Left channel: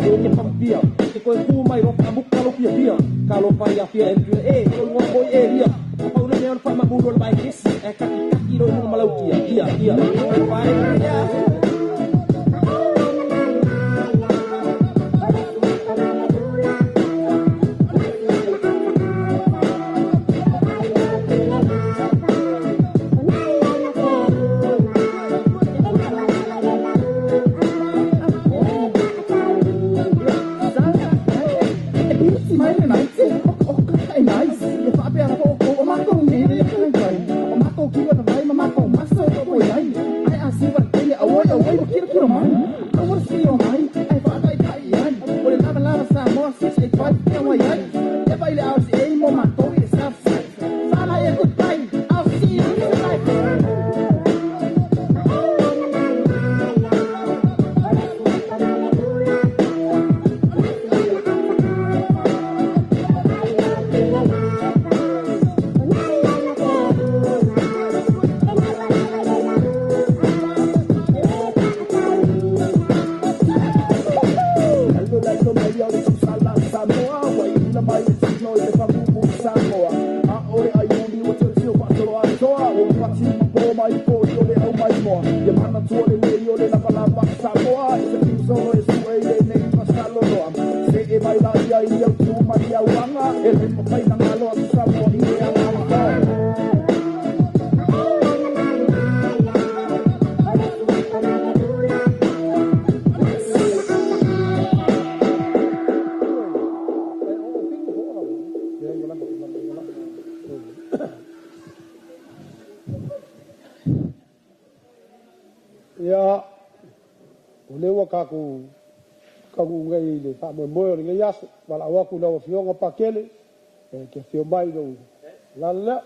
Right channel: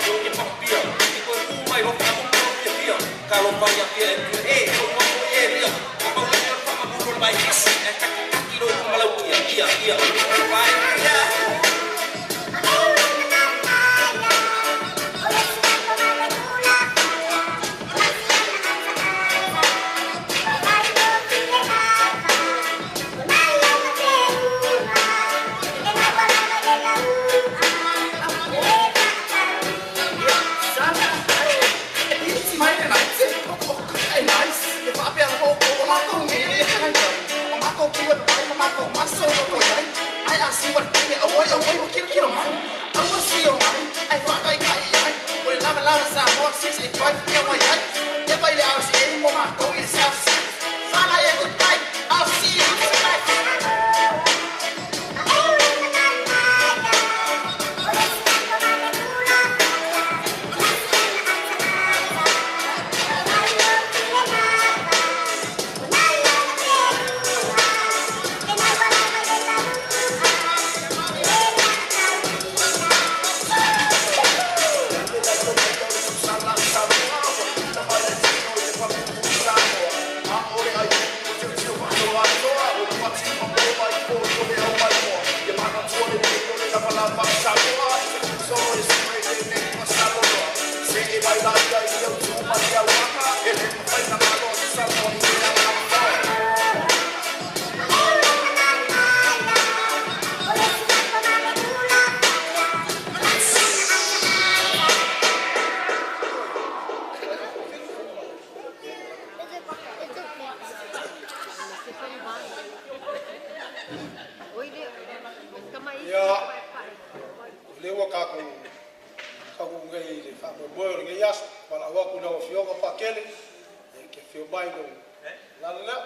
Panggung yang pampia Kau kumai lo tabuk kalau pia Kalau payah pia kau ngomong dia Kau lengan sama guru baik kaki lo malau pia baik ya Ya, lewa kaku ngai le fa Moimoi le ngai aso, wala waku le fionga pakele, ke fio mai no. Lala.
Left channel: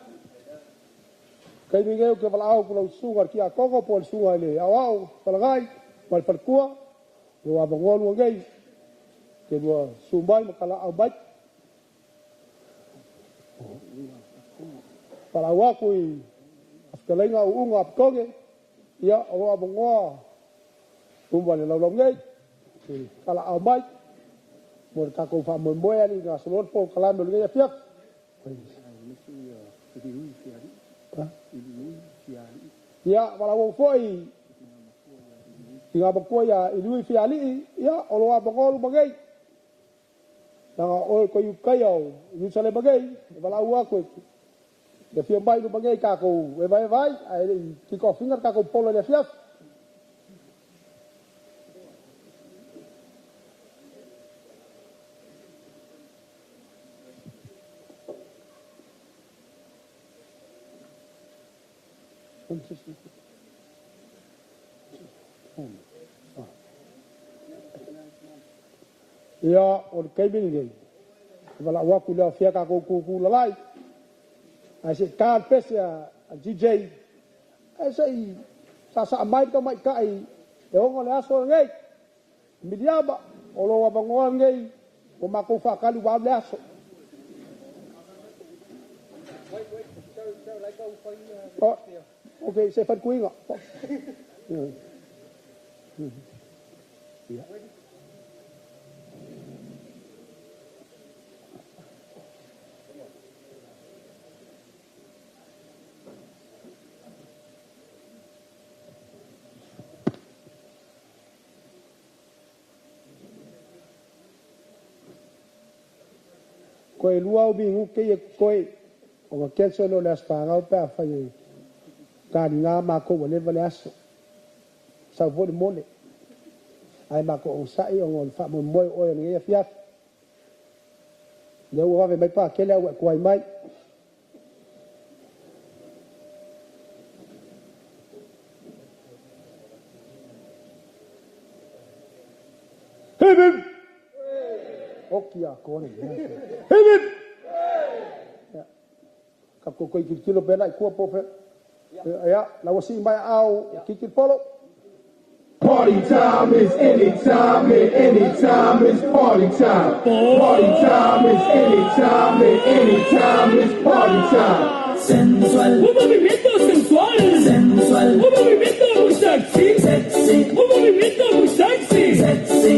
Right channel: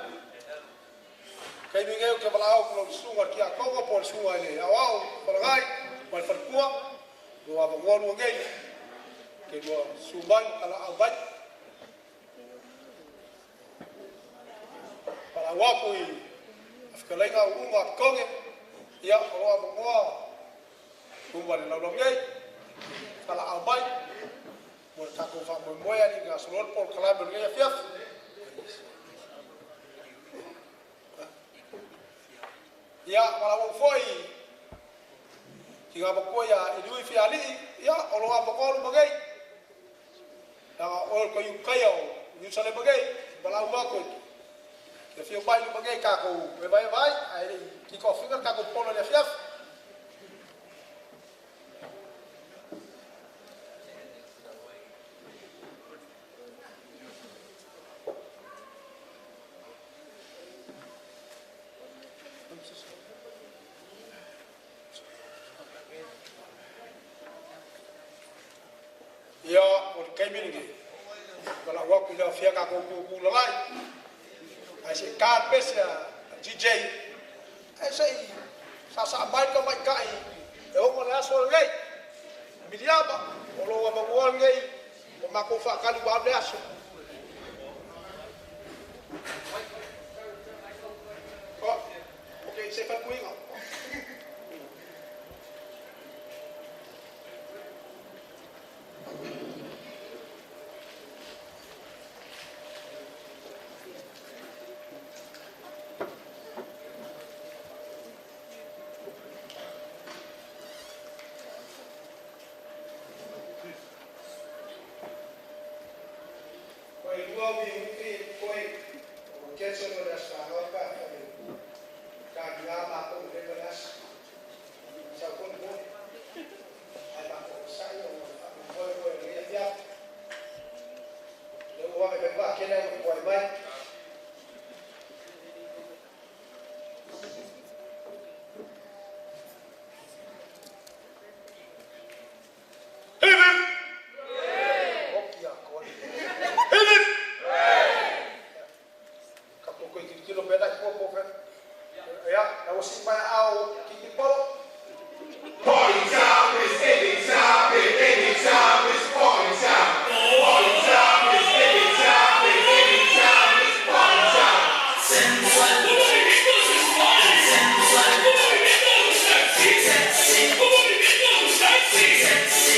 Kai mi ngai ke wala au ko sunga ki a kongo pol sunga le, au pala ngai, mal falkua, lo avangolu ngai. Ke lo sumbai kala au bai. Pala waku afkalenga unga konge. Ya, Allah abangwa, kumbali lalu ngai, kalau abai, mau takut faham Moimoi ni nggak seluruh pol kalam ngai fiat. Ya, kalau orang foi, jika berkuah ya idui fiali, ya Allah abangwa lu bagai, nah orang kau kayau, nyusale bagai, kalau aku. The few by the bagay kako, I kick off finger kako polo le fiaf. Ya, or kabin gay. Wala waku le fiak kako ku lalai. I said, "Card pesa DJ." I say, "Sasa amai ka mai kai." Yo ngone aso ngai. Miriama, olo wa bangon ngai. Ko mako fa kali wa aso. Oh, okay, saya fat kuinga. Koe lua ubi huke e koe o ma kelso no le asanga o pa whai kāni ngā mako wa lewa le asa sau voli mone ai mako o sai o ngon wha Moimoi o e ngai fiat leo wawe mai pa kele au kuai mai Heaven! Hoki a kone. Heaven! Kapu koi kilo pena i kua pofe. Ya, la wasi mai au kiki polo. Party time is anytime, and anytime is party time. Party time is anytime, and anytime is party time. Sensual, sensual, sexy, sexy, sexy, sexy.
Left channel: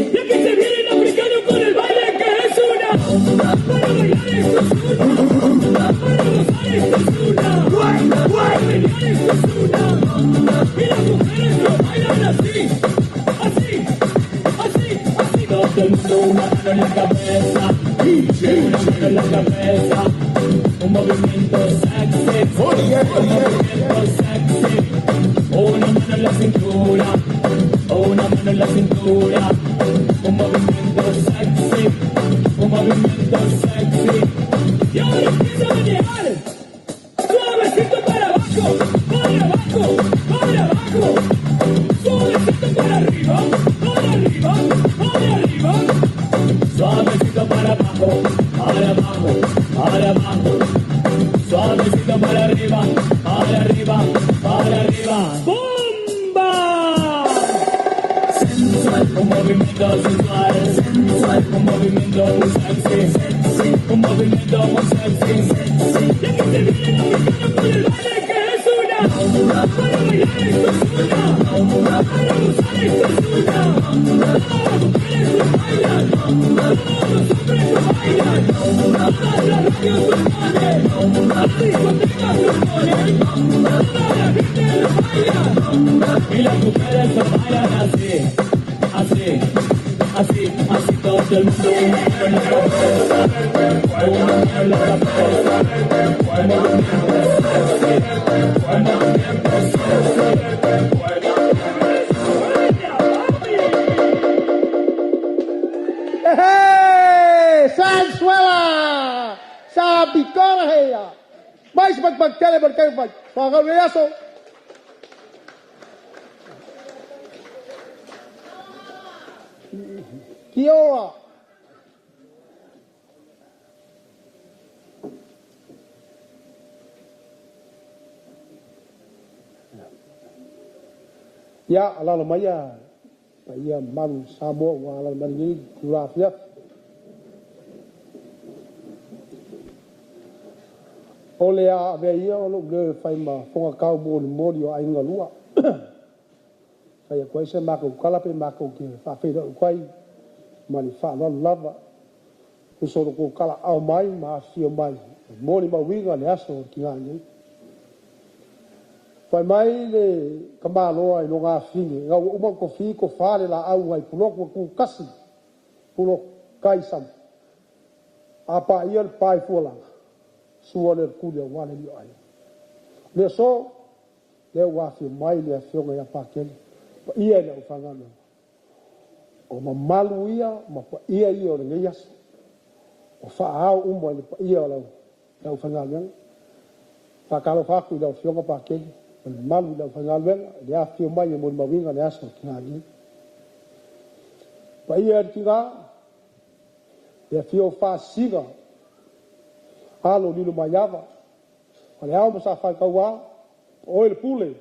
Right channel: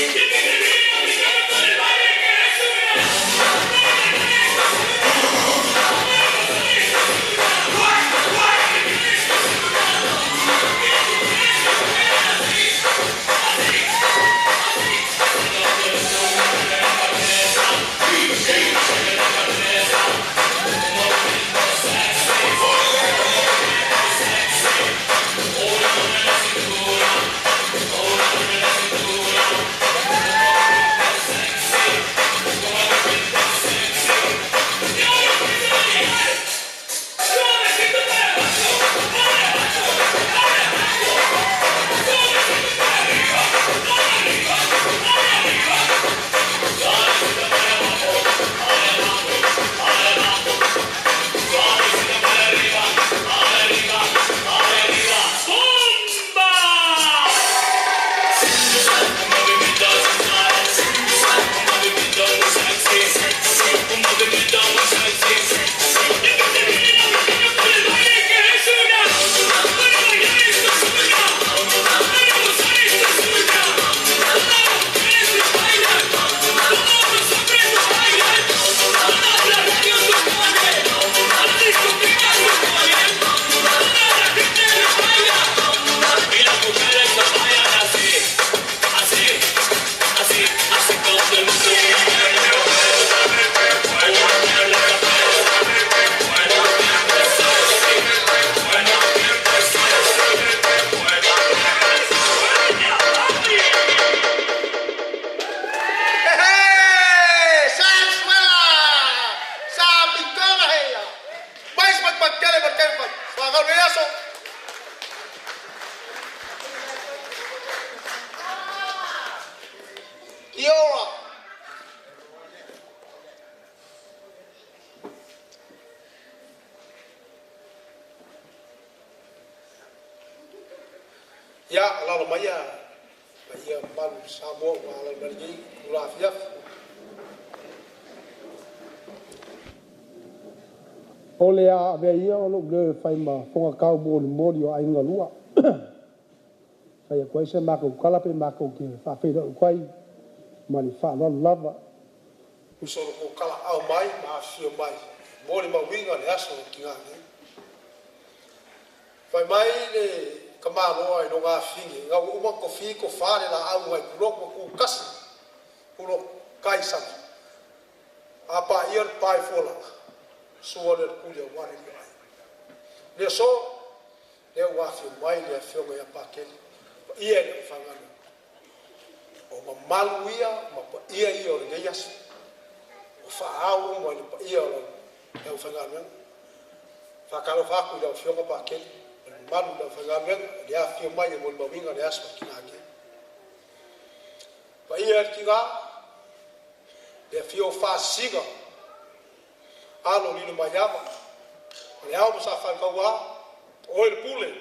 Y las mujeres no bailan así, así, así, así como el mundo en la cabeza, en la cabeza, el movimiento es así, el movimiento es así. Sansuela! Sabi ko nga heya! Mais magpagkali magkaipat! Saka na yaso! Kiora! Ya, alala maya. Iya man sabo alala mani kula fiaf. Ole a ave ia o lo ge fai ma fonga kau bo le mori o ainga lua. Fai ko se ma ko kala pe ma ko ke fa fe do kwai mani fa no lava. Uso ko kala au mai ma fio mai. Mori ma winga le aso ki nga ni. Fai mai le kamalo ai no nga fingi. Nga uma ko fi ko fa le la au ai kulo ko kasi. Kulo kaisan. Apa ia pai fola. Suole kulia wale li ai. Le so le wa fi mai le fi nga pa ken. Ia le fangana. O ma malu ia ma pa ia o le yas. O fa au mo le pa ia lo le fangana. Fa kalo fa ku le fi nga pa ken. O malu le fangana le a fi mai mo ma winga le aso kinagi. Pa ia ki ga le fi o fa siga. Alo ni ma yava. Ale au mo sa fa ka wa. O le pule.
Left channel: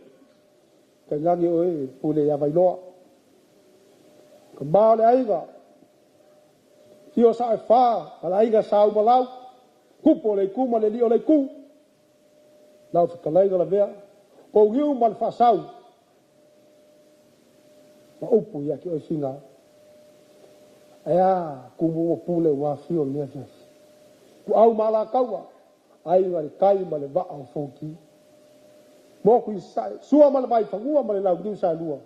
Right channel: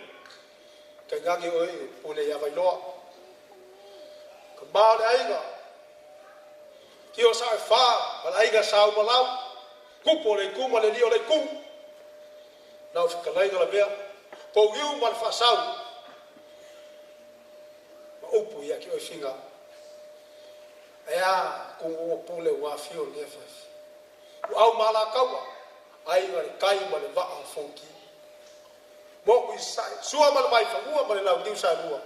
Ka nyangi o e pule ya vai loa. Ka ba le aiga. Ki o sa fa, ala aiga sa o malau. Kupo le kuma le li o le ku. Lau fi ka laiga la vea. Po giu mal fa sau. Ma upu ya ki o finga. Ea kumu o pule wa fio le fe. Ku au mala kaua ai ngari kai ma le va au fonki mo ku sai sua mal vai fangua ma le lau diu sa lua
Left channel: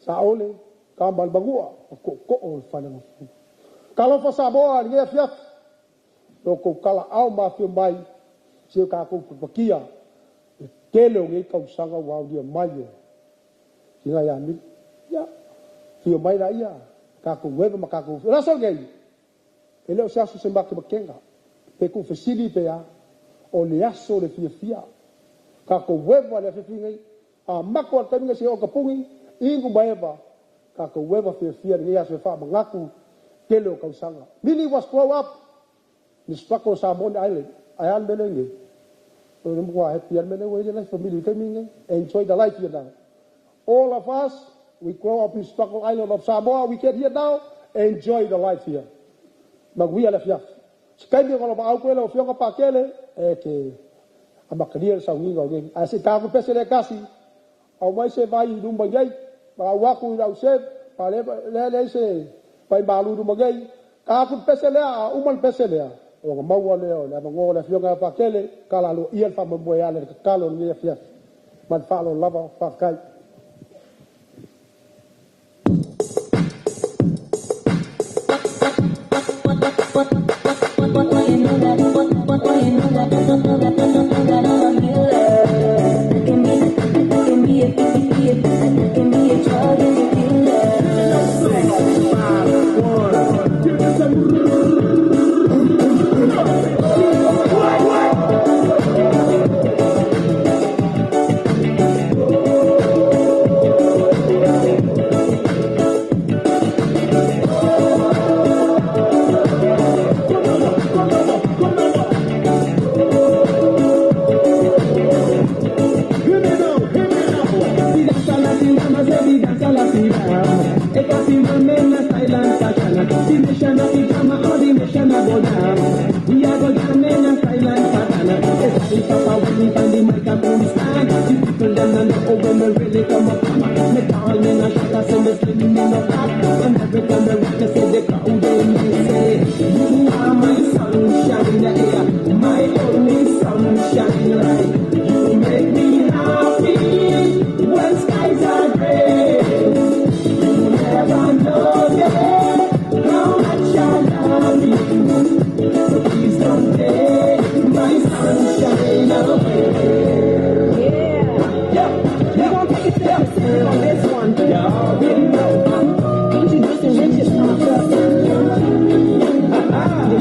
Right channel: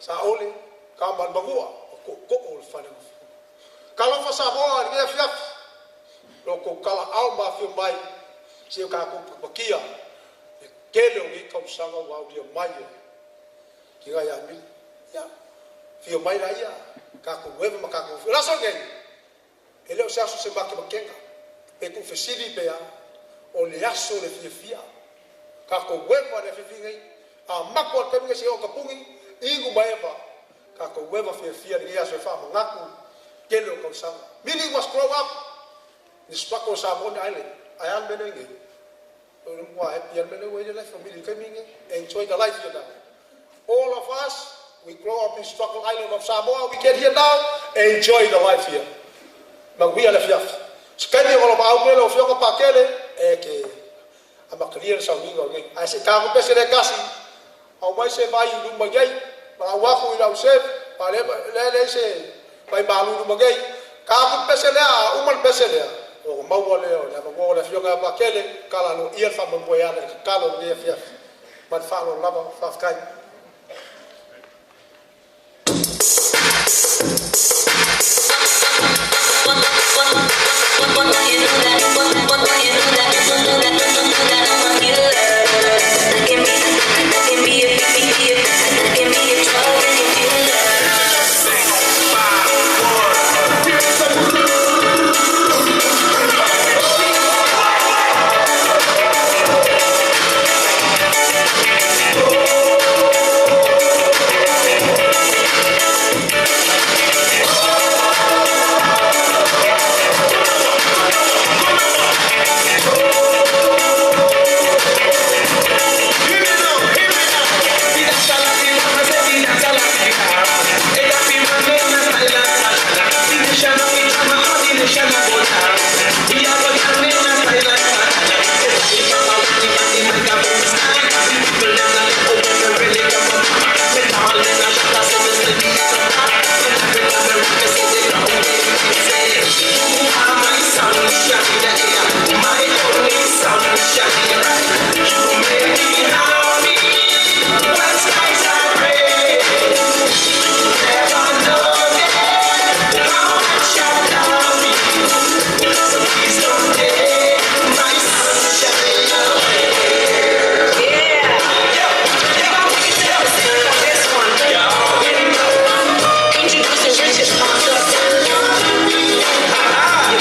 sa ole ka mal bangua ko ol fane mo kala fa sa boa ni fiaf lo ko kala au ma fi mai se ka ko pakia e kele o ngai ka sanga wa dia mai ki ga ya mil ya fi mai ra ia ka ko weva ma ka ko la so ngai ele o sa su se mbaki bakenga pe ku fesili pe ya o le aso le fia ka ko weva le fia a mako ka minga se o ka pungi ingu maeva ka ko weva fia ni aso fa ngaku kele o ka sanga mini was grow up ni spako sa bon island ayan benenge o no mo happy al mene we the life family ka minga enjoy the life here now all of us we grow up in Struggle Island of Samoa we get here now enjoy the life here magwia le fiaf skande ko ba ko le fio ko pakele e ke amaklia sa winga ngi ai se ka ko pese le kasi au mai se vai du mbagai ba wa ku ila se pa le se pai balu du mbagai ka ko pese le a umal pese le o ma wo le o ma wo le fio ko pakele kala lo il fa mo ya le kalo ni fiaf man fa lo lava fa kai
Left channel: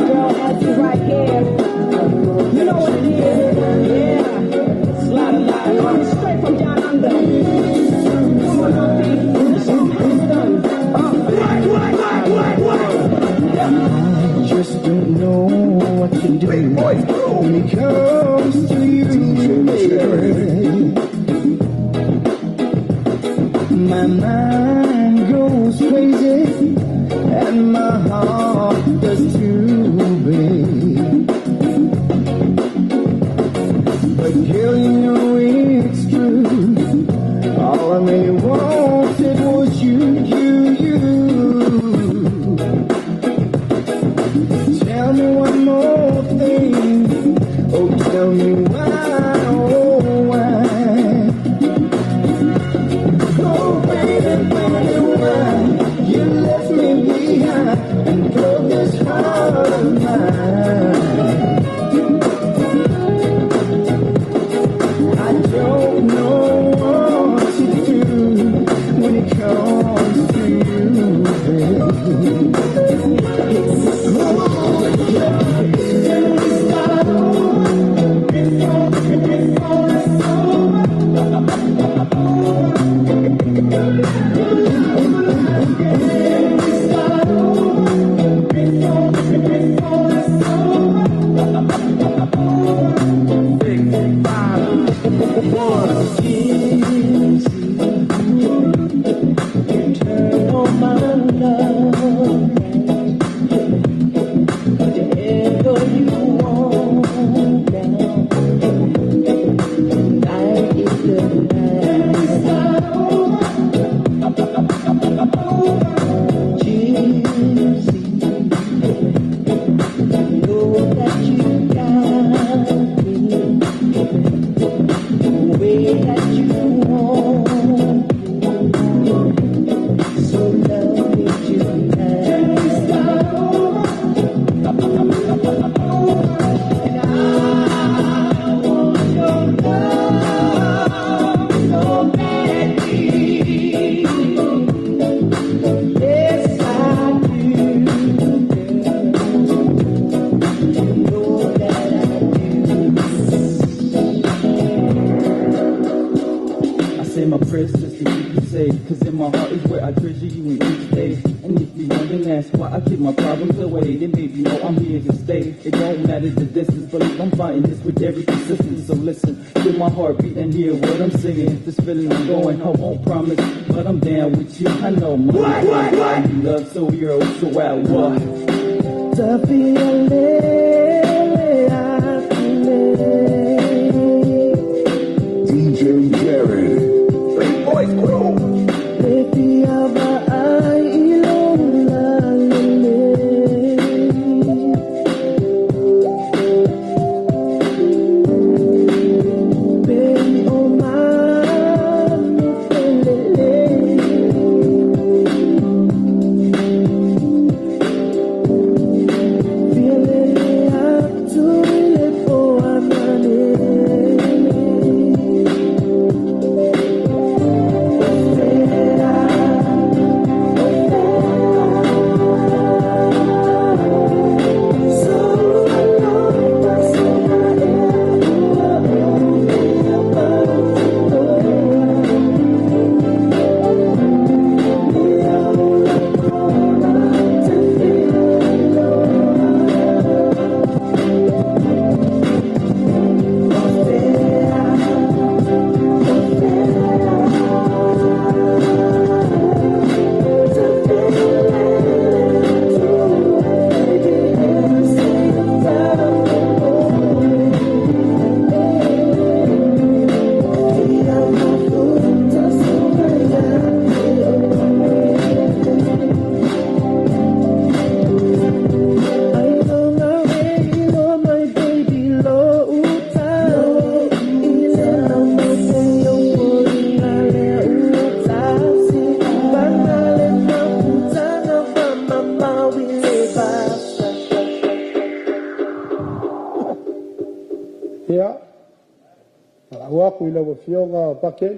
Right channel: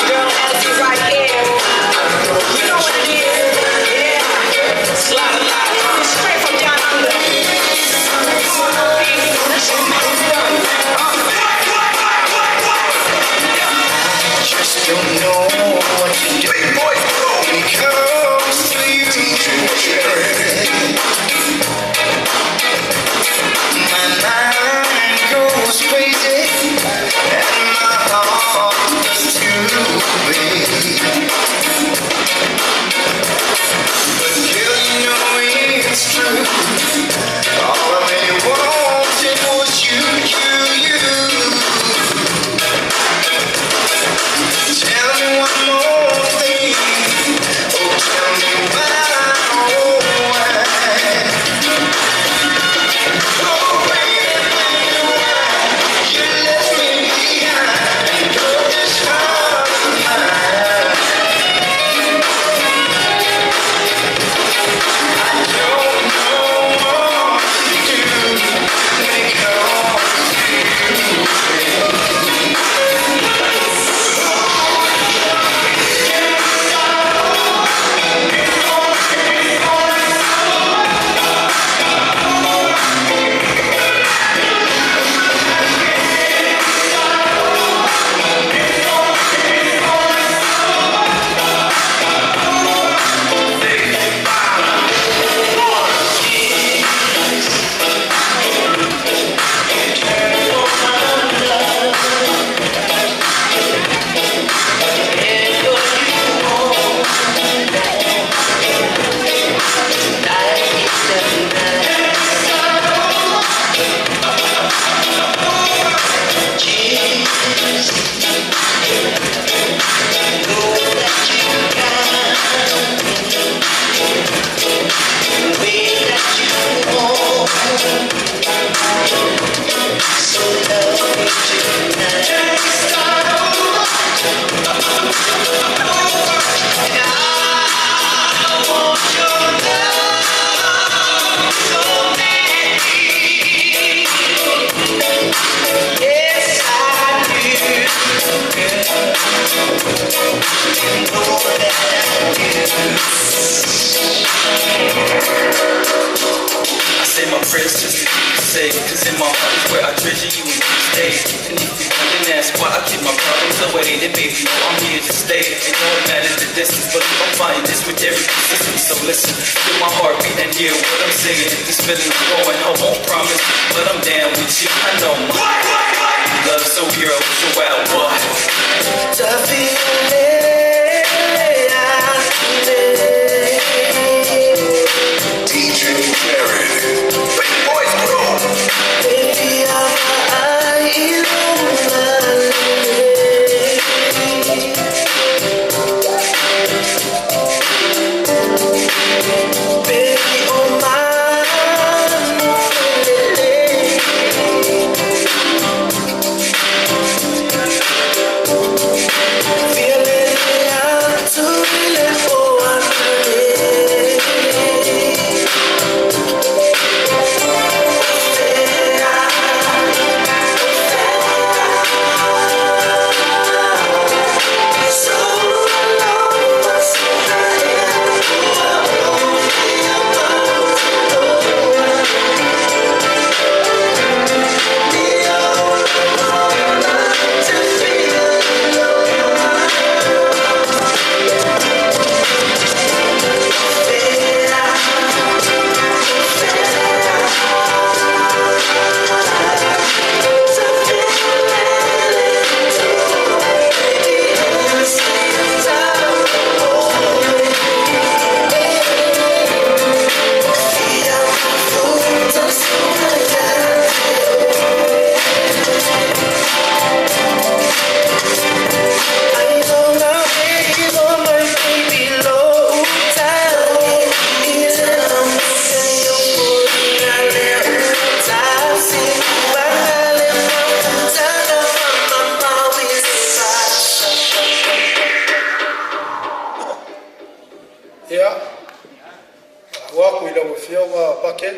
girl has you right here. You know what it is. Yeah. Slide. Straight from down under. Just don't know what to do when it comes to you. My mind goes crazy and my heart does too, baby. But girl, you know it's true. All I really wanted was you. Tell me one more thing. Oh, tell me why. Oh, baby, why you left me behind and broke this heart of mine. I don't know what to do when it comes to you, baby. Cause in my heart is where I treasure you in each day. And if you even ask why I keep my problems away, then baby, you know I'm here to stay. It don't matter the distance, but I'm fighting this with every persistence. So listen, feel my heartbeat and hear what I'm saying. If this feeling I'm going, I won't promise, but I'm down with you. I know my love so hero, so wild, what? DJ Jared. Waku ila wafionga paken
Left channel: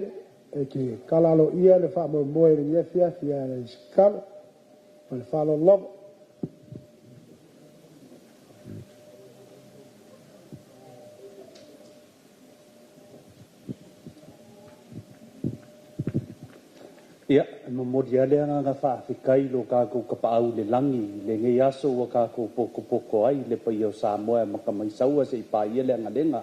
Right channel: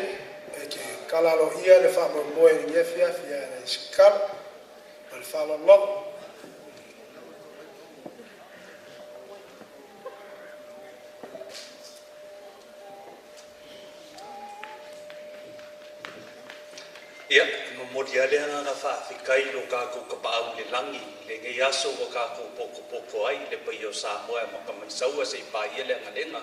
e ke kalalo ia le fa Moimoi le ngefia fia le skala ma le whalolava. Ia, mamori ale nga whaafikai lo kākou kapau le langi, le ngai aso wa kākou poko ai, le pai au Samoa makamai saua se ipa ia le ngalenga.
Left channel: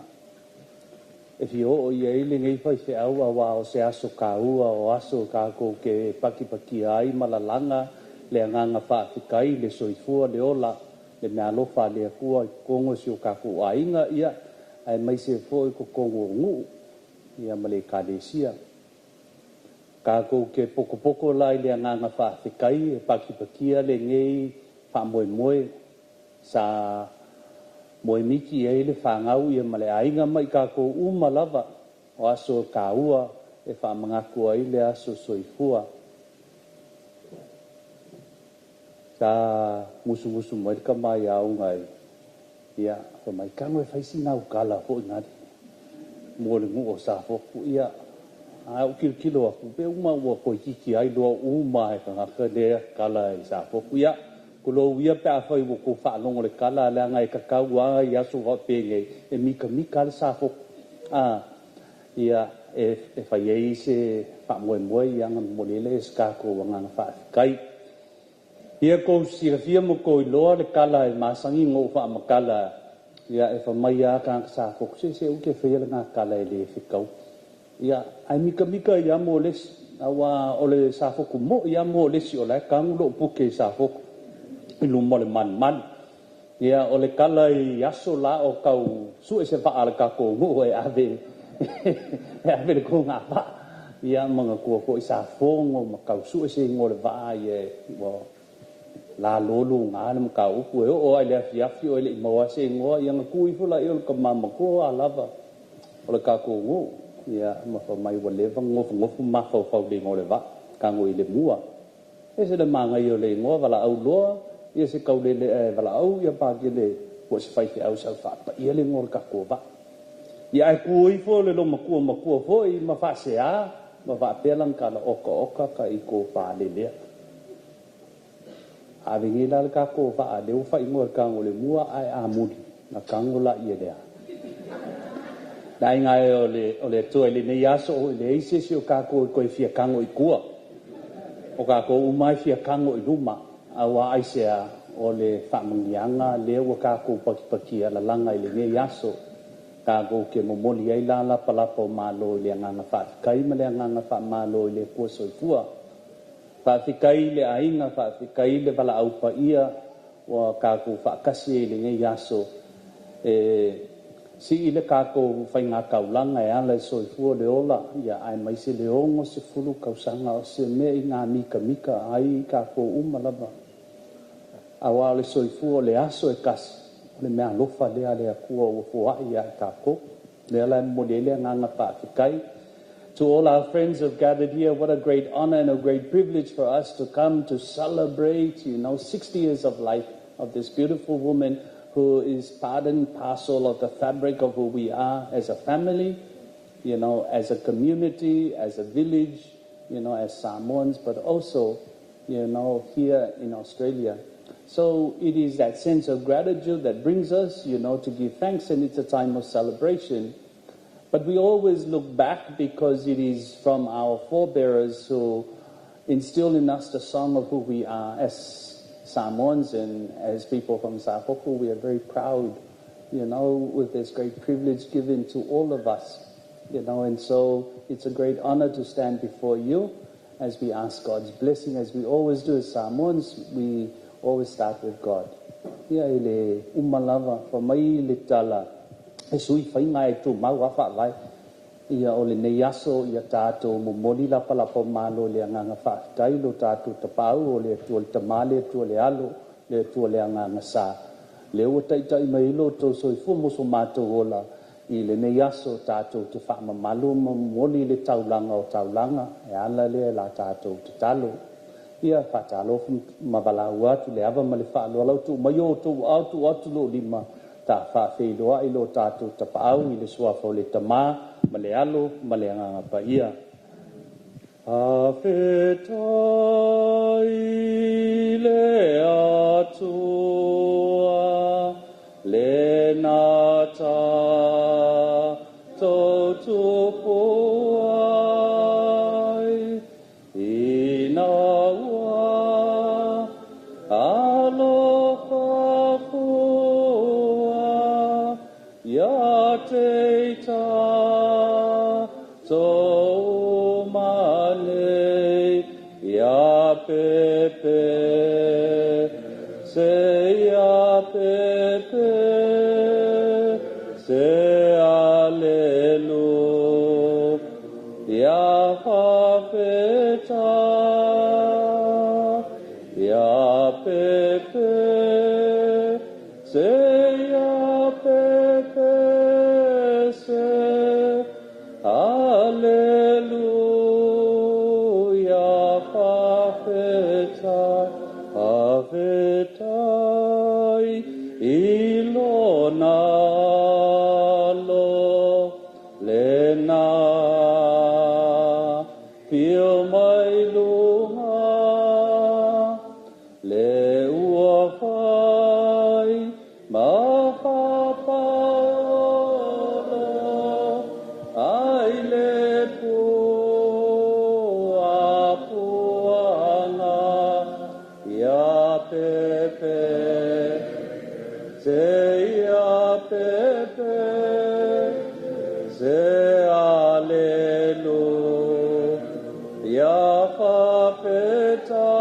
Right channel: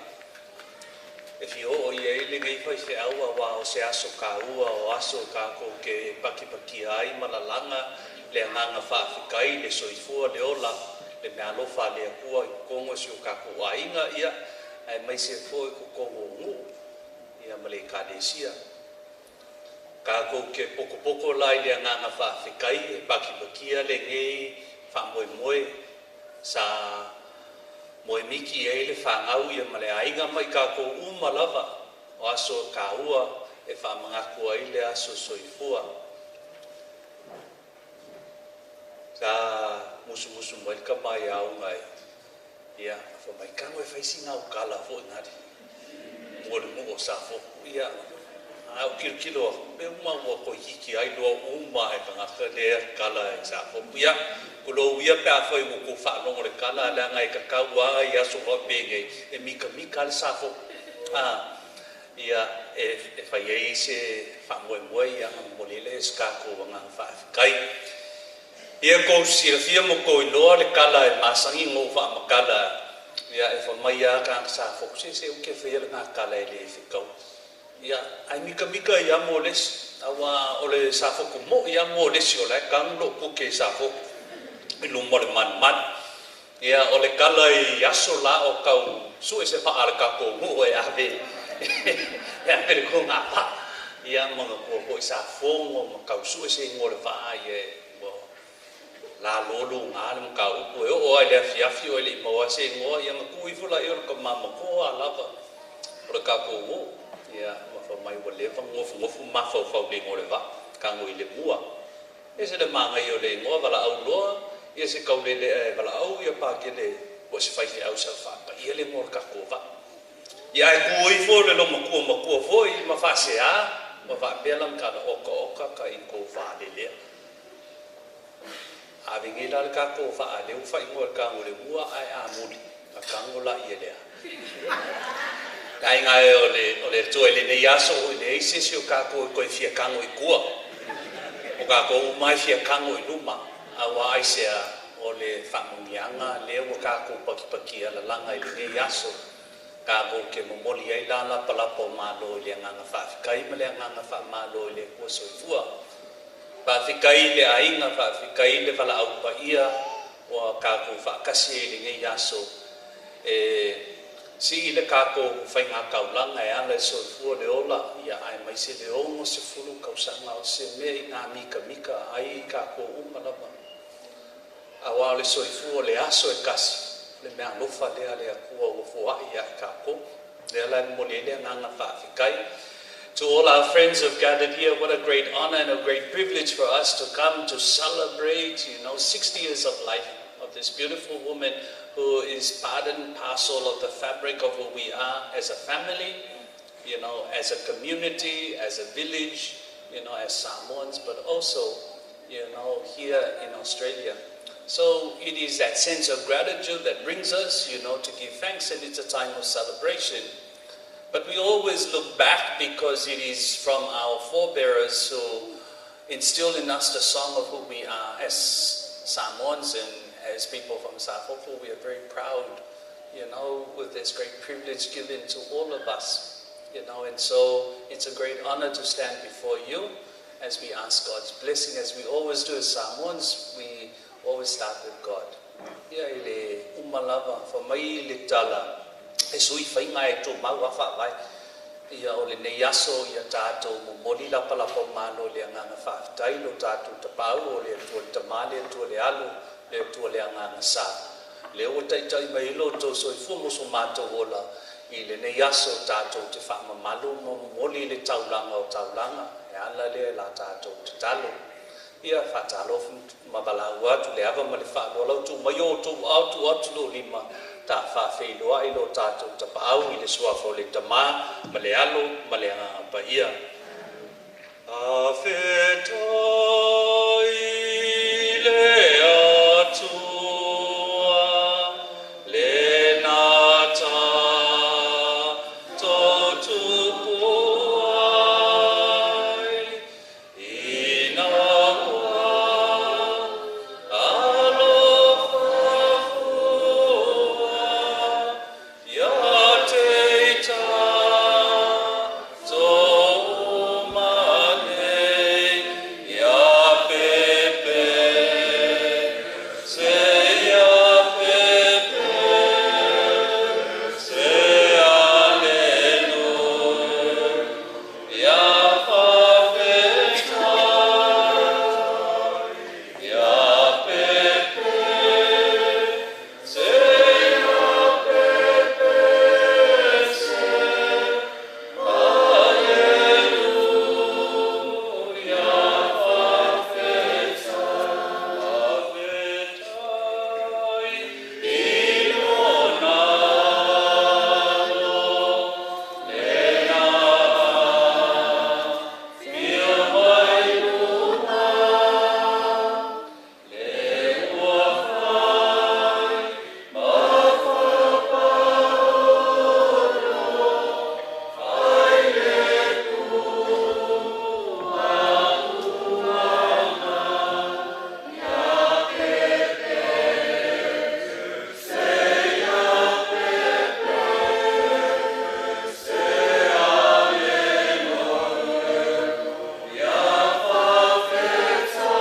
E fi o ia ili ngai whai se aua wa o se aso kāua o aso kākou ke paki ai malalanga, le anganga whaafikai, le soifua, le ola, le mea lofa le akua i kongo si o kākou ainga ia, ai mai se fo i ko kongo ngu, ia male kālesia. Kākou ke poko lai le anganga whaafikai, e pakipakia le ngei whamoimoe sa moimiki e le whangau ia male ainga mai kākou umalawa o aso kāua e whamangaku ai le aso soifua. Sa musu mai ka mai au ngai. Ia, whamai kango e whaisi nau kala fo ngari. Mole mo o sa foku ia. O kilo aku pe uma ua ko hiki ai loa uma e kangaka lea kala e sa foku ia ko lo ia pe afai wo ko fa longo le kala la ngai kakau anga ia so wa penge e mika le sa foku ia e fai ai se fa mo yang molele ska ko ngang fa kai ia ko fia mo ko loa le kala e masangi ngo fa makala ia e fa mai ia ka sa foku se o ke fia nga kala e le fikau. Ia, ai mika ia mo lesi, awa ole sa foku mo ia mo lesi ole kang lo puke sa foku ilu mo le man. Ia ole kala i aso la o kau su e se fa ala ka ko mo e ave. E ave le ko nga pa. Ia mga ko i sa fongo ma kau su e se ngore va ie wo la lolo nga le ka upu e o ele afi o ele mo se ngo ia ma ku i fula e o ka mama ko alava. Ole ka ko ngo. Ia ma mai wa leva ngofu ma fa le ngole va ka ngoi le mua e se le manga yo le ngo vala au loa ia se kau le vala au ia pa ke le o se fai au sa fa pa ia le ngor ka ko va ia ai ku i fo le lo ma ku fo i ma fa se a ma va pelang ka la oka ka i ko fa le a vingi la ka ko fa le u fa i ngor ka ngole mua ai a muli na ka ngola ia le Dai ngai ole toi le nei aso o le ise si o kako ko fia kango i kua. O kako umai fia kango i luma. Awa aisea o le whamungianga le o kako paki ala langa i le nei aso. Kako ke momoli ai la palapa o malo i le anganga whaafikai ma le anganga whaamalo i le kua soifua. Whaafikai le ainga, whaafikai le wala aupa ia o kako whaakasi i le nei aso. Si ile kako fai ngā kaulanga e ala soifua le ola ia ai mai se le ongo se fulu kausanga o se mea i ngā mika ai kako umalava. Awa le soifua le aso e kasi le mea lofa lea le akua o fuai ai kako le ala molele nganga whaafikai. To all our friends who have gathered here, what a great honor and a great privilege for us to come to celebrate, 60 years of life of this beautiful woman who is part and parcel of the fabric of who we are as a family, as a community, as a village, as Samoans, but also, here in Australia. So it is that sense of gratitude that brings us, to give thanks, and it's a time of celebration. But we always look back because it is from our forebearers who instill in us the song of who we are as Samoans and as people from Safoku. We are very proud, with this great privilege given to all of us, and so it's a great honor to stand before you as we ask God's blessing. As we always do as Samoans, we always start with God. Ia ele umalava fa mai le tala e sui fai ngai tu mau afa vai ia ole nei aso ia tato mo moli la pala po malo le nganga fa tai lo tato te pau o le tu te male tu le alo le tu le nganga sa le o tai tai mai lo to so fu mo so mato ola i le nei aso tato te fa malu mo moli le taulanga o taulanga e ala le la tato te talo ia fa talo fu mabala wa tu le ava ma le fa lo tu mai o tu autu lo lima ta fa feiloa i lo tātou tapau i le suafa o le tamā, ma le alo, ma le nganga pa ia. A whetai le atua le nata to tupuai inawa alofa fua ya teita to umale ya pepe se ya pepe se aleluya fafeta ya pepe se ya pepe se aleluya fafeta fafetai ilonalo lena pio mai lua le ua fai ma ai e tua puanga ya pepe se ya pepe se aleluya fafeta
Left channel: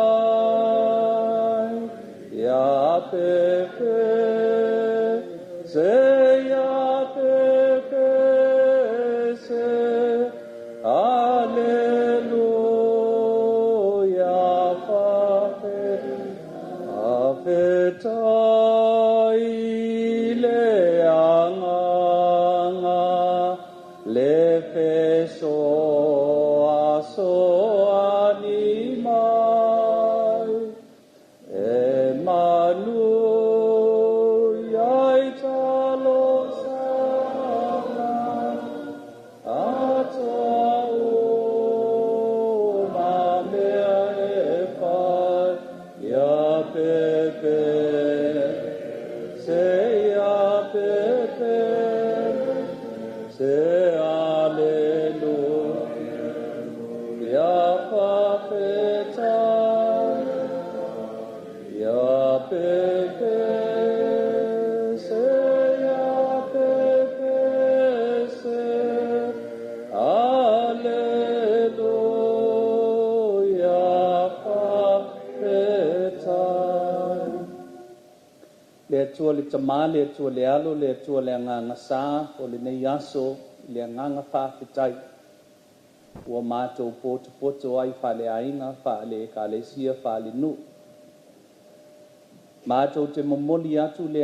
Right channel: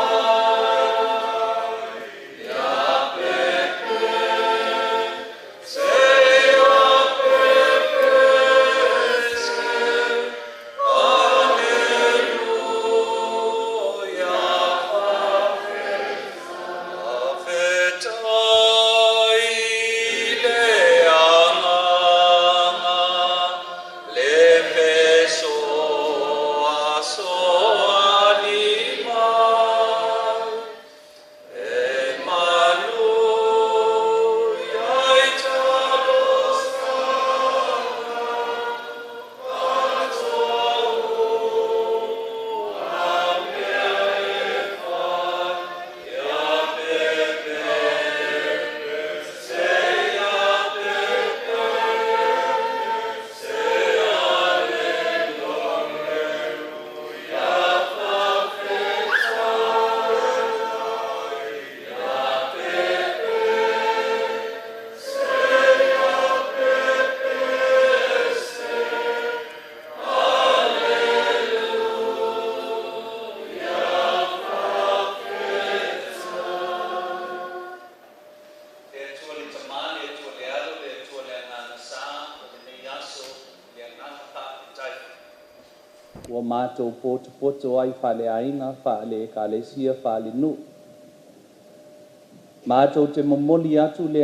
ya pepe se ya pepe se aleluya fafetai le anganga le peso aso anima e manu yai talo sana ya pepe se ya pepe se aleluya fafeta ya pepe se ya pepe se aleluya fafeta le atua le tamā le atua le alo le atua le agaga sā o lenei aso le agaga faafetai ua matou potopoto ai faaleāiga faale ekalesia faalenuu matou te momoli atu le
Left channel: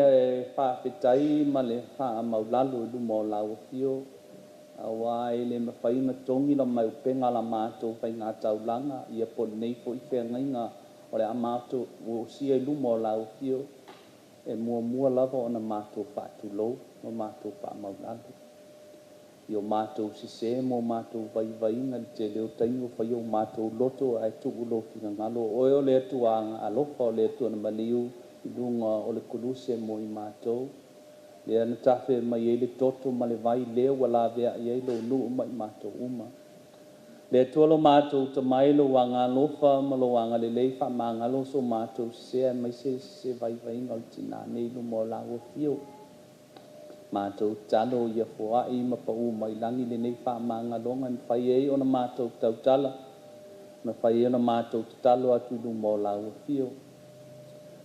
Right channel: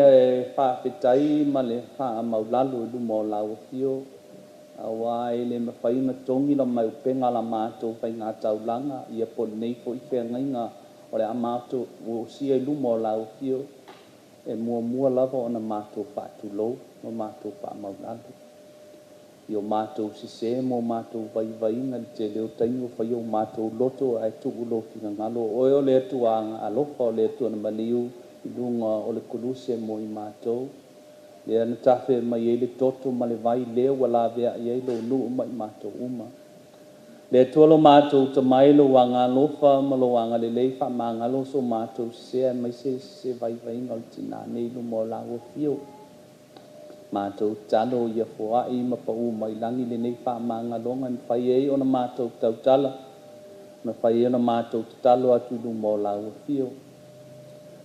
faafetai ma le faamaulalu i luma o lauafio auā e le mafaiga togi la mai upega la matou faigataunaga ia polenei foʻi feagaiga o le a matou uosia i luma o lauafio e muamua lava ona matou faatulou ma matou faamaulalu io matou sesē mo matou vaivaiga le te leo taiga faia o matou loto ae tu'u lo figagalo oe o le atuaga alofa o le atuana maliu i luga o le koluse mo i matou lea na tafe mai ai le toto ma le vai lea ua lavea'i ai lou nuu ma i matou uma le atua lo matou tamai lo agalofa ma lo agalelei faamagalo so matou sesē ae maise se vaivaiga o le tinanei luma o lauafio matou talo ia foa'i ma pa'u mai lagi lenei faamagaloga na fai ai ona matou tautala na fai ai ona matou tatalo atu i luma o lauafio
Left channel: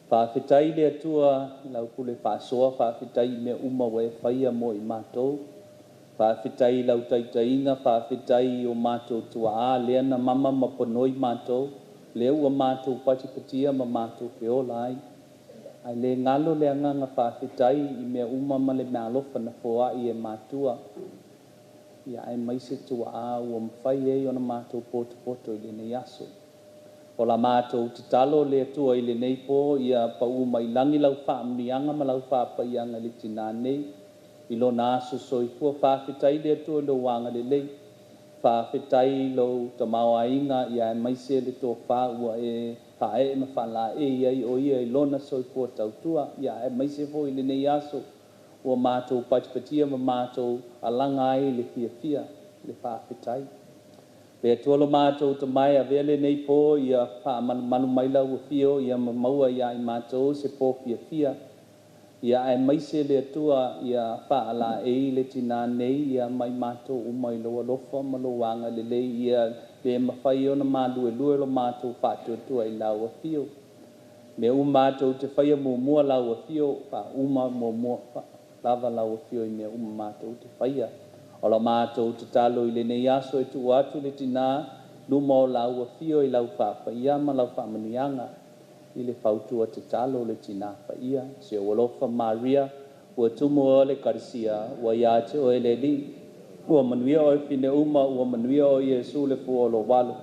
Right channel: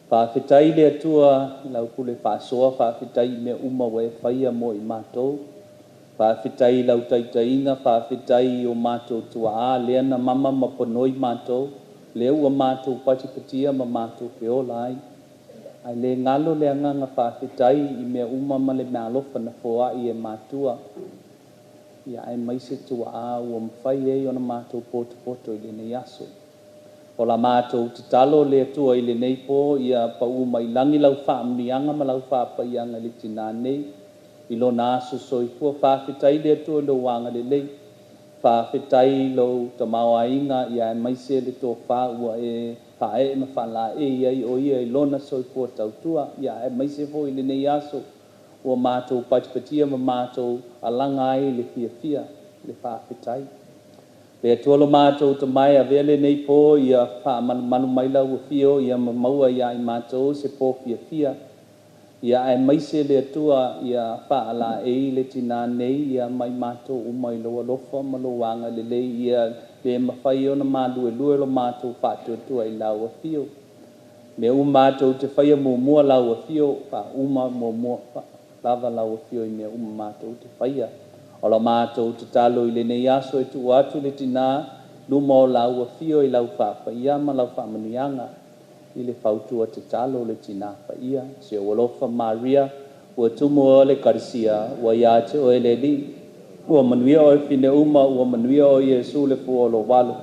faafetai le atua laupule fa'asoa faafetai i mea uma ua e faia mo i matou faafetai lau taita'iga faafetai o matou tua'ā lea na mama ma ponoi matou lea ua matou patipatia ma matou feola ai ai le ngalo le agaga faafetai i mea uma ma le mea alofa na foa'i e matua ia ai maise tua'ā ua mafai ai ona matou potopoto i lenei aso o la matou tatalo le atua i lenei po ia pa'u mai lagi lau fa'amaniaga ma lau fa'apaiaga i le tinanei i lona aso soifua faafetai le atua lou agalelei faafetai lou tamaoaiga ia e maise le tofā ua e fae ma fala ai o ia I lona soifua tautua ia e maise foi le nei aso ua mātou patipatia ma mātou alanga ai le fia le whaapetai. Pea tuolo mātou ta mai a vele nei po ia wha manu maila ua fio ia maua ia I mātou se po fia. Ia e maise le atua ia wha ala e le tina nei ia mai mātou umai loa lofa ma lo wanga le lei ia le mawhai o na mālue lue lo mātou whātua I lau a fio. Me mātou te whaia mua lau a fio, wha mua lava lau a fio I mea mātou te whaia. O la mātou te talo I le nei aso e tu atu le tina luma o lau a fio I lau whaia ma lau whamanianga. I le whautua te talo le tina whaia. Se o lofa Maria, ua tumu o le karisia, ua ia te o ele li. Ua manuia o fine ua manuia o Yesu le fua o lo walo.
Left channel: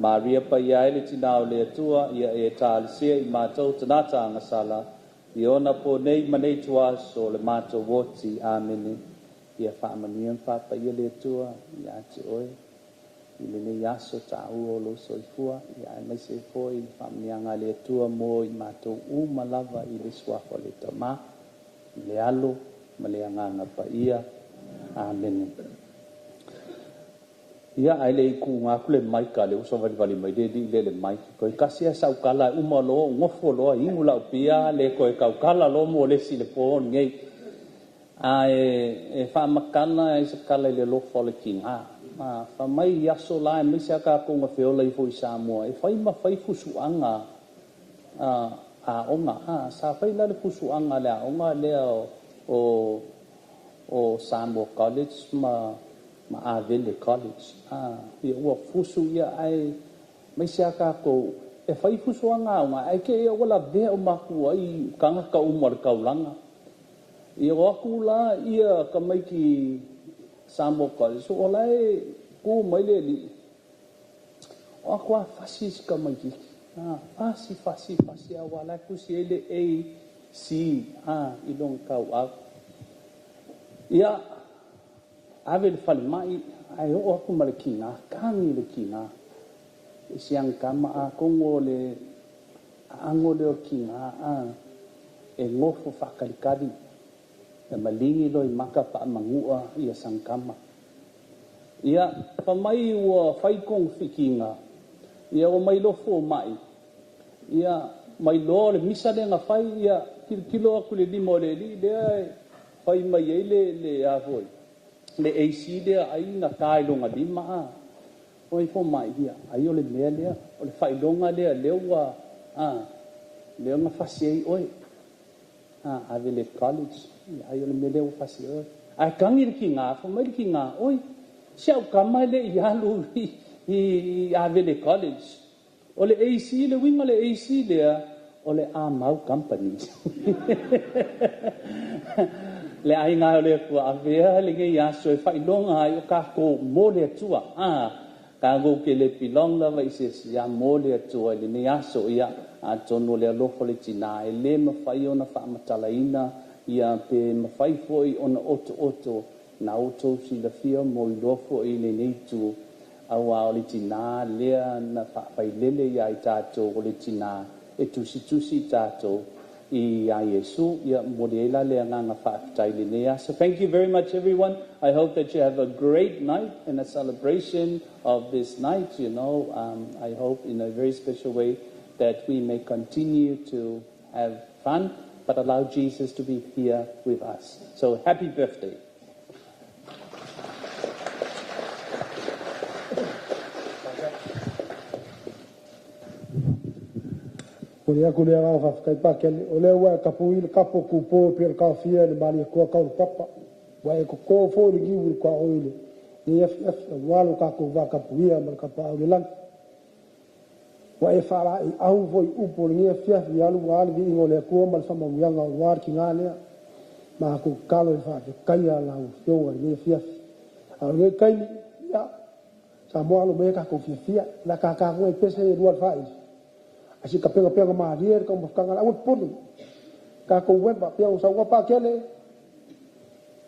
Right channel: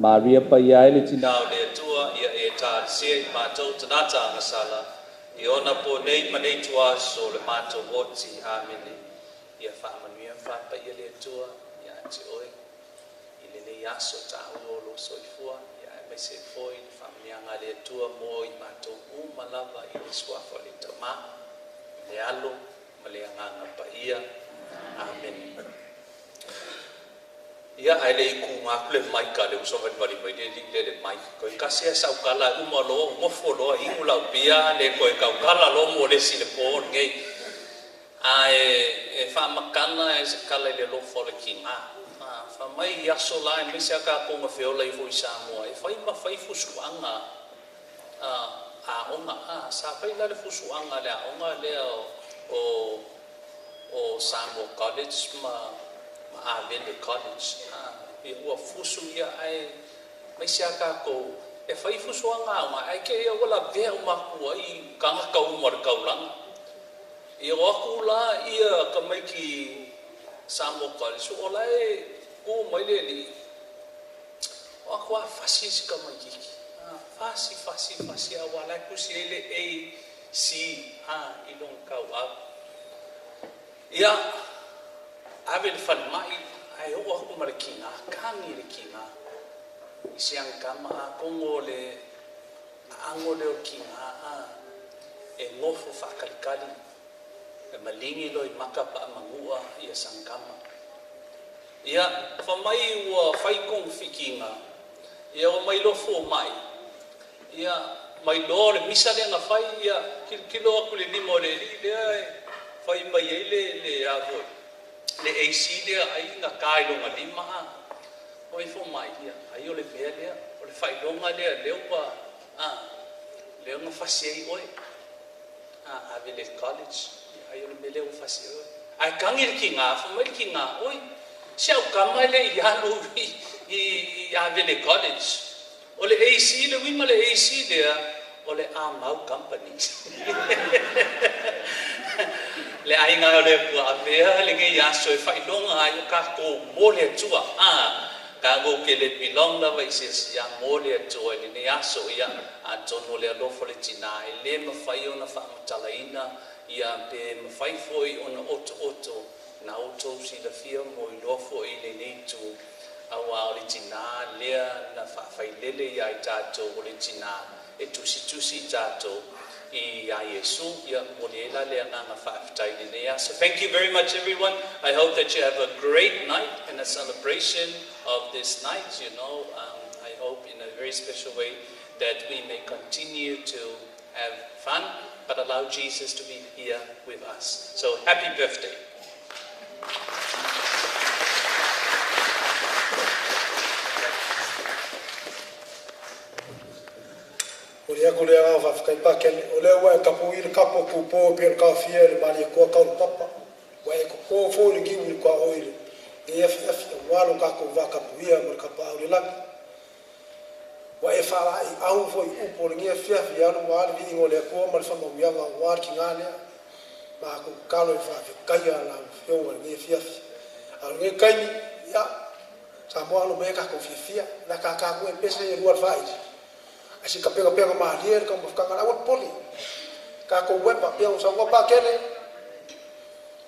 Maria pa ia ele tina o le atua, ia e tālisia I mātou tanata angasala. I ona po nei manei tua so le mātou woti, amene. Ia wha manuia pa ia le atua, ia te oe. I le nei aso ta ua o lo soifua, ia e maise foi I wha manianga le atua mo I mātou malava I le suafa le tama, I le alo, ma le anganga pa ia. Amen. Ia ai le ku ngaku le maika le uso vali mai le maika ko kasi sa ukala umalo ngofo lo ingula pia le ko ka ukala lo mo le sile po ngei ai fa makana e se kala le lo fo le kinga fa mai ya so la me se ka ko ngofo le fu sa mo e fa ma fa fu suanga onga sa fa la le fu suanga le onga le o Samuel College ma Avele College. Ia ua fusu ia ai mai sia ka ko e fai fusu anga ai ke ia wala vea maku ai kanga ka umar kaulanga. Ia aku la ia ka mai ki Samuel College ola e ku mai le li. Aku a fasi ka mai ki. Fasi awala ku si ele e si I long kau a. Ia Avele fale mai ai o aku malekina kangi le kinga isiang kama a kongo le ango le kinga e ngofo whakalikari e malingi lo I maka pa mangua ia sangkama ia whamai ua whaikong whikinga ia o mai lofo mai ia mai lo le misa le nga whai ia kilo aku le limo le li le ai whai mai ei le avoi le AC le ai na kai longa lima oi fo mai ia ai o le mea le o le fai longa le leua le nga fasi oi Avele College ai o le mea le fasi oi ai kangi le kinga fo mai le kinga oi sia o kama le ialu I Avele College o le AC le wima le AC le o le Amau Company le ai nga le ku avea le nge ya so fa ilonga ai ka ko mo le tua ka go ke le pilong la vai se ya mo le tua le ne ya so ya a tono le lo fo le tina le ma fai ona fa matalaina ia pe ma fai foi ona oto na oto si la fia mo I lo fo I le nei tu awa le tina le na fa fai lele ya I tato le tina e tusi tato I Yesu ia moriela le anga whaafitai le nea. So thank you very much everyone. I hope that you have a great night and a celebration of this night, you know. I hope in a very special way that we may continue to have fun but allow Jesus to be here with us. So happy birthday. O le aku le anga whawhikai pākele. O le ua e kapu I le kapo ku pō pia le kawhia le mani kua kau le papa. Wa e ko fō le givu le kua oile. Ni FF e walo kako wa kapu ia ma le kapa au le langa. Wa e whala I au fo I upo le ngia fiafi alu wa ale vi ingo le akua ma le whamamianga wāri ki ngā lea. Ma aku kalo I whawhikai a lau whionga le ngia fiafi. Alu ngai kaini, ia. Sa mo alo me kako fiafia. Na kako e pesa I rua le whaidi. Asi ka pega malia ka mafkanga la poli ka ko weba pia usa wa pa kele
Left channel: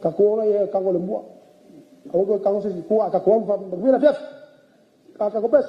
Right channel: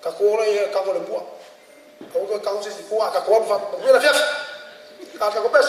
ka ko le ka ko le mua o ko ka ko se fu ka ko fa mira fiaf ka ko pes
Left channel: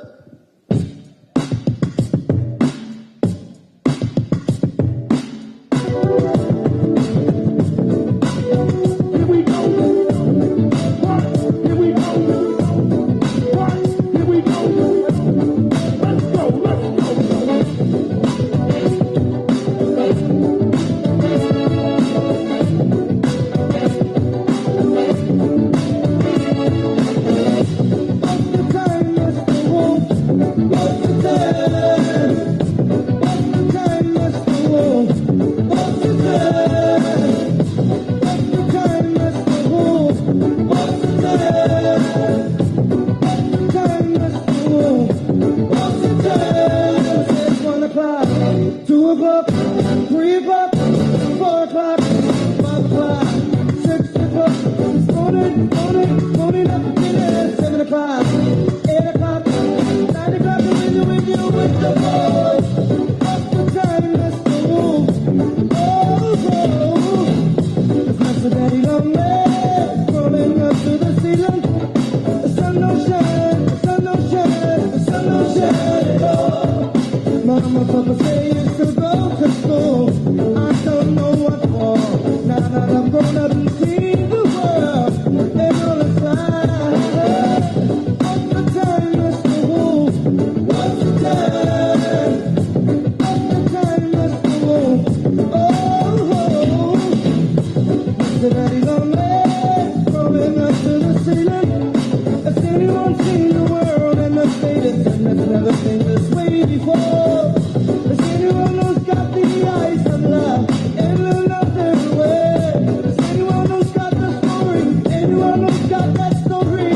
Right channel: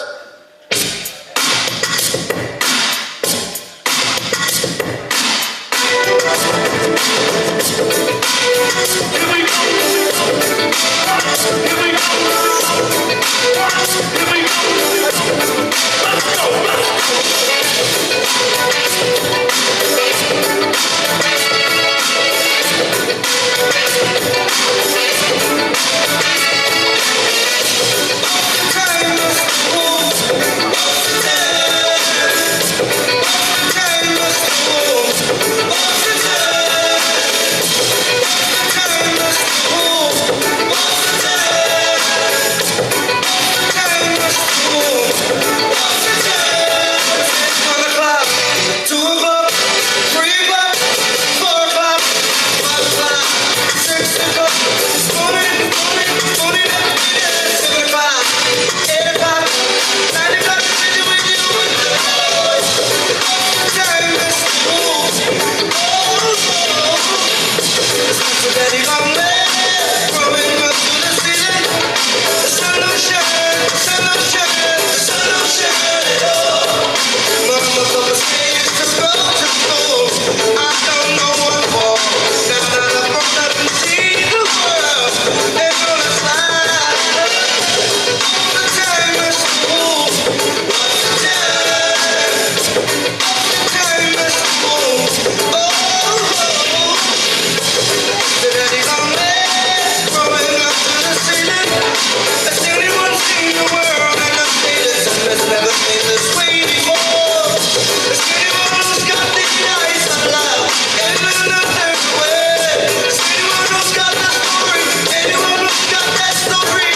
Motherfuckers say used to go to school. I don't know what for. Now that I've grown up and seen the world, and all the time, all the time at school. What's the time? All the time at school. Oh, the daddy's on legs, growing up to the ceiling. Has anyone seen the world and the status? And there's never been this way before. Is anyone who's got the eyes of love and another way? Is anyone who's got the story? Anyone who's got that story?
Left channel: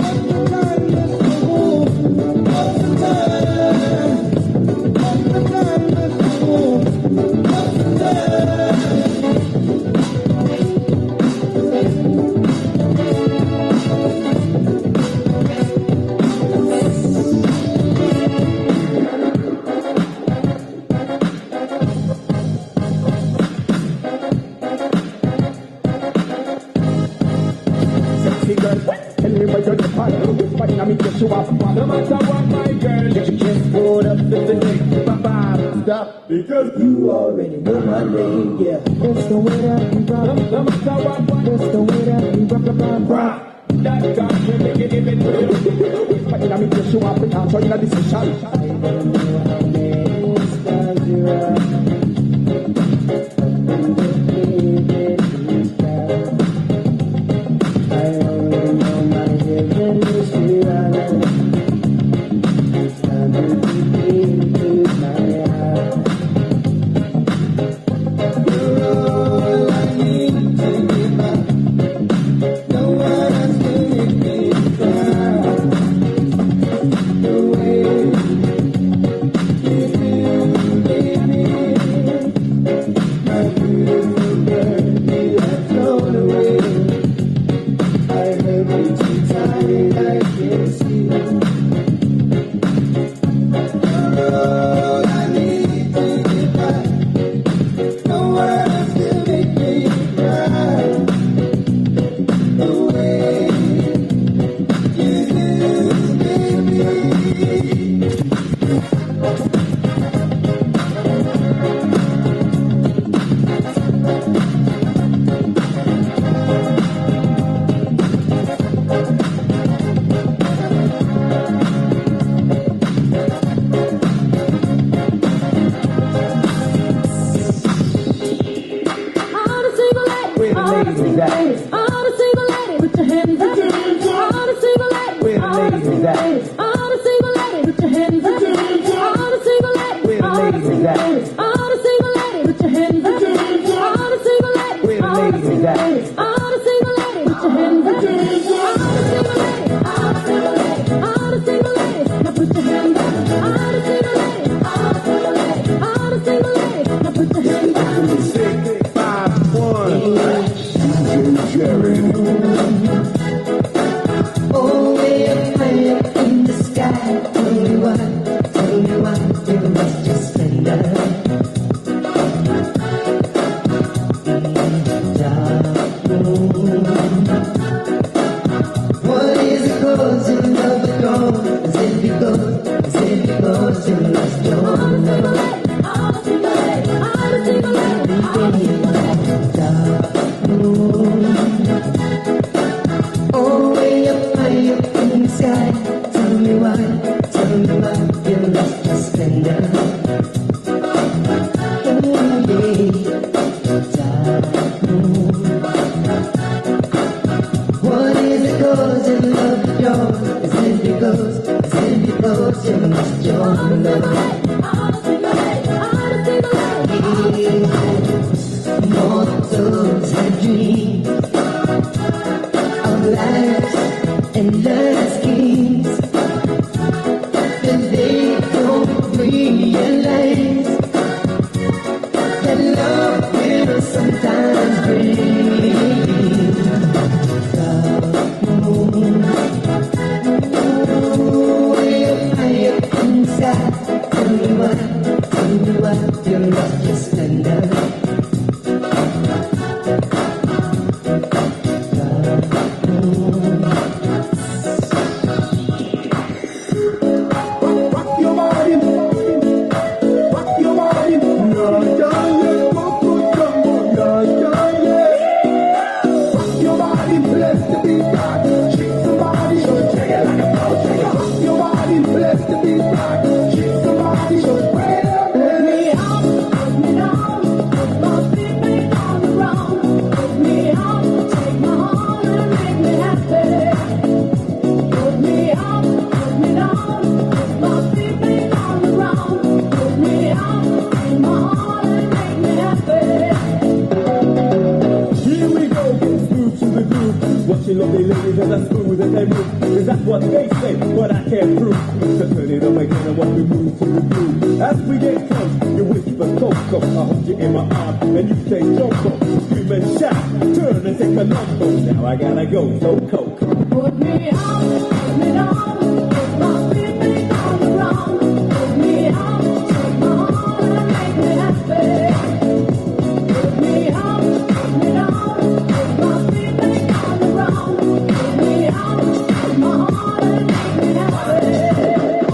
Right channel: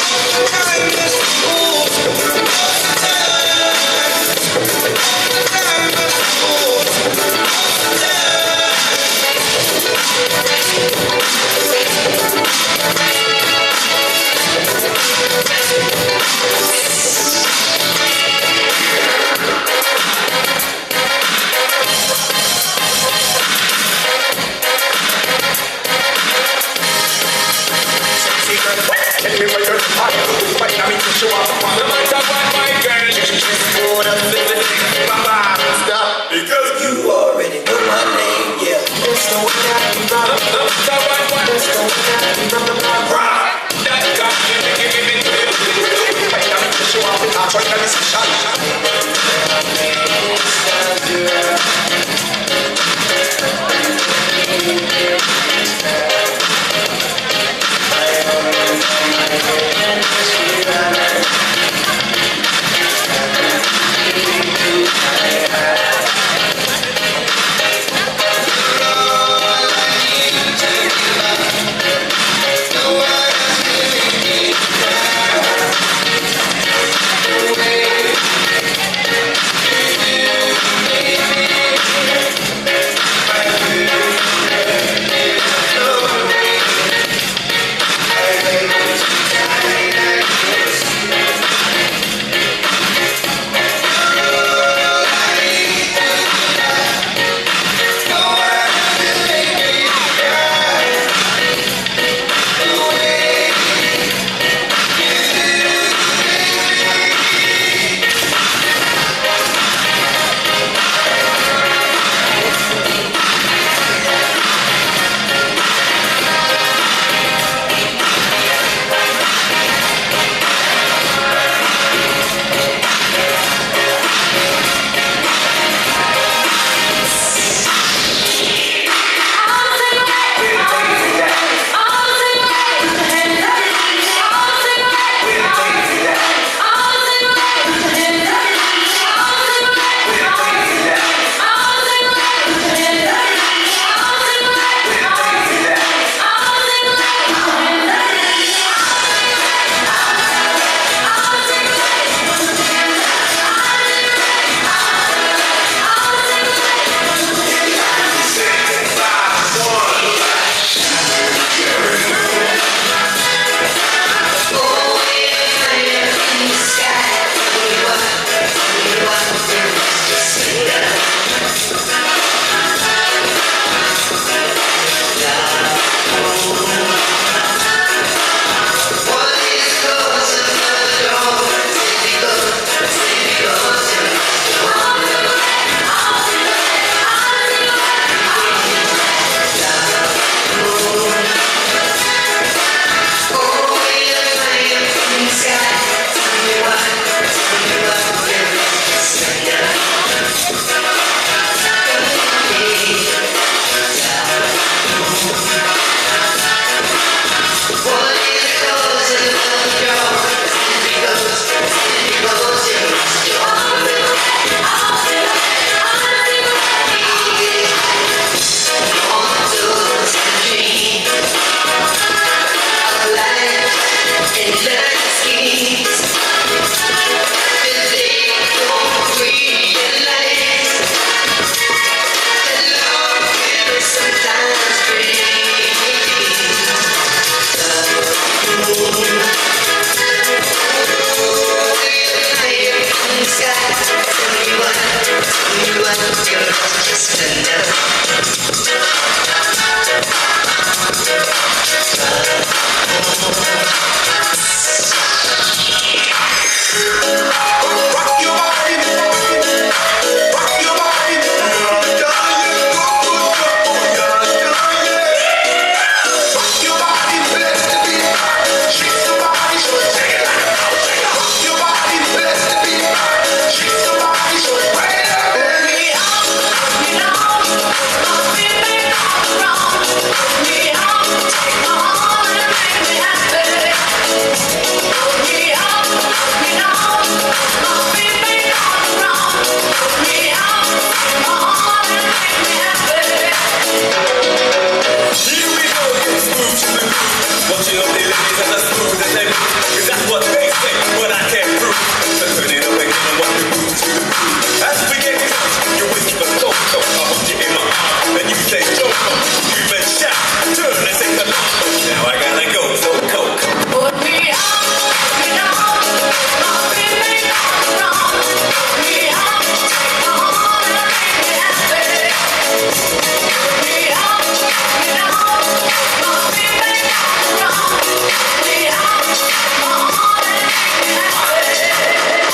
All the time is the fool. All the time. All the time is the fool. All the because you already know my name, yeah. Let's go without me, brother. Let's go without me, brother. Sometimes you're lost your splendor. Rock your body, rock your body, rock your body, bless the beat, shake somebody, so take it like a rock your body, bless the beat, shake somebody, so bring it up. Put me on, put me on, take my heart and make me happy. Put me on, put me on, put me on, take my heart and make me happy. Here we go, get smooth to the groove. Watching all the ladies and the smooth as they move. Cause that's what they say, but I can't prove. So turn it away and watch me move to the groove. As we get close, you whisper go, go. I hold you in my arm, and you say jump, go. You even shout, turn and say Colombo. Now I gotta go, so coke. Put me on, put me on, put me on, take my heart and make me happy. Put me on, put me on, put me on, take my heart and make me happy.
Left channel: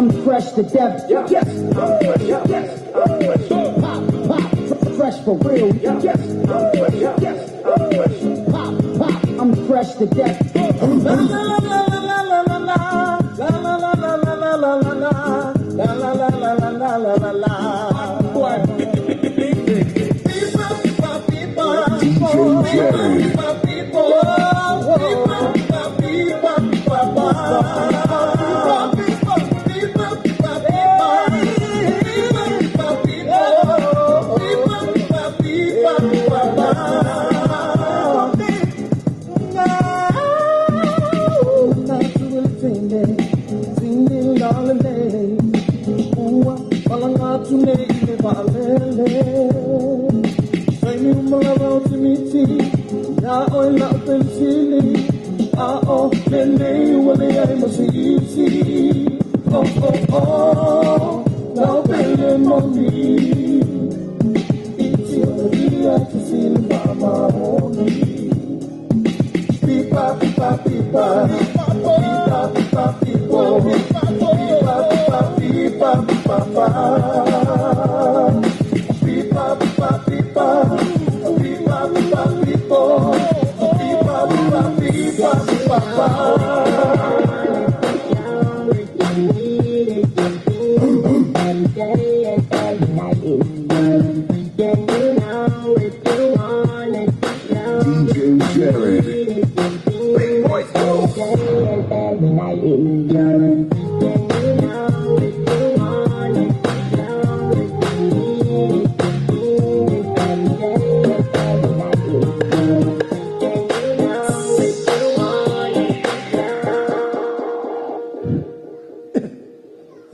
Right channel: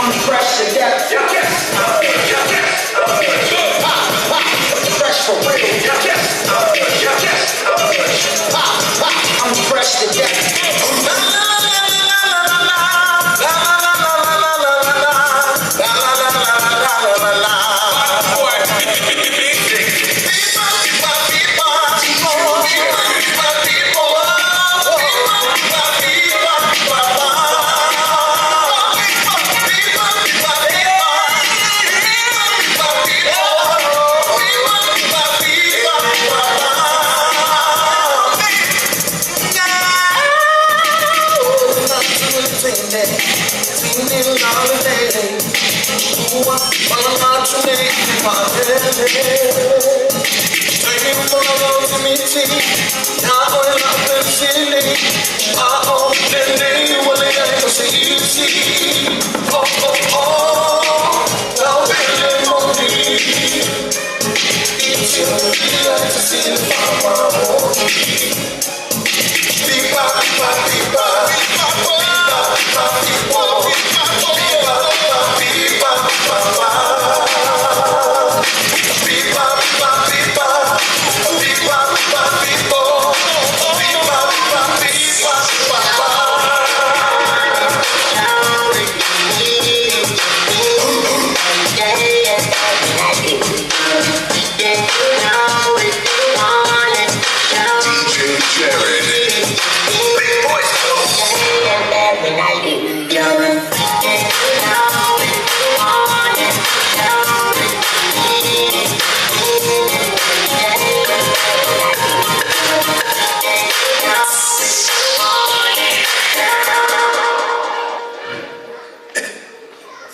I'm fresh to death. Fresh for real. I'm fresh to death.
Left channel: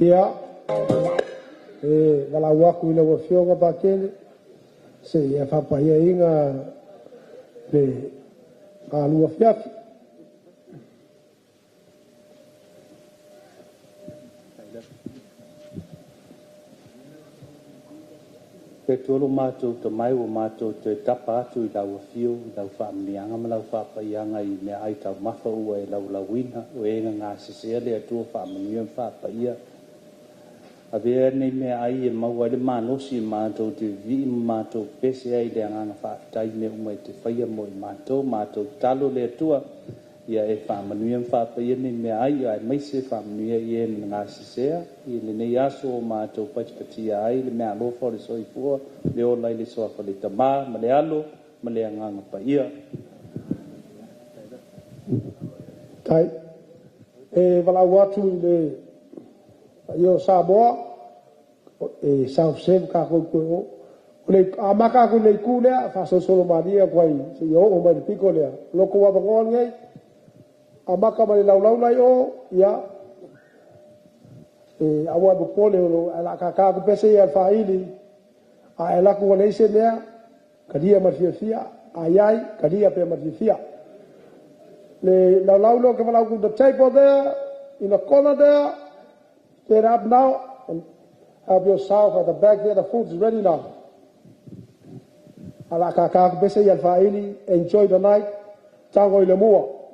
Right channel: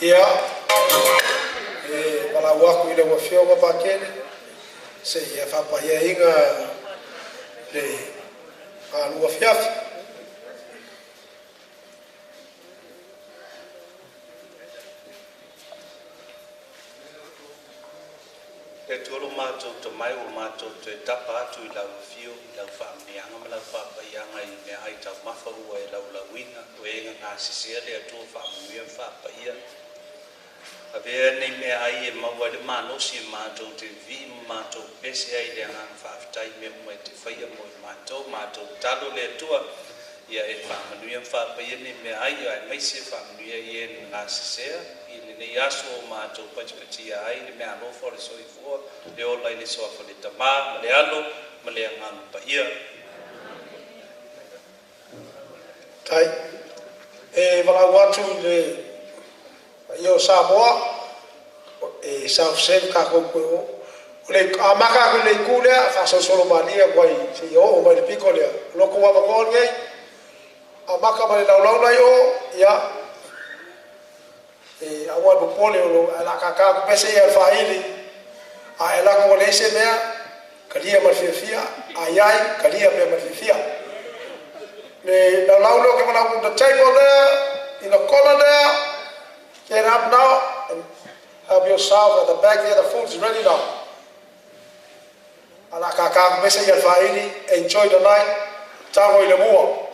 Yeah. Wala waku ile wa fionga pakele. Se ia fapa ia inga le alua fiafi. Pe tolo mātou te mai o mātou te tapa atu I lau whio, I lau whaamnianga, ma lau whapaianga I mea ai tau mawha ua e lau wina, o e ngā sisea le atua whaamanuia whapaia. A vea nei mea ai e maua le mānosi mātou te vi mātou pese ai le anganga whaafitai me umai te whaia mo I mātou talo le atua, ia e whaamanuia whapaia nei mea ai, ai maise whaamanuia I e ngā sisea, I le nei aso o mātou patipatia ai, le mea alofa le soifua, le ola I le soafa le tamā, ma le alo, ma le anganga paia. Tai, e walau atu le Io Samoa, e South Sev kako koe o le amaka ko le kulea fa so solo mania kwai se yo o mai piko le loko wa ngon ngai amaka mai lau lai o ya e awa do pole o ala kaka ko pese ya faili a ela ko le se mea kadia ma fia ayai kadia pe ma fia le lau lo ke lau the table there in the corner there. Get up now and help yourself at the back there. The food is ready now. Enjoy the night. Tango ile mua.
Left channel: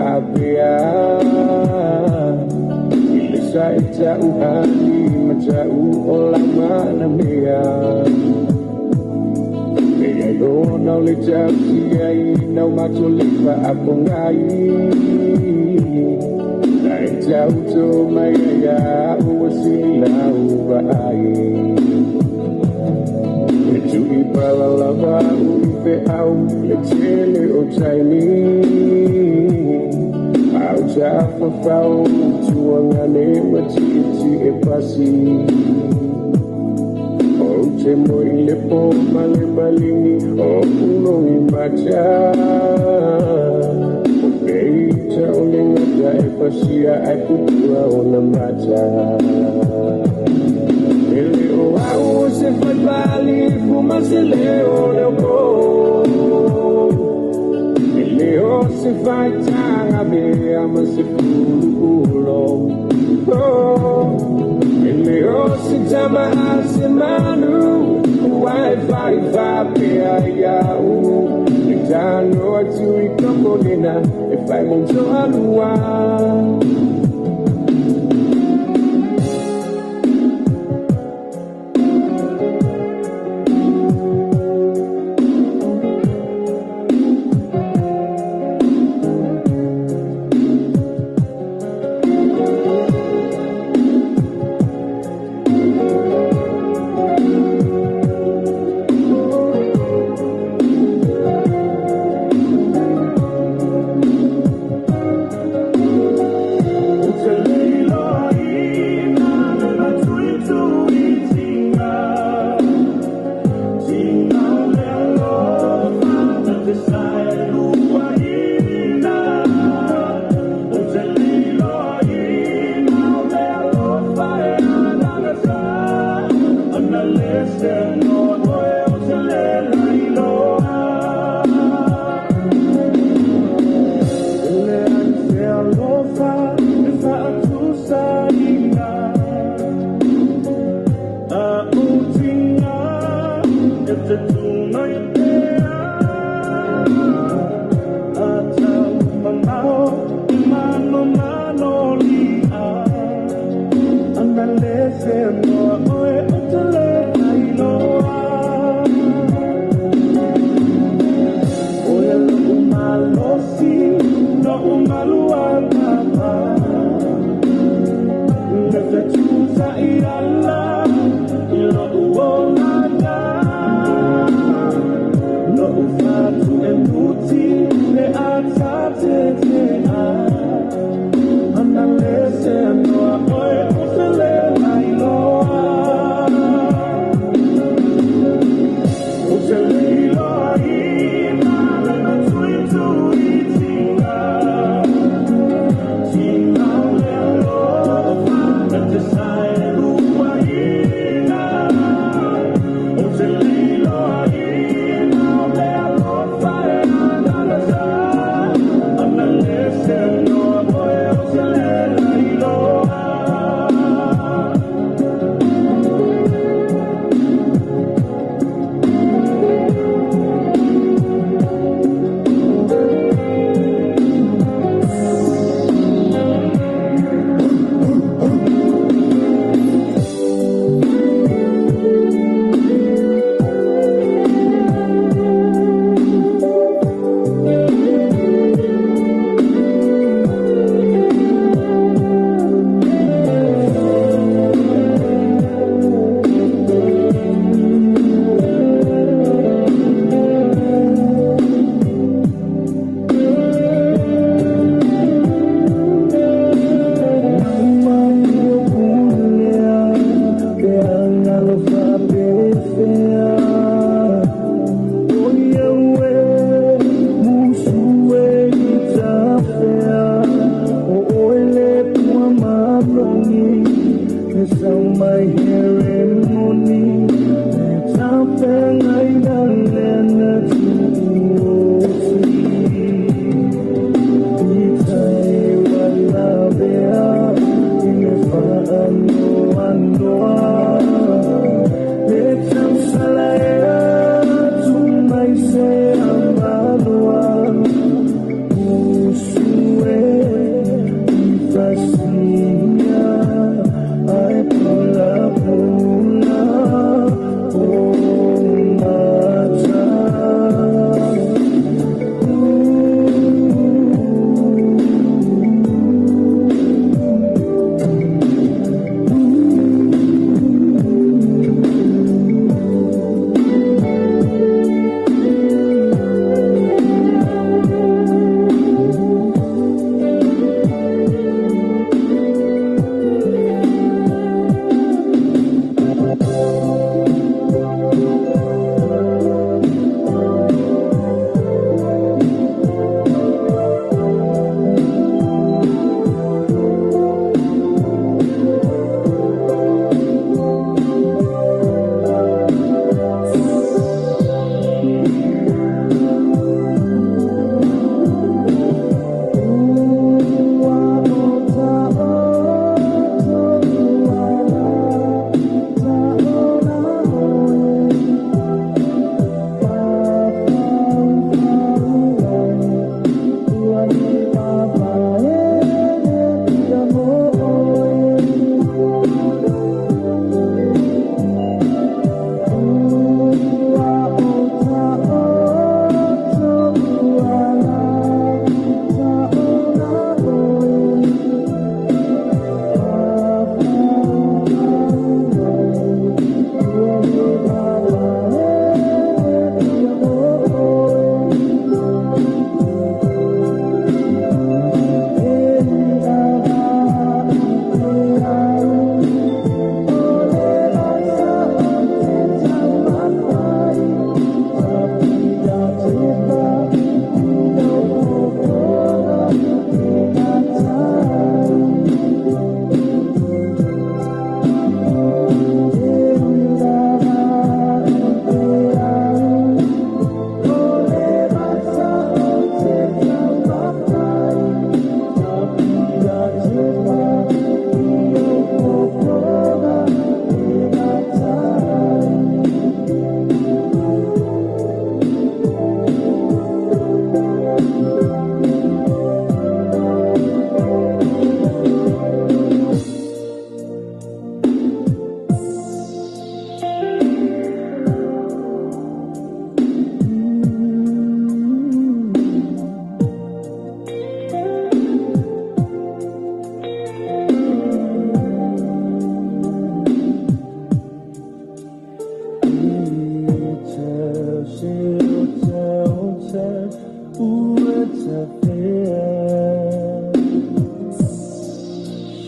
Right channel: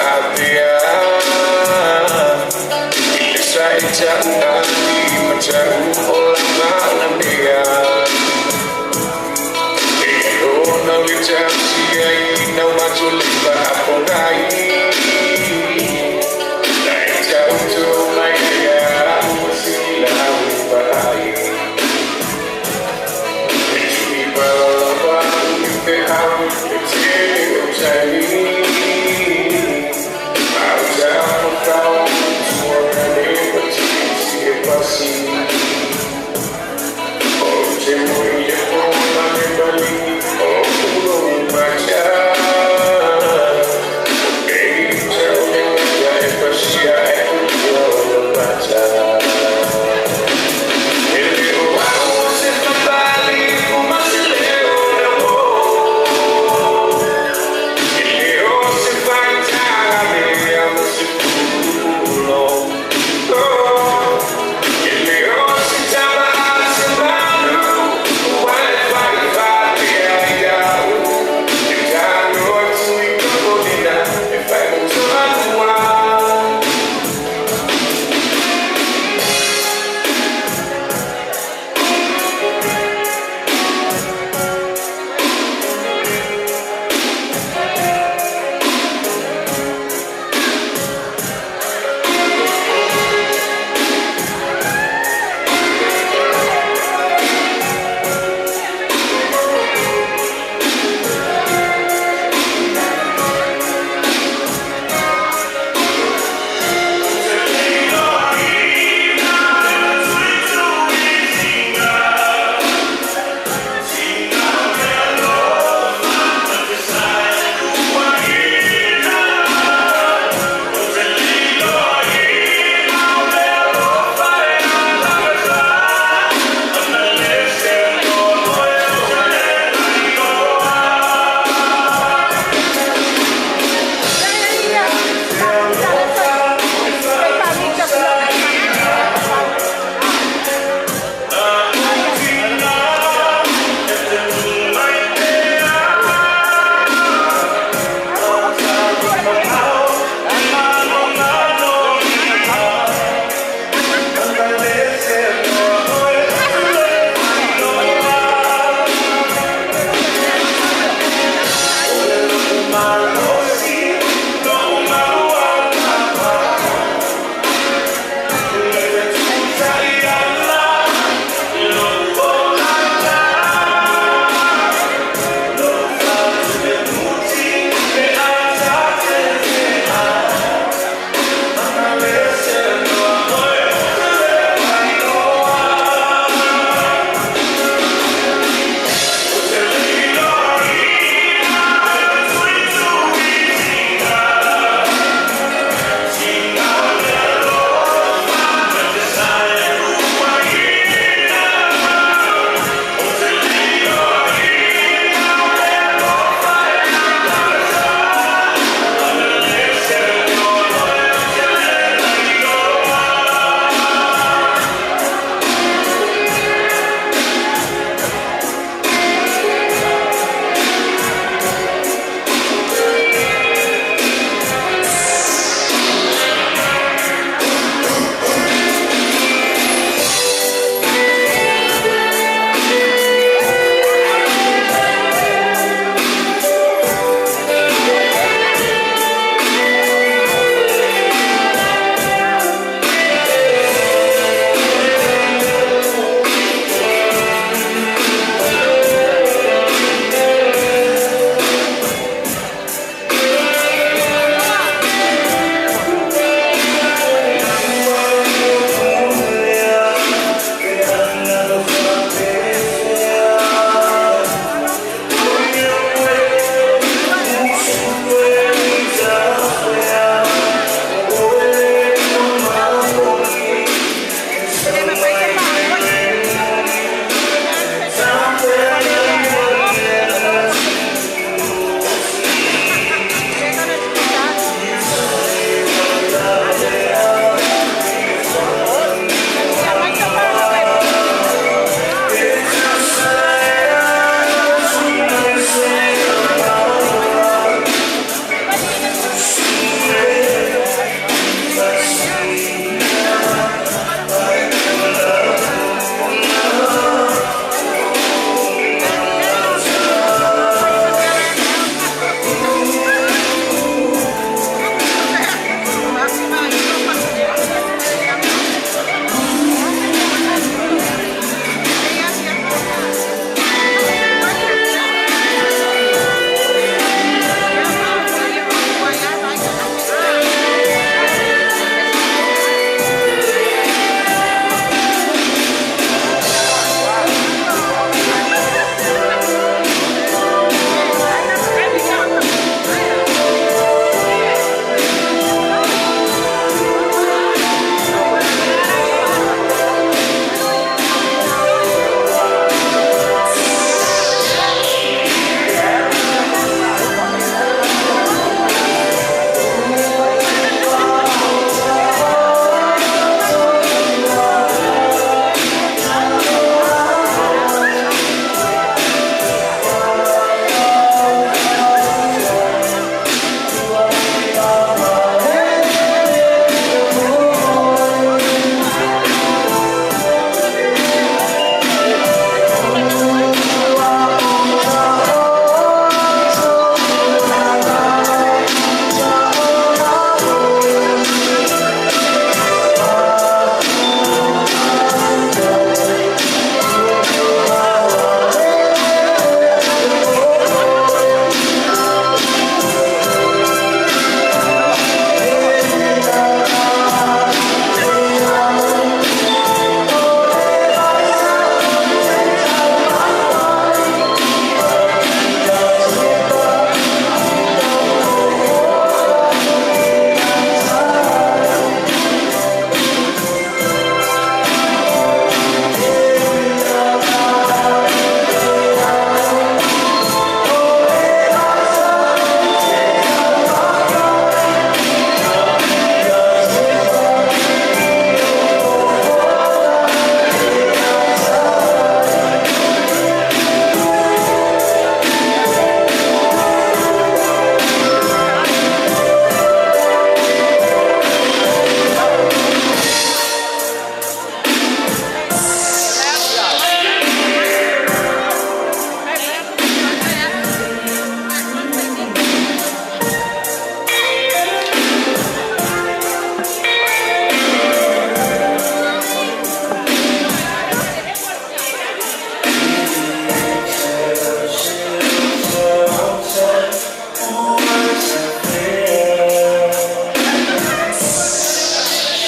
papea Ile sa echa uhati macam olah malamia Ego na licap siai na macho lipa pongai Na echa uto maya usila ubai Ejui palava uke au ete ochai Au japa kau tuane machiti e pasi Oche moile poma le bali Okulo macha Beita ole mata e pasia e ukulo macha Ele o au se famali Kuma se leo na mo Ele o se fatame Amo se kulo Ele o se tama se manu Vai, vai, vai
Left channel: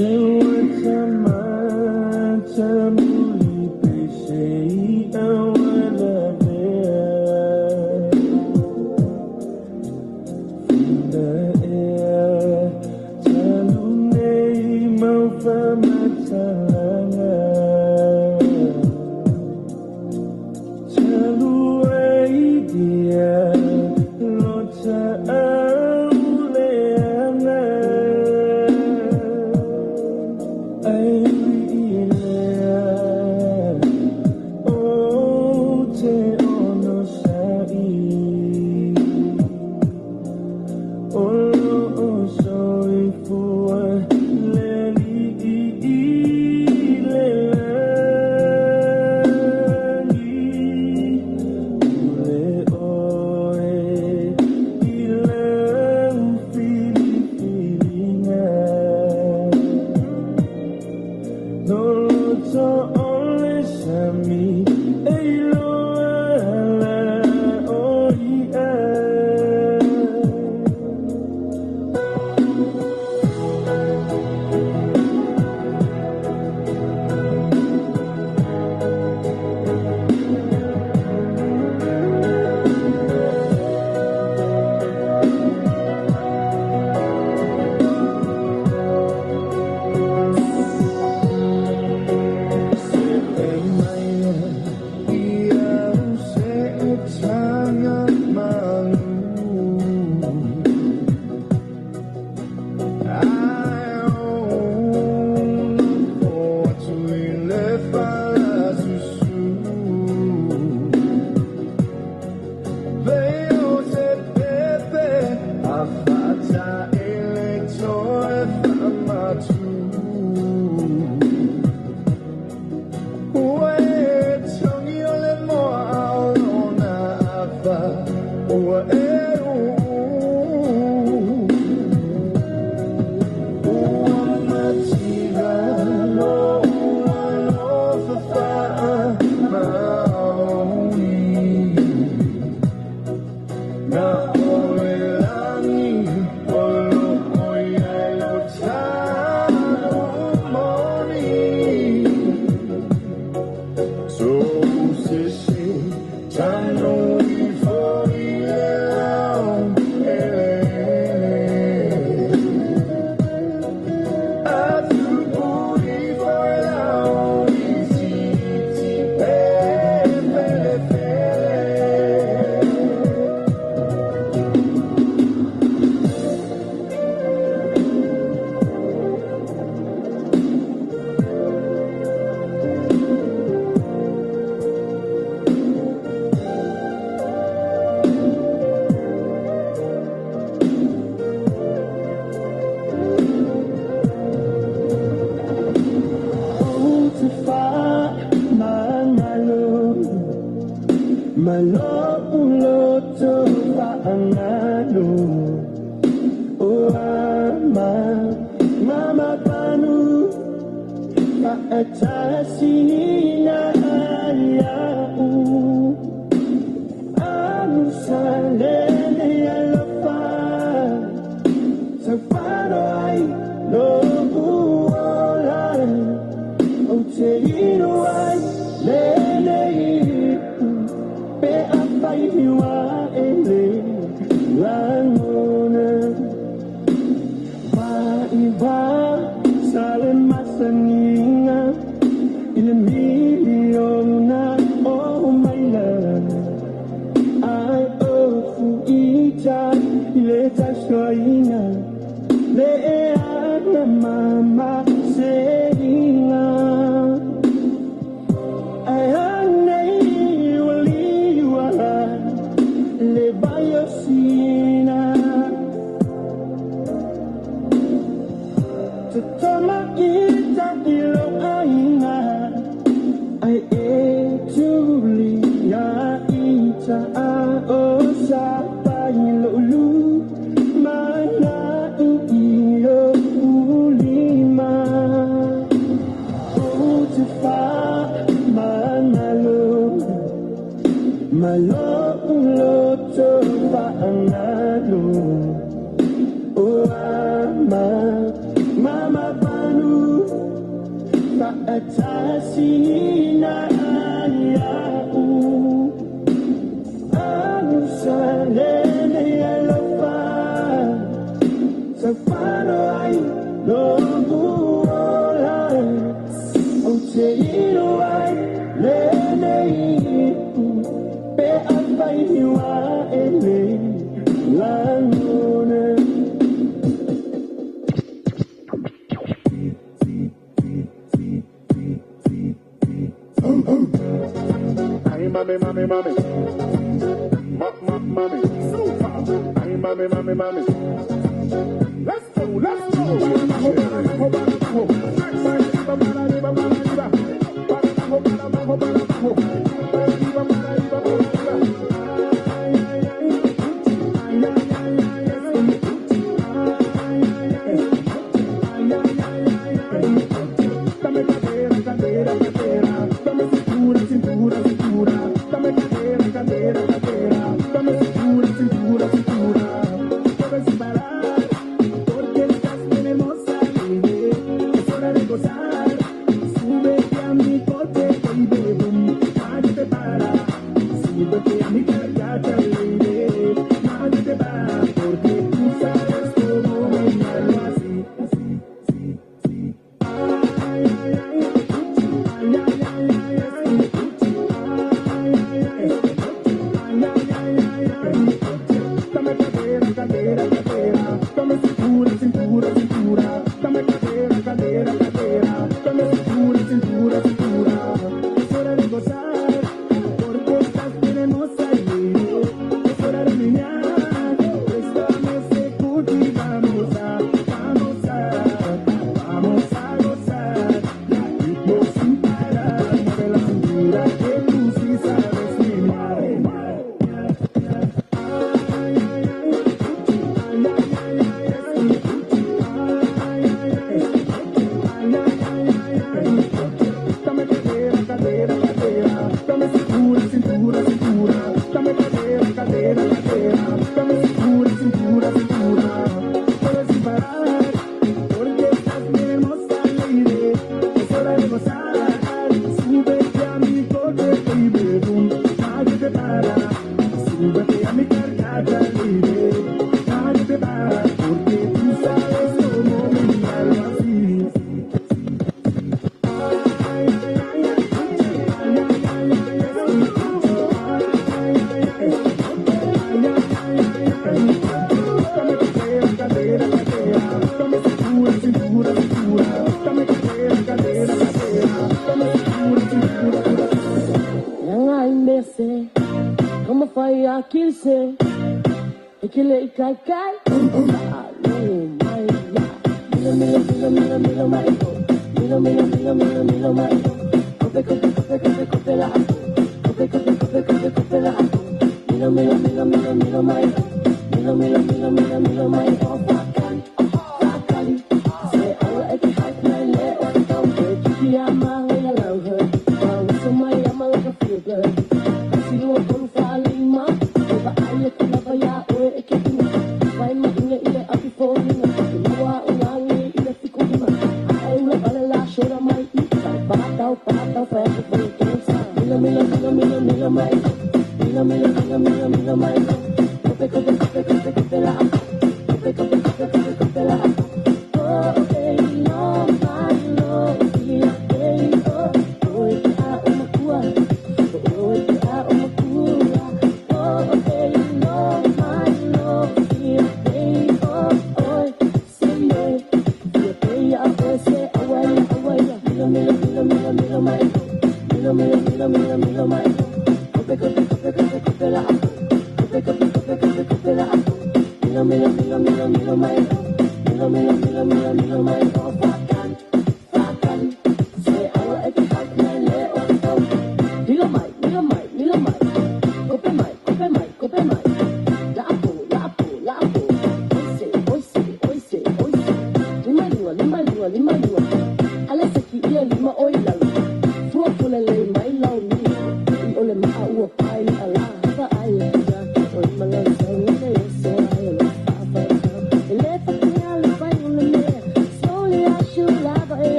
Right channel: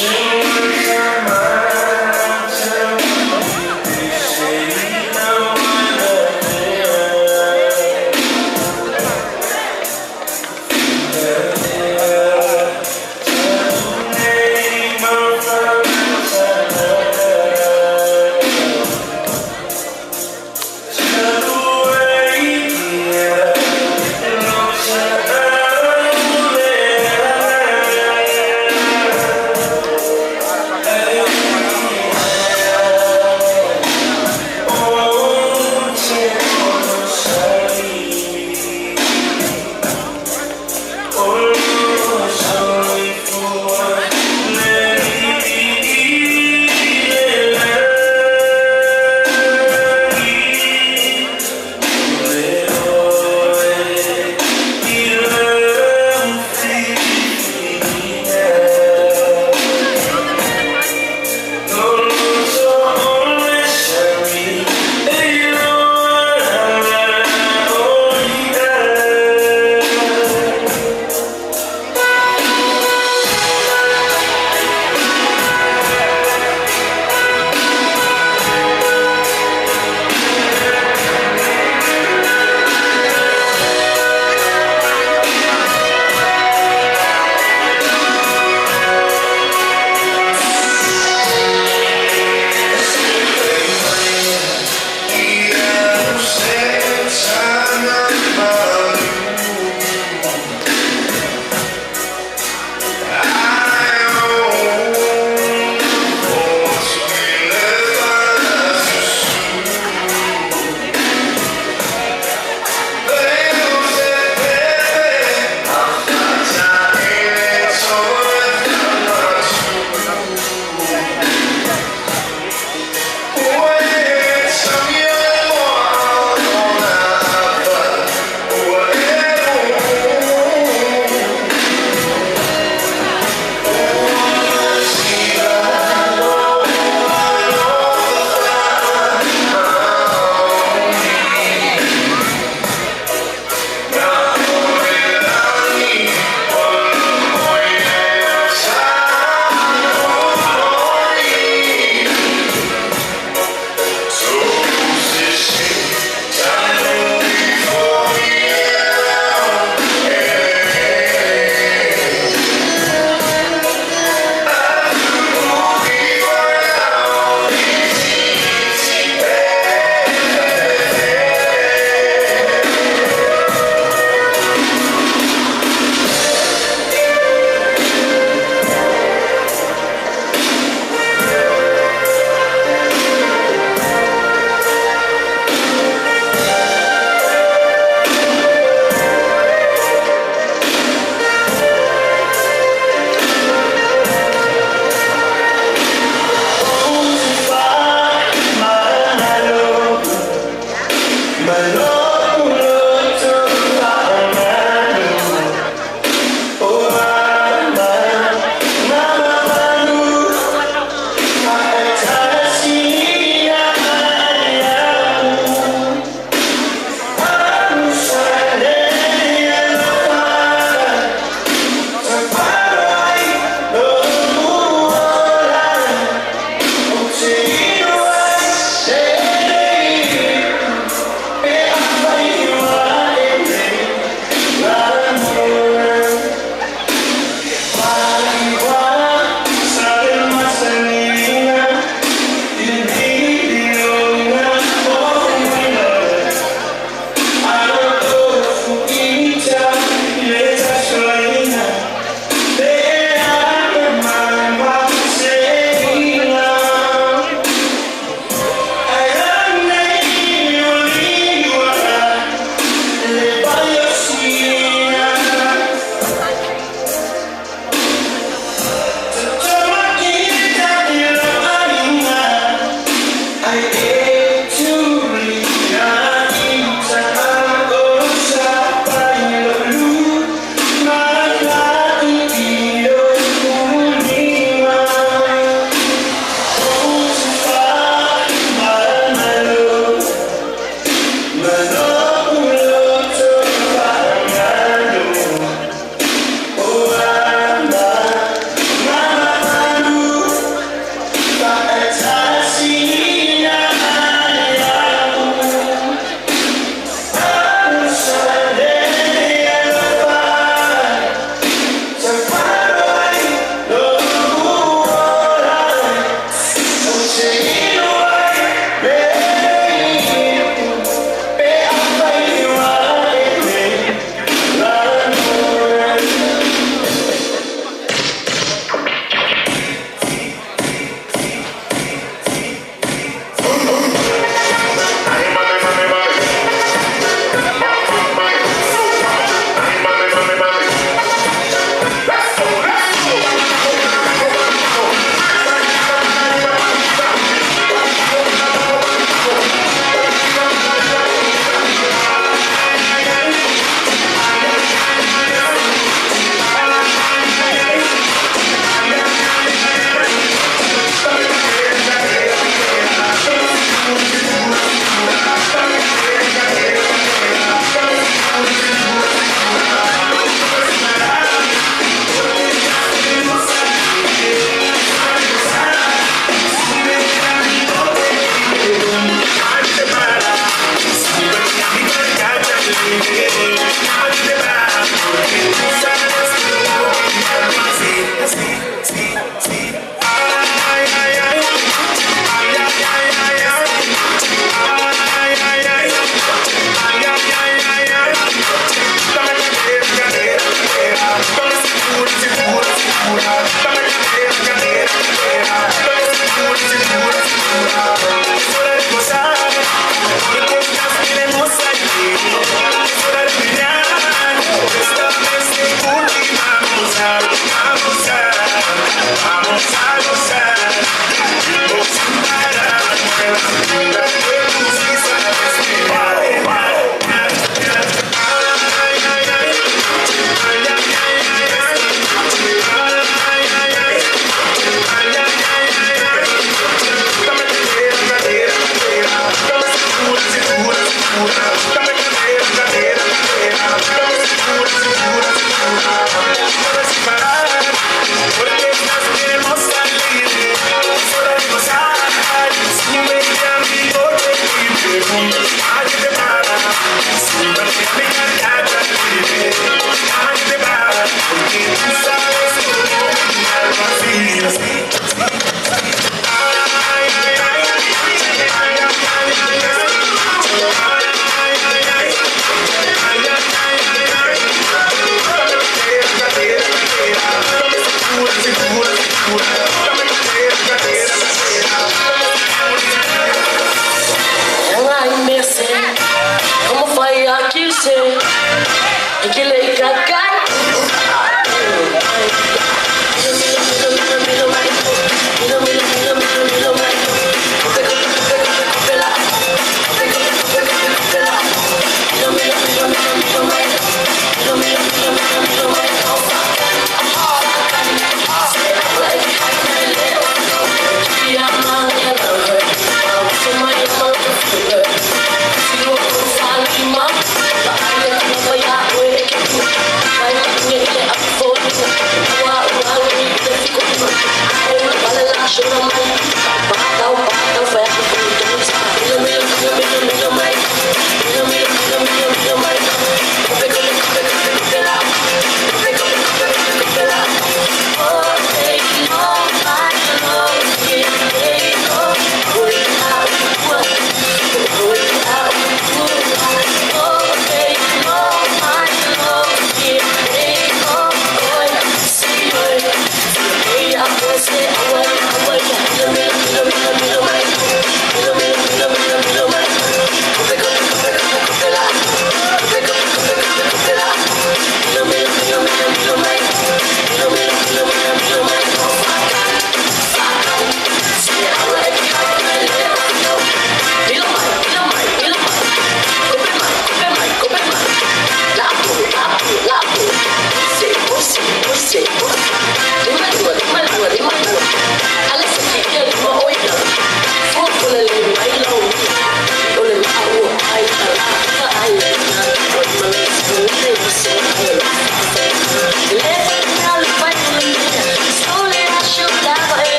Hey.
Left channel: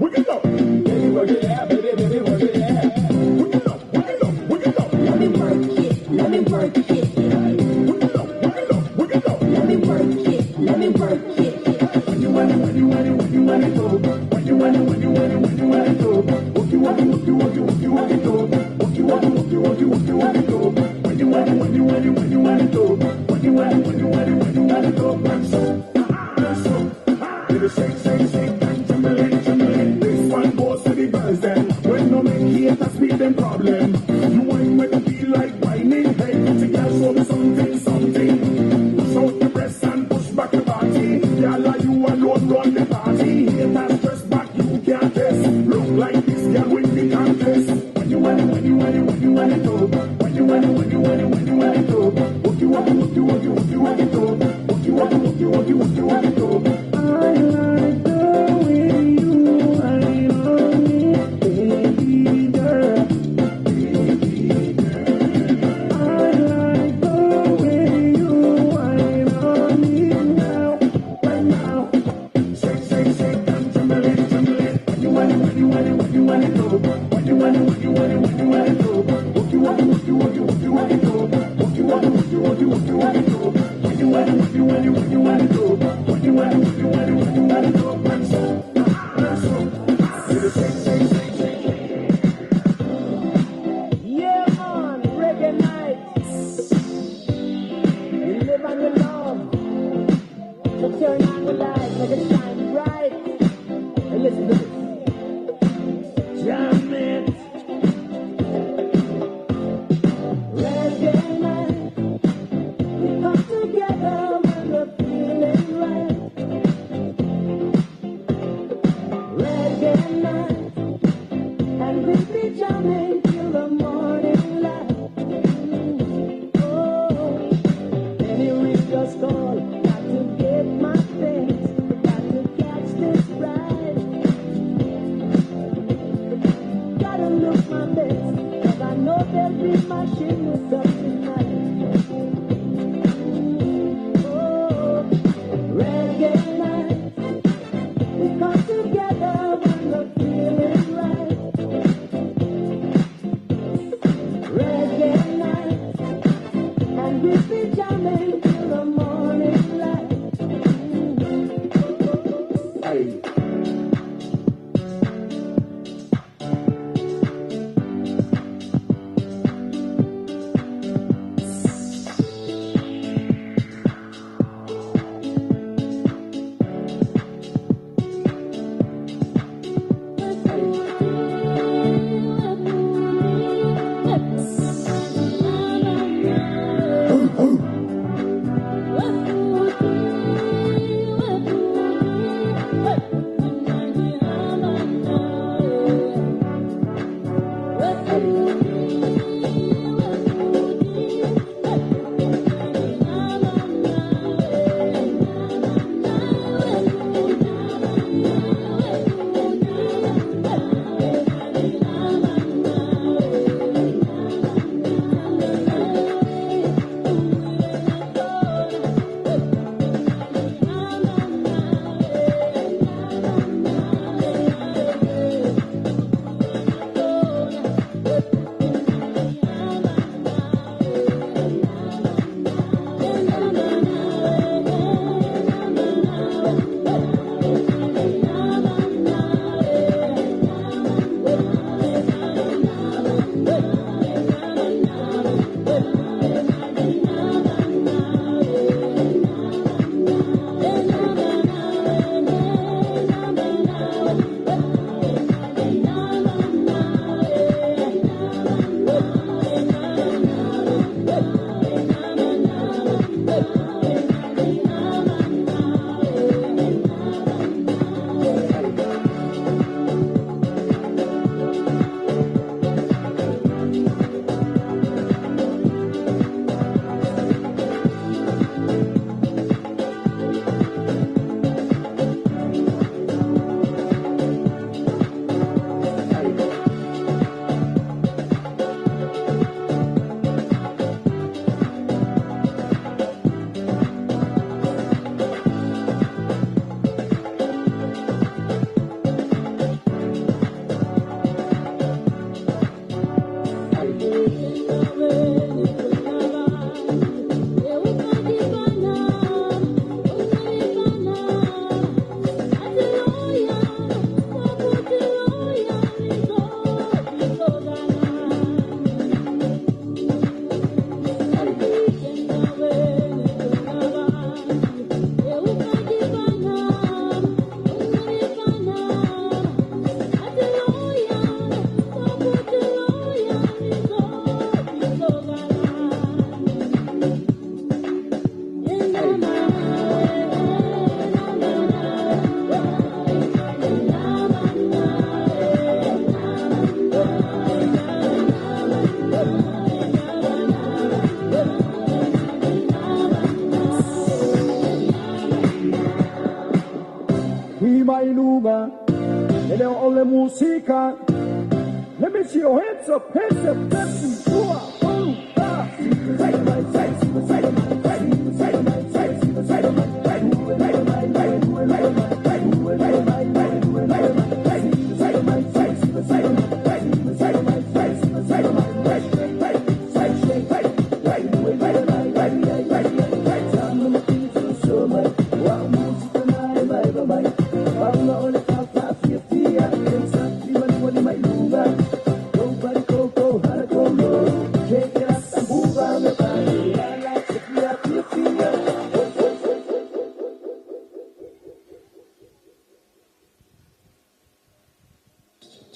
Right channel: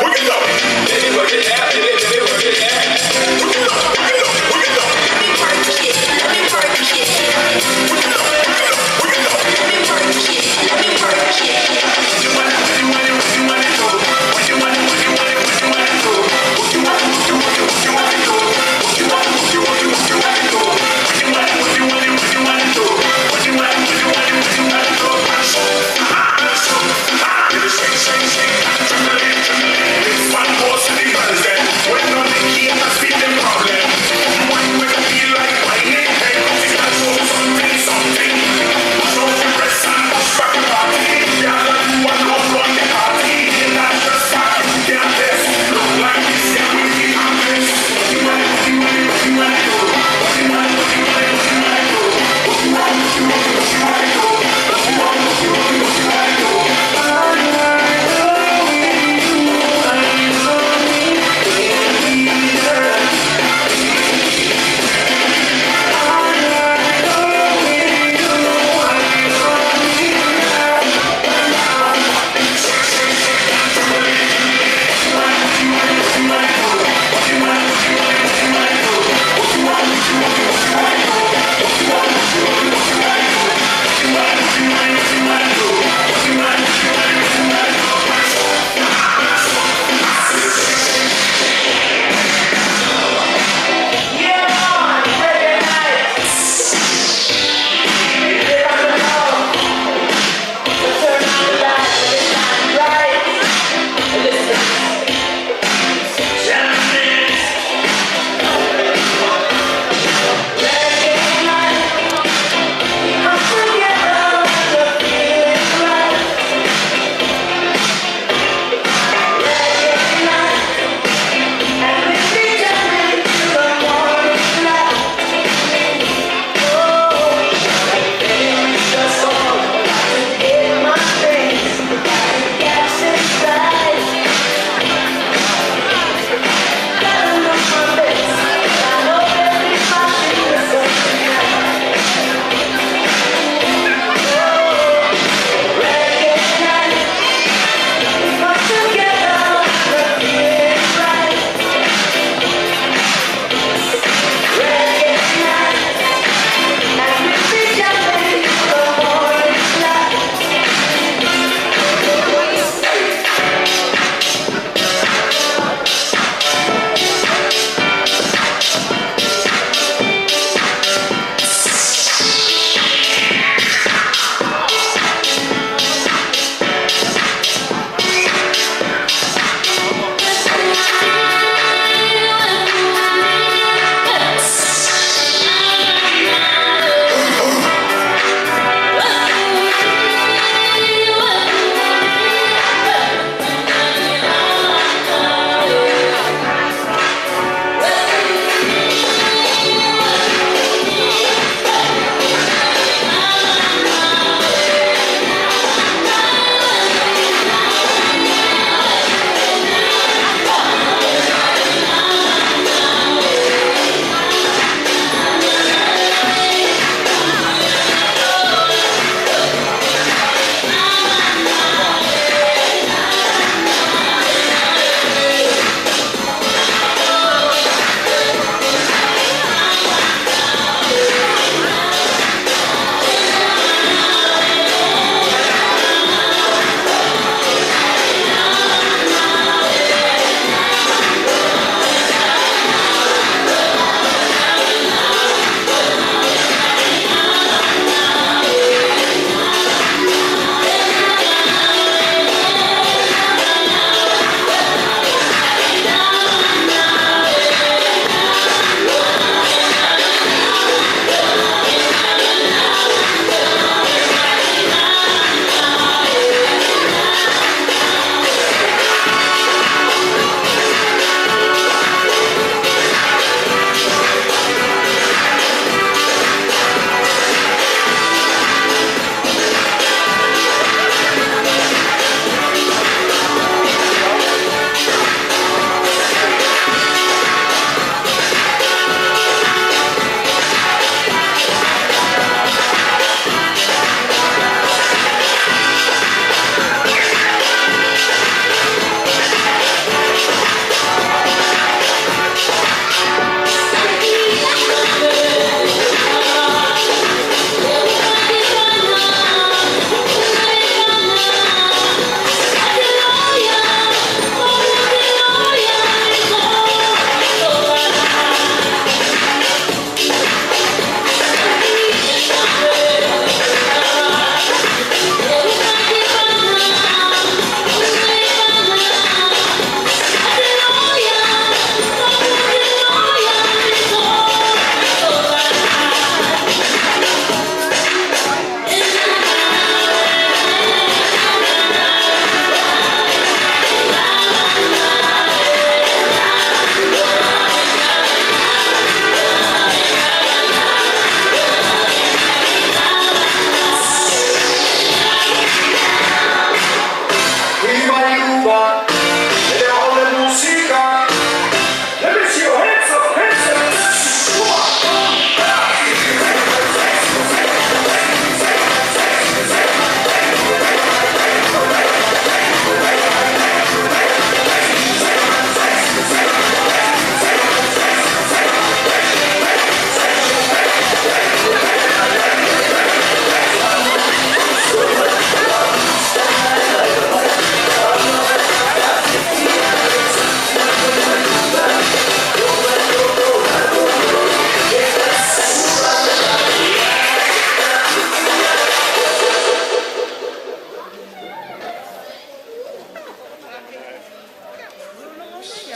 Work it out.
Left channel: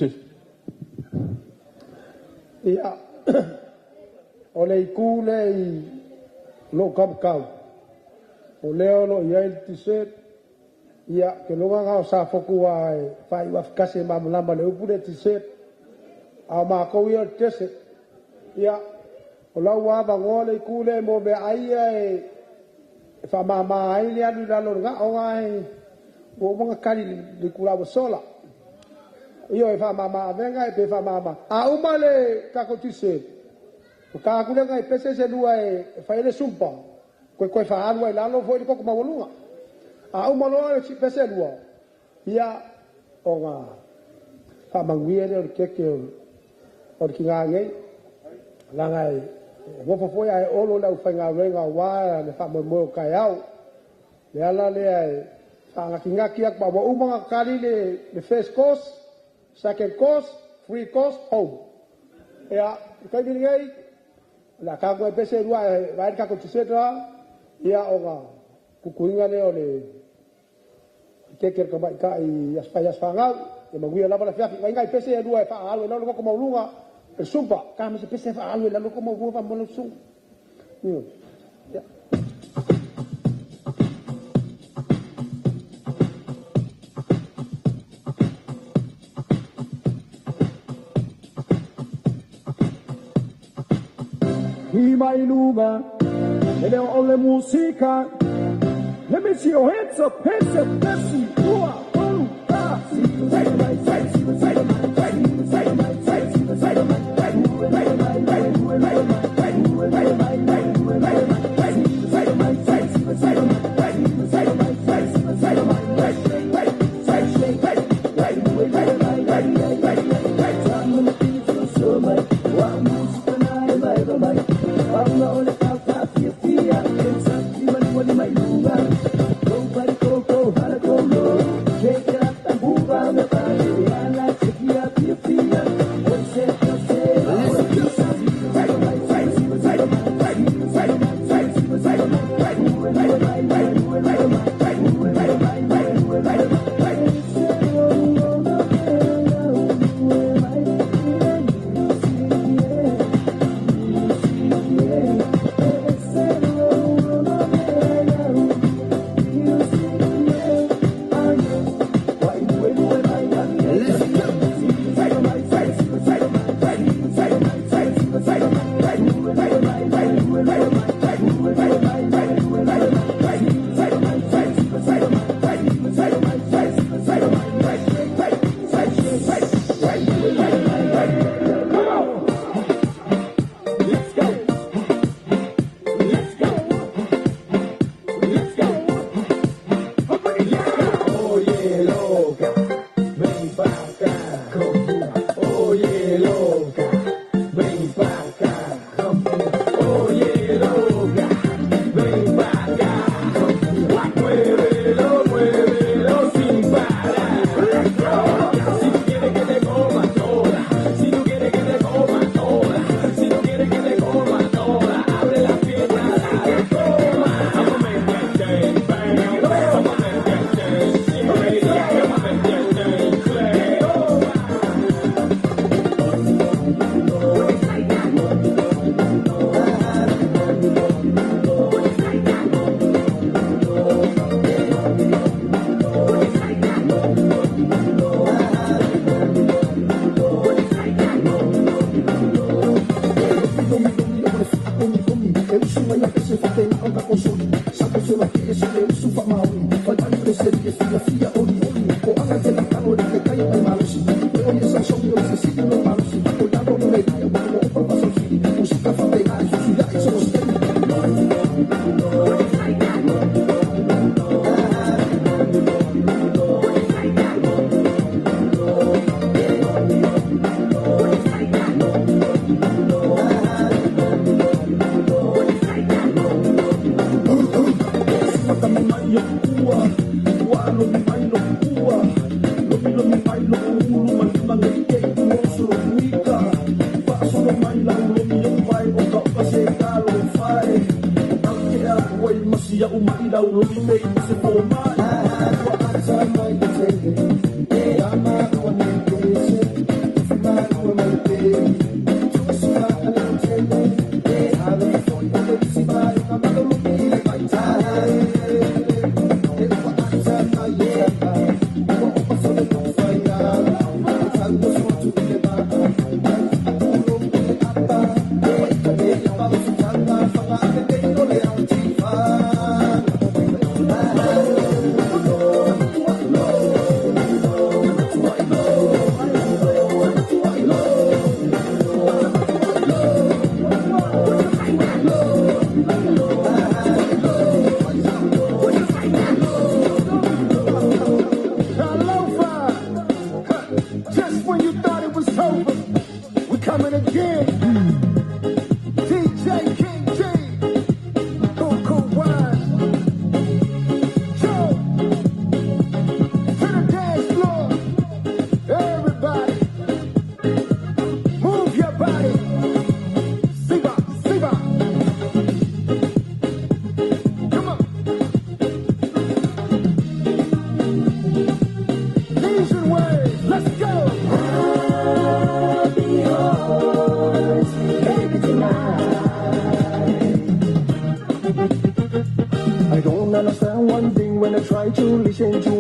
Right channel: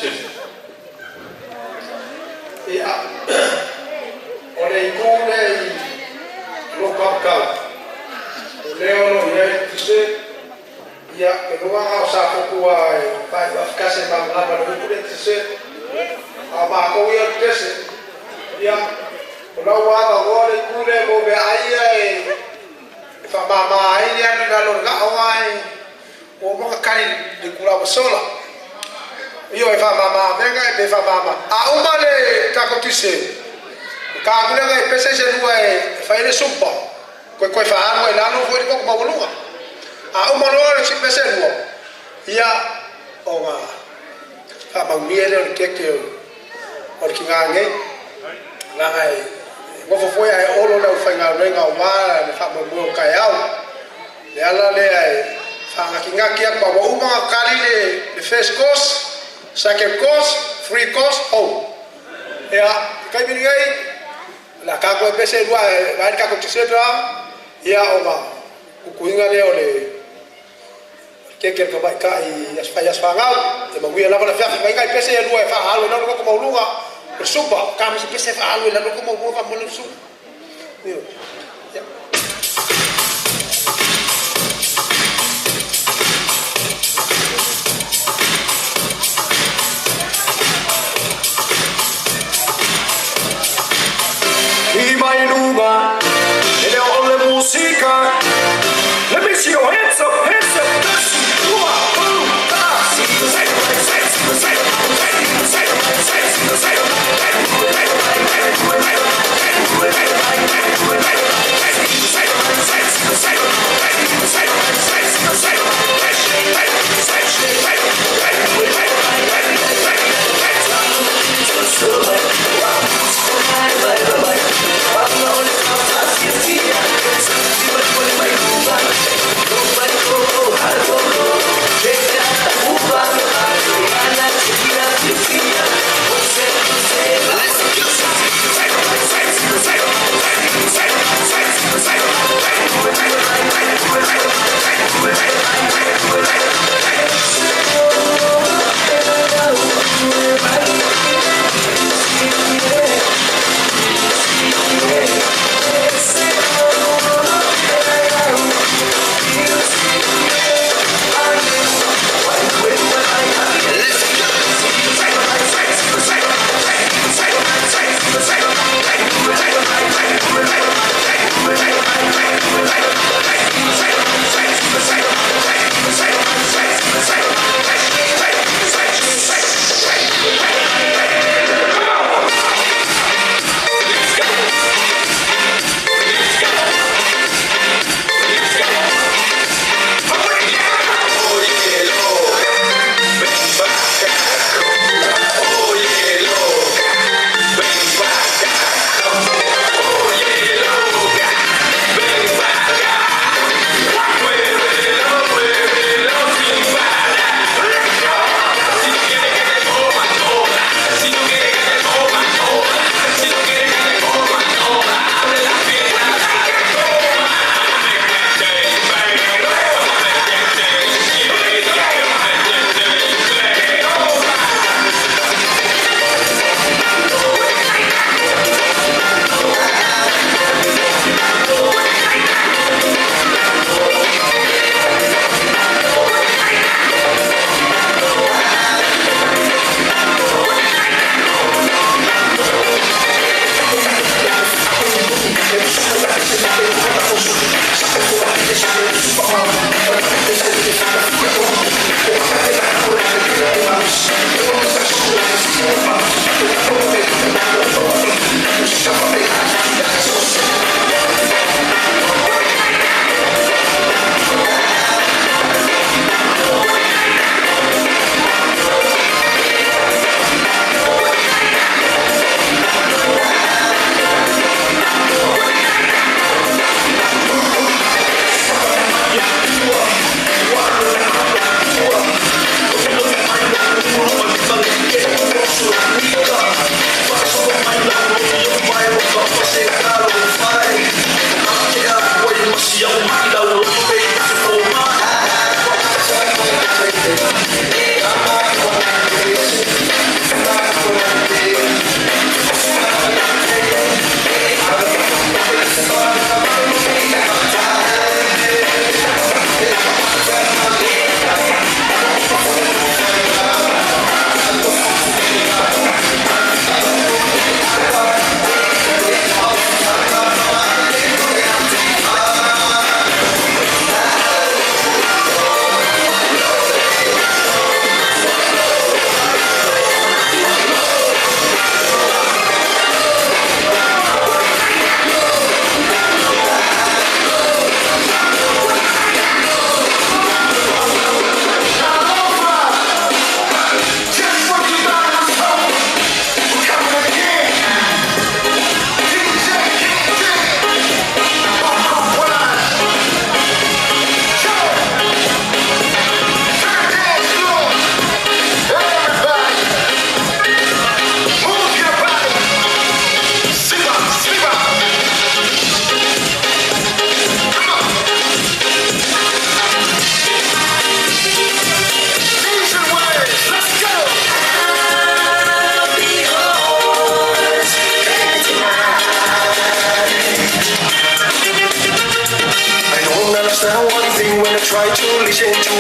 Ia, o le iku nei lo kapkau. O leo lo iai tuse, ia ke longa ngau sa foku ai pai wafkase mamlama le upu le tuse, a mako ia tese, ia o lau wada ngoa le iku nei mo be aia e whamama ai le anu lalo ngao ai, o mga kari le kulawa sola. Io e whamama venga e pe whamama. A uma le kako tuse, ka kulenga e pese se lua e whaile sumpa, koe whaanua i lalo fo i koko mawalunga. A uma loa le si pese lua, ia o ngā whamangmia le o le keke o le ki ngā ngei, langa e ngofo foi ai olo le o whainga renga o wāra le whamamua o kai au, le ala le ai whaangaki ngaki ak mawa uma kari le first course, second course, free course, home. Ia, kai mini ngai, la kako e pese lua e vai kako tisetra, ia o ngā kukuinga le o le keke ka mai ka i asfangau, e mawia lava le whiawhi, kai ngai pese e lua e wha alu e nanu koko maulunga, e supa, ka misi pese e wha alu e nanu koko maulunga wha mole supa. Ia. I mai lunga, e leo o le musika. Let me see your hands up, hands up. Yeah.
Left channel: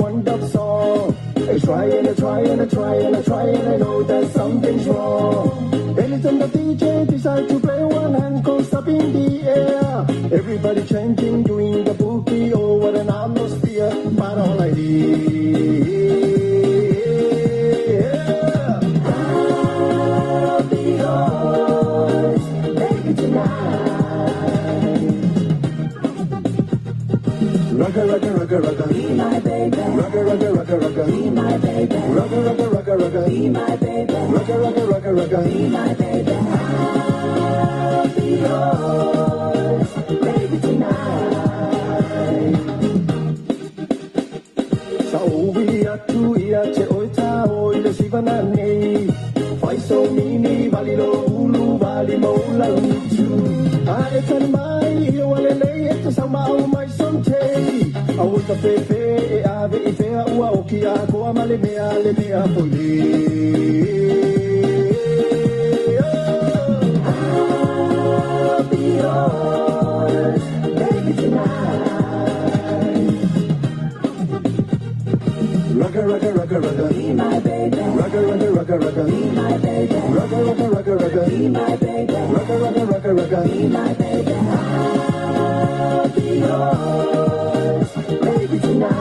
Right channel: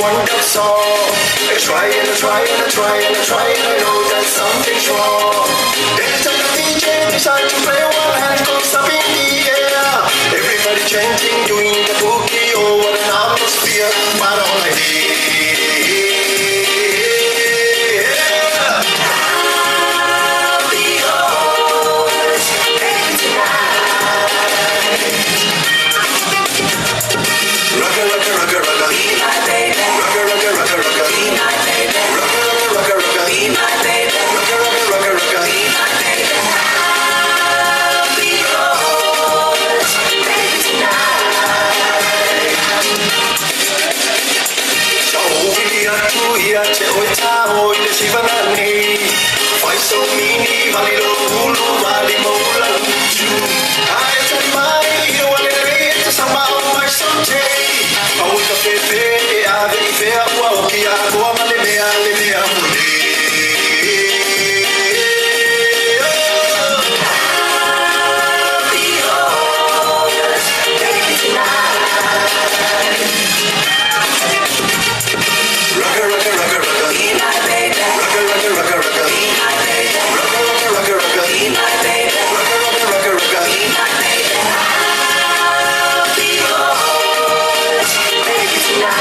want that song. I try and I try and I try and I try and I know that something's wrong. Anytime the DJ decides to play, one hand goes up in the air. Everybody chanting, doing the boogie, oh what an atmosphere. But all I did. Rocker, rocker, rocker, rocker, be my baby. Rocker, rocker, rocker, rocker, be my baby. Rocker, rocker, rocker, rocker, be my baby. Rocker, rocker, rocker, rocker, be my baby. I'll be yours, baby tonight. Sa ovi aku ia te oita oi le sivanani. Fai so mini vali lo pulu vali mo la lutu. Ai te mai io ale lei te sama o mai so te. Au ka pepe e ave I fea ua o ki a koa ma le mea muli. I'll be yours, baby tonight. Rocker, rocker, rocker, rocker, be my baby. Rocker, rocker, rocker, rocker, be my baby. Rocker, rocker, rocker, rocker, be my baby. Rocker, rocker, rocker, rocker, be my baby. I'll be yours, baby tonight.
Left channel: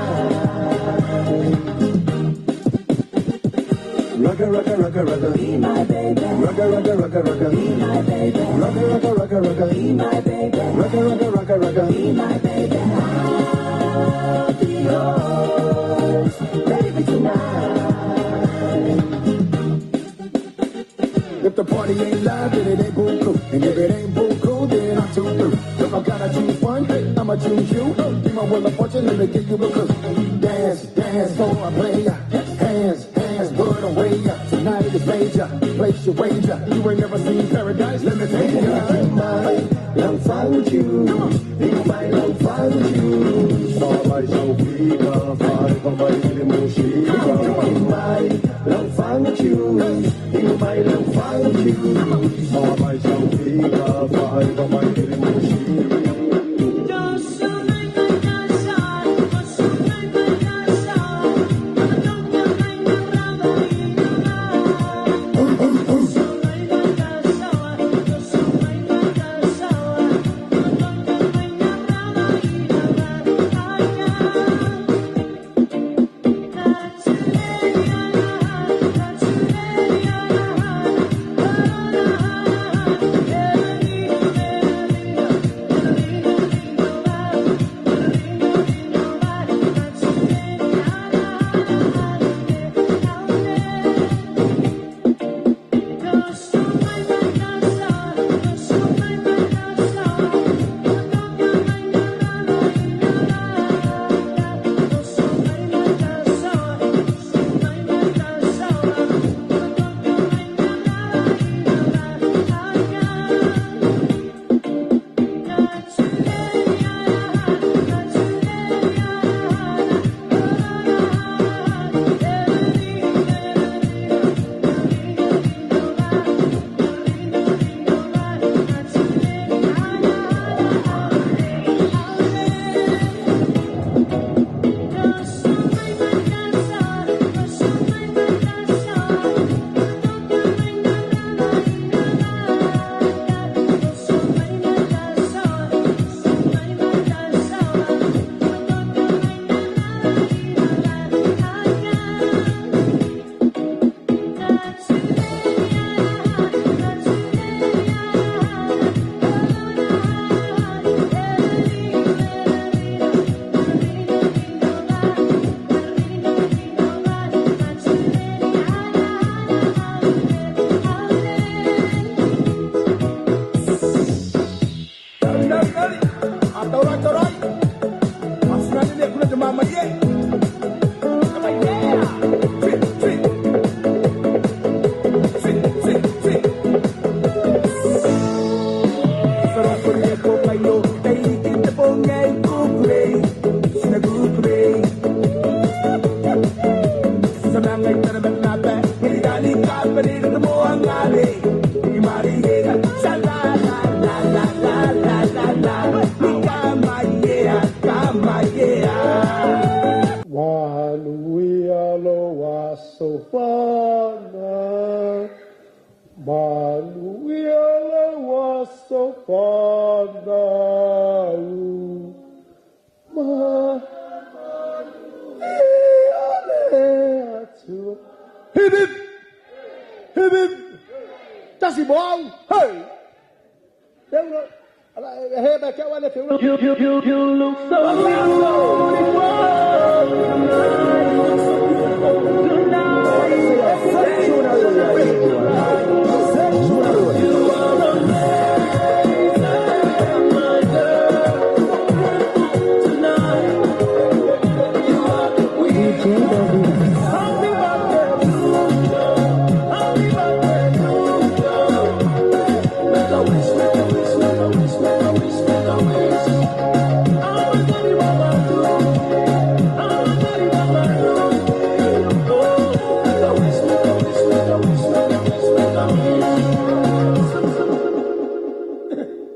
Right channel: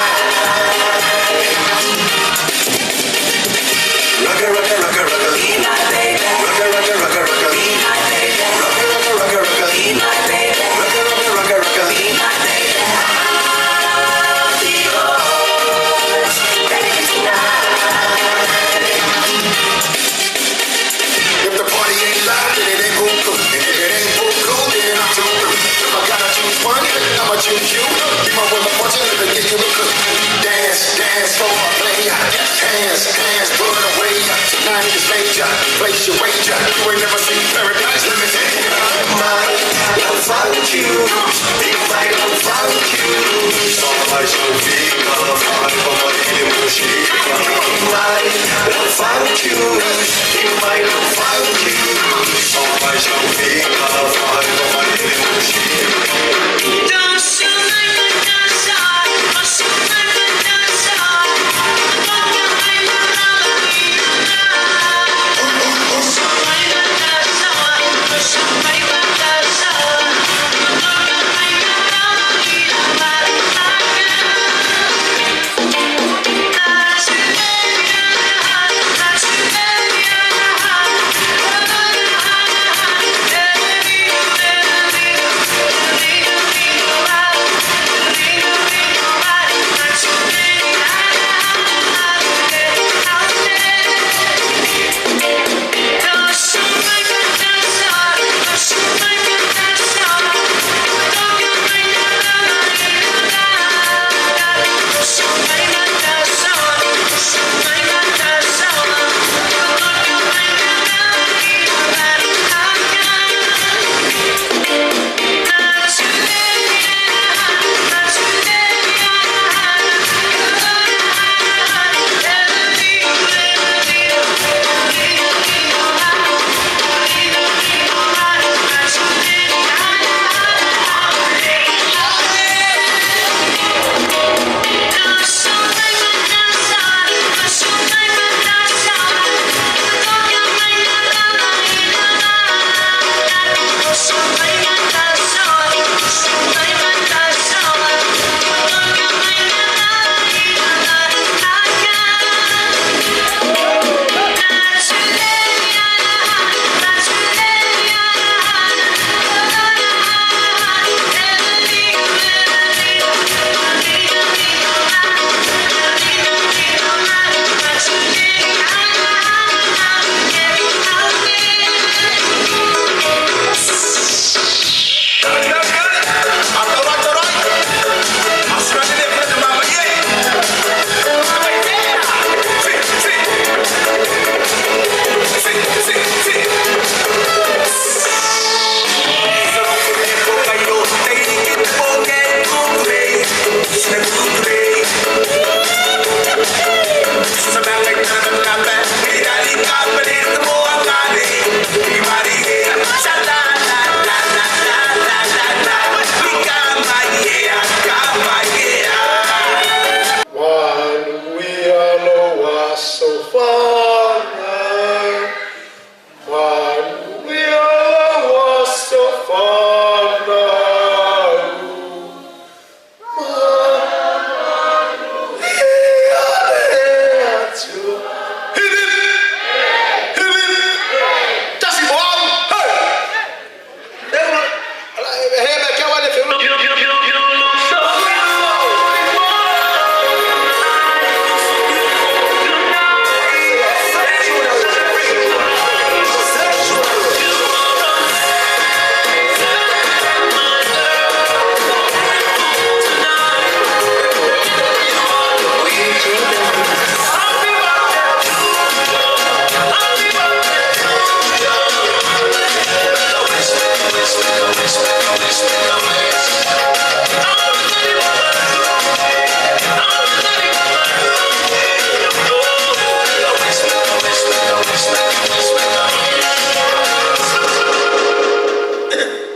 Rocker, rocker, rocker, rocker, be my baby. Rocker, rocker, rocker, rocker, be my baby. Rocker, rocker, rocker, rocker, be my baby. Rocker, rocker, rocker, rocker, be my baby. I'll be yours, baby tonight. If the party ain't live, then it ain't gon' go. And if it ain't gon' go, then I'm too through. If I gotta choose one, I'ma choose you. Give my will of fortune and give you a good. Dance, dance for a player. Hands, hands, put away. Tonight is major. Place your wager. You ain't never seen paradise. Let me take you. I'll find you. Be mine, I'll find you. Só paixão fica. Fale como ele me chega. Be mine, I'll find you. Be mine, I'll find you. Só paixão fica. Fale como ele me chega. One.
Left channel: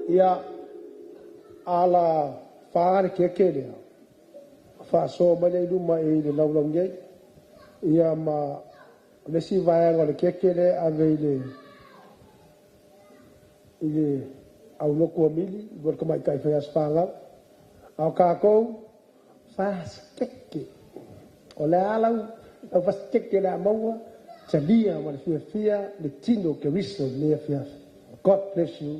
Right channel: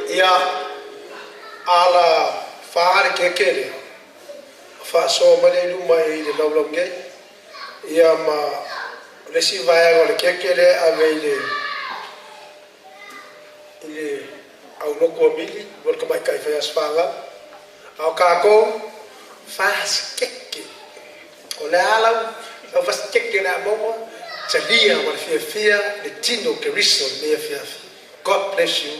Ia ala whaare kekere. Whaaso mane luma i le laulange. Ia ma lesi vai o le kekere ave ile au loko mili bor ka mai kai fa asfanga. Au kako fas keke. O le ala au fas keke na maua. Talia wa fia le tino ke riso me fia. God bless you.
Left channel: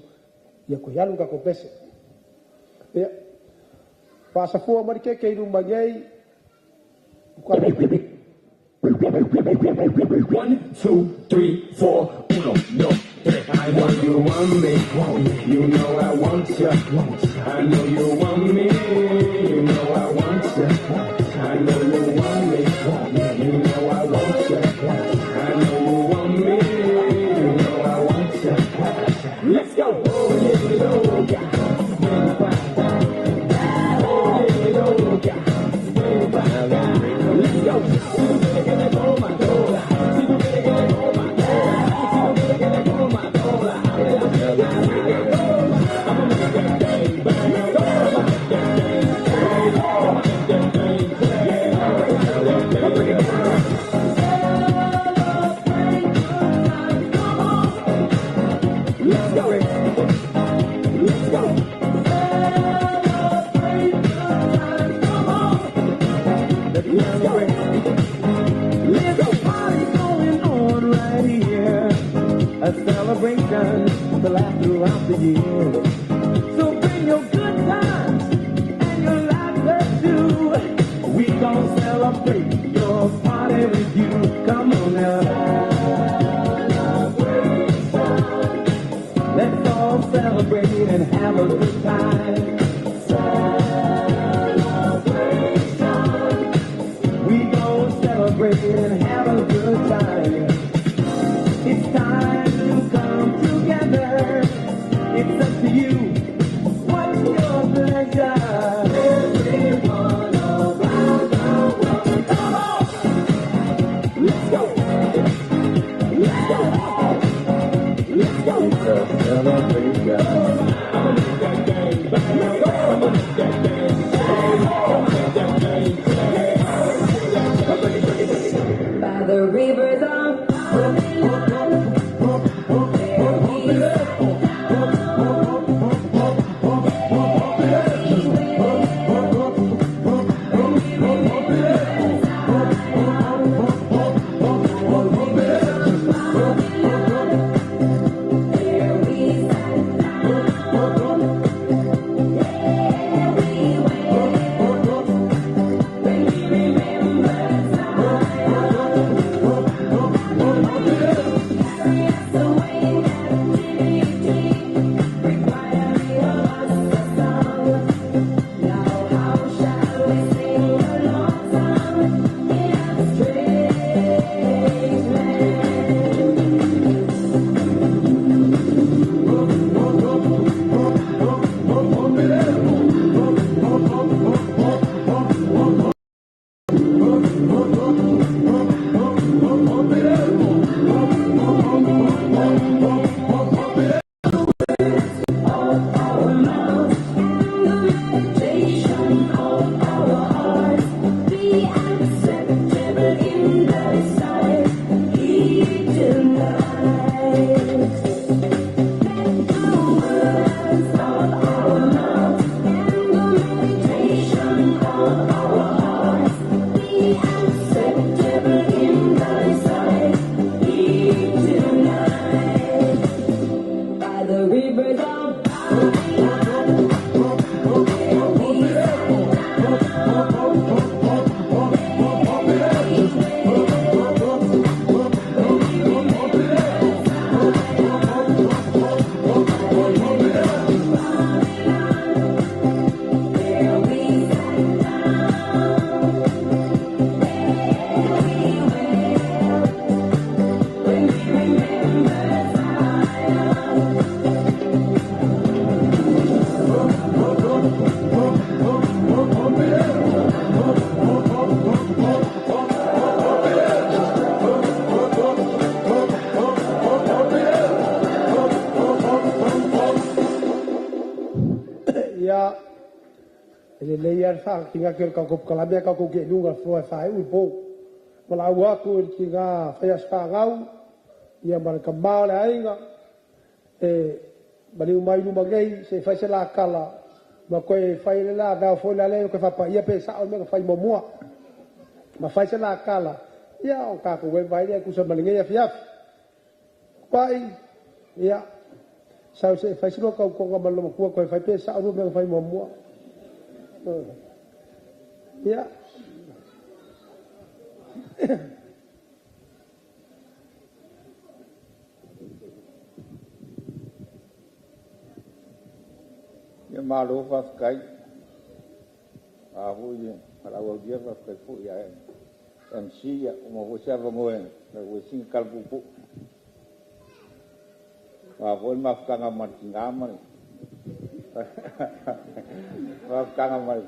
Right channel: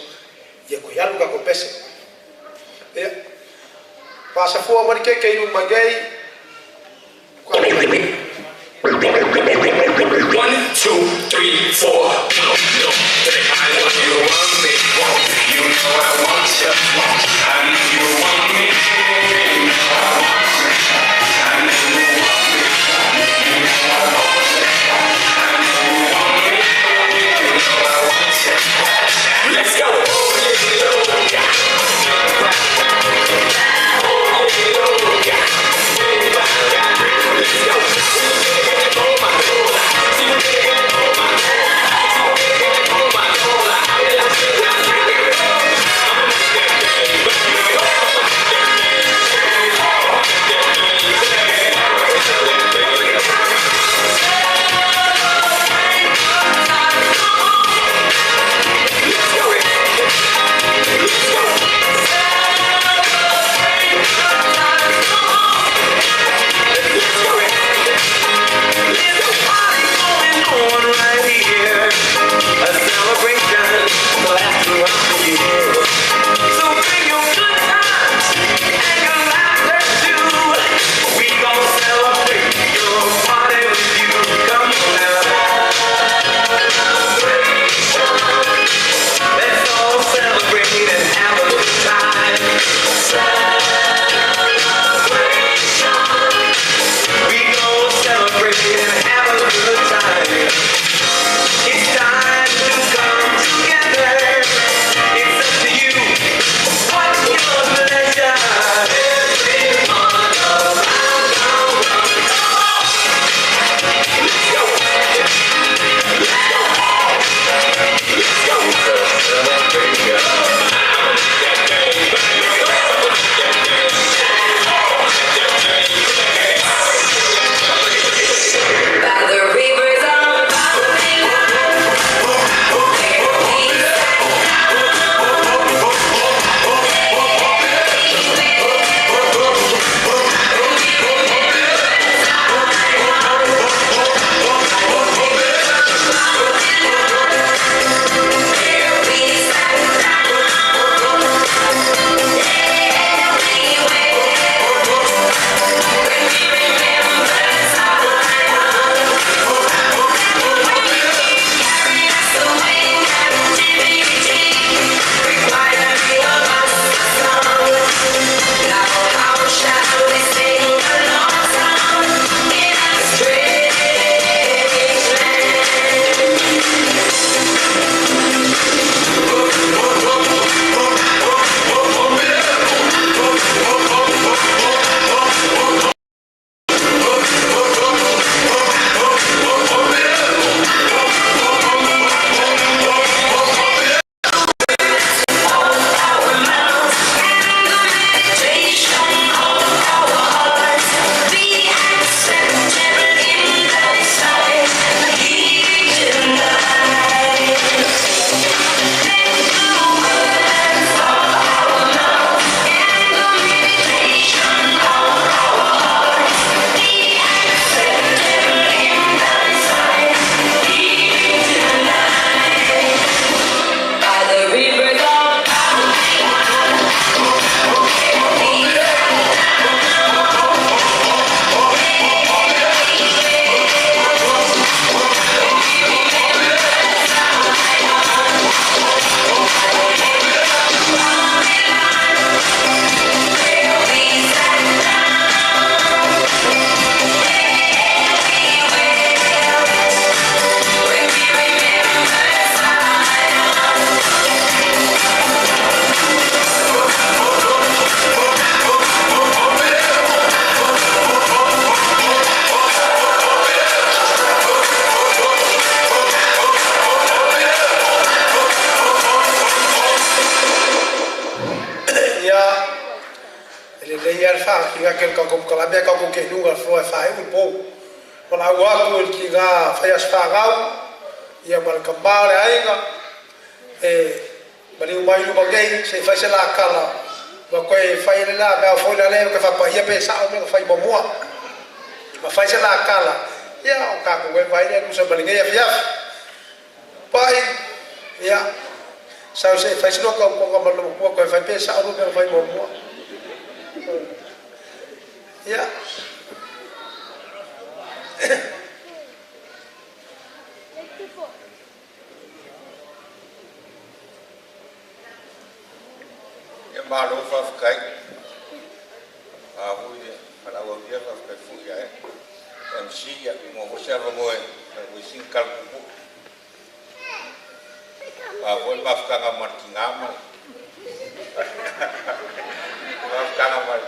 Ia ko yalu ka ko pese. Ia pasa fua mari ke iru magai. 1, 2, 3, 4. No, I know you want me. You know I want you. I know you want me. You know I want you. I know you want me. You know I want you. I know you want me. You know I want you. Let's go. A celebration lasts throughout the year. So bring your good times and your laughter too. We gon' celebrate your party with you. Come on now. Let's all celebrate and have a good time. We gon' celebrate and have a good time. It's time to come together. It's up to you. What's your pleasure? Everyone around, come on. Let's go. ia fa ki ga ke ko kala be ka ko ke nu ga fo fa u po wala wa ko ki ga fa ya fa ga ia mal ka ma le ai ga bani mai lu magai se fa se la kala ma ko fa ile la ga fo la le ka fa pa ia pe sa o me fa mo mo ma fa se la kala ia o ka ko vai ne ku se bali ngai fa pai ia sao sẽ phải xin lỗi câu mà nó qua coi phải biết sao luôn phải mua mua, yeah. Nhưng mà đối với cái vui đi, phải là vui đi với cái phụ vậy, em xí một cái xe vào ngồi, là vui xin calcu cụ. Voi mafkanga martingama. Mafkanga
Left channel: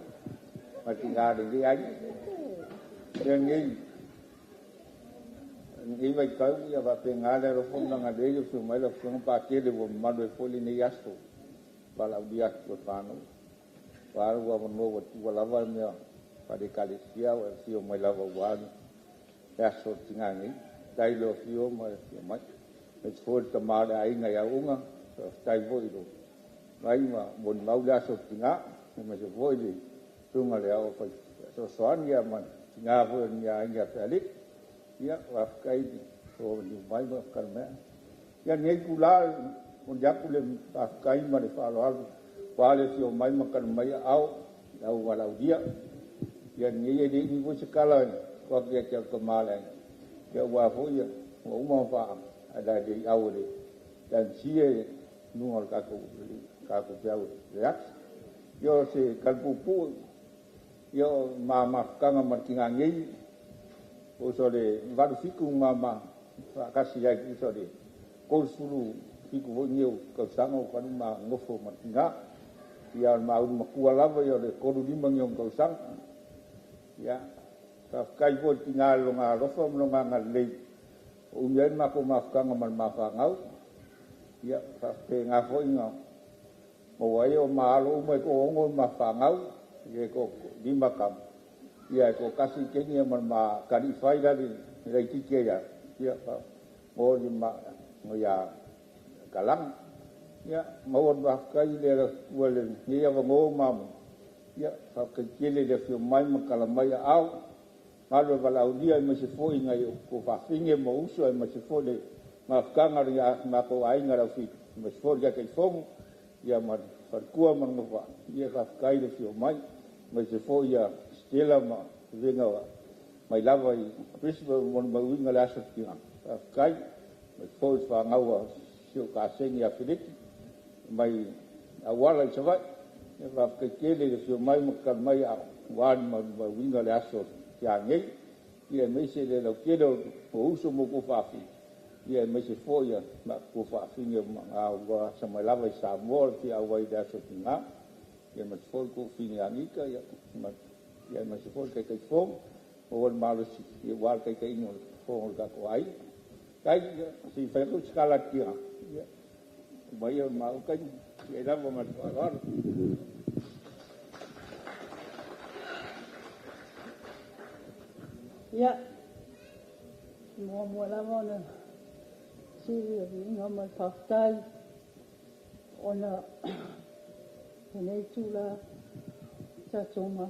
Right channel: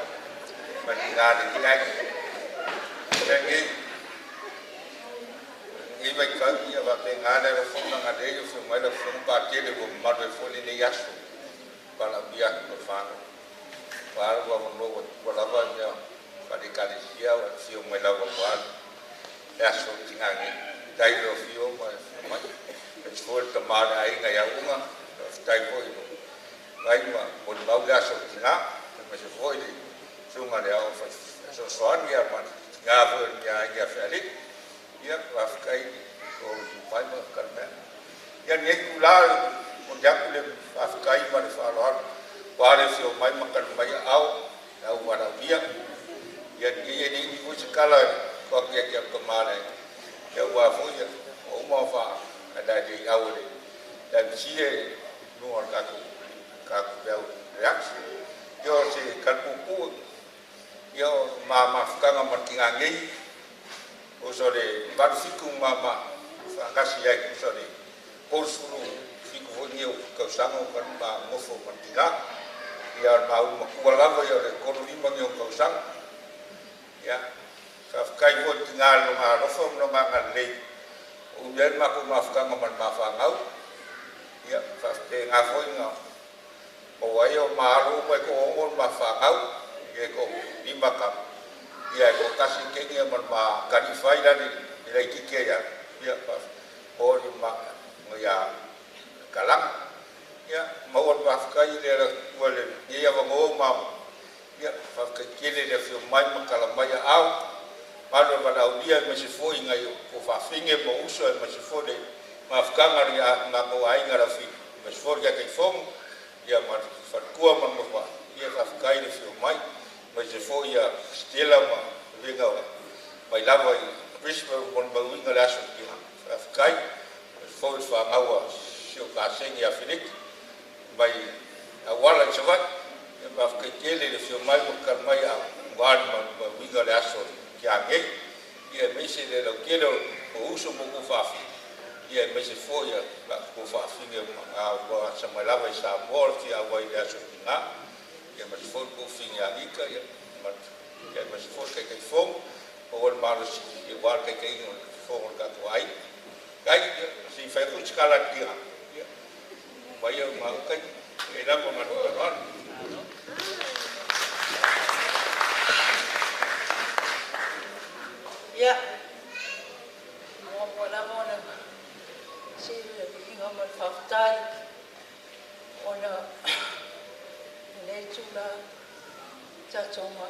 martingama di ai. Yang ini baik kali ya bapak ngada refung ngada itu semua refung parti de bom madu foli ni yasu. Bala biak berfang. Baru gua menunggu walawanya pada kali siau siu melawa wan yasu tingangi. Dai lo siu mai. It's for the man I nga yaunga of taivo itu. Mai ma mon mau ga so tinga, ma se foi di. Sunga le au so soan ya man. Nga vo nya felik. Ya af kai di. O di mai ma kan me. Ya nei kula on ja kule af kai ma le fa lo. Wa le fio mai ma kan mai au wala dia. Ya nei di vo se kala ko ke kemale. Ya wa vo ya mo ma fa ada di awal dan cie nuor kaku piau relax yo se kalpuku yo mama kanga martingangi usore varu fiku mama kasi ya usore korsulu fiku vonio kausango kan ma ngofo martinga ya ma un makuala yo de koru limang yo kausang ya kai vo tingal ma rofom no mangalei Umian maku maafkan ngaman maafangau, ya pasti ngafoi ngau. Mawayo malu umai ko ongon maafangau, ya ko lima kam, ya ko kasih kengi ngaman ma kanifai dari dari kike ya pas mau lima ya kalang, ya mau maafkan dia boleh, ya bangun mam, ya pas kecil dia firman makalamaya au. Malu balau dia masih foi ngai ko fa finge mo uso masih foi mafkanga ya ngako ai ngarafi masih foi ya kai fom ya mar farkua man mo ya fa kai de fio mai masih foi ya stela ma venga mai lava prisma mon ba winga la so tina fa kai masih foi fa ngawa sio ka sen ya filik mai awala chavat ya fa kai tele de fio mai mo kan mai wan man ba winga la so kia ngai ia mese le lo kero o uso mo ku fafi ia mese foia ma ku fafi nge nga wa sama lava sa mor ki awai da so tinga ia mas fol ku finga nika ia mas fol kai kai fong o malos ia war kai kai no fong ka ko ai kai si fa ku skala tia ia mai ma kai ia na ma Ya, mo na si inga man faftai ona ne tula ta toma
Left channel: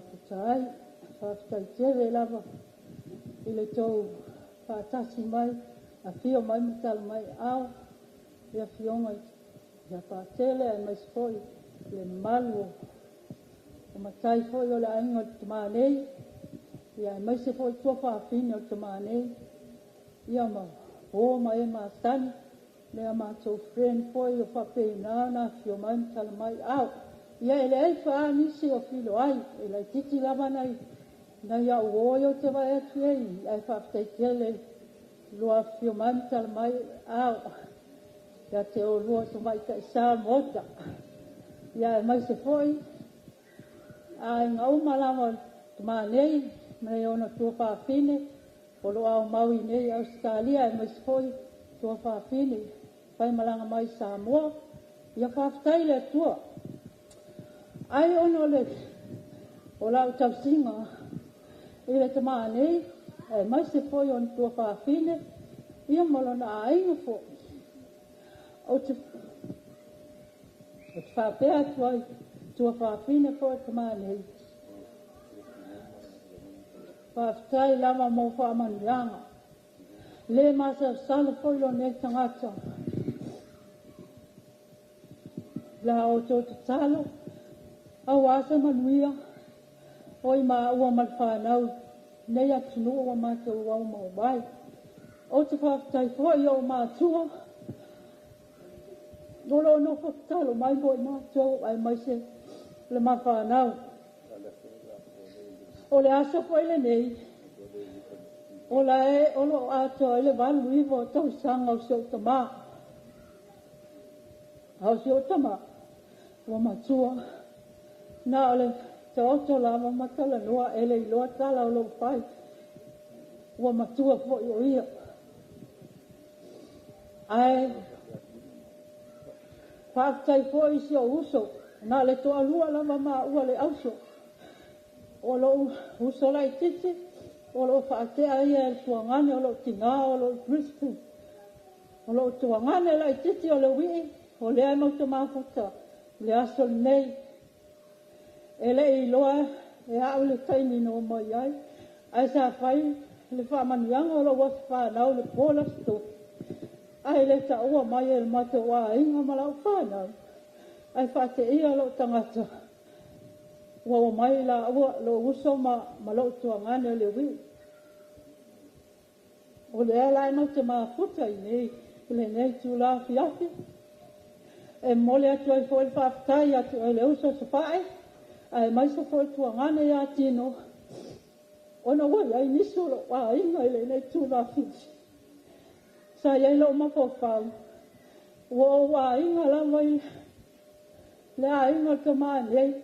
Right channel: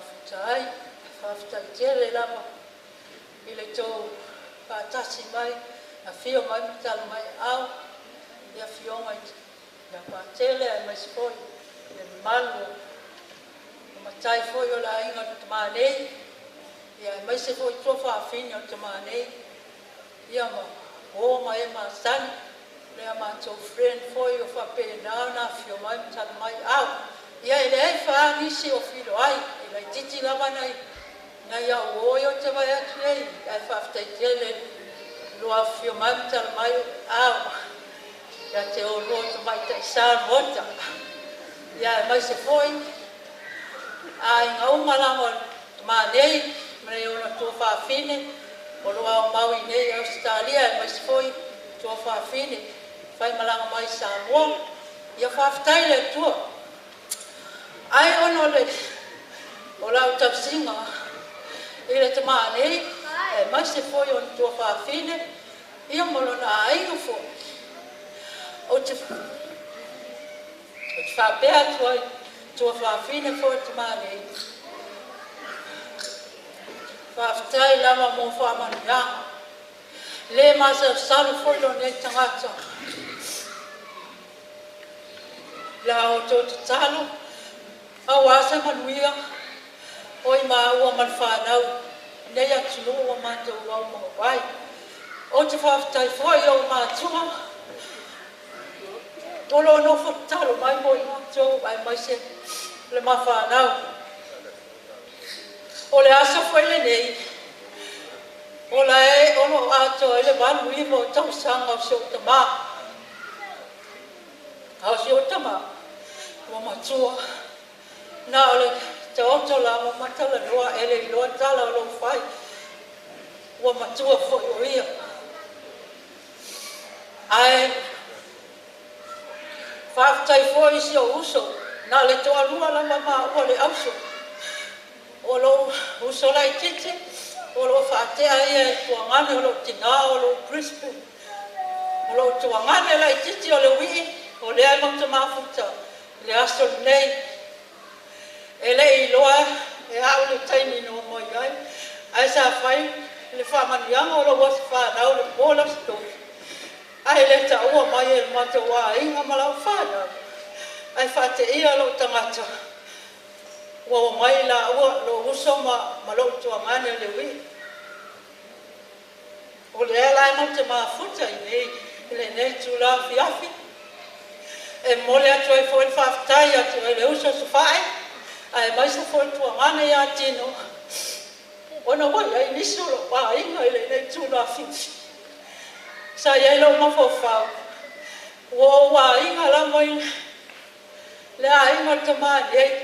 faftai tere lava ile to pa tasi mai a fio mai metal mai au ya fio mai ya pa tele mai spoi le malu o matai foi o la inga tmane ya mai se foi trofa fini o tmane ya ma o mai ma san le ma to friend foi o fa pe na fio mai metal mai au ya ele fa ni si o filo ai ele titi lava nai na ya o yo te vai atu nei ai fa ftai tele lo a fio mai metal mai au ya te o lo te mai te sa mota ya mai se foi ai ngau malamo ma nei me ona to fa fine o lo au mau nei Australia mai se foi to fa fine fai malanga mai Samoa ia fa ftai le tua ai ono le o lau tausinga i le tama nei e mai se foi on tua whaafine ia molona a inga fo o te whaapea tua whaafine fo e tama nei whaafitai lama mo whaamanianga le masa salu foi lo nei tangata la o tō te talo au asa manuia oi ma ua malwhanau nei atu no ua mātou au Moimoi o te whaafitai foi o mātua Molo no whakatalo mai Moimoi tō ai mai se le mawhanau o le asa foi le nei o la e ono ato ele vanu iwo tau sanga o seo tama au seo tama o matua na ole te oto la mo matala noa ele iloa tala o lo fai o matua fo o ia ai whaafitai fo i seo uso na le toa lua la mama ua le auso o lo uso lai tite o lo whaatea ia e tuangane o lo tina o lo Brisbane o lo tuangane lai titi o le wii o le ai mauta mafuta le aso nei e le iloa e au le taini no mai ai sa whai le whamanianga o lo wasi whanau le Paula sto ai le ta ua mai e le mata wa inga malau whanau ai whate ia lo tangata ua mai la ua lo uso ma lo tuangane le wii o le ala ma te mafuta i nei tu la fiafi e mole atu ai foi whaafitai atu e le uso sofai ai mai sa foi tuangane ia tino ona wai ai niso lo wa inga i nei tu la fiafi sa iai lo mafofau ua wa inga la mai le a inga te mani ei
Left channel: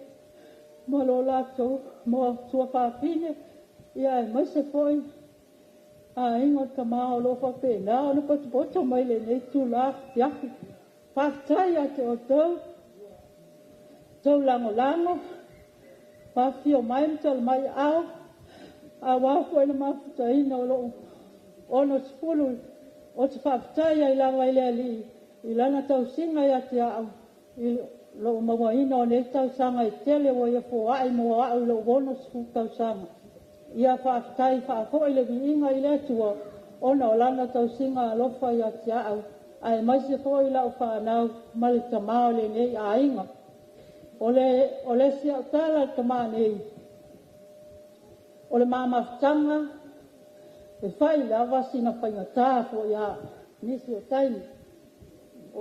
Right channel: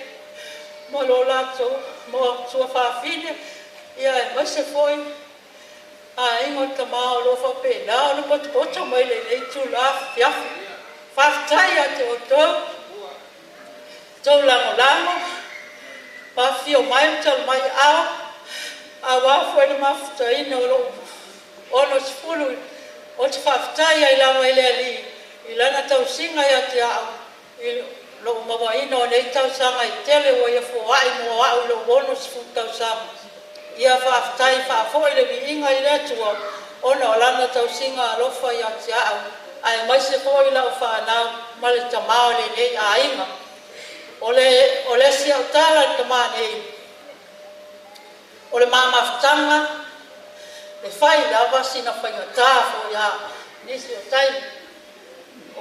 mo lo lato mo tua whaafine ia e mai se foi a ingo tama o lo whapena o no poto mai le nei tu la fiafi whaftai a te o tau lango whawhi o mai tal mai au a wafo e le mawhutaina o lo ono sifuru o te whaftai ai lawa i le ali i lana tau singa ia te au i lo mamaina o nei tau sanga i tele o ia fōai mo au lo ono sifu tau sanga ia whaafitai whaafo i le viinga i le atua ona o lana tau singa alofa i ati au ai mai se fo i lau whanau ma le tamao le nei a inga o le si au tala tama nei o le mamawhtanga e whai lawa sina whaingatā fo ia nisi o taini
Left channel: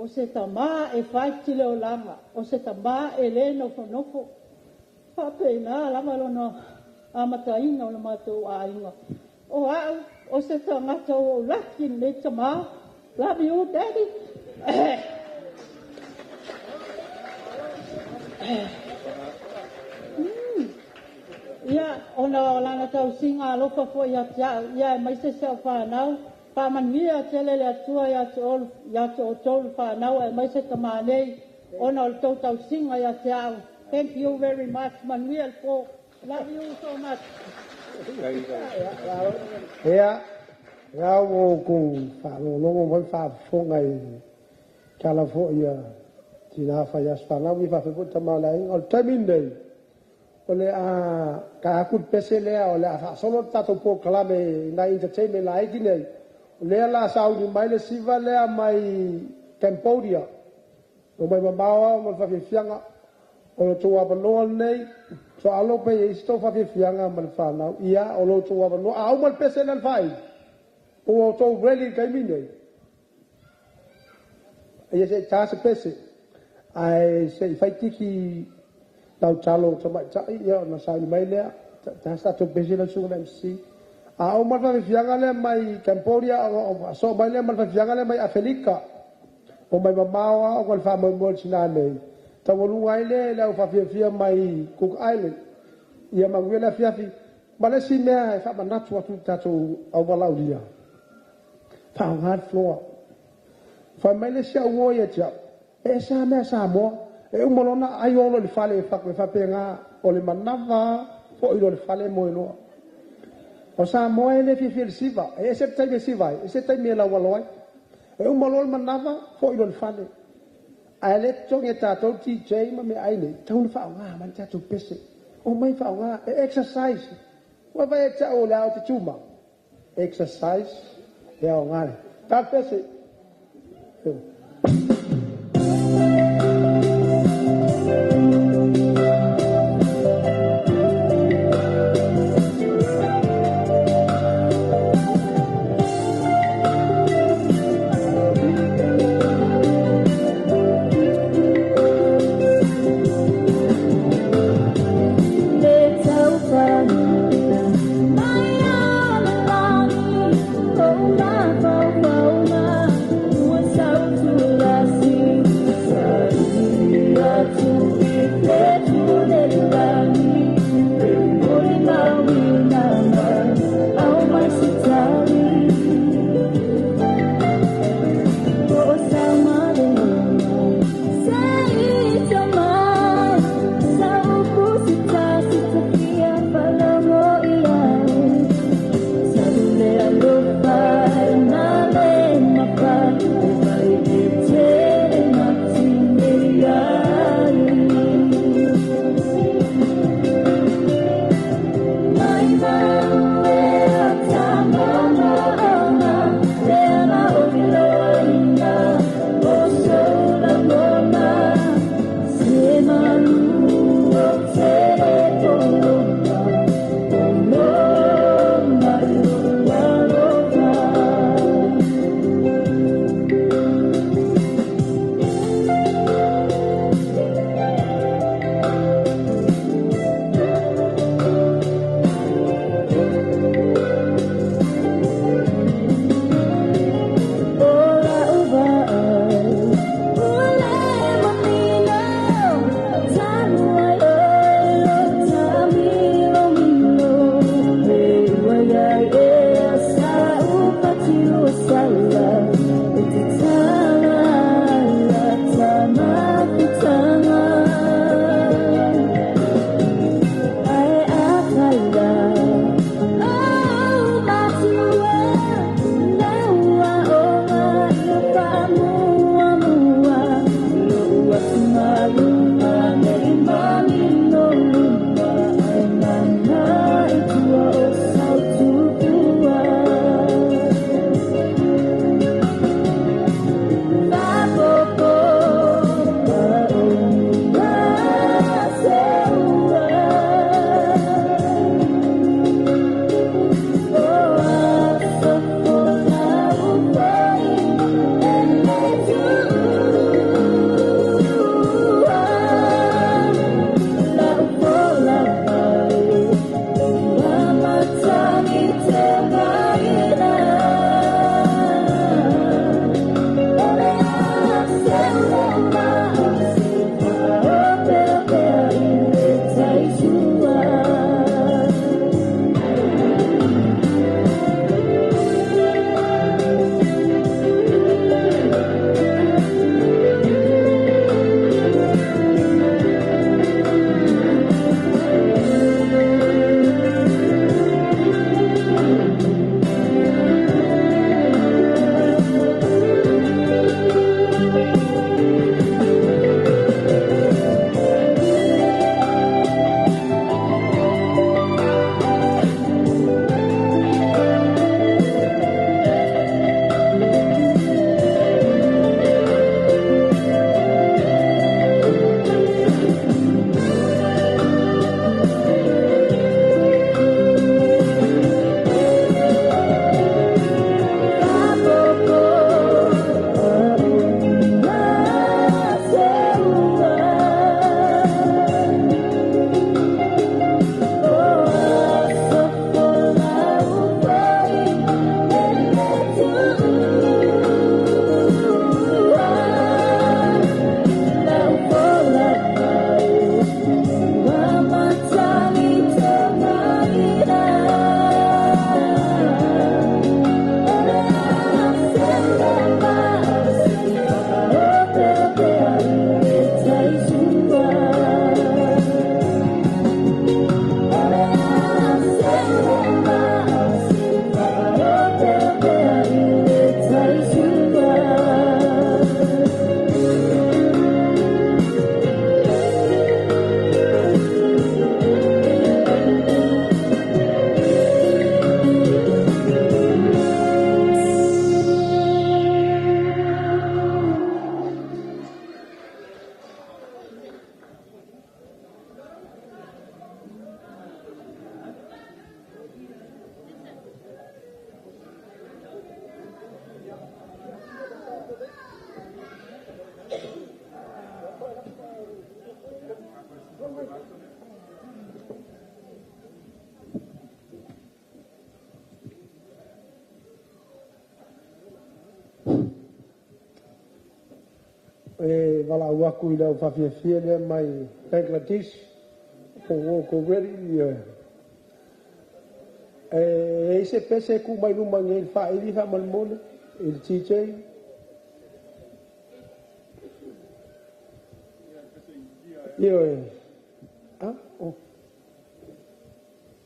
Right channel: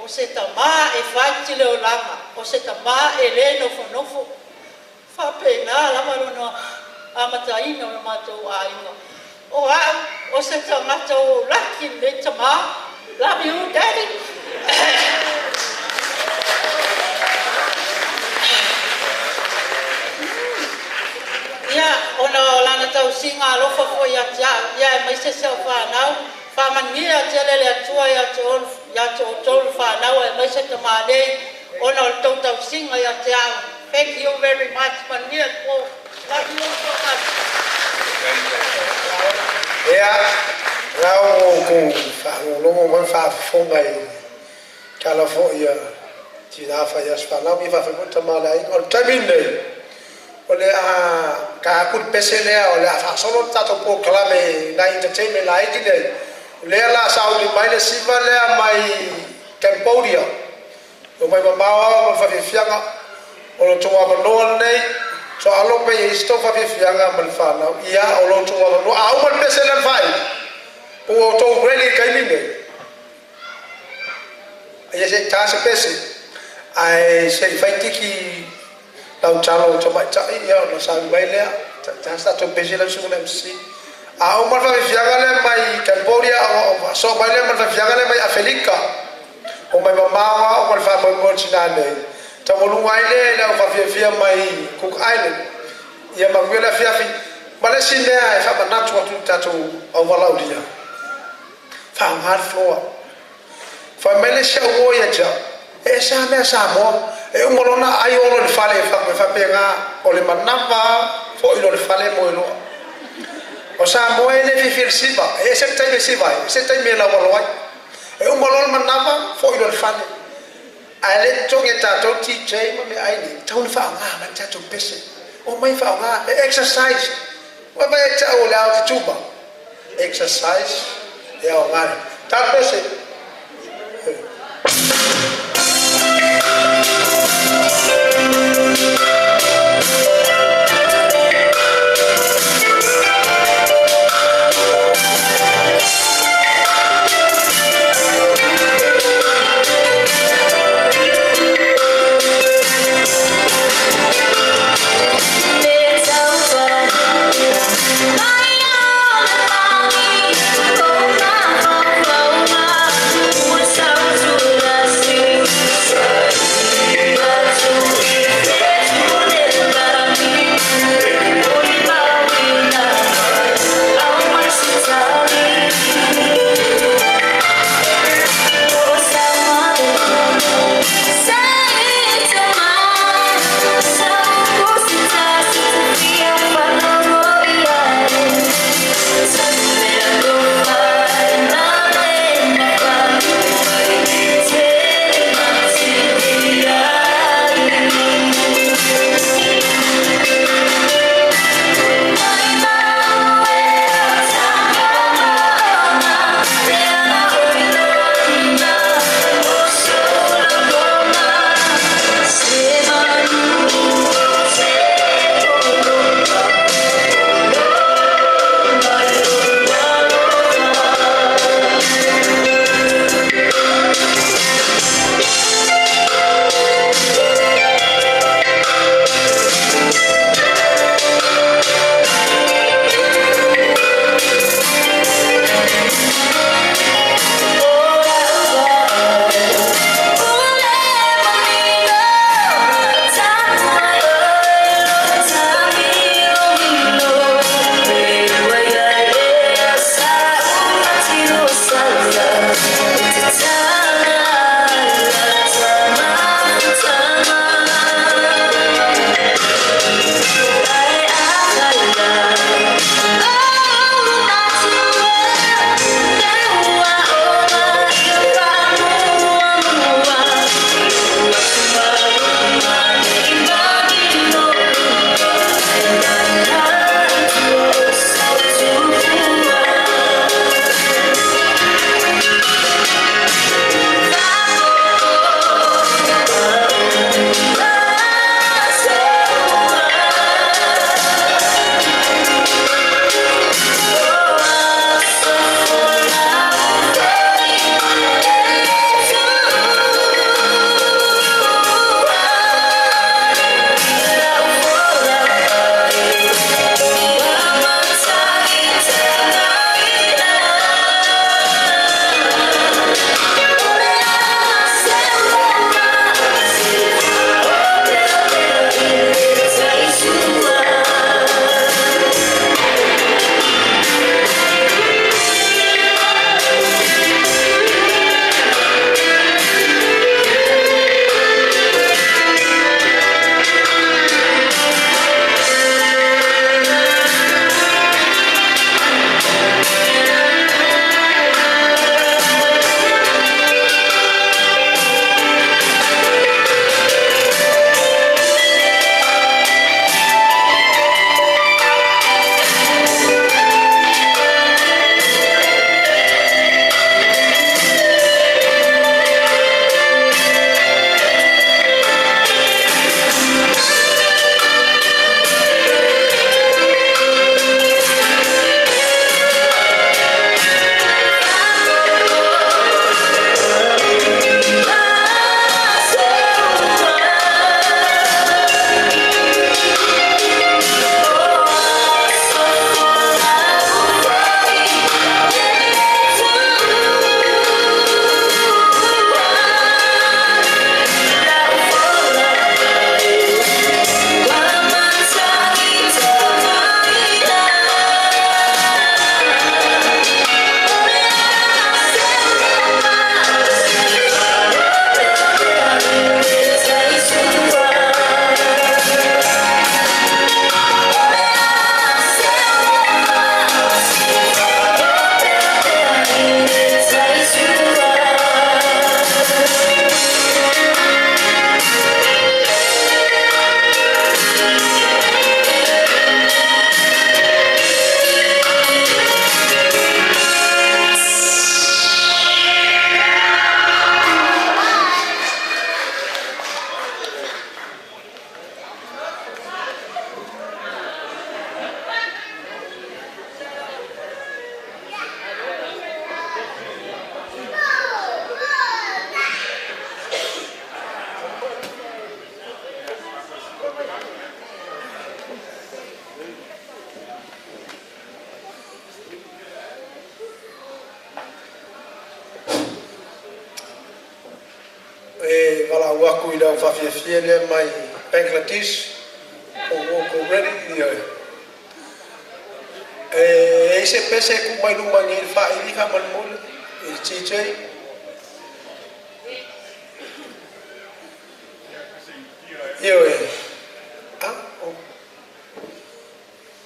o se tama e whaiti leo langa o se tama e le nofo whapena lama lono amataina o le mātou a inga o au o se tangata o laki le tama love you daddy ia ona lana tau singa alofa fo ia tia ia mai se se whanau whamania tia lele atua ia te o tolu whanau e mai se tama nei ona o tau singa ia tia thank you very much mania po love you so much ia rau ko whanongo mai whafonga i kala fo ia tina whaia whanau mi whafonga tama lai o taimine o le a ka akut pese lea o le a whasolo tato po kalame na entertainment la iti nei o lea la saudi mai le siva lea mai Cambodia o mai mamawa o whawhianga o lo tunga panoa nei so alo pe e sto whawhianga mal whanau ia o lo tunga panoa a umal pese lea whai o to really kaini nei ia se tasa pese ai se whai tiki lau talo tamai tai ia ona sa mai lea ta sta to bezi la sunga MC a o marfa fianga le mai Cambodia o so mai le marfa fianga le mai Afrika o mai mama o fa mo china nei ta mo lunga ile la fa fia mai Cook Island ia mangwela fiafi male sinea e fa banatu atu tato o valaudia fa hard floor fa mele sha wo ya cha e sa me sa mo e umolona ai olo le fale fa penga o le manava fo ilo le fale mo lo o sa mo ele fifil siva e se tai siva e se tai me la waloi e un molol manava fo ilo le fale a le tonge tatou ti chei ma me ai ni tau fa nga man tatou pese o mai fa nga exercise wa vai tau le au te tuba exercise e o nga ta pese Hãy subscribe cho kênh Ghiền Mì Gõ để không bỏ lỡ e wala waku I lau whawhiawhia le mai Bangladesh ko ready e se pese ku mai luma ngi fa ili fa mal mole il TJ io oh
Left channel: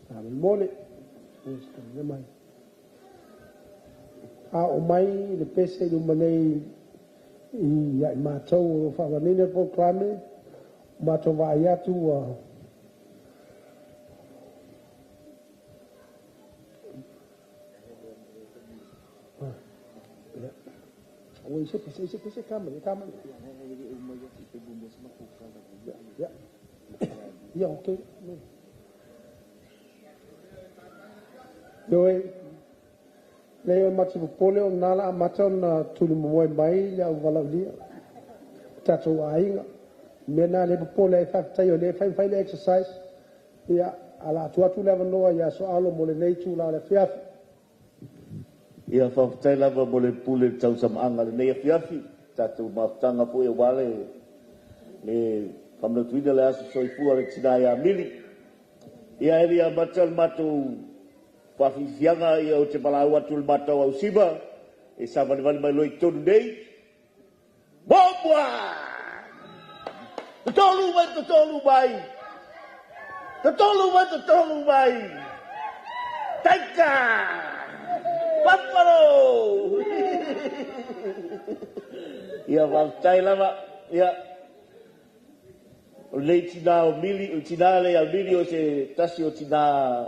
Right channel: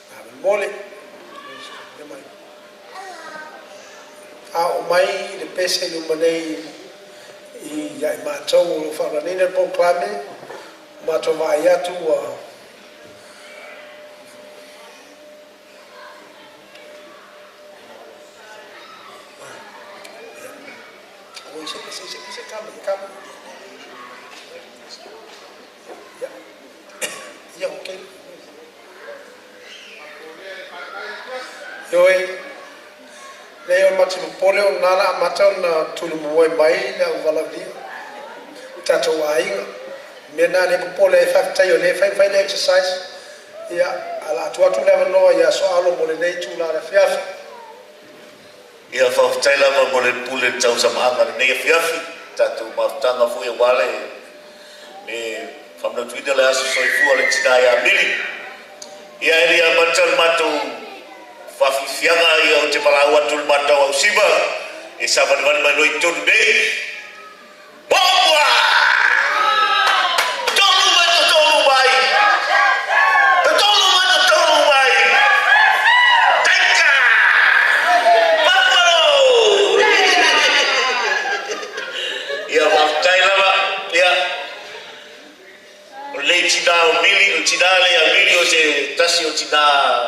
mal mole le mai o mai le pese luma nei I ya matou fa ranina proclame matou vai atu Oi, você calma. Yeah, okay. Leo mati pole o nala mata na tulu Moimoi le valalia. Tato ainga. Mena le pole fa tayo le fa exercise. Ya ala tu le no ya so alo mo le nei tu la fiafi. Ia whawhtai lava mo le pule tau samanga nei fiafi. Tatu maftanga fo e wale. Me whamnatuina le aso soifua le tina ia mili. Ia eria matal matou whawhiwhianga ia o te palau atul matau au siba. E savanivani mai loi tonu nei. Mopua! Tolu mai! Tolu mai! Taika! Paparo! Ia whawhtai lava. Ia o le tina o mili, o tina le a mili o se tasi o tina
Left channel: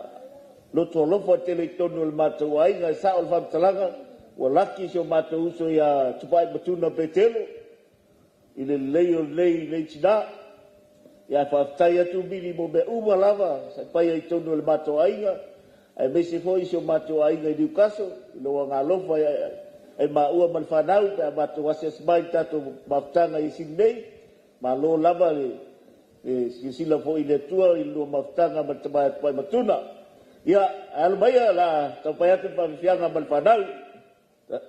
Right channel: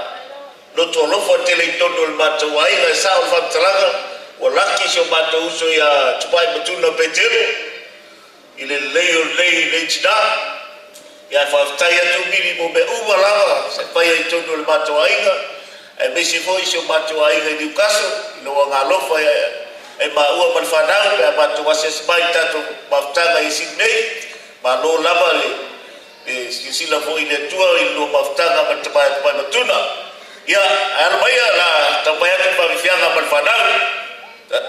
loto lofo tele tono le matau ai na sa o whamtalaga o laki se o matau uso ia tupai matuna petele I le lei tina ia whaftai atu mili mo me umalaga sa pai ai tono le matau ainga e me se foi se o matau ainga I Newcastle lo ngā lofa e maua man whanau pe a matau ases mai tato maftanga I Sydney ma lo lava le sila foi le tua I lo maftanga matamai matuna ia ala mai la tapaya tu pa fianga mal whanau La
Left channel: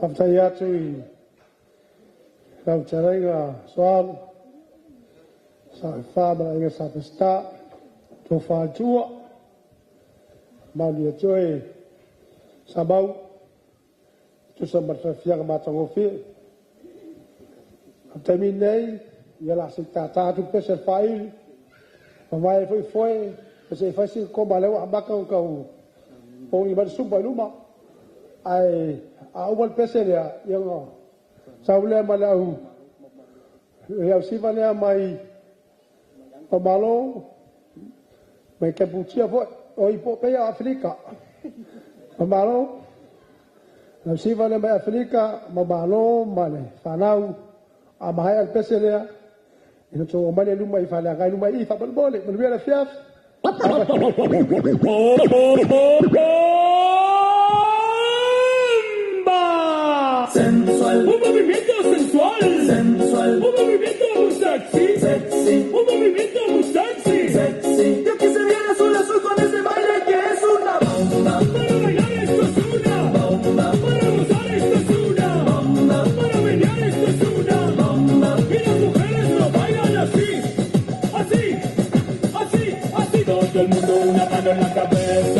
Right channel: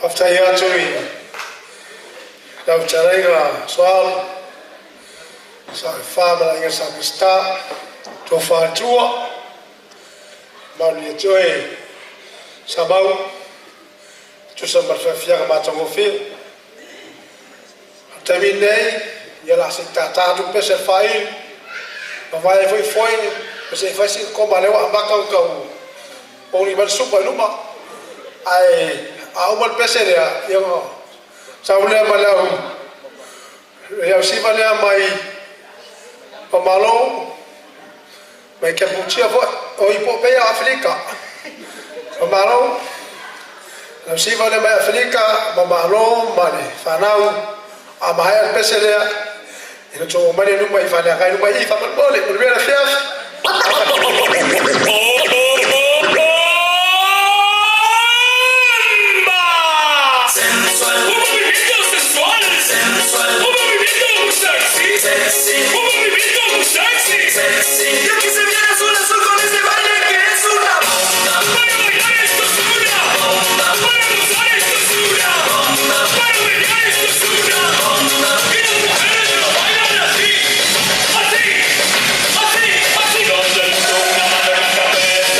Aftai atu I Nau Tarenga Soal Sa Whāmara Inga Sapista Tō Whātua Mauni Atue Samau Tusa Marwhawhianga Mātango Whiu Tami nei ia la se tātātu pese whai ma vai foi pese whai sin koma lewa ambaka kau poli mal supa luma ai a umal pese rea ia saulea malau ia siva lea mai pamalo mai kepuchia foi o ipo pe Afrika pamalo la siva lea mai Afrika pamalo male fanau a mahai al pese lea ina tō mani numa I whanea kai numa I whapalpole mo rea chef Sensual, un movimiento sensual, sensual, un movimiento muy sexy, sexy, un movimiento muy sexy, sexy. Yo quise ver azul azul con este baile que es una bomba. Para bailar esto es una bomba. Para gozar esto es una bomba. Para bailar esto es una bomba. Y las mujeres lo bailan así, así, así, así. Todo el mundo una mano en la cabeza.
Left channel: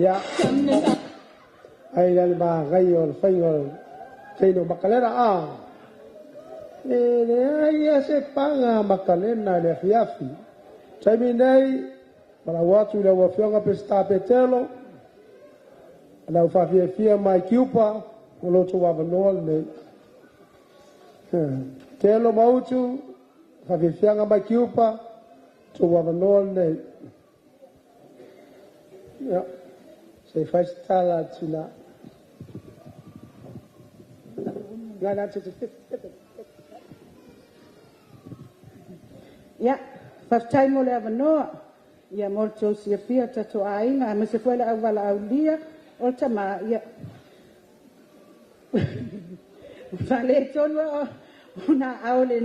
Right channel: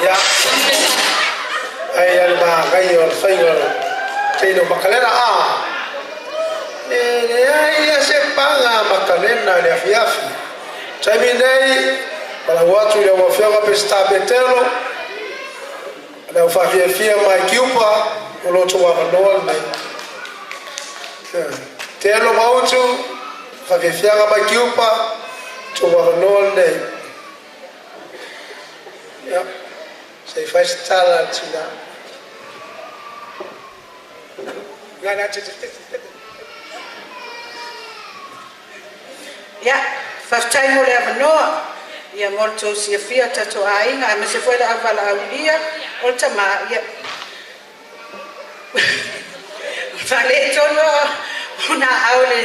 Ya. Ai ba gai or fai or. Kai no makalena ai se panga makalena le afiafi. Sai mi nei para watu le wafia pesta petelo. Na fia mai kiupa o lo twa no mai. Telo mautu fia mai kiupa twa no nei. Ja. Sei faz tala tina. Ja, faftai mo le avanoa. Ia molto sia fia tato ainga, me se foi la avala aulia, o tama ia. Fale tono una aule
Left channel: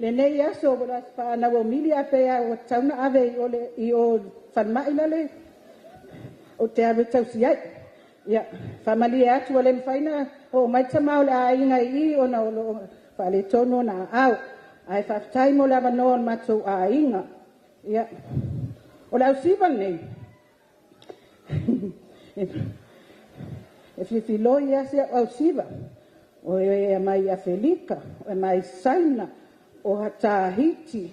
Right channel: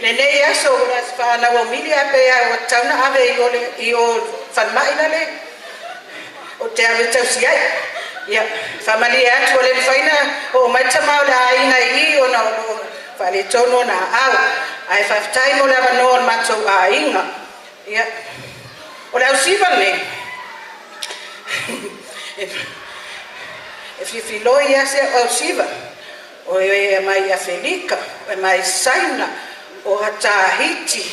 nei aso ora fa na familia pe o tana ave i o fanmai le. O te ave tau sia. Ia, familia atu le faina o mai tama le ainga I o na fale tono na au. Ai faftai mo le avanoa matou ainga. Ia. Ola usiva le. If you feel ya se usiva. O e mai Afrika, o mai Saina, o Tahiti,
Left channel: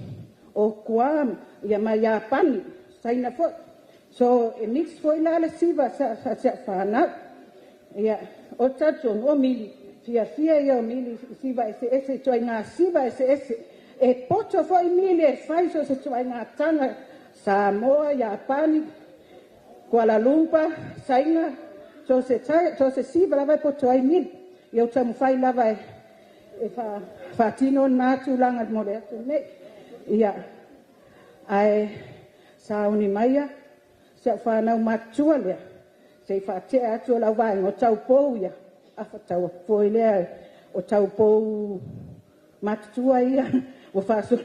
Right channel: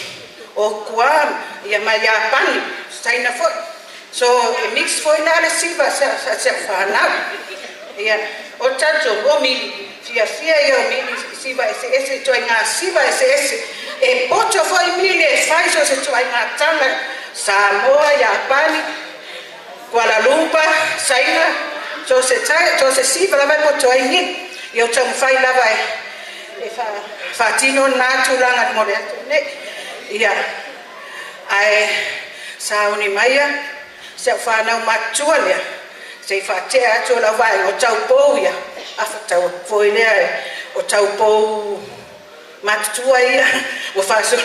o Guam, ia mai Japani, Saina fo. So e mix foi la le siva se fana. Ia o tato o mili, fia ia mili siva ese to nga siva ese e poto foi mili fai so se to nga tala. Samoa, Japani, Kuala Lumpur, Saina, so se siva la vai potoi ni. Io tamo fai la vai. E fa tino natu langa mo le ne. Ia. Ai sa uni maia, se fa na matua le. Se fa te atu la vai o tau pou ia. Afa tau foi le o tau pou matua ia. O fa so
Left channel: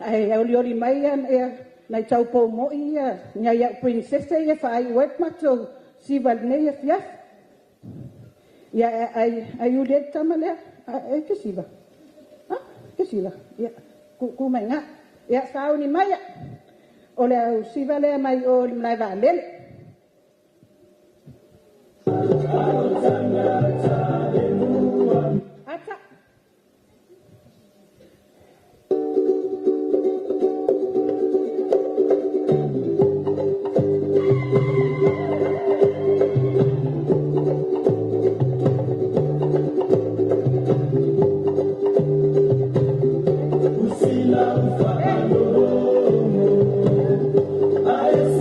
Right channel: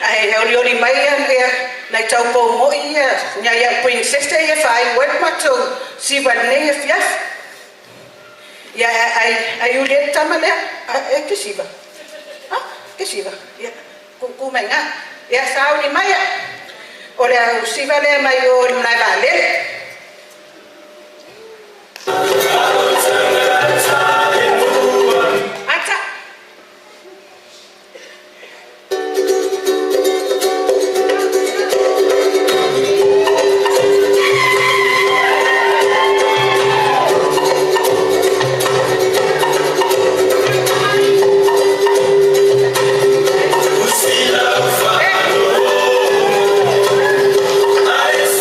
ai oli mai ia na tau po mo ia nya ia princesa ia fai wet mato si va ne fia ia ai o le tamale que siva que siva ia ku menga ia sa oli mai o le si va le mai o na vale I say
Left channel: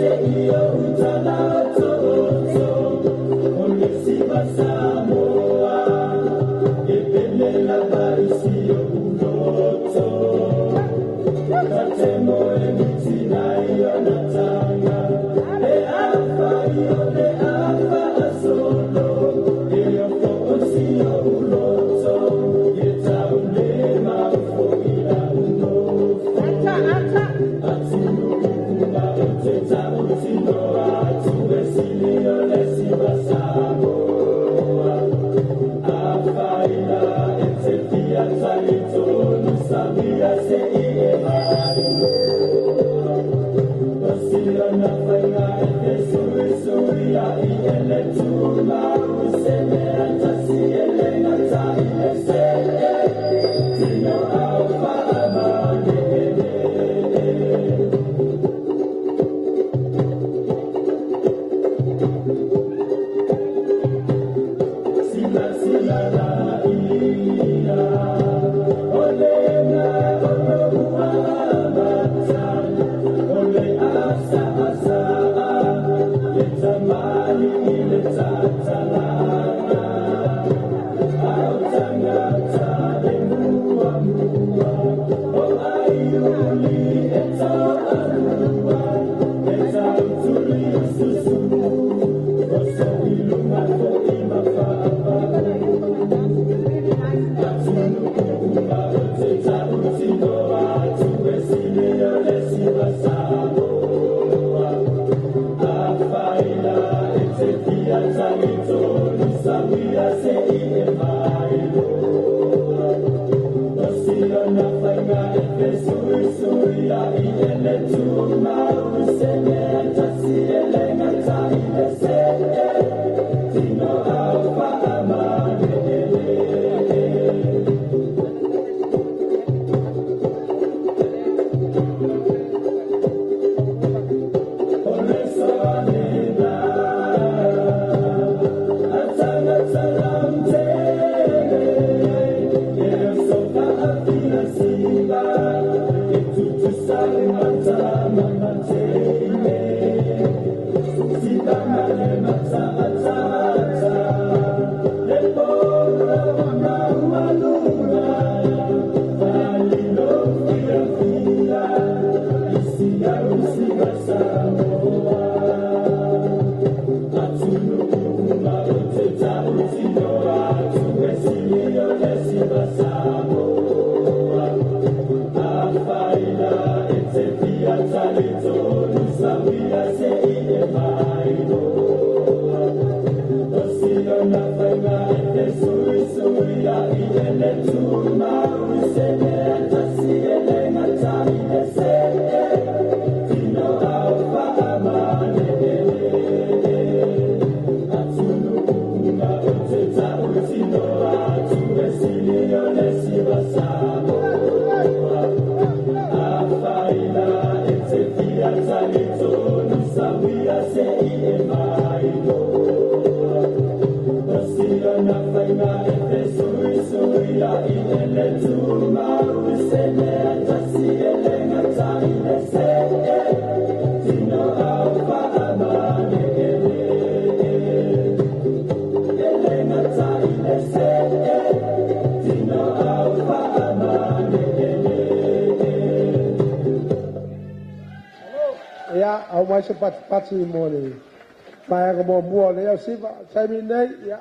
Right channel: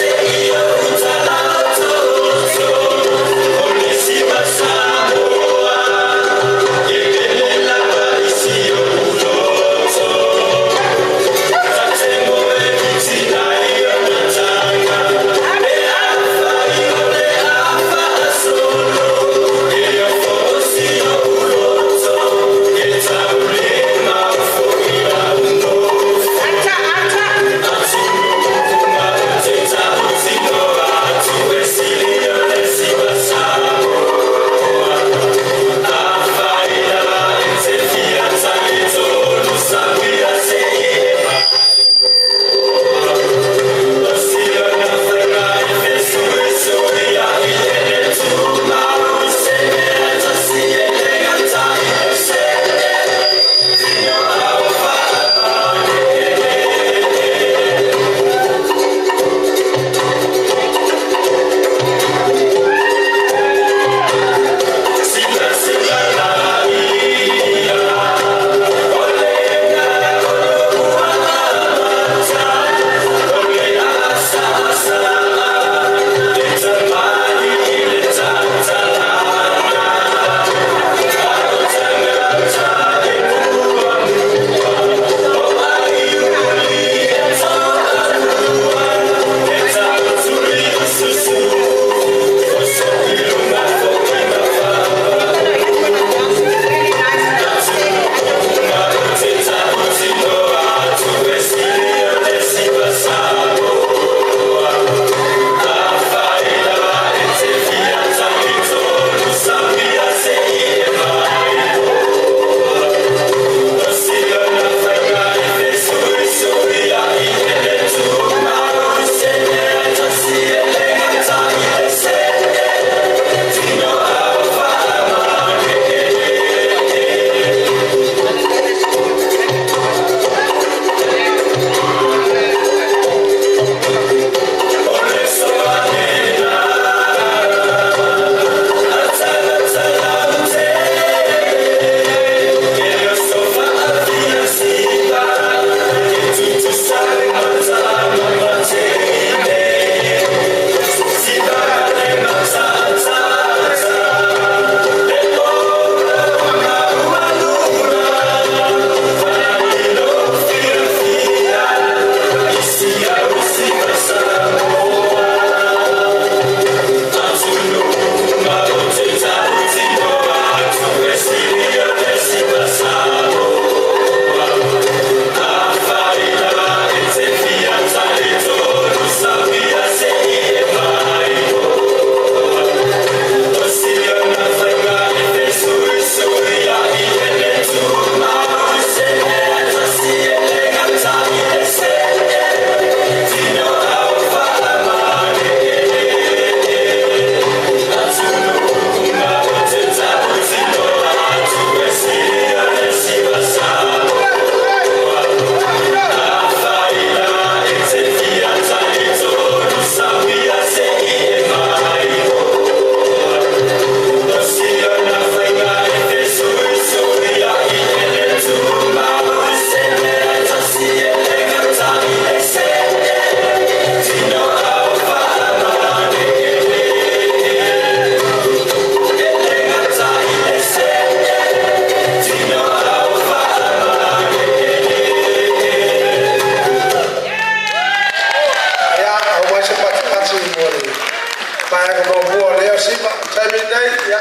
Para que mo mua leo sipa, taimi nei, ia.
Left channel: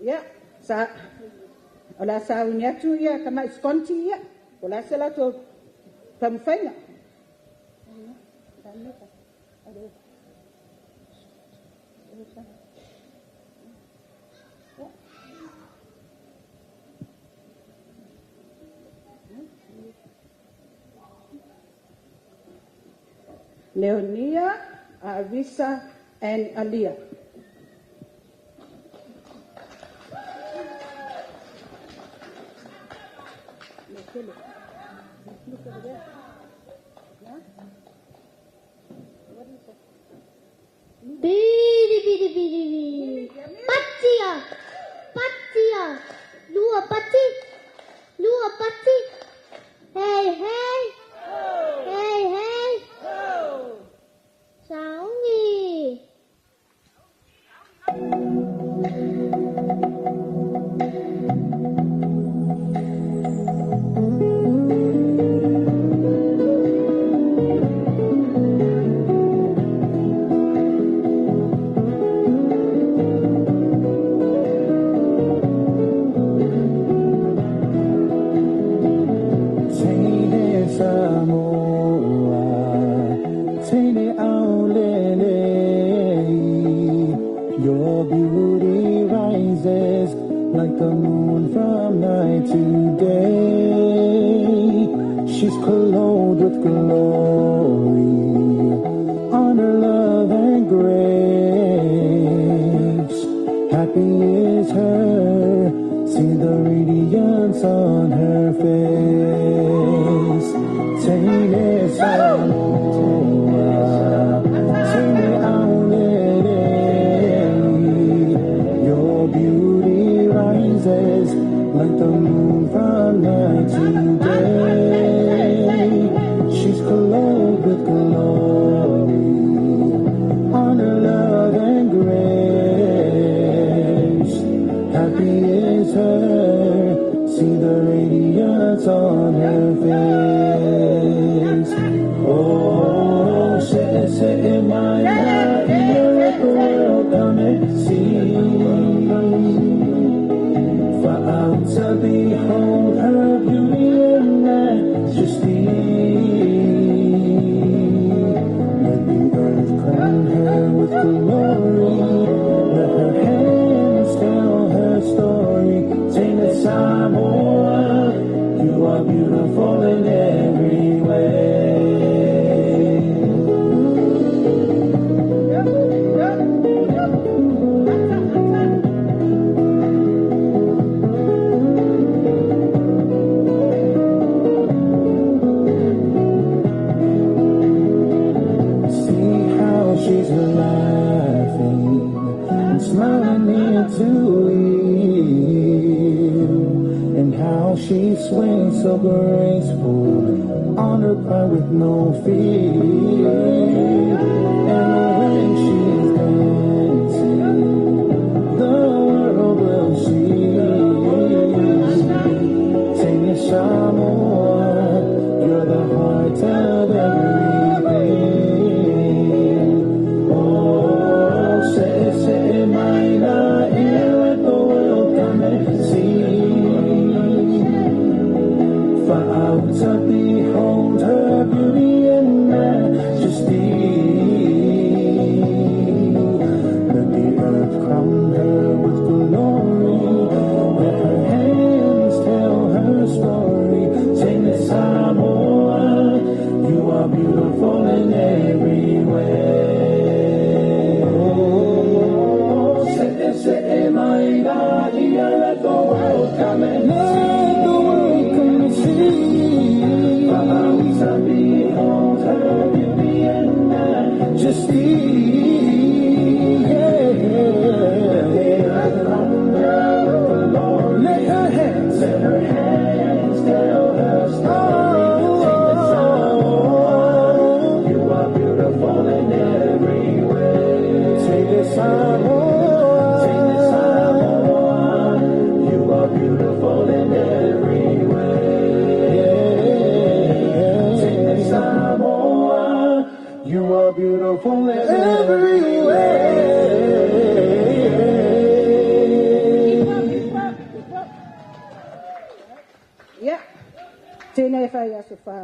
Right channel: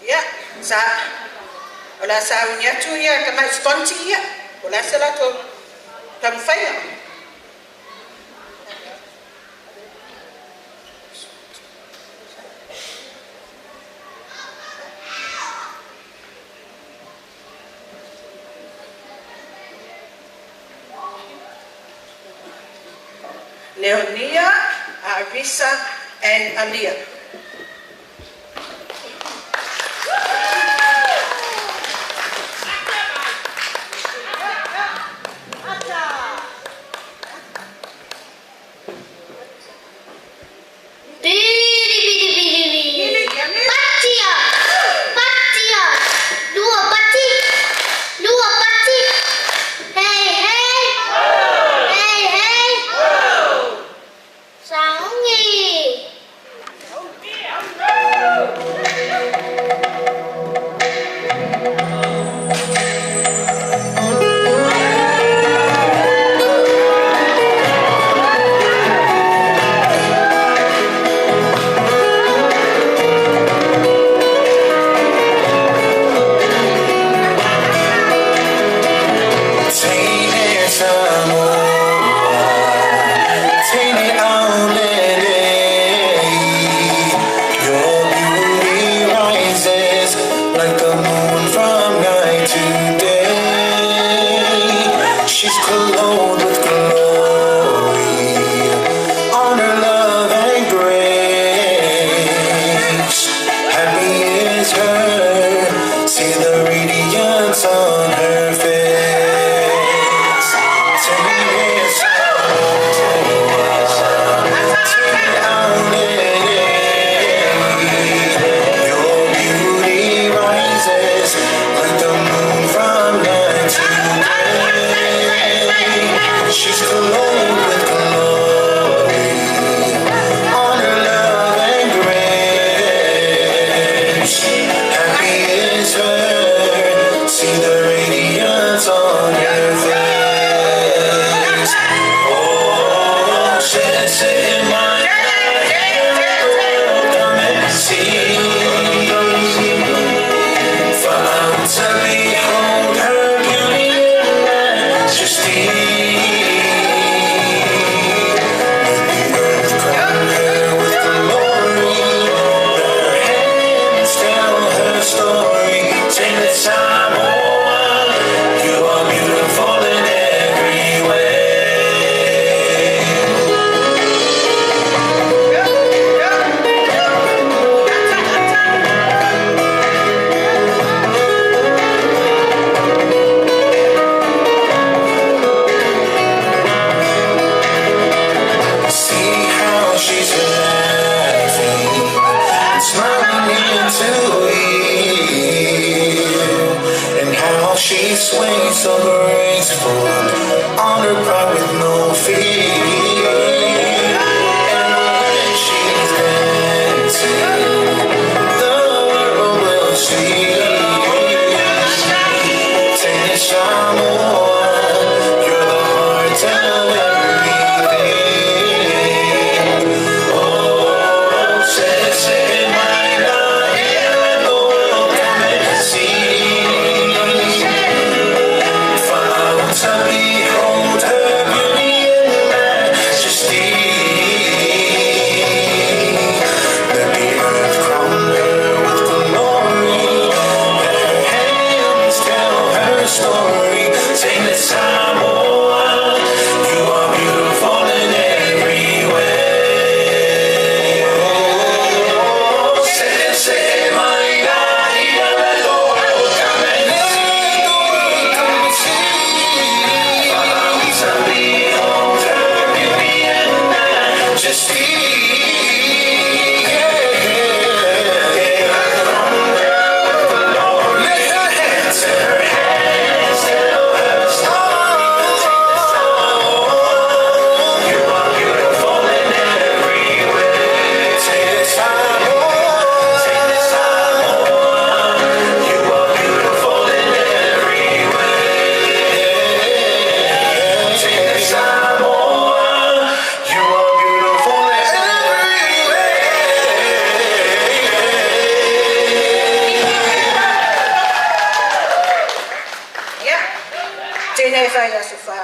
Ia, sa, ola sa unia tu ia, ka mai skonti ia, ola sa la tu tamwhainga. Leonia, Arisa, and Alia.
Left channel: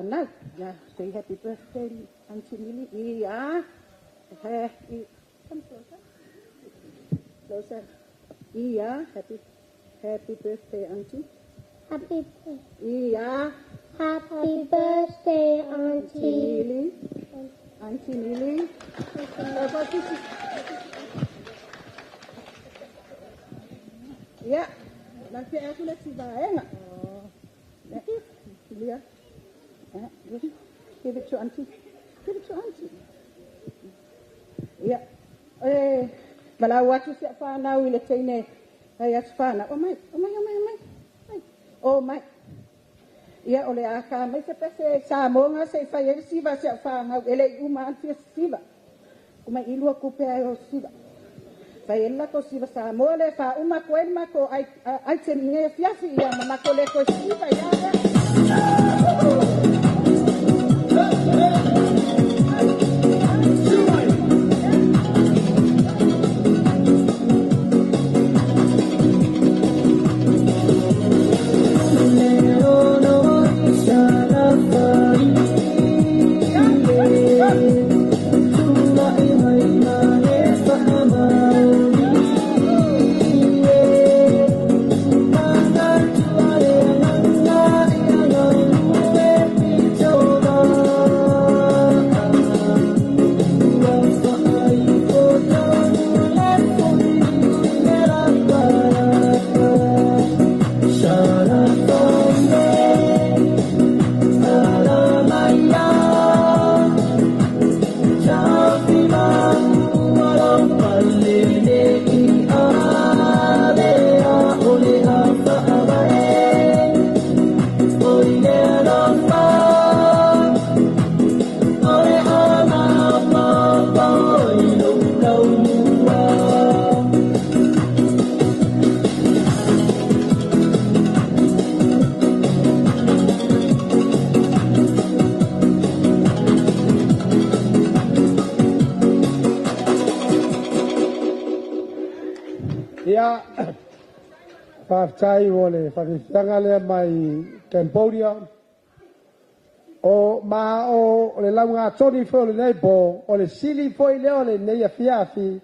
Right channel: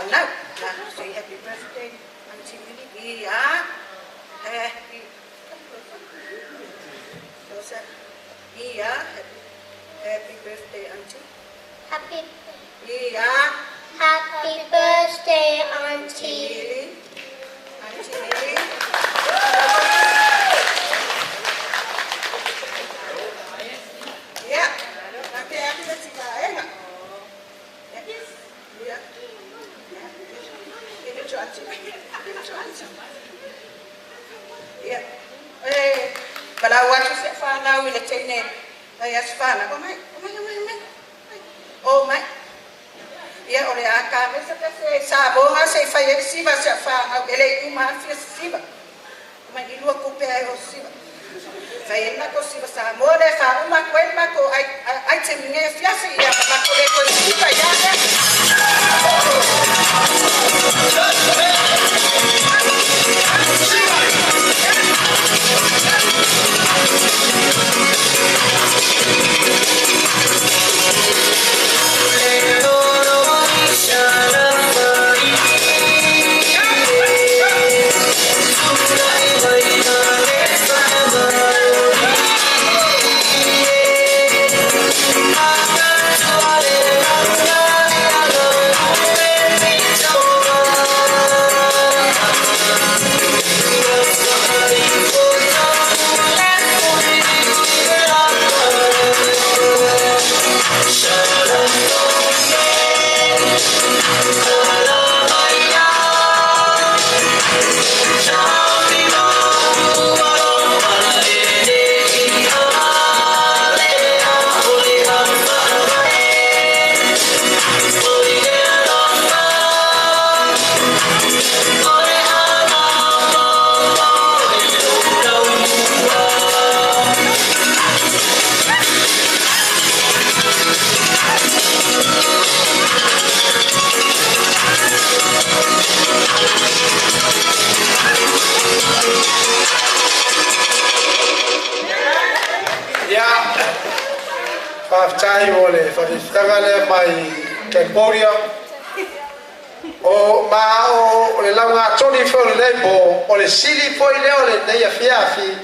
whanau. Say happy birthday, Auntie Millie. Ia, happy. Ia, happy birthday, Auntie. Happy Ia. Happy birthday, Auntie. Millie. Auntie Millie. Ya, nanti aku lihat si Bae nak. Ya, ya, give it to Auntie. Give it to Auntie. Ya, malah waktu saya fana wila cene, saya fana. Oh my. Oh my. Ya, oleh akam saya sama orang saya fayar siapa saya fana. Elai umar siapa. Umar ilu aku pergi siapa. Saya nak kau siapa sama oleh fa umar kau ini aku ai cemnya fiasi ya mama kau le kau siapa ya. Whaftai o le whawhiwhangale mai Cambodia. O ma o le launga toni whore nei po, o le sili poi leo le nei a whiawhi,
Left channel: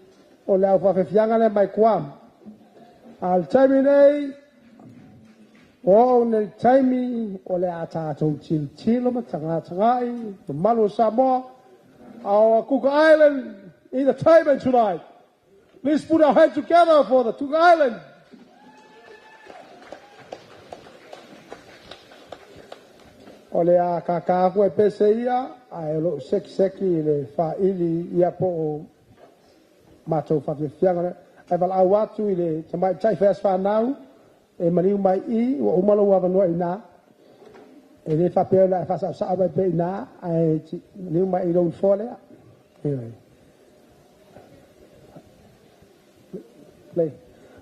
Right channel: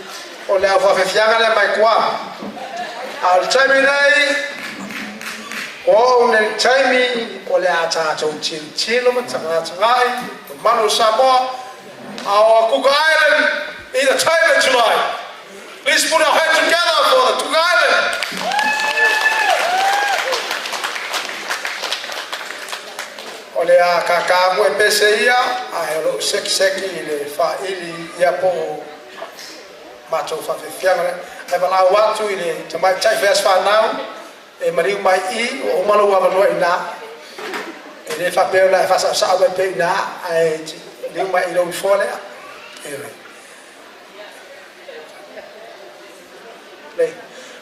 o le au whawhiwhangale mai kua. Al taimi nei, o le taimi o le a tātou tilo ma tangatangai, the Manu Samoa, our Cook Island, in the time of July. Please put our hands together for the Cook Island. O le a kakaku e pese ia, a e lo seki le whaili ia po o matou whawhiwhiangare. E walau atu i le te mai tai whias whanau, e mariu mai I, o umalo awanoa I nā. E le whapeo la e whasa sao pai pe I nā, e liu mai I rau wholea. Play.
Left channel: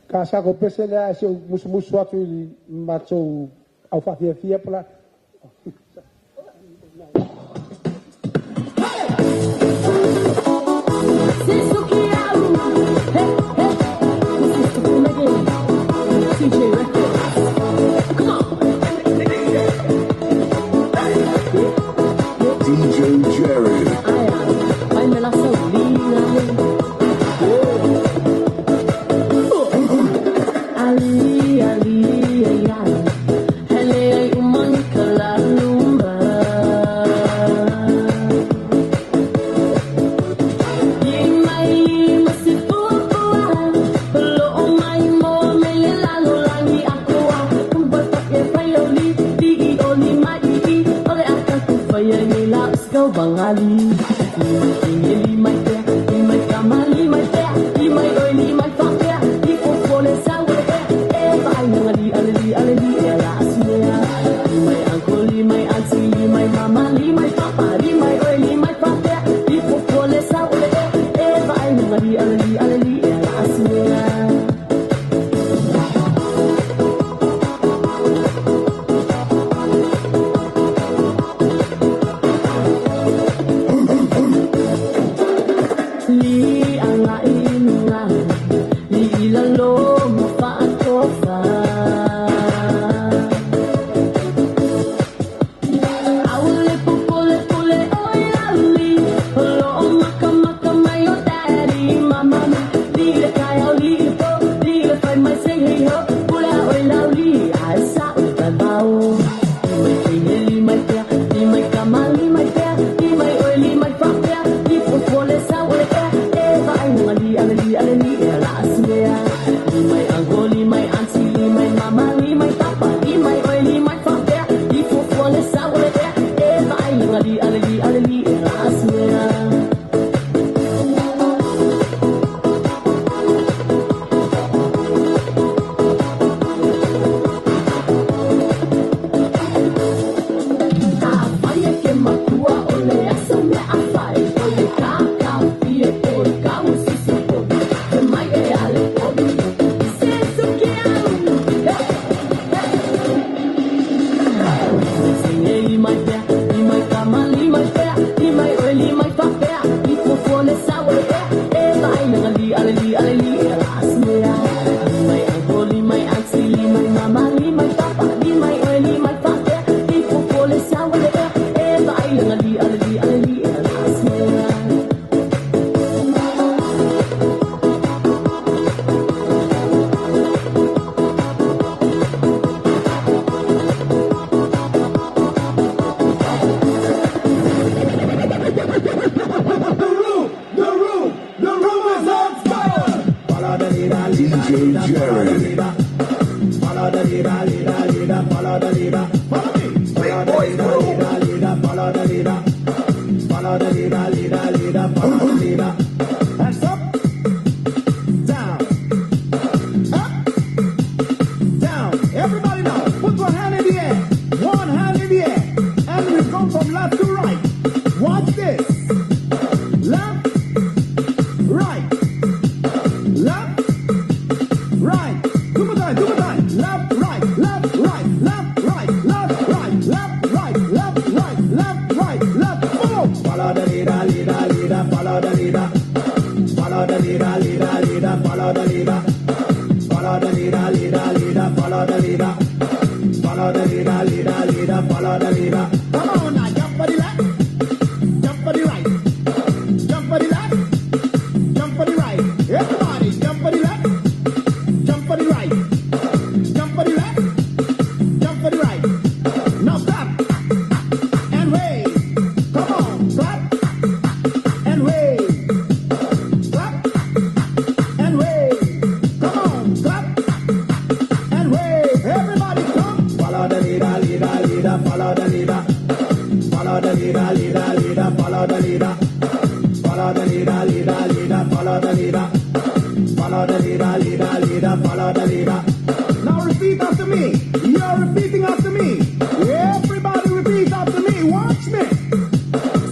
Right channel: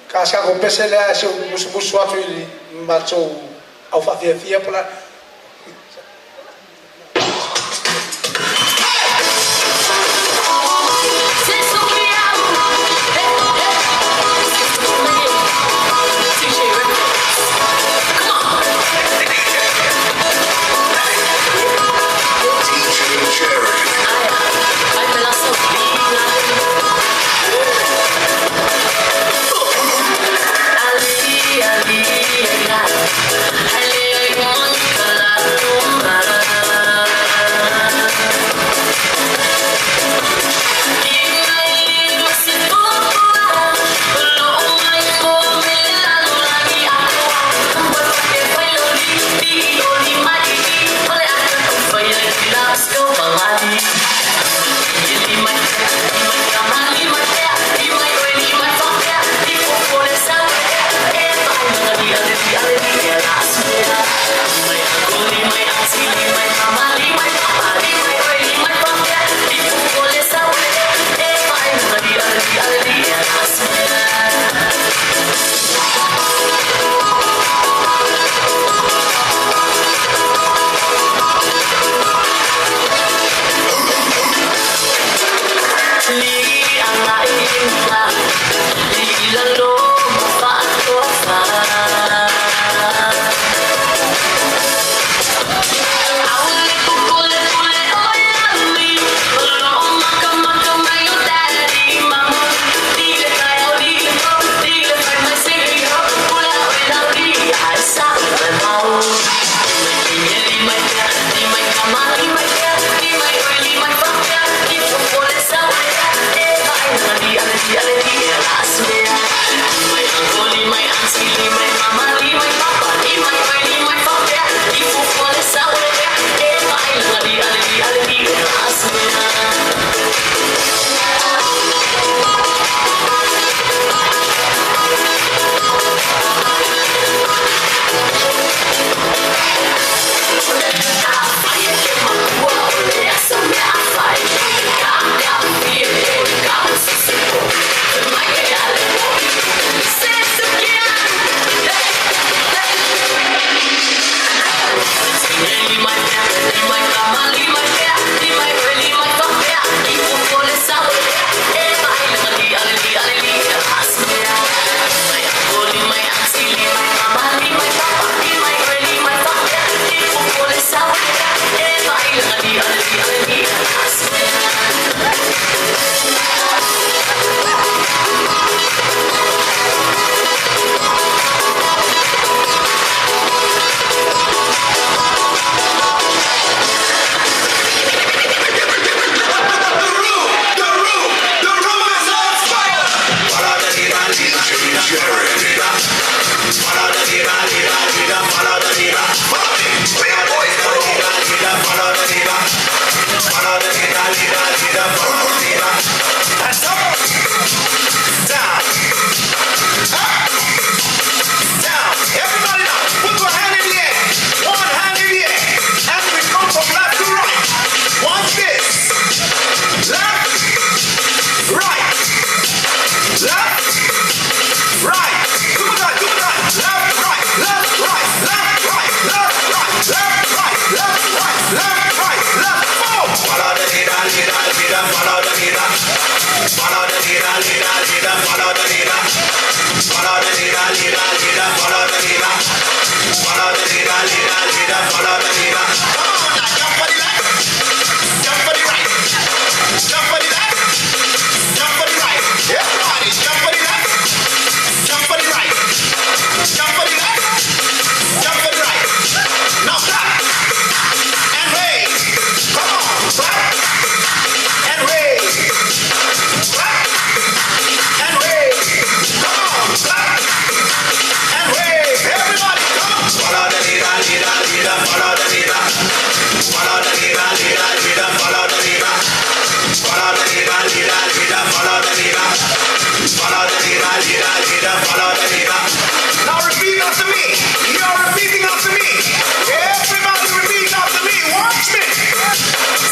Ka ko pese lea se musu atu I le matou au whawhiwhia pola. this. Left, right. Left, right. Two more times. Left, right, left, right, left, right, left, right, left, right, left, right, left, right, left. Four. Follow the leader, follow the leader. Follow the leader, follow the leader. Follow the leader, follow the leader. Follow the leader, follow the leader. Come on now, jump for the left, jump for the right, jump for the left, jump for the right. Everybody, jump for the left, jump for the right, jump for the left, jump for the right. Now clap and wave. Come on, clap and wave. Clap and wave. Come on, clap and wave. Everybody, come on. Follow the leader, follow the leader. Follow the leader, follow the leader. Follow the leader, follow the leader. Follow the leader, follow the leader. Now repeat after me. You're repeating after me. Everybody repeat after me. Watch me.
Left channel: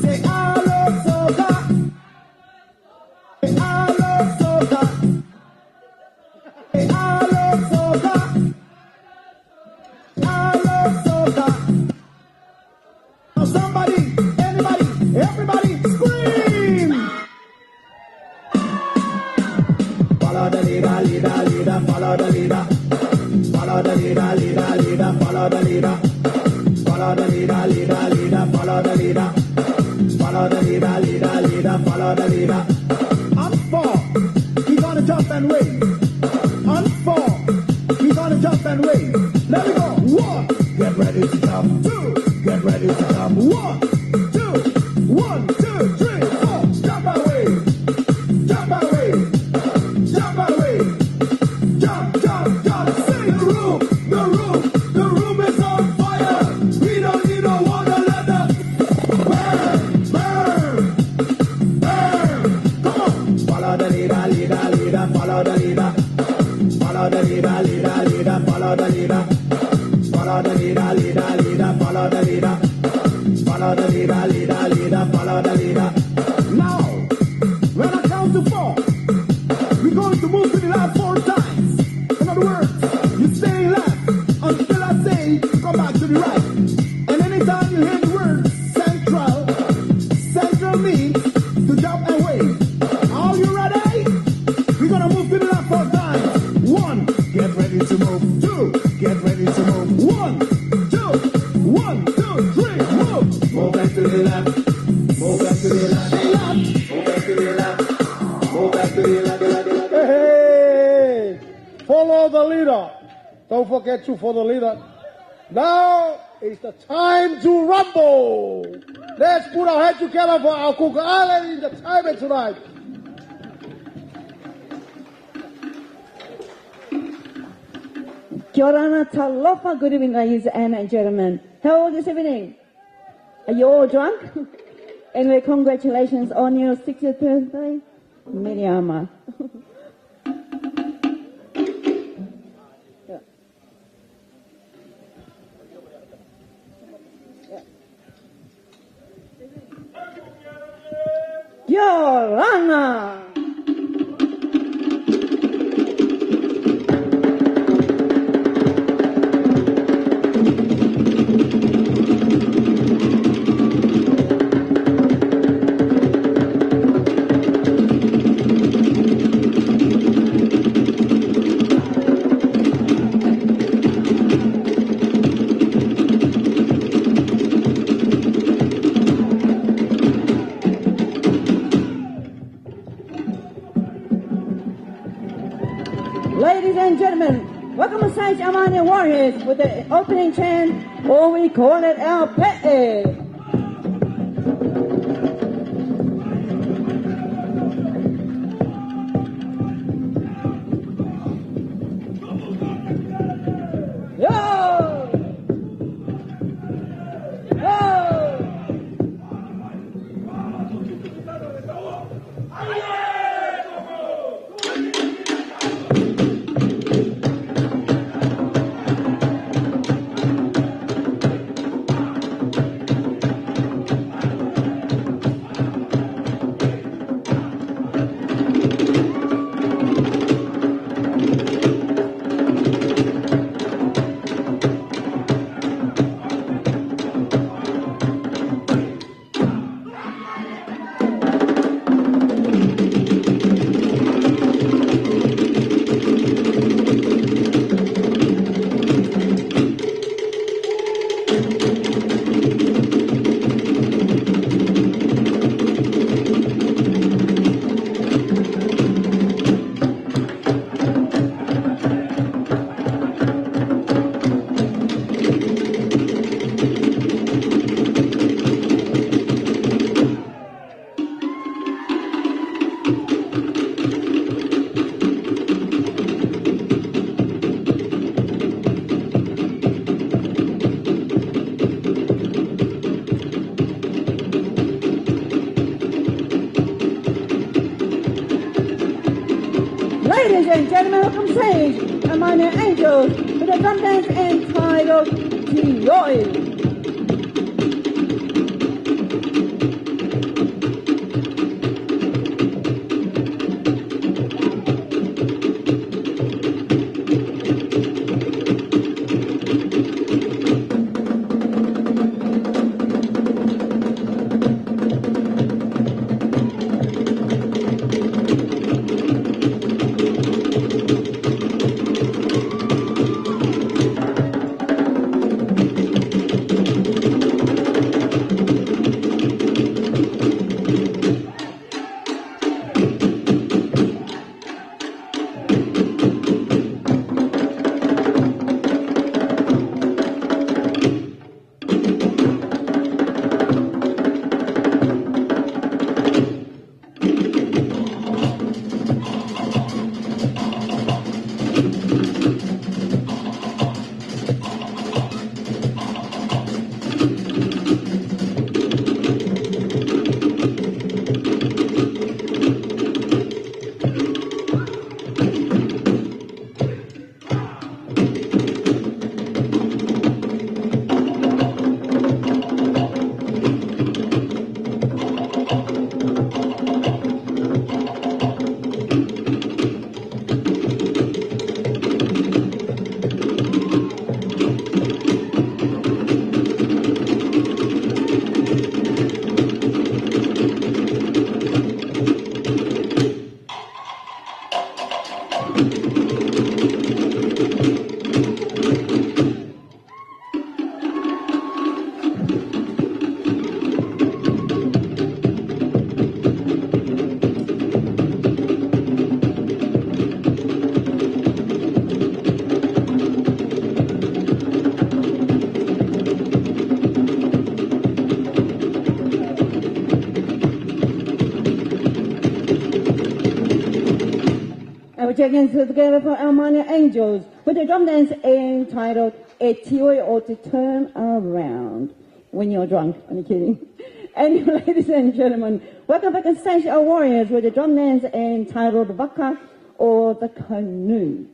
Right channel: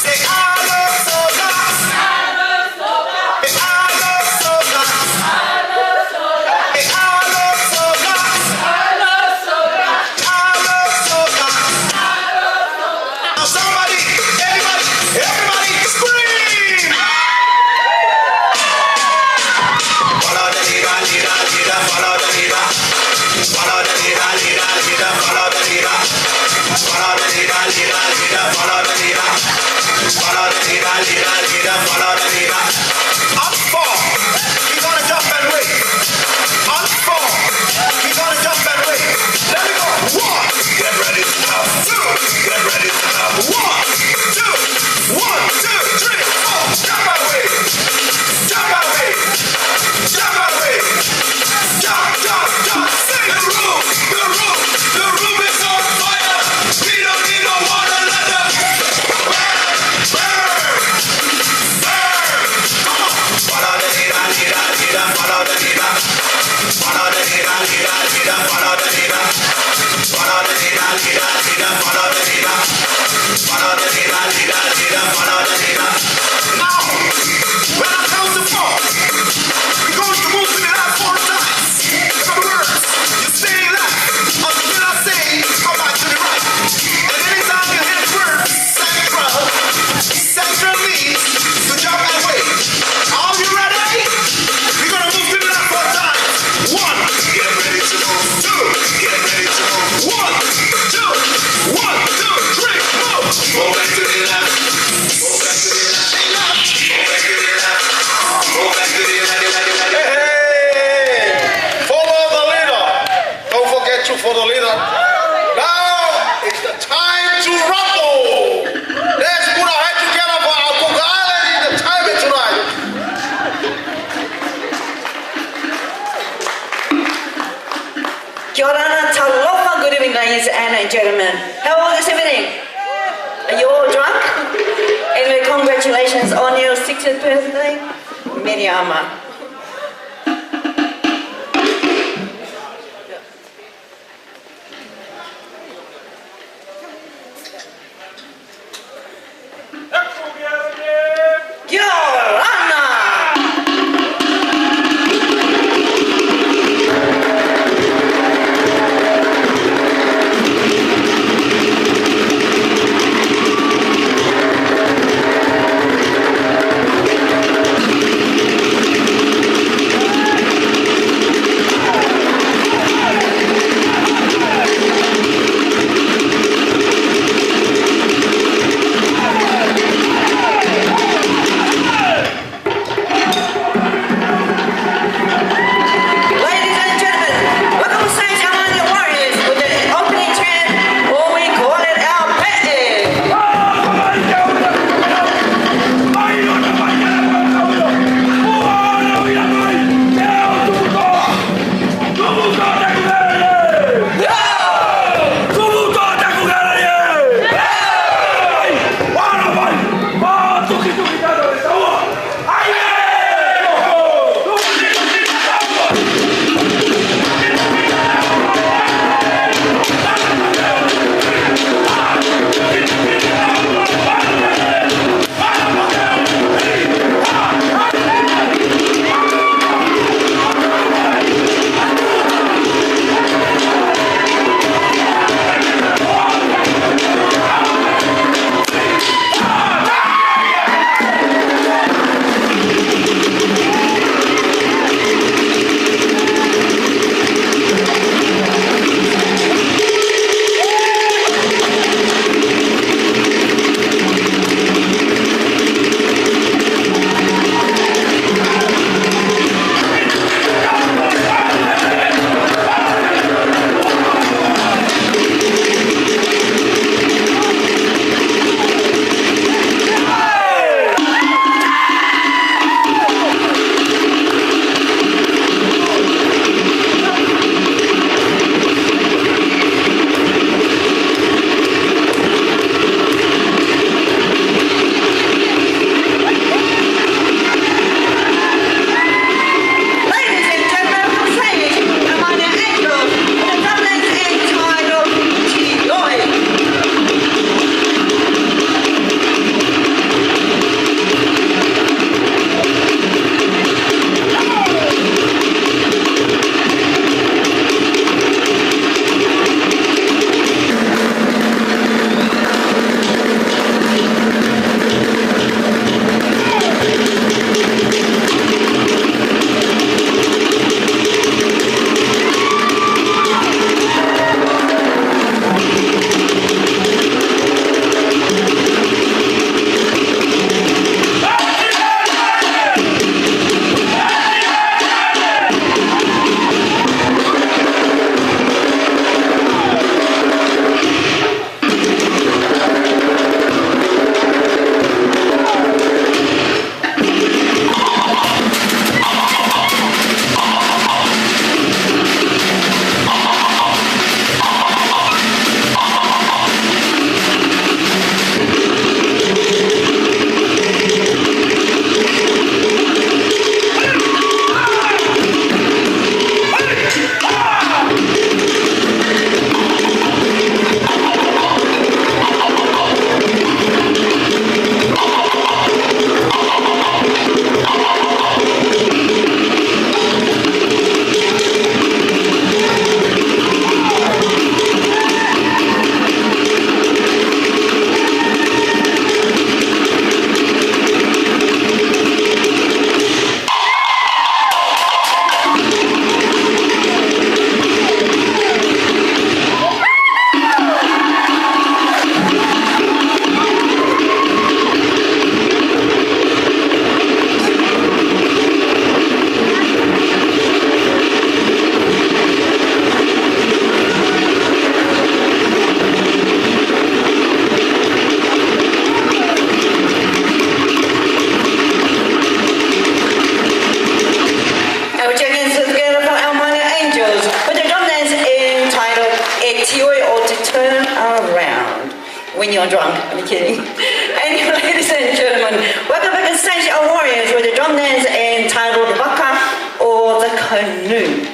Say, I love soca. Say, I love soca. Say, I love soca. I love soca. Now somebody, everybody scream! Follow the leader, follow the leader. Follow the leader, follow the leader. Follow the leader, follow the leader. Follow the leader, follow the leader. Up four, we're gonna jump and wave. Up four, we're gonna jump and wave. Let me go. One, get ready to jump. Two, get ready to jump. 1, 2, 1, 2, 3, 4. Jump and wave. Jump and wave. Jump and wave. Jump, jump, jump. Sing the room is on fire. We don't need no water, let us burn, burn, burn. Come on. Follow the leader, follow the leader. Follow the leader, follow the leader. Follow the leader, follow the leader. Follow the leader, follow the leader. Now, when I count to 4, we're going to move to the left 4 times. In other words, you stay left until I say come back to the right. And anytime you hear the word central means to jump and wave. Are you ready? We're going to move to the left 4 times. 1, get ready to move. 2, get ready to move. 1, 2, 1, 2, 3, move. Move back to the left. Move back to the left. Move back to the left. Move back to the left. Hey, follow the leader. Don't forget to follow the leader. Now is the time to rumble. Let's put our head together for our Kukale. The time is right. Kia ora, talofa, good evening, ladies and gentlemen. How are you this evening? Are you all drunk? Anyway, congratulations on your 60th birthday, Miriama. when you're drunk. I'm kidding. Anyway, ladies and gentlemen, welcome back to stage our warriors with the drum dance entitled the Waka or the Canoe.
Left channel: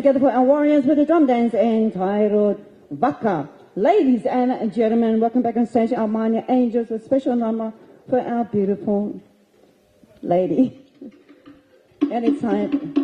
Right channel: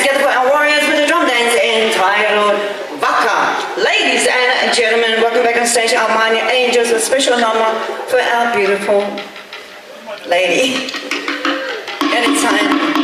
Together for our warriors with the drum dance entitled Waka. Ladies and gentlemen, welcome back on stage, our mighty angels, a special number for our beautiful lady. Anytime.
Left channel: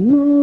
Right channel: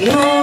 Yeah.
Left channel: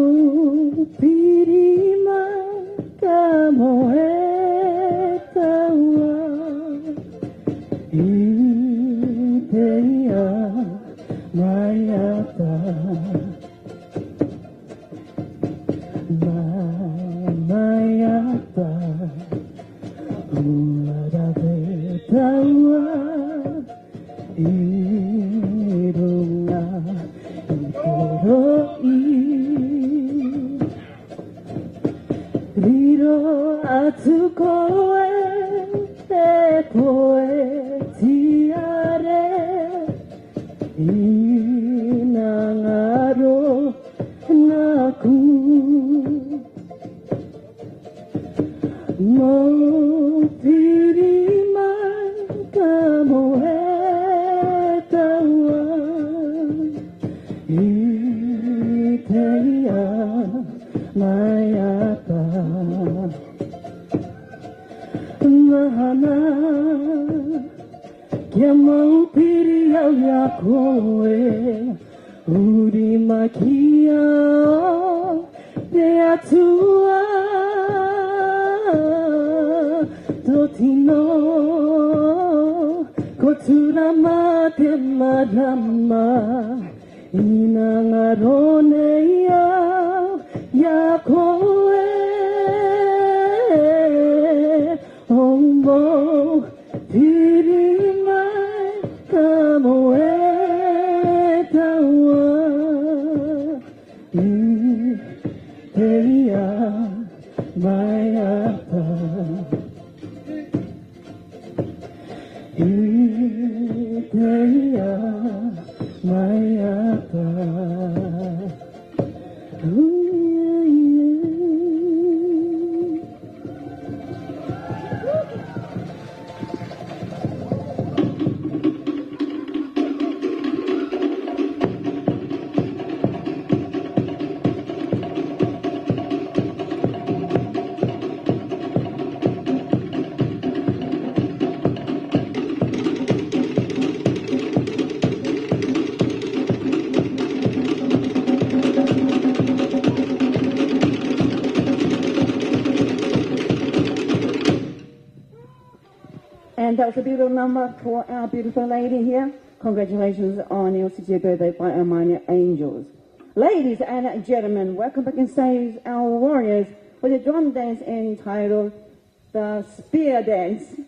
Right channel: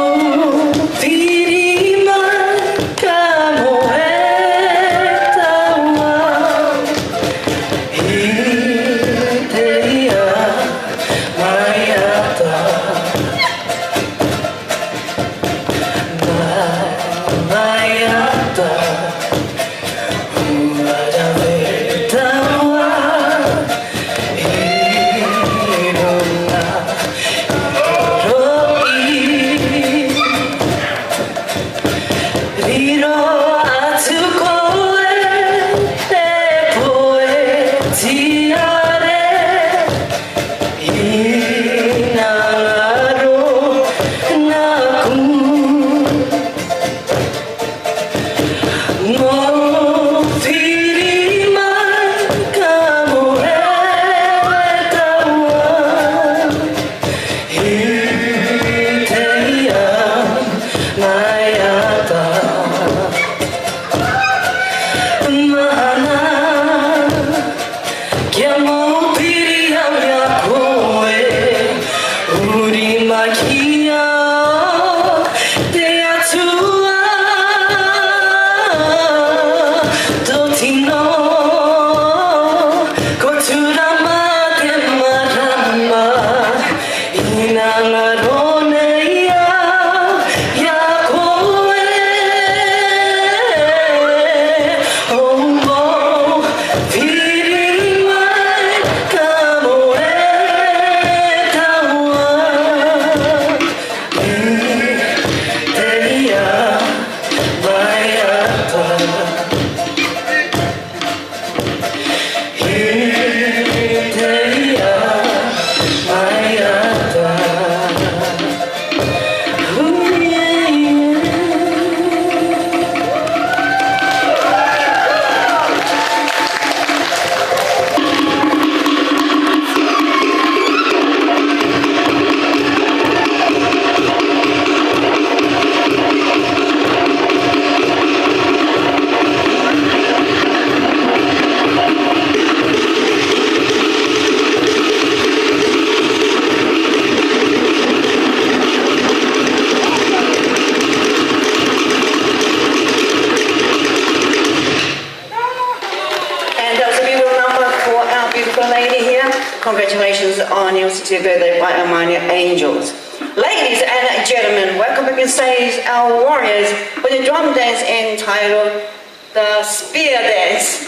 Congratulations on your 60th birthday by our minor angels. Ladies and gentlemen, welcome back on stage our warriors with a drum dance entitled the Spear Dance.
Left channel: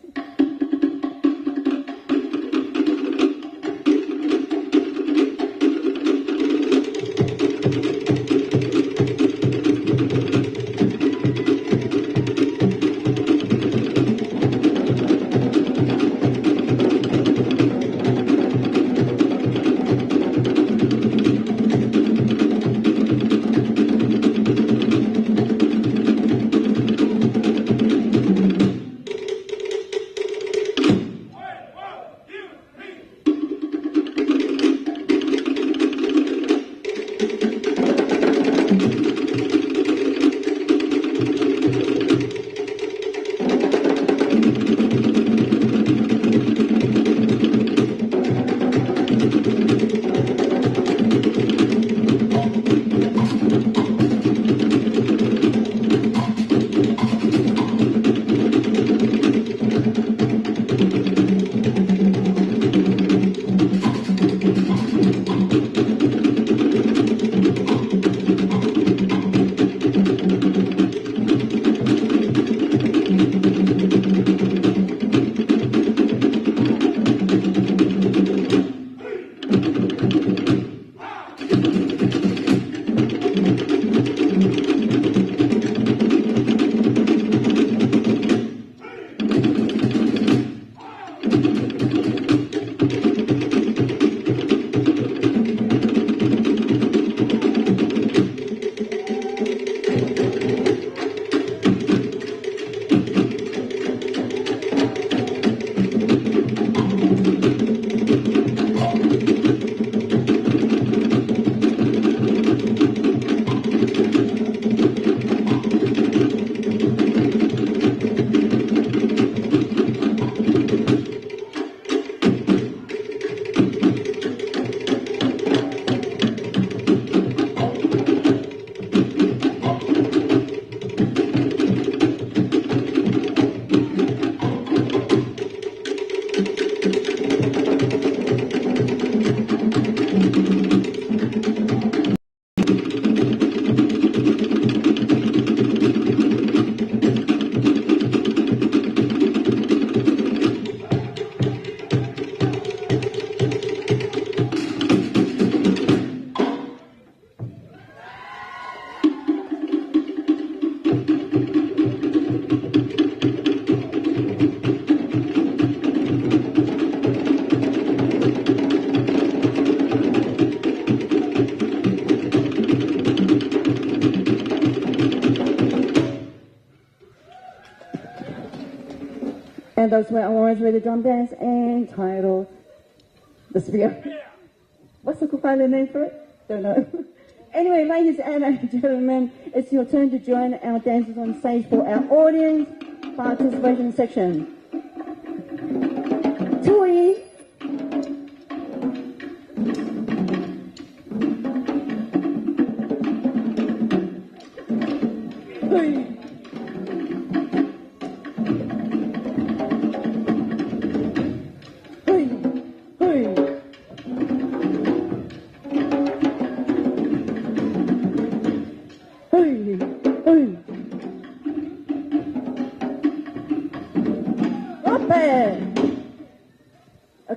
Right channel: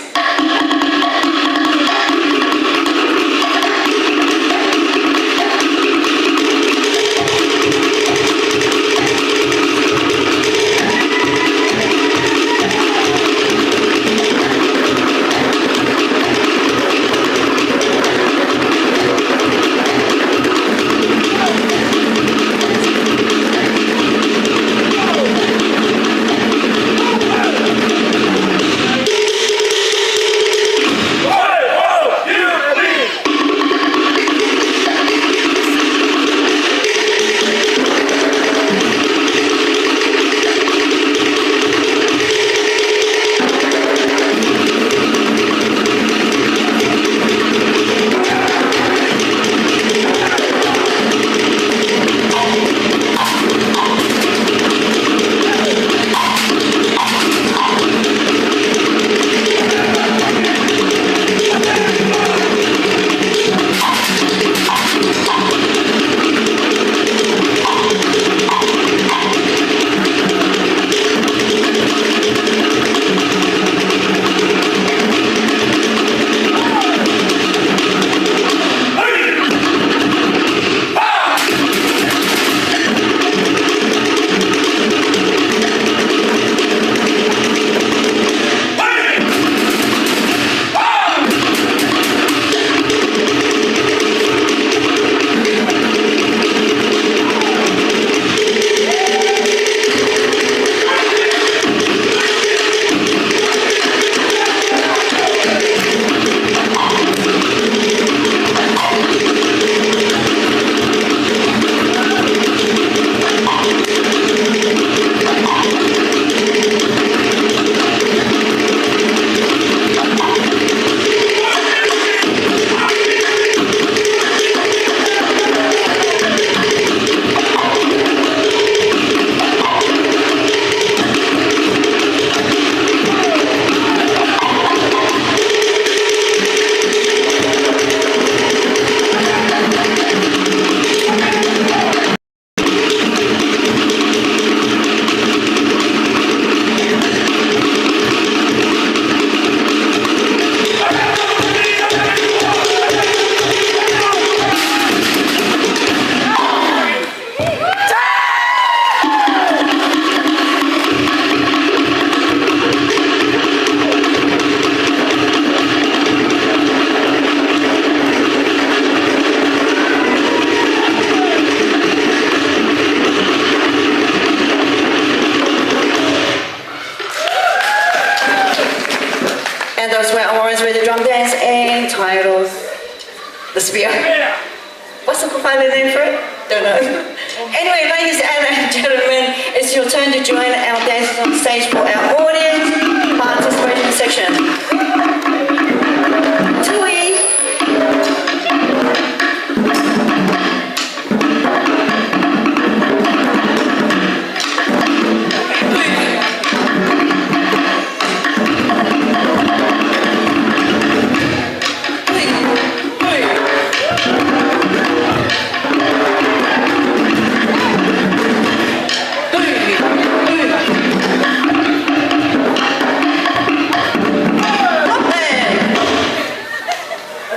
And those were awards with the drum dance entitled The Spear. What's the final name for it? Don't know. Anyway, ladies and gentlemen, it's your turn to join our dancers on stage for our audience participation section. celebration. Tui.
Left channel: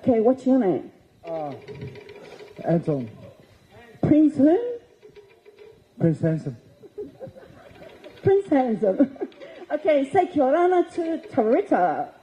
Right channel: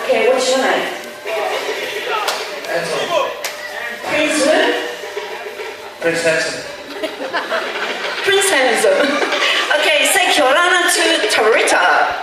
Okay, what's your name? Anthony. Prince who? Prince Handsome. Prince Handsome. Okay, say kia ora to Tarita.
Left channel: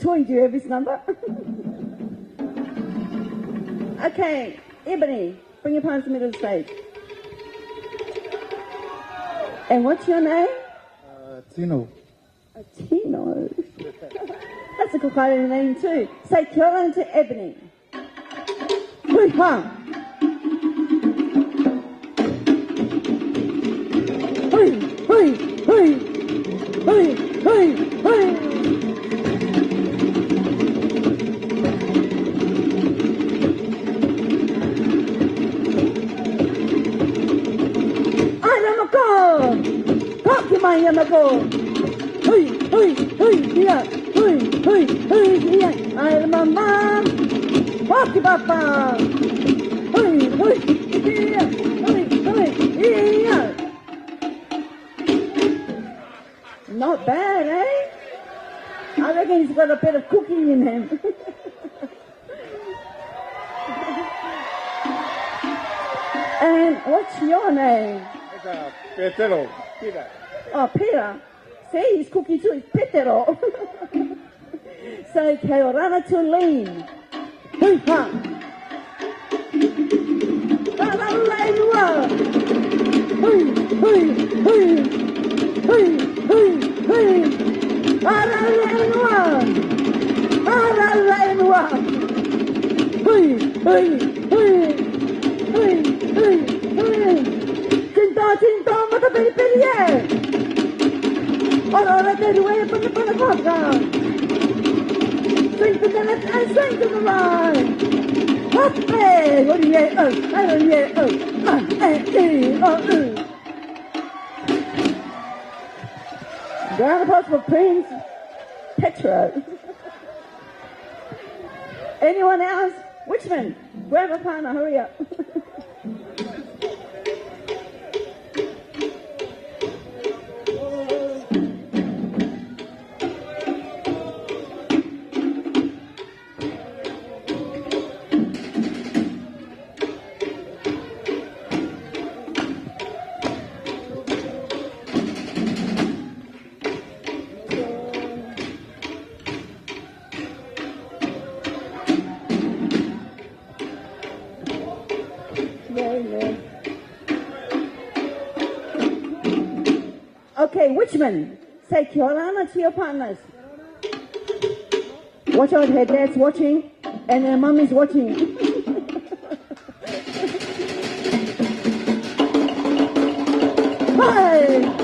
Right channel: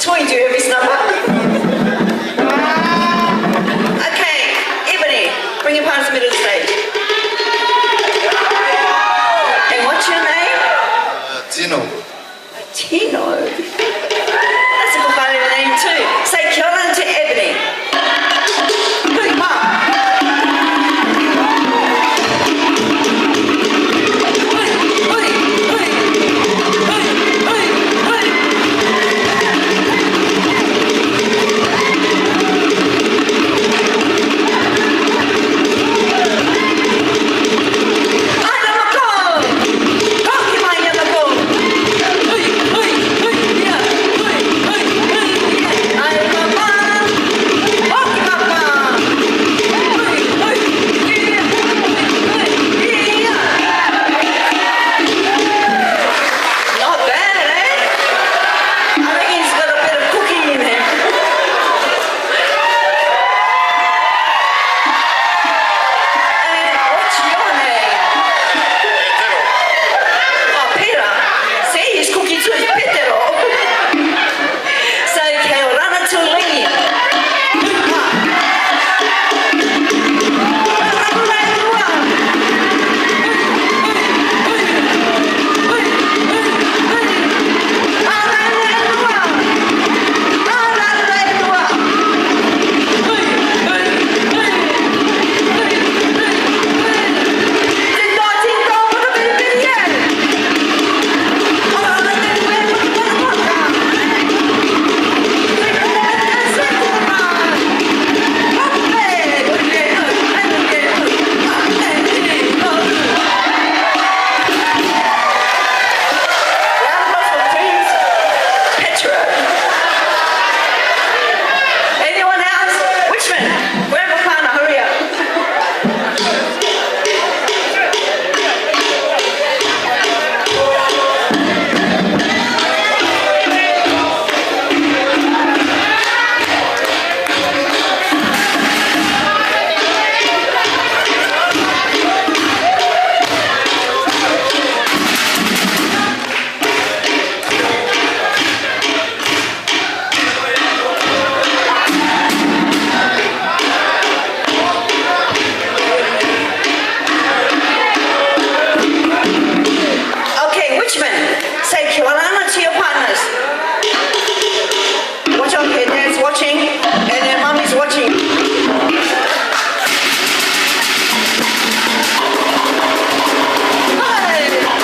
Toy, do you have his number? Okay, Ebony, bring your partner to the middle of the stage. And what's your name? Tino. Tino. That's a good kind of name too. Say kia ora to Ebony. Good, one. Say kia ora to your partners. Watch out here, dad's watching and then mommy's watching. Hey!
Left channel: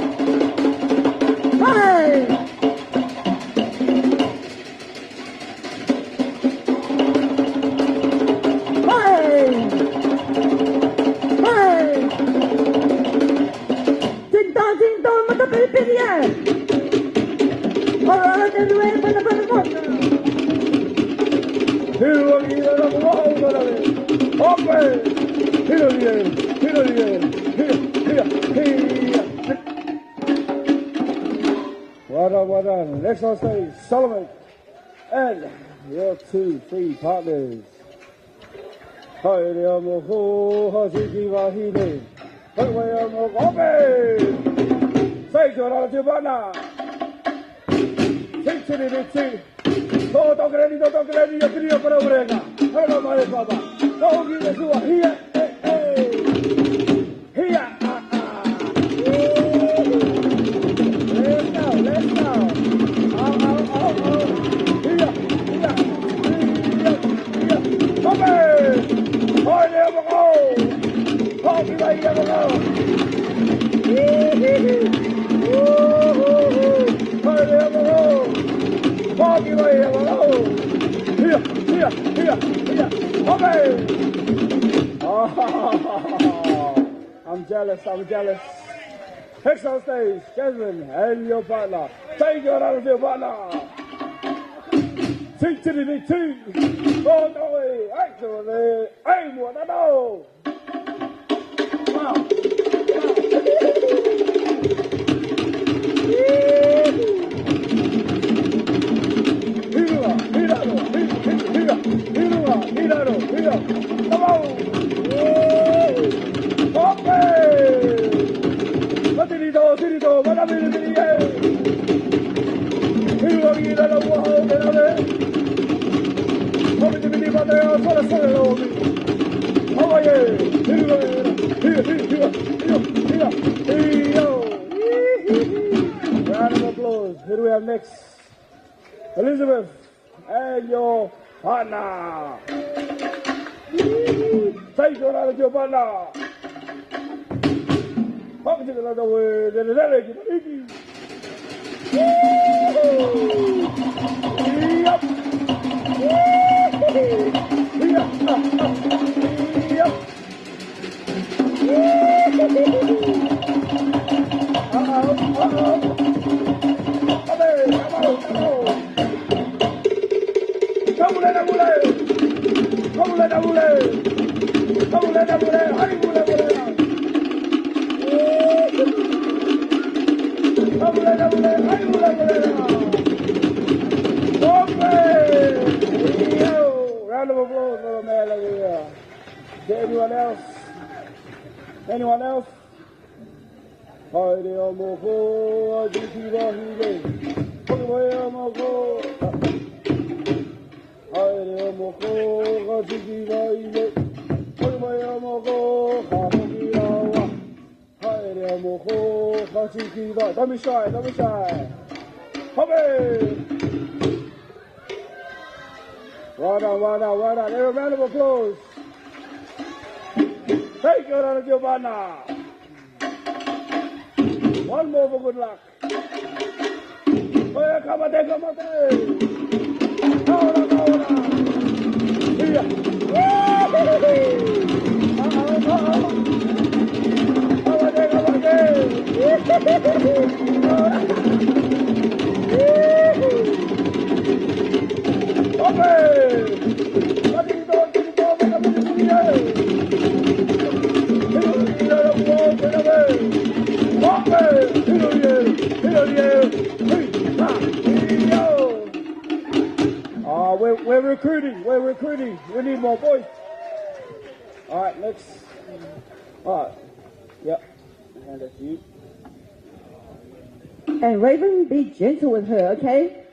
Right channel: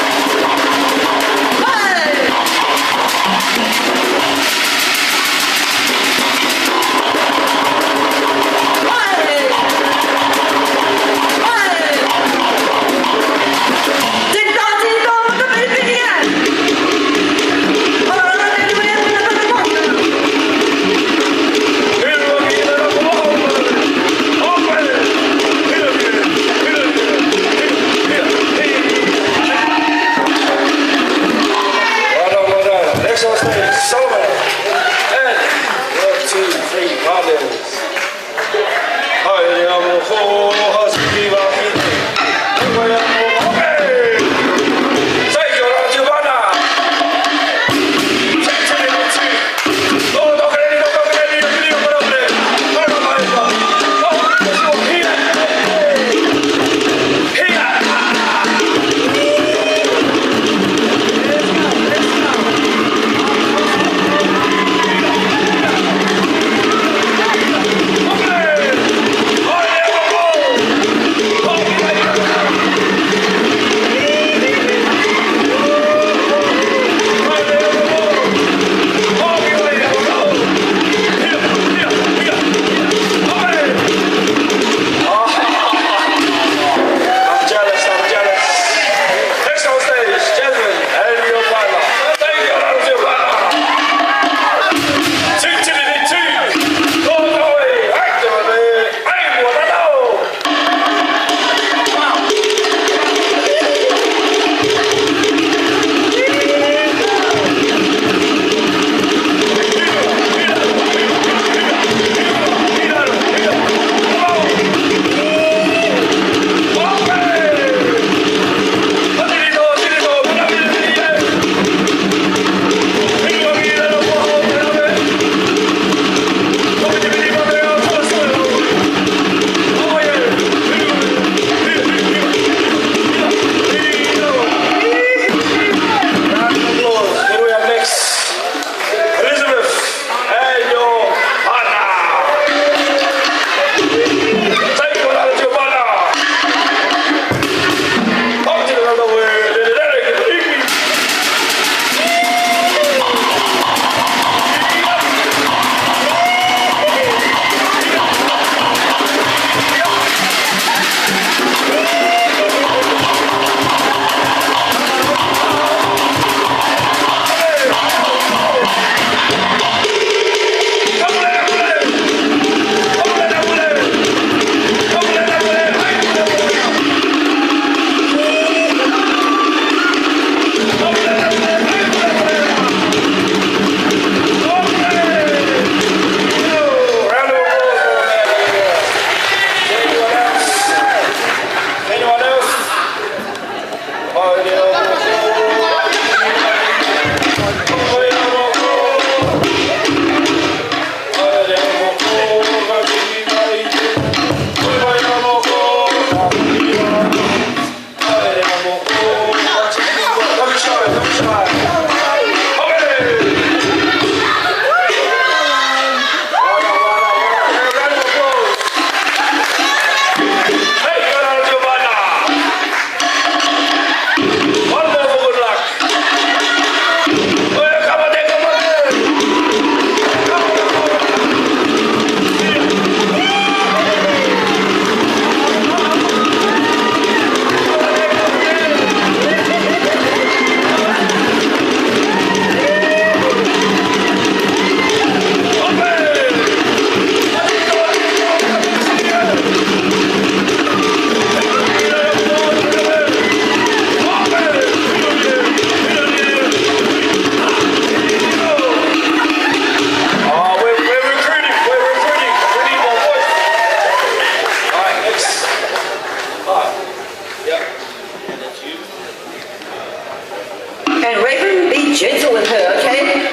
And Raven, be gentle with her, okay?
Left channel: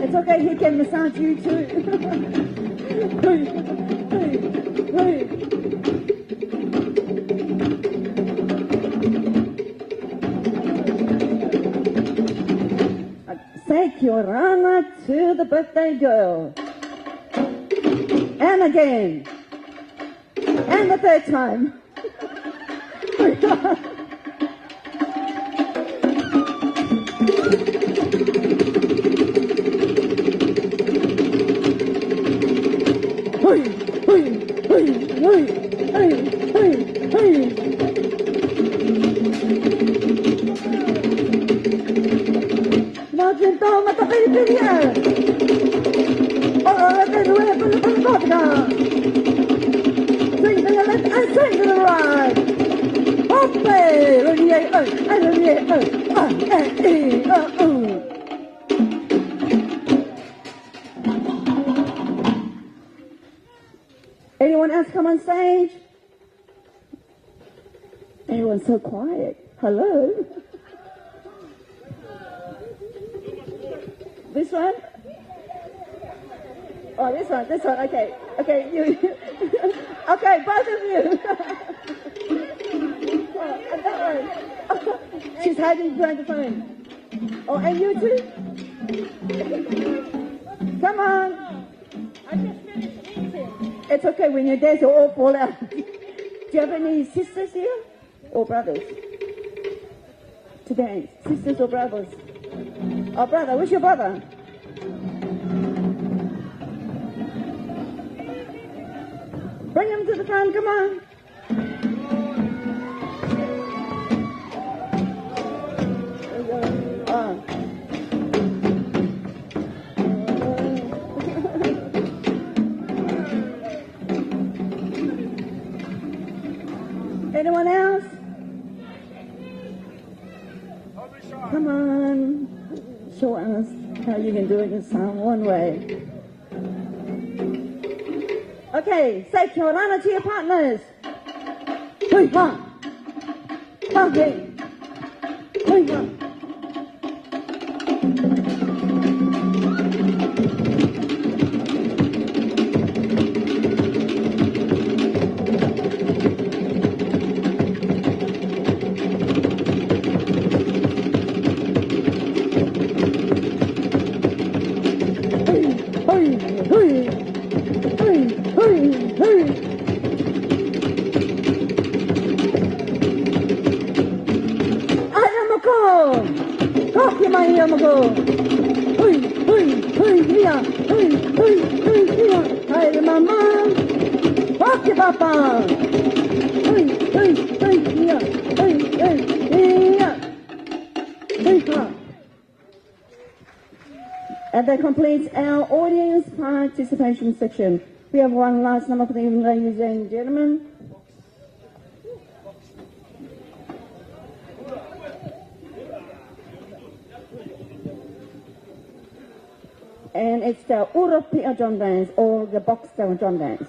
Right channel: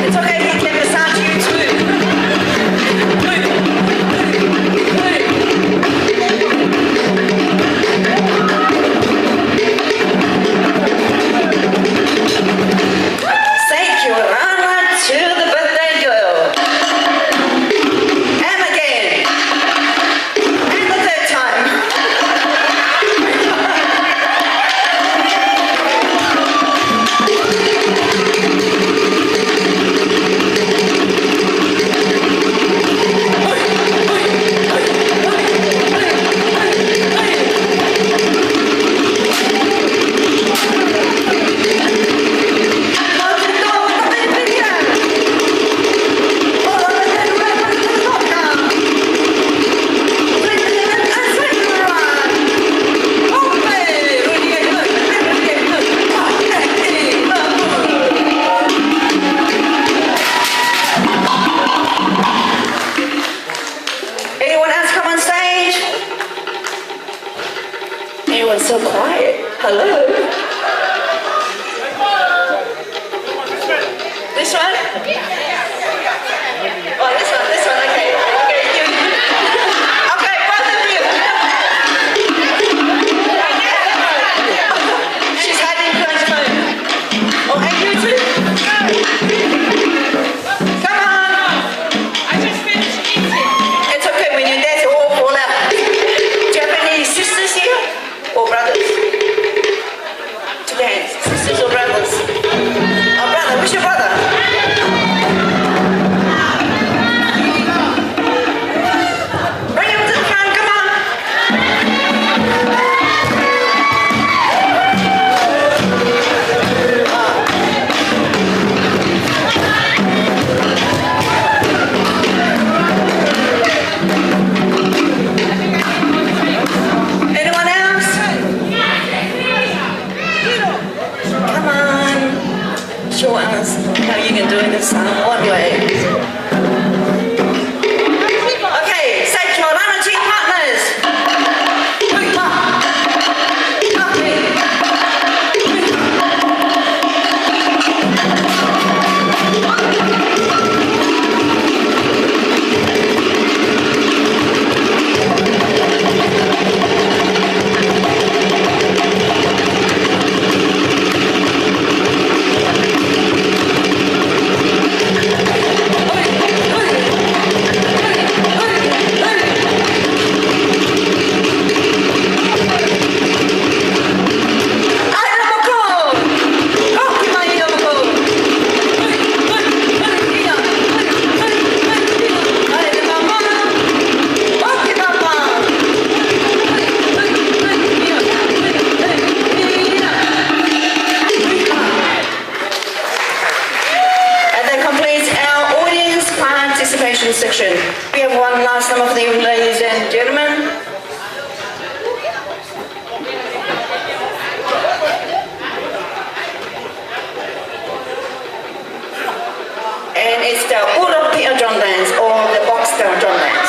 It's okay, he can massage you too. Say Kiorana to the birthday girl. Everyone's so quiet. Hello. This one? Oh, this one, okay. Okay, you. Okay, both of you. She's hiding behind the phone. Oh, and you too? Come on. I just finished eating. It's okay, when you're there to all fall out. Do you have any sisters here? Or brothers? To dance? Sisters or brothers? Oh, brother, who's your brother? Bring him to the front, come on. Anyone else? Come on. Show us how you can do this one way. Okay, say kia ora to your partners. Hui pa. Pa hui. Hui pa. And that completes our audience participation section. We have one last number for the evening, ladies and gentlemen. And it's the Urupia drum dance or the box style drum dance.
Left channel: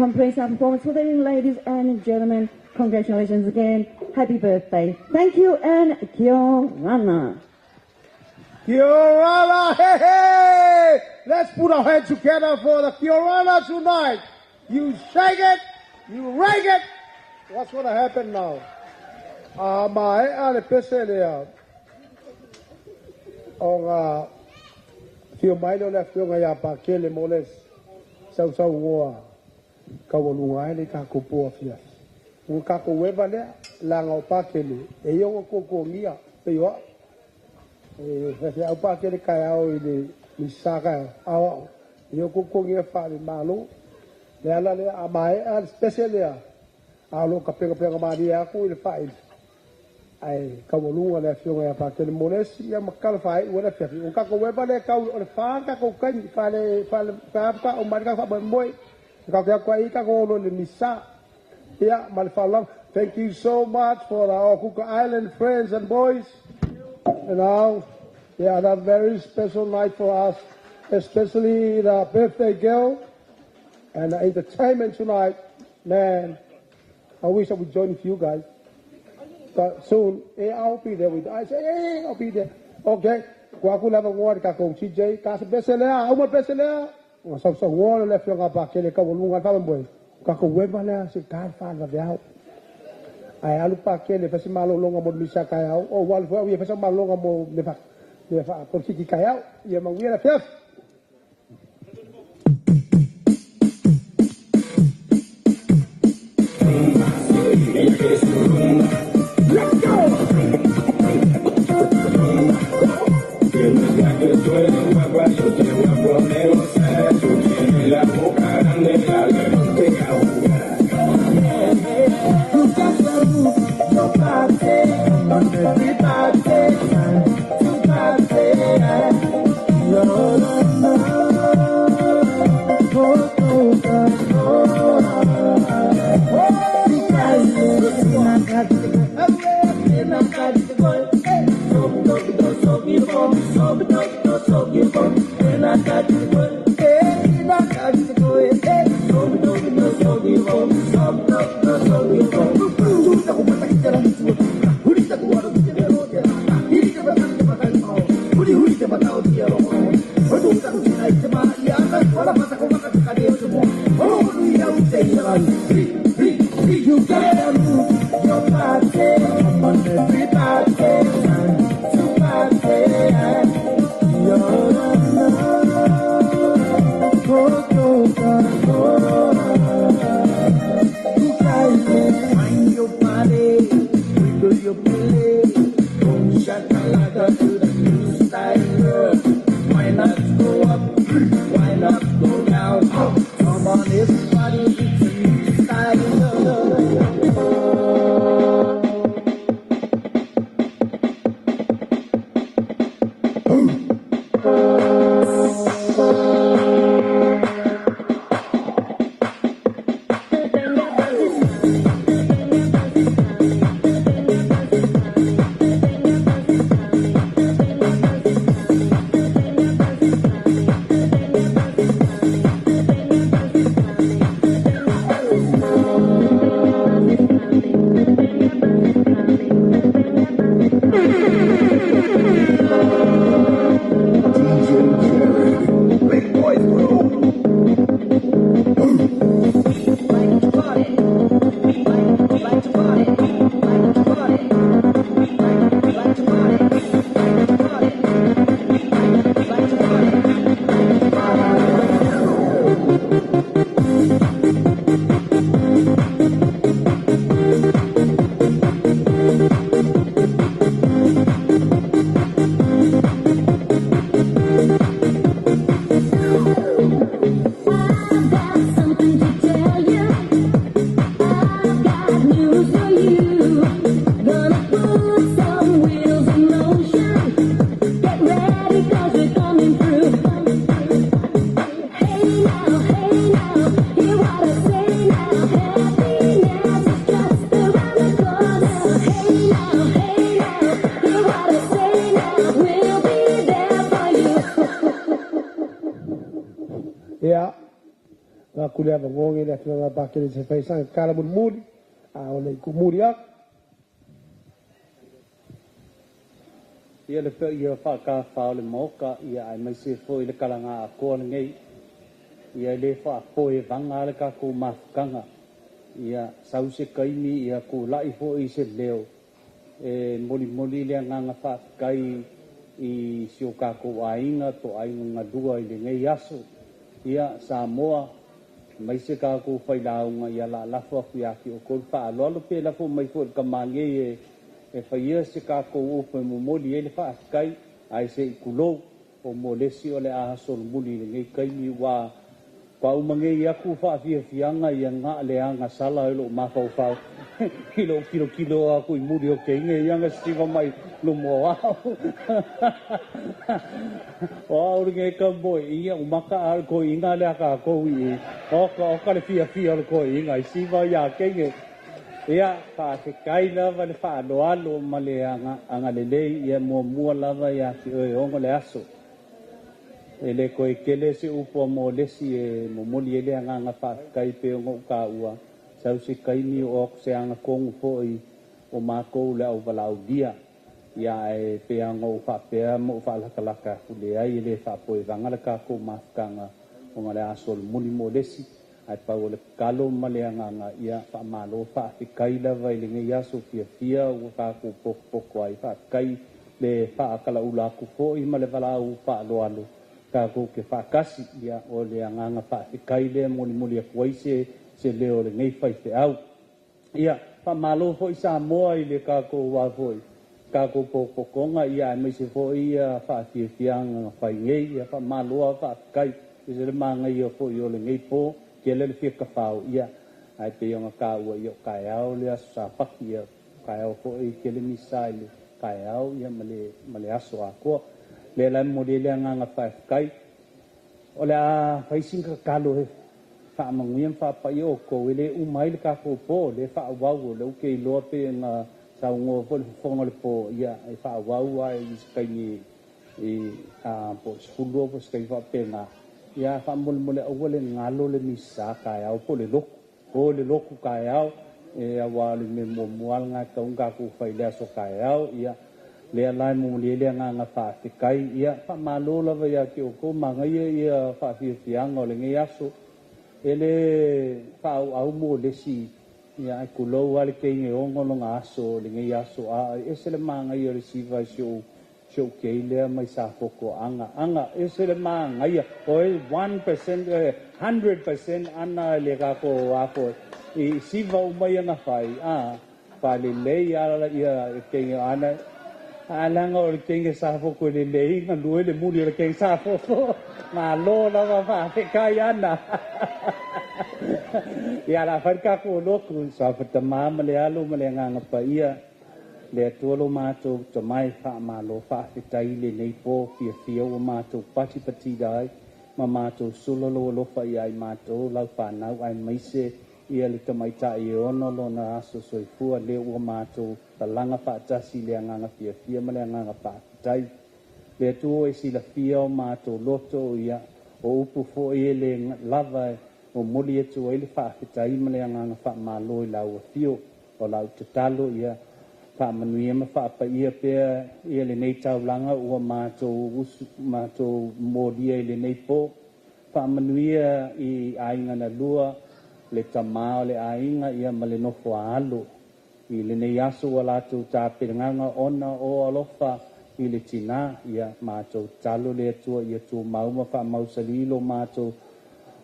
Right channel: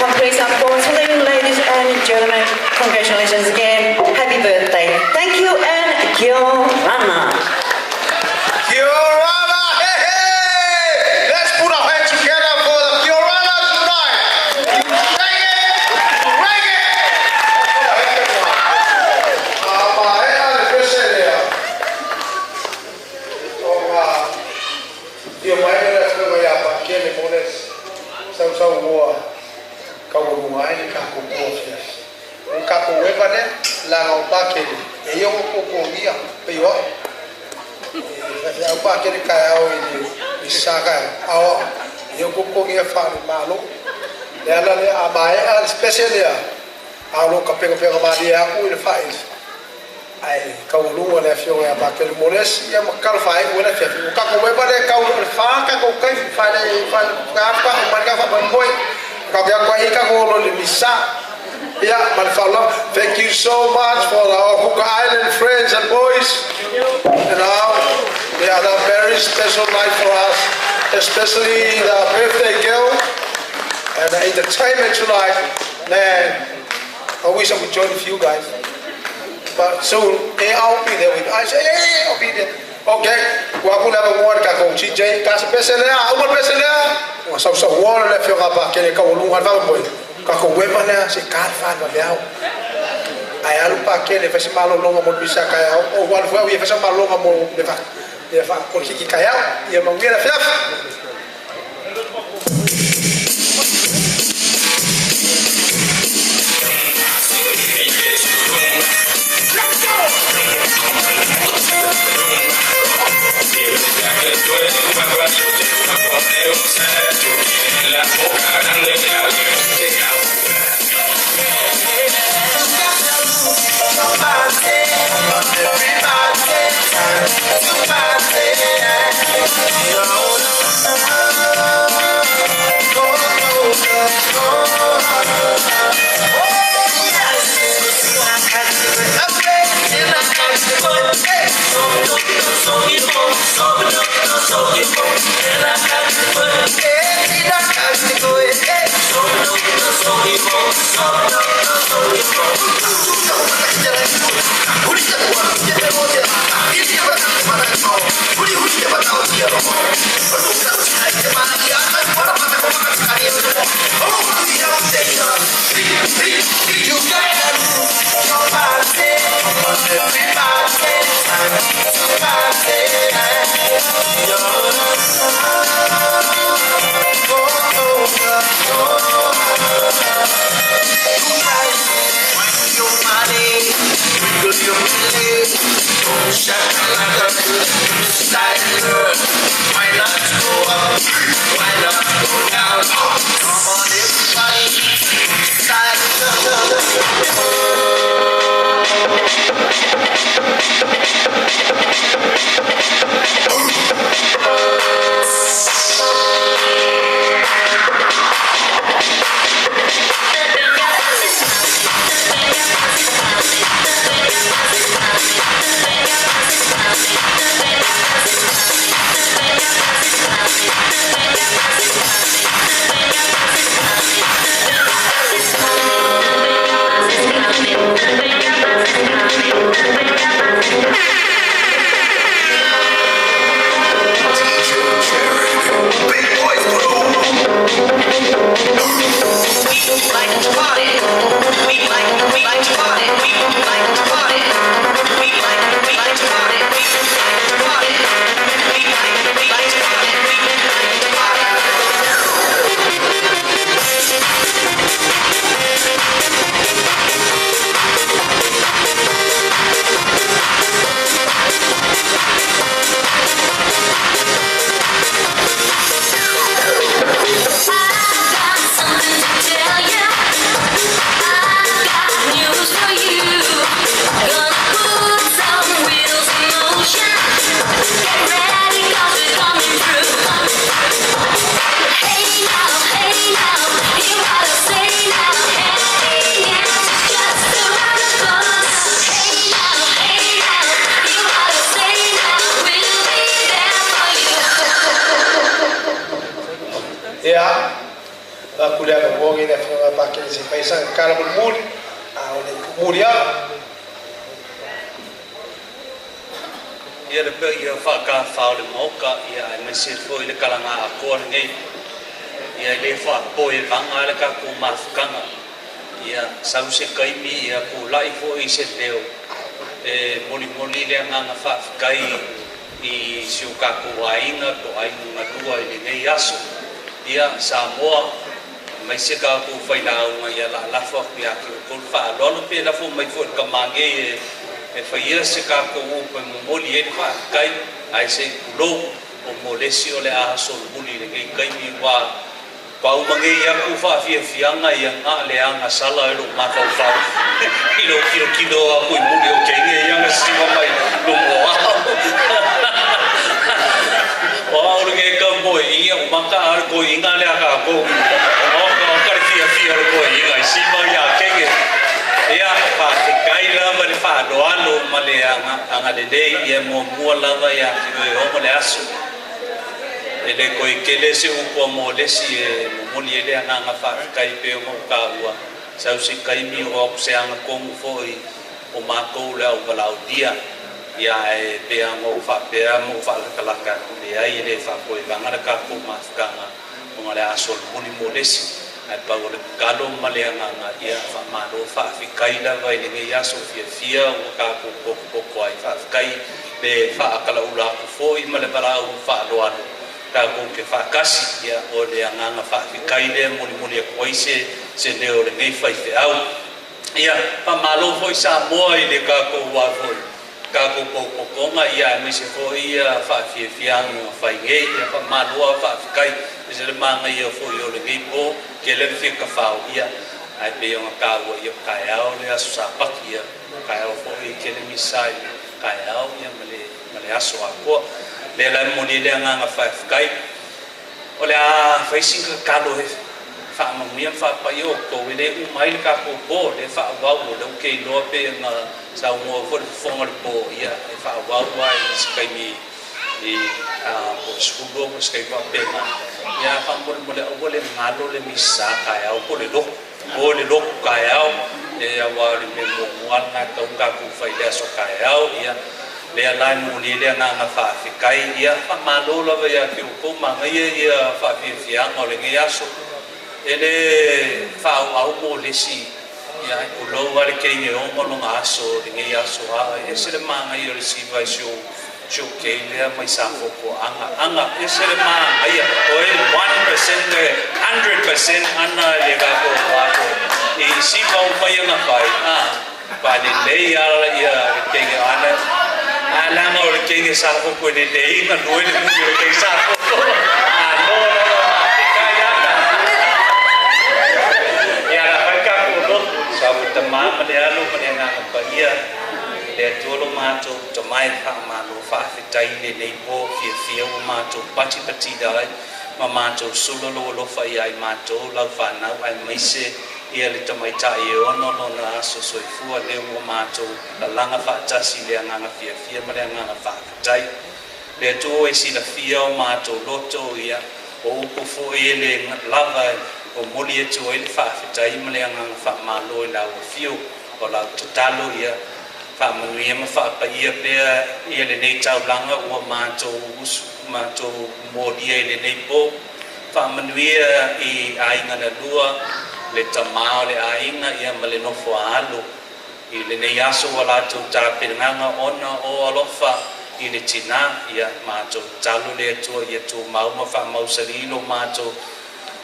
completes our porcelain, ladies and gentlemen. Congratulations again. Happy birthday. Thank you and Kia ora. Kia ora, hey, hey! Let's put our hands together for the Kia ora tonight. You shake it, you rake it. Let's put our hands together. My head is special here. Kia mai na ko ya pa kele moles. Sau boa. Kau ngai ni ka ko pofia. Ni ka ko weba ne la o pa kele. E yo ko ngia pe yo. Kasi ang pakili kaya ini misaka awa yo ko ngia fa malu na le amai al special ya alo ka pego mari aku ile faiz ai ka lu le fio ya pakili moles ya makal fai wala fe ka ko we pale ka fa ka ko kai fa le fa ka umar ka fa Moimoi ka ko ka ko lo misa ya malfala. Thank you so much for our Cook Island friends and boys. You know, they had a very special night for us, especially the birthday girl and the entertainment tonight. Man, I wish I would join with you guys. But soon, I'll be there with you. I say, hey, I'll be there. Okay, well, I'm going to have a word with CJ. Kasi peselea, umar peselea. Sa wala le fio ka pa kene ka ulungan fa boy. Ka ko weba na se kalfa ba biao. Ai alu pa kele fa se malo longa mo bisa kaya o wal fa wi fa se malo longa mo le fa. Le fa por ki kaya ya mo ngira fef. Let's go. La boca grande Ya, aku lihat orang ini film pakai si Faisal kalau bermul, oleh kemudian ia lepas ia fakar faul moka ia masih foi le kalanga aku ni ia le fa poi vanga le ka ku mafkanga ia sausi kaimi ia ku lai foi se leo moli le nganga fa kai I sioka ku ainga to ainga dua ni nei asu ia Samoa mai se ka ku Fidow mai la la fa ku ya ki ku fa lo lo pe la fo mai fo ka mangi e fa ia se ka ku pe mo li e fa kai ai se ku lo o mo le si o le a so buli ni kai mi wa pa u mangi ia ku fa fi fianga ia nga le anga sala lo ma fa fa kilo ku mu li o ke ni ia si wa mai lo mo oh, orang ke boy, iya umaka ar ko inga le aka ko ni. Oh, ka fia ko inga si ba ya kenge. Ia pa te kai lava le fa lo male anga le ia mo lava ya ki o le aso. Ele ko ikele se upo mo le si mo li ele anga fa kai pe mo ka ua. Sau si kai mi o se anga kong fo I o mako le o vala o dia. Ia e pe anga o fa pe mo fa la ka le ai le fa ko vanga ka ko mafkanga o le aso muli mo lesi ai pa o le kalo male anga ia fa malo fa fikai la vai le ia so fia o ka ko ko ai fa kai le fa kala ula ku fo I male bala o fa lo ano ka ko ke fa kasi ia o le anga fa fikai le muli ko se le o le nei fa fe au ia fa malo fo sa mo ai le ka ko wa fo ka ko konga ia me se fo ia fa fiang fa nge ia fa malua fa kai se le manga ia fo yo le nge po ke le fi ka fa ia ai pe yo ka wo yo ka ya o le sa pa ia ka ya fo I ke le misai ka ya o ia male aso ko le la mo le nga fa kai o le a fa singa ka lo fa mo mi fa pa yo ko le u mai ka ko po le fa wa wo le ke lo pe nga sa mo fo fonga po ia ai fa wa I skai mi po skulu po skai fa pena ia fa mo le o le ngalo le misa ka ya o le lo ka ya le wa le me mo nga ka ku fa ia so ka ya ia le la mo le nga fa fikai ia fa malo la ya ki ko ma ia fa fiang o le ngia so ele fa au mo le si ia ku lo wale ke nge o mo nga aso nge aso a esele manga ia le si vai show ke le mai sa foko anga esele manga ia o 1% 100% ana le ga ko wa ko I si va o mai nga pai pa le ia ke nge ana ngo ke nge sa foko le nga no le mu ke sa foko lo Kayana. Ya la harka ko lot sa futama malialo malianga pa ia. Le tolo mato to mai fa malo fa fitai le nei po fia o mato pati dai ma mato sulolo lo fa ia mato la fa na ai mai se ia le to mai tai ono lo na aso soifua le o mato la langa fa tasi le nganga fia ma le nganga fa fitai le to e si la fia o mato loto ia o ku fu ele lava o moli e to ele fa fitai ma le nganga fa malo la o fio o la totalo ia fa Miriama fa pa ia pe ia le nei tau langa o mato modia le nei po fa Miriama I ainga na lua le tamao le ainga ia male no fo alo I le nei aso wala tu ta piranga ona o alofa I le tina ia mato talo le tu ia tu mau fa mausalilo mato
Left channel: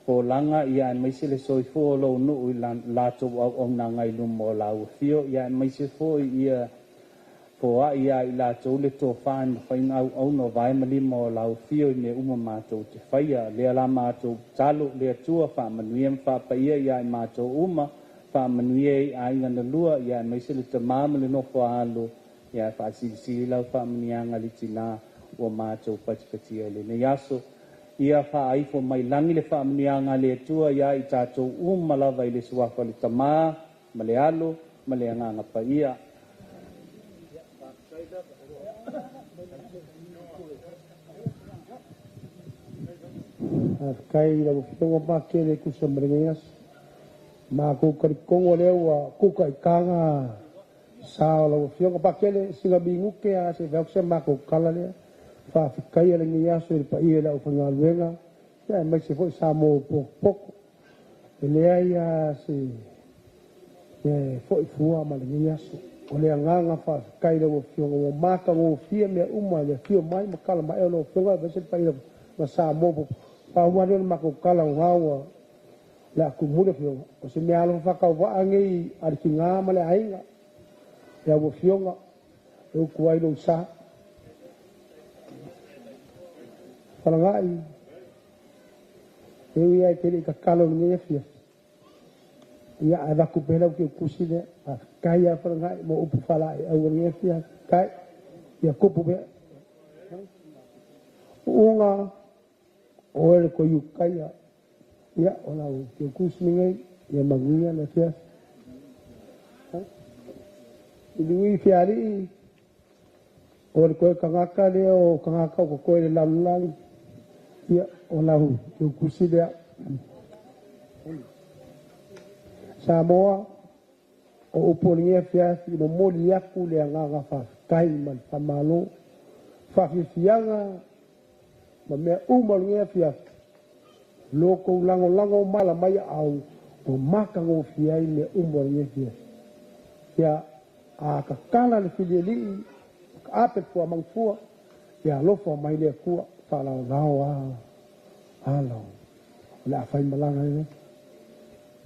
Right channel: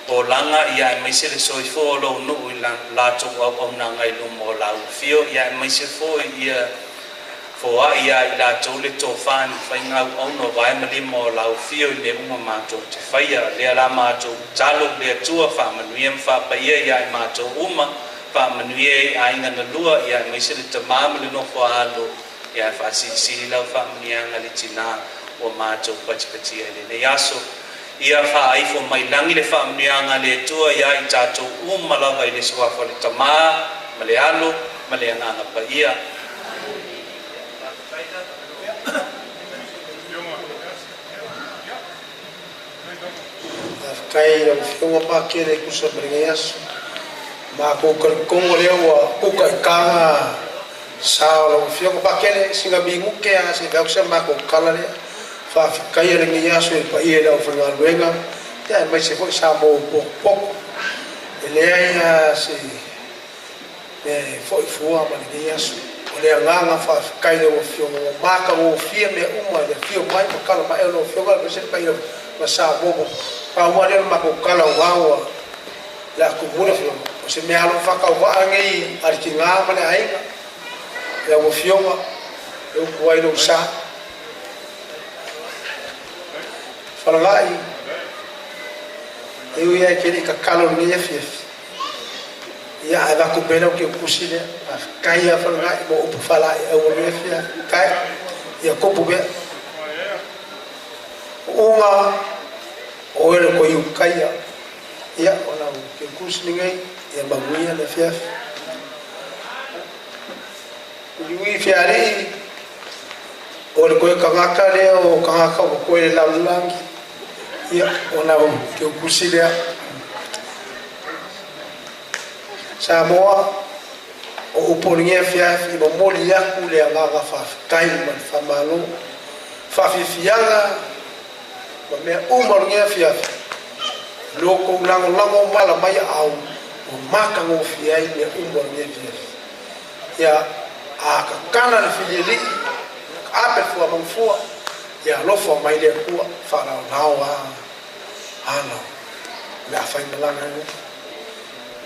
po langa ia mai se le soifo lo no la to o na ngai lu mo la fio ia mai se fo ia fo ia la to le to fan fain au no vai mali mo la fio ne uma ma to te faia le la ma to talo le tu fa manuiem fa pa ia ma to uma fa manuie ai na lua ia mai se le te mam le no fo alo ia fa si la fa mnianga le tina o ma to pachipati le ne yaso ia fa ai fo mai langi le fa mnianga le tua ia I tato lava I le sua fa le tama malealo maleanga na pa ia kai le fionga pa kele ku sa mringas ma ko kongo le o ku kai ka sa le fionga pa kele singa bingu ke a se vaksa ma ko kala le fa kai le ngia so pa ia le fa ngal wenga ya mai se fo sa mo po ele ya se me fo fuwa ma le ngia so o le nganga fa kai le o fionga o ma ka o fia me uma le fio mai ma kala ma e no fionga le se pa ia ma sa mo pa wale ma ko kala wawa la ku mula fio o se me alo fa ka wa ngai arkinga ma le ainga la wo fionga e ku ai lo sa Falai, eu ia aquele cacalo nem fez. Ia a vaca pela o que eu puxei, a caia falai, vou para falar, eu vou ver fia, cai, ia copo be. Uma, olha com eu caia, ia olha o que eu puxei ninguém, ia magoia na fia. Lui fiare, olha com eu cagaca le o cagaca o coelho lá no langue. Ia ona o que eu puxei Samoa o polinha fiaf I moli aku le ngaga fa kai man fa malo fa fiala ma me umolinha fiaf loko lango mala mai au o maka ngo fiai me umolinha fiaf ya a ka kala le fieli ape fo man fo ya lofo mai le ku fa la nawa ala na fa indalanga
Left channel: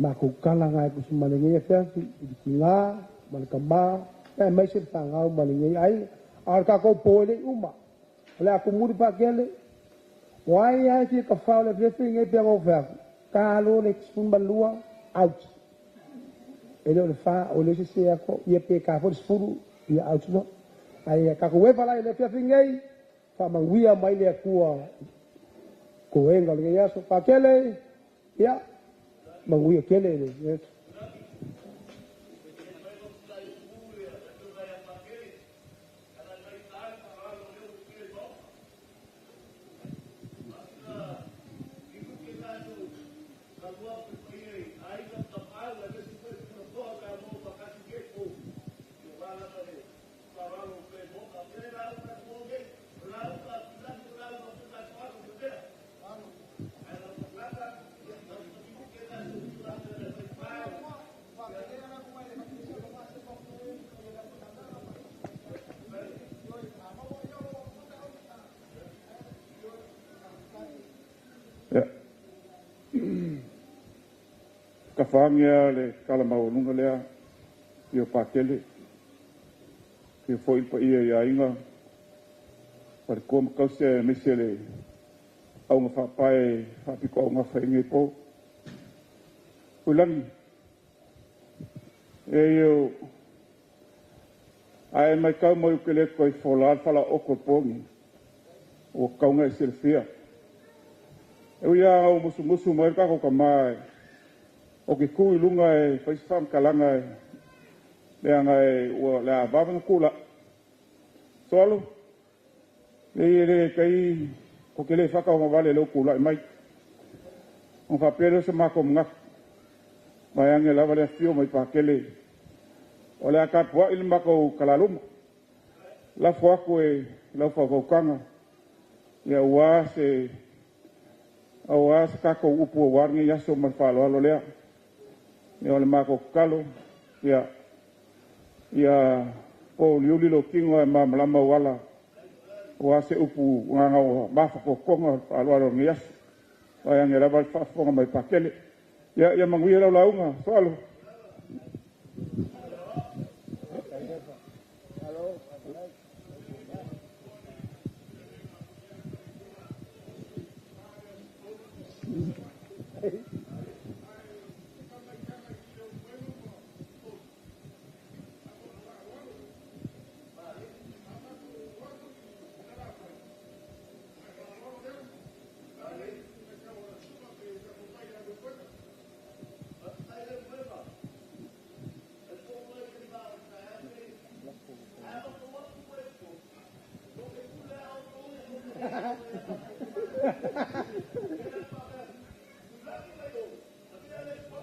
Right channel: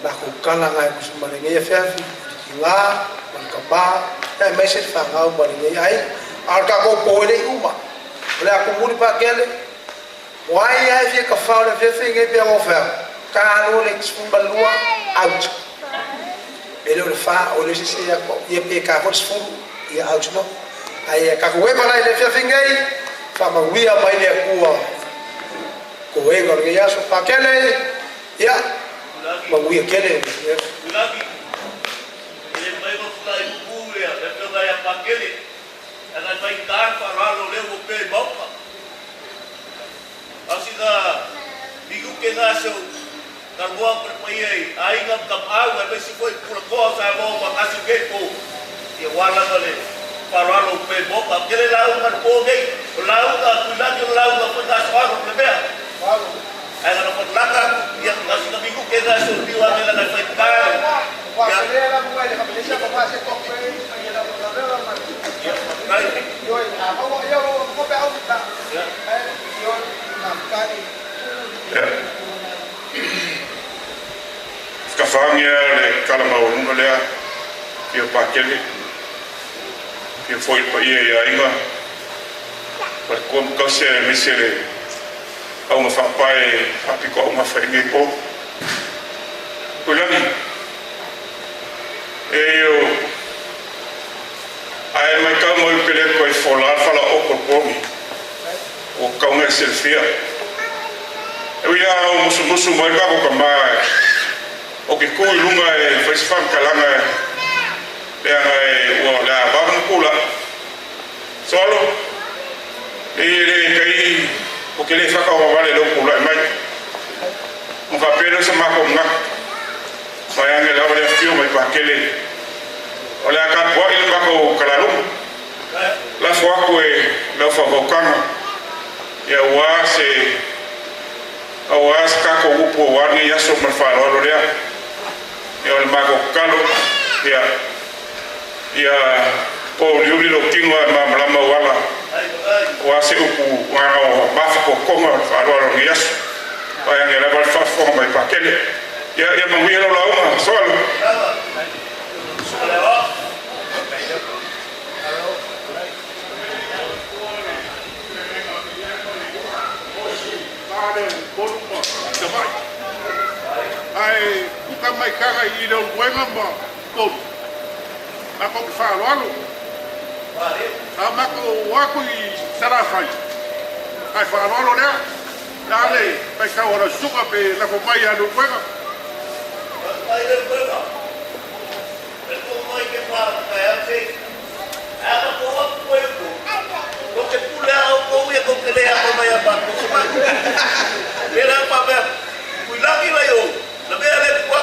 na ku kala ngai ku sumalinge fiafi kinga man kamba e message fa ngau malinge ai al ka ko pole uma le aku muri pa kele wai ai fi ka fa le fi ngai pe ofa ka lo le sumbalua out ele le fa o le se ko ye pe ka fo sfuru ye out no ai ka ko e ko le fi ngai Sama wia mai le kua ko enga le ya so pakele ya ma wia kele Lagi ele mai go fly pule e pe vai a pakele ana vai dar para lo le o pe boca assim da digo que nasceu na rua para pai aí não cap água mas se foi por coisa a boca assim que pô e wala vale para lo pe boca aquele lá o mar pô gay Lau da kulagi lau da pada soal lebih. Ada nak pelaka yang masih minggu kita suruh biwa mela nak fitar. Ya. Dia lah mulai dengan Malaysia pemasa kopi dia dah berada mana. Ya, baik. Yo, apa yo kopi au kita. Ya. Yo nak kali. Ya. Kafangnya le kalau mau nunggu dia pakai dia foil pa ia ia. Per come cose messe kau mafapai hapi kau mafai po ulani eu ai mai kau mo pele ko fola fala okopomi o kau ngai selfia eu ia musu mai ka ko mai o ke ko lunga e festival kalanga le o la bang kula solo kai o ke le faka o vale lo kula mai mo fa pelo sama ko na mai ang la vale fio mai pa kele o le ka po il ma ko kala lu la fo ko e la fo ko kana ya wa se awas ka ko upo wa ni ya so mal fa lo le ya le ma ko kalo ya po liuli lo kingo ma mlama wala wa se upu wa ma fa ko konga fa lo ni ya wa ya le va fa fo mai pa kele ya ma mi lo la solo ai bukan mai kara i do wenga ma ko ako fa lo ama ko wa ko i sara fai ai fa lo le dale pe ka ora suka pe la ko mai anu wenga ai le wenga el ko mai ke fa ka ya se ama ko wa ko ko ke pula ko ya ko ke le ako mai ba ko mira pa ver cuidado que vai eu la vea le kwa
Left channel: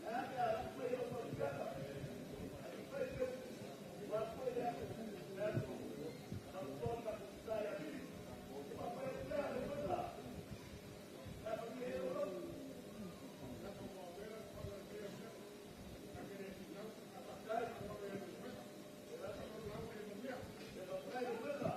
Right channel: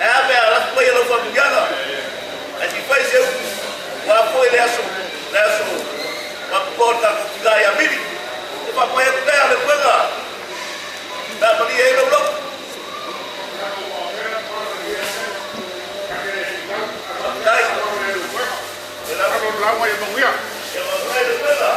a ver la foi lo familiar a ti faz eu wa foi le aso ma porta ko ga ya mili e pa pa eu le kwega da mali e lo lo dai la lo la wa e mongia e va a le kwega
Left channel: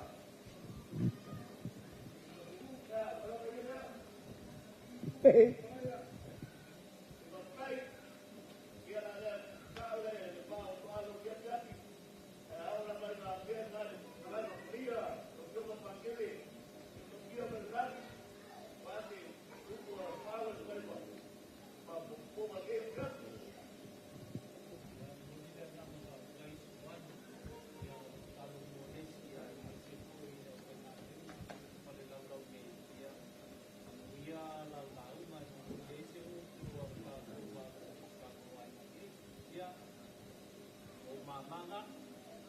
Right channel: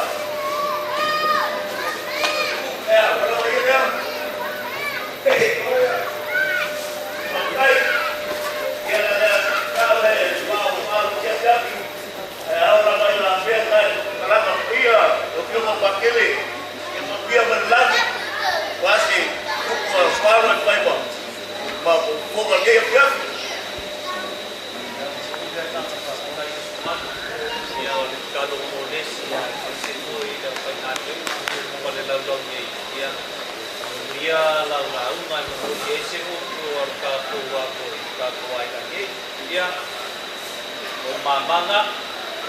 Mamanga,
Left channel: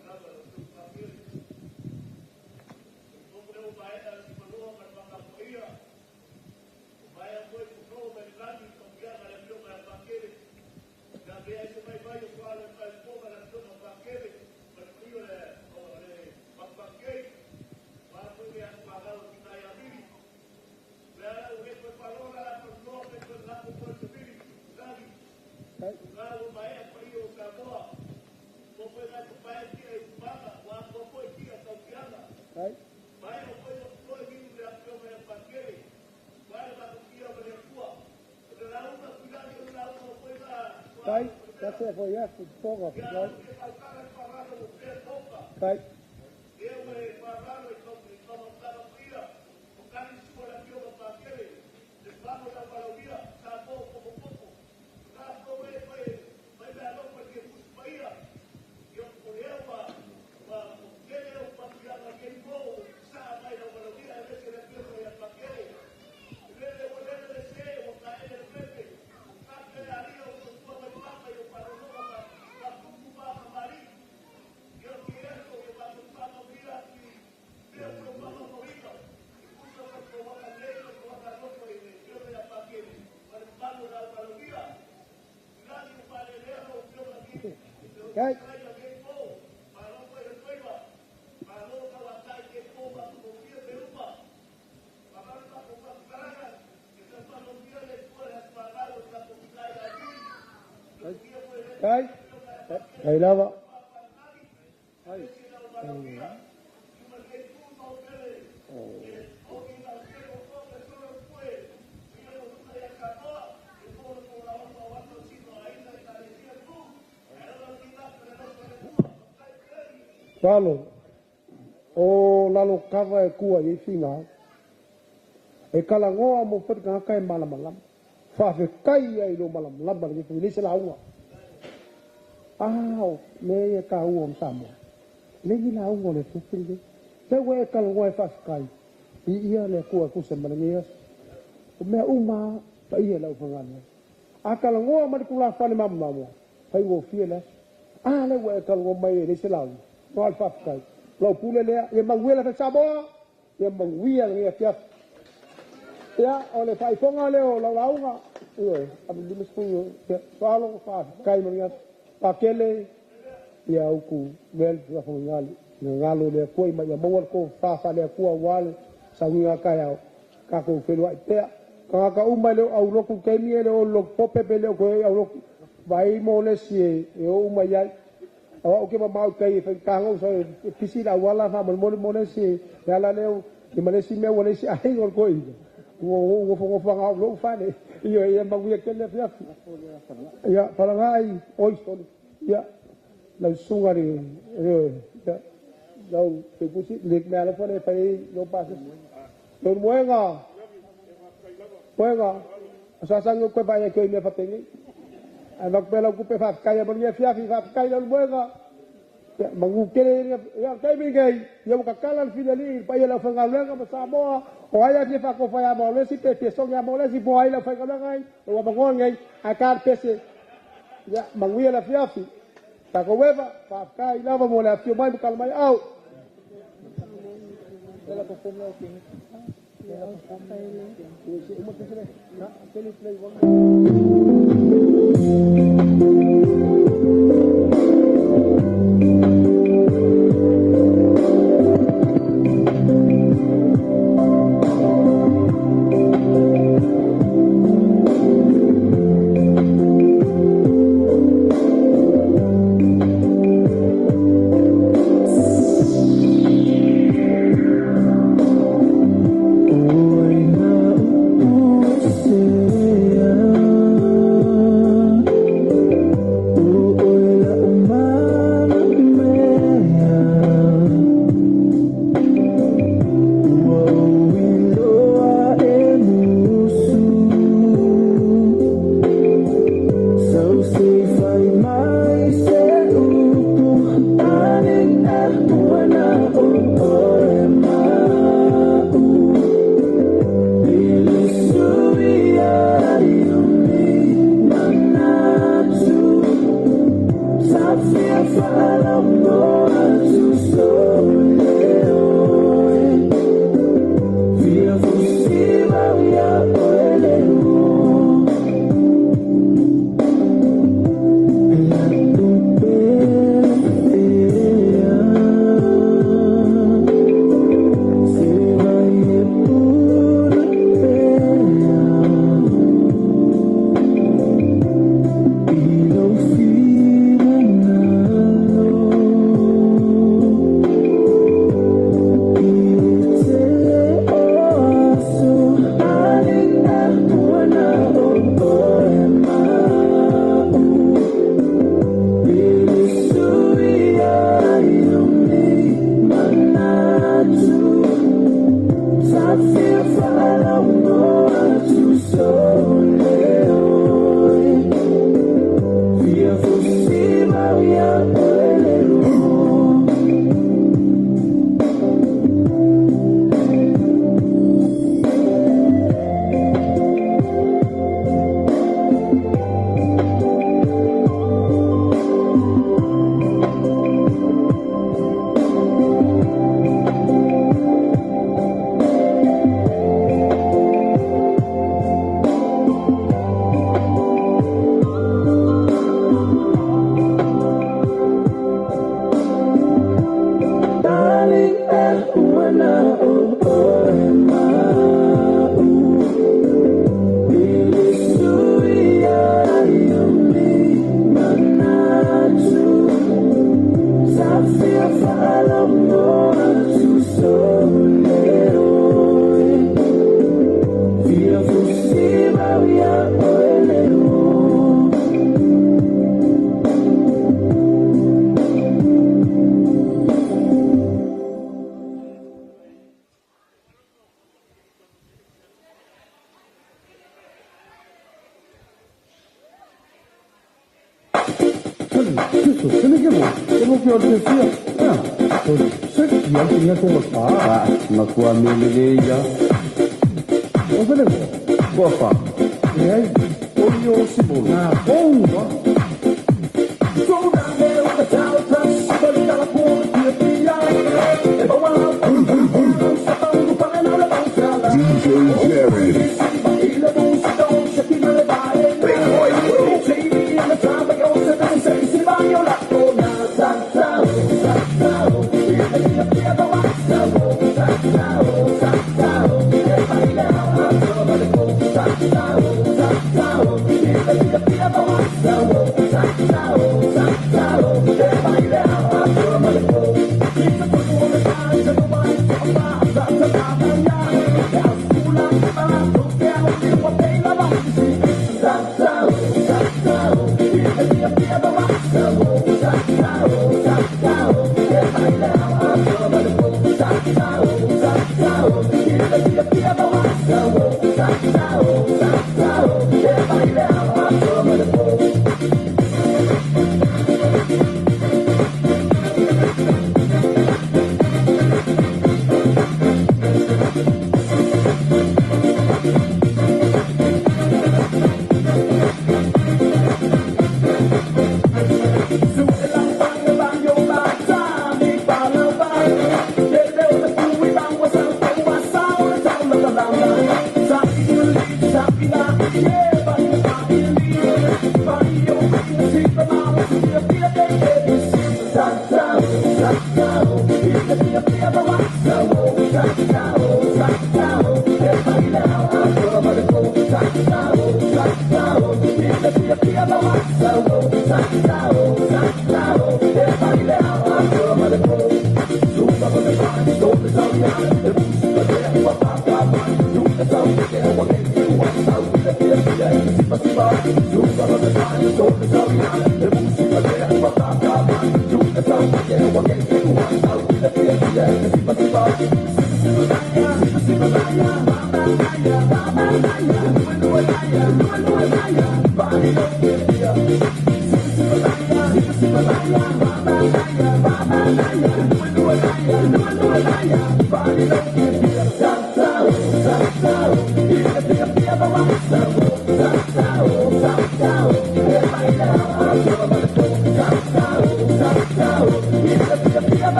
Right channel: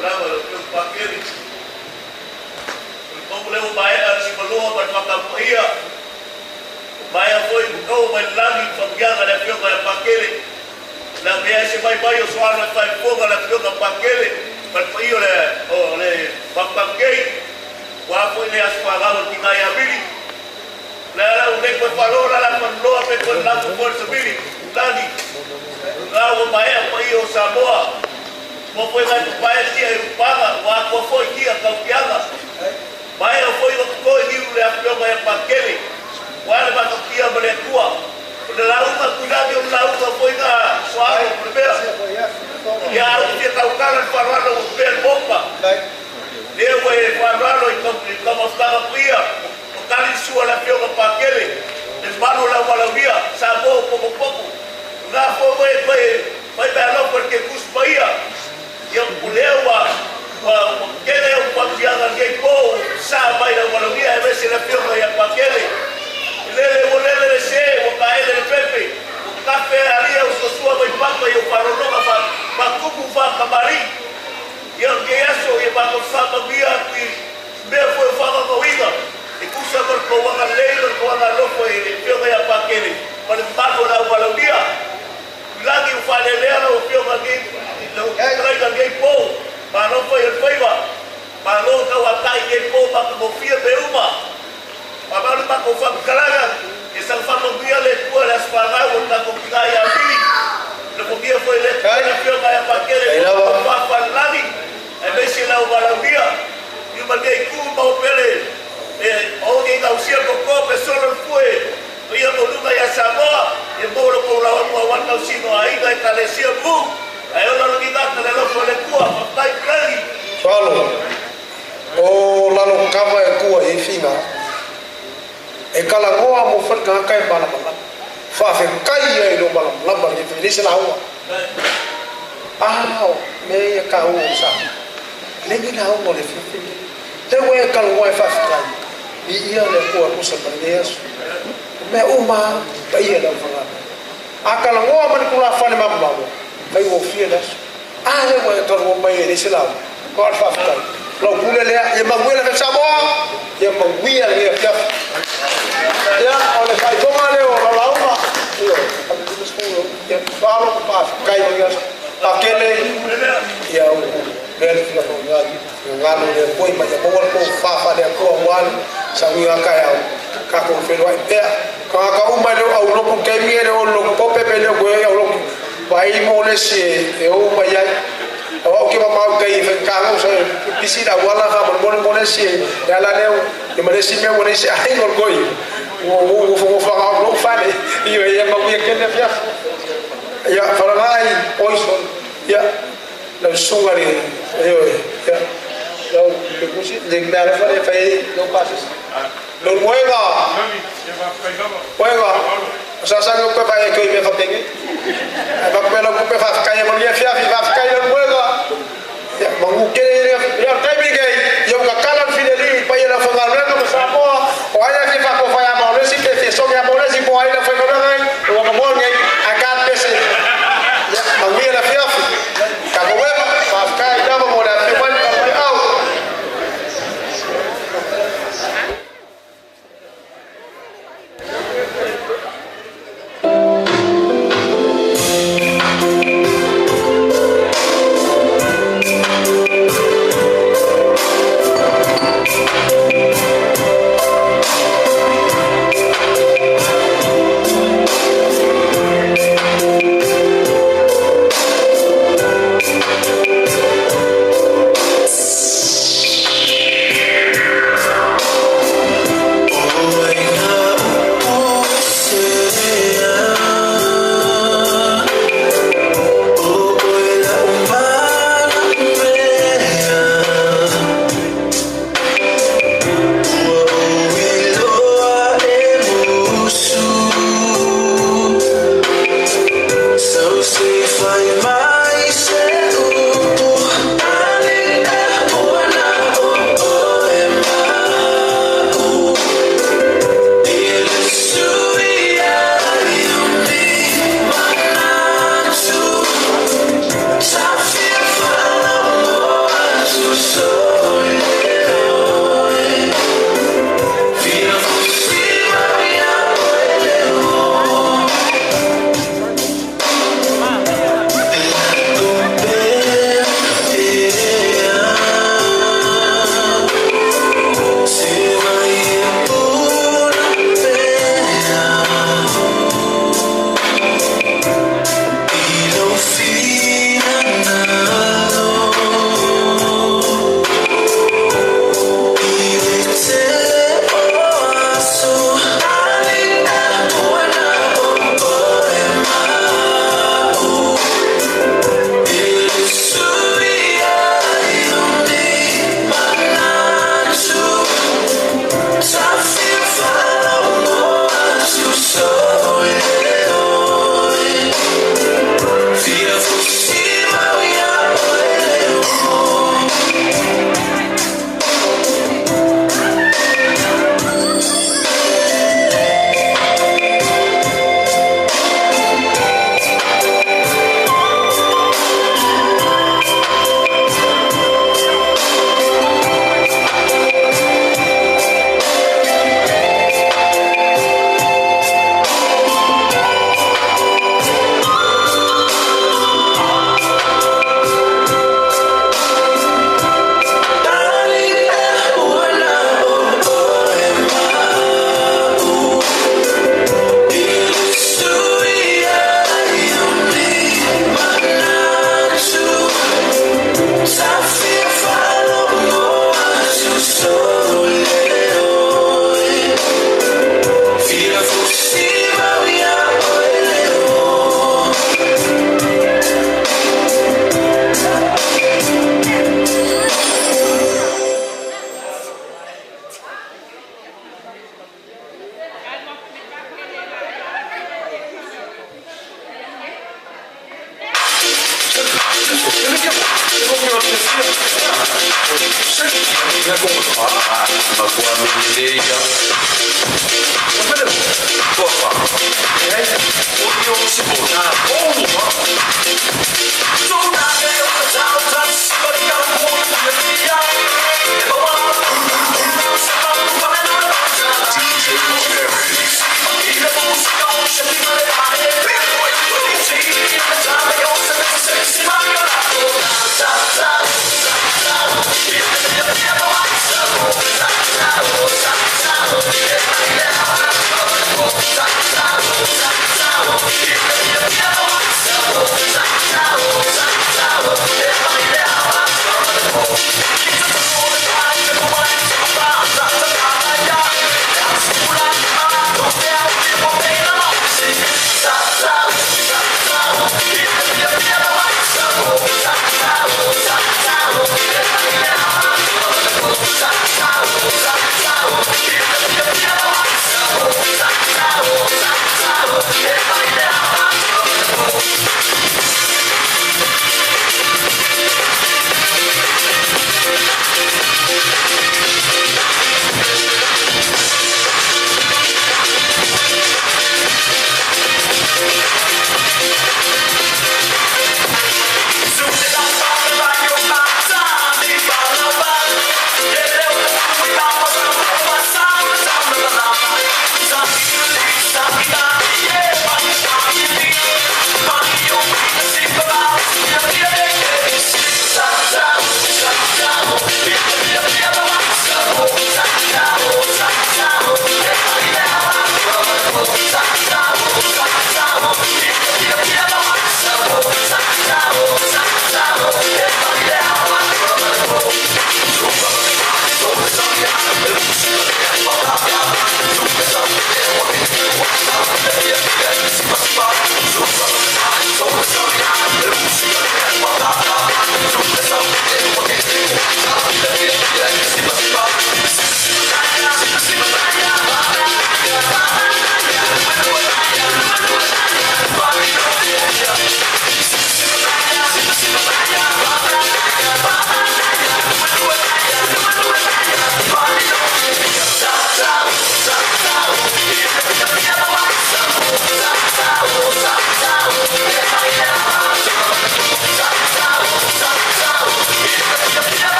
bravo, lo paquete. Como le vai a si falou para pacamoia. Vai a foi o vai lá e familiar da fio para paquete. La via se vai o soar na fai fogo na fio para paquete. Para io le paquete. Wa foi le as pagado que vai abrir. La o de ko falou la falou a pe ko la por subir. Dani. Bravo, vai a foi o Samoa. Mo foi vai pai dia eu paga wa ko foi dia campeada vai eu foi o ko dia le afio vai paquele wa le ba dia bare tua de la uma cuidado de la uma foi na suave primeira ya o dia calcara para o per bomba eu para e como estava fria o cali sua la afio paquele desmano la wala via sabo pouco na foi belo porque cuspaia yang pulewa kele o papianga que ko sa vai da walogia e vese la firma ya pakele lele se o kaele de pepe o café ali o sua vai papa e o paronoga pa kuku fa kamari yang que eso e ba ko sa babia que me foi fala no ida e kusa por ko wa leilo ko wa lo foi e firma ya pakele para pago da walogia lagi o falelero o firma que lo traiga gay po para não foi el feiva para não que o atai gay po para que confia de uma para não para confia calaga e se fa no dia le por as para o da confia ya vi lo que foi le para que vai para aquele para falani e vez lá o balabia e o bagay cu para o pele e alguém da usia com co pessoa não foi ia no lugar ya Samoa e bolo com la uma wanda sino ainda e calecia bu aí eu não digo que ela foi le cua vai clari Paulo o lalo cava e cua e fina e kala ngoa mo fa ka kai bala bala fa fe kai e no bala bala e fi lisa la wa me ka o sa le ni la o mo le fi fi te we kala ngoa fa kai ia le ko ko sa bala yes me uma pa ia da fa a kala ngoa ma ko la fa le mamma mo vai o fi das le we kala ngoa mai lisa la ko fa kai lo pule le e manguela fe sa moa e manguia le fi ya oleh kai toma leo la lauma yo a mi tu skulo ya falo pa kai yo pakele ya o bel la fongal yo galo le koi pa ya mo ko fa le ko wal sa mi ka ya ka ko fe lo pe ka uma le au lo ko ke mi le o lo po pe pe le ko ya lo vai mo le si e o ma ya o ke ma kai fe ka mo sa pisina wala ha mo le si ya la leo ni ma le si me wona si ai ko koi wo fa lo fa ne io e ma vi che ne fia ya farangai oison ya la sungari io ya lo che così de me fa le fai lo passes lo mueva sa ko fa che mi fa penge ma quello che fa caia ma mi fia fa caia lo mueva ya ma che ya kai mi che io ka kalan fideli pa ya fa ngala ka sa mo o haya que fa ko fa ya mo le si que so ya mo le si po haya fa ko na o ma mo ngai akan pese ya ma wi la fia ka ko we fa ka ya mo le fi ba ka mai au Eu não quero dizer. Sempre tinha como falar. Ma qua mi vedeva. Non vedevo. Cosa? Ognuno si può. DJ Jerry.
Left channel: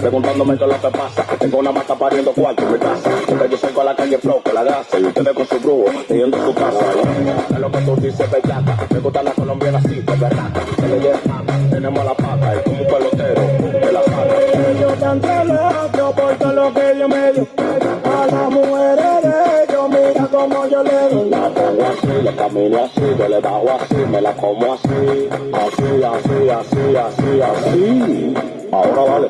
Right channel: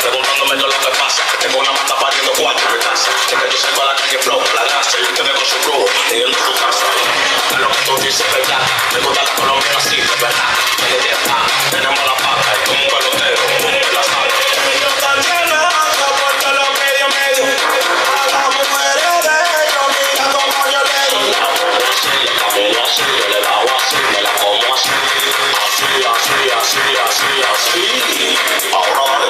Preguntándome qué es lo que pasa, que tengo una mata pariendo cuatro en mi casa. Que yo salgo a la calle flow con la grasa y ustedes con su brujo teniendo su casa. Es lo que tú dices, verdad. Me gustan las colombianas así, de verdad. Que le dé tenemos la pata y como un pelotero de la sala. Yo tan celoso porque lo que Dios me dio a las mujeres de ellos, mira como yo le doy. La pongo así, le camino así, yo le bajo así, me la como así. Así. Ahora vale.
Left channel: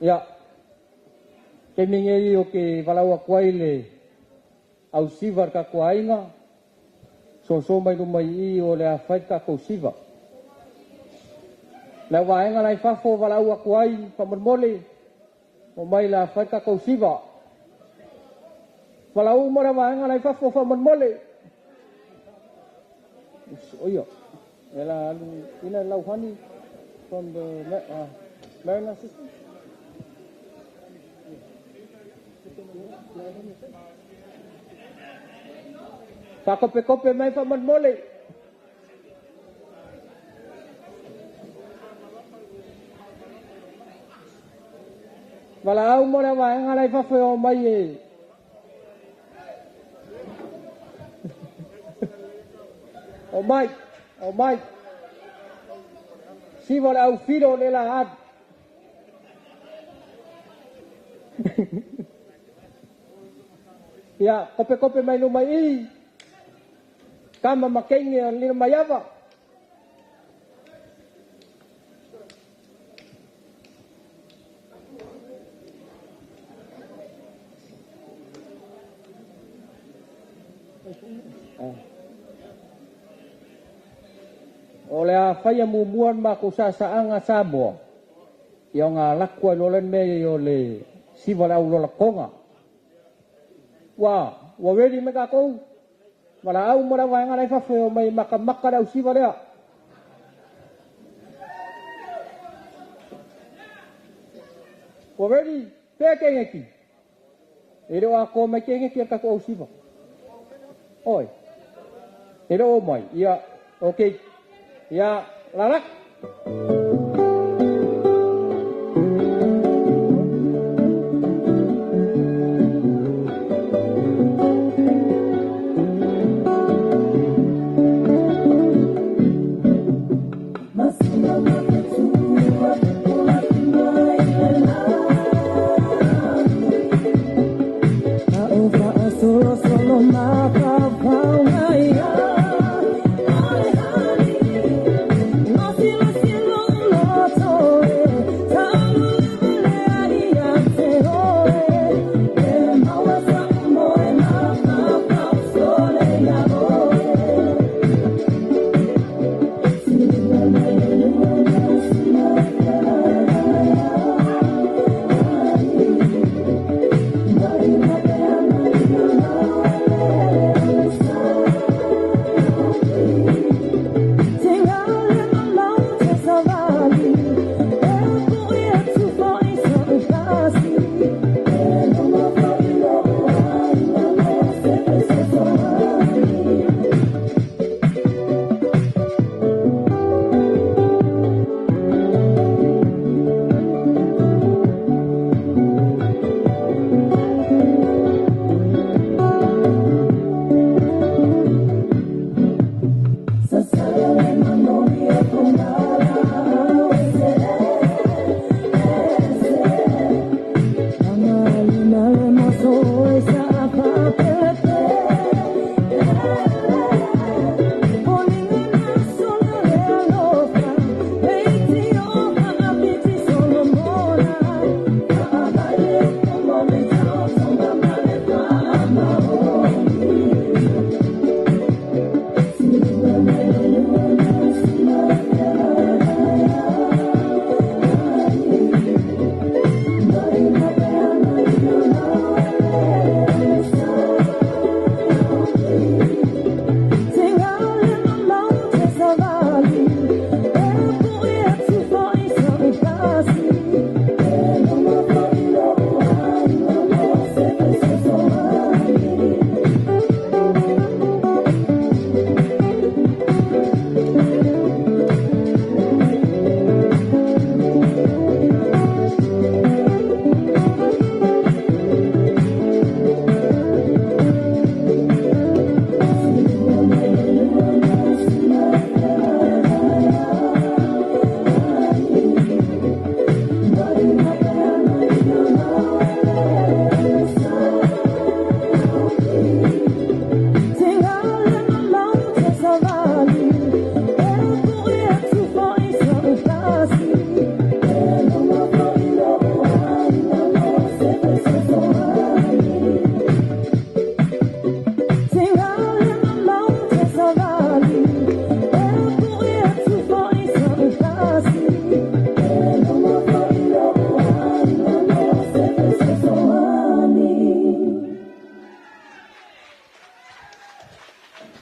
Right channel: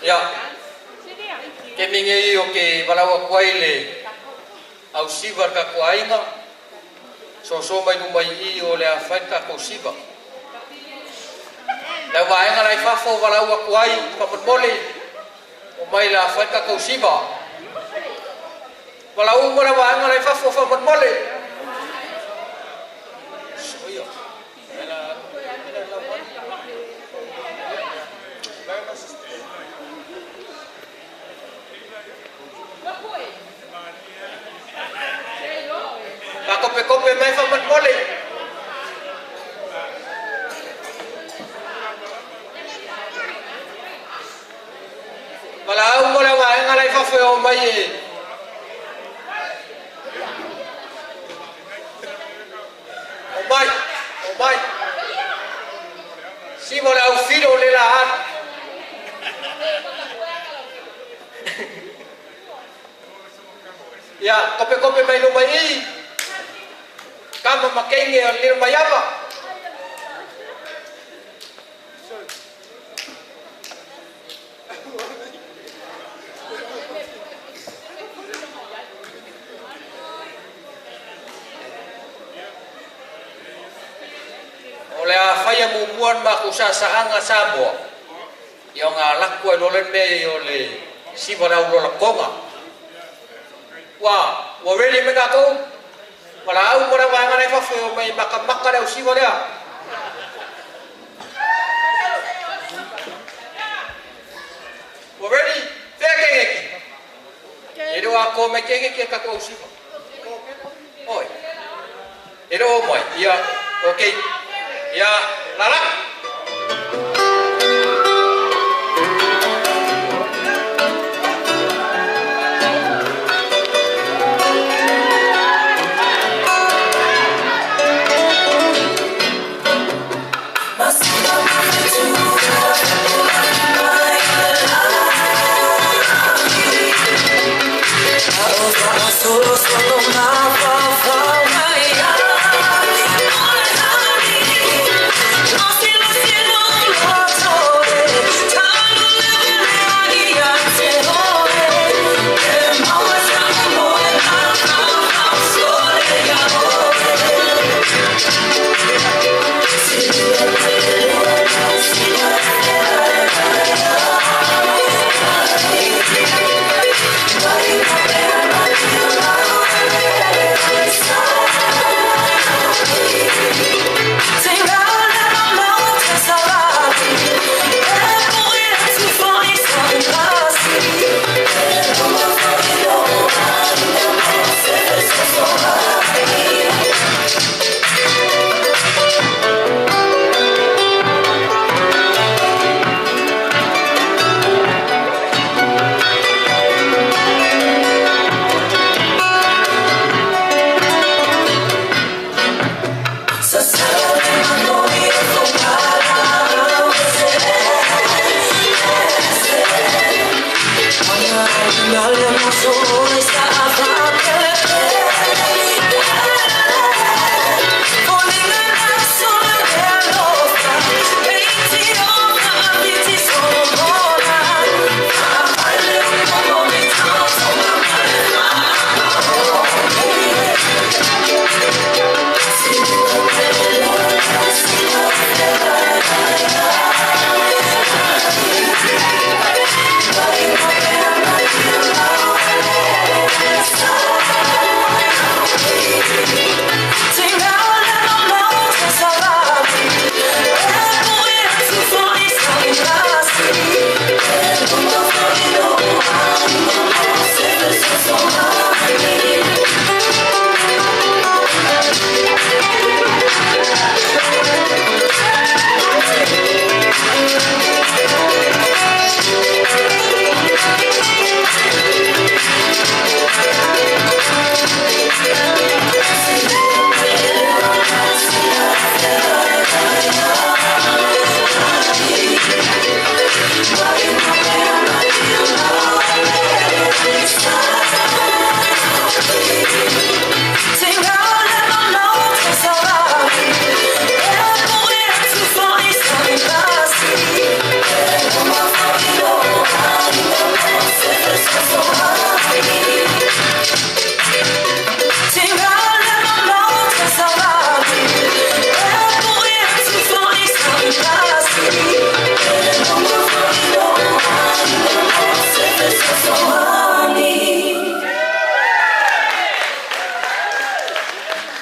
Ya, ke mingi o ke walawa kwaile au siva ka kwainga so mai numai I o le afaita ko siva na wainga nai fafo walawa kwai ka mole o mai la afaita ko siva walau mo la wainga nai fafo fa mole oya ela ina lau hani con the learner system. Pakope-kope mai faman mole. Walau mo lang ang alay fa fo mai. Oh my. Si mo au Fidow le lahat. Ya, kope-kope mai lumai. Kama makenge ang limayama. Oleh faya mubuan makusa sa anga sabo. Yang lakwa nolen me ole si wala ulo lakonga. Wa ready mega ko. Wala mo na wanga na fa may makamaka daw si wala. Ready? Fair kengeki. Ero ako may kengeki ka ko si ba. Oi. Ero boy. Ya, okay. Ya, lalak.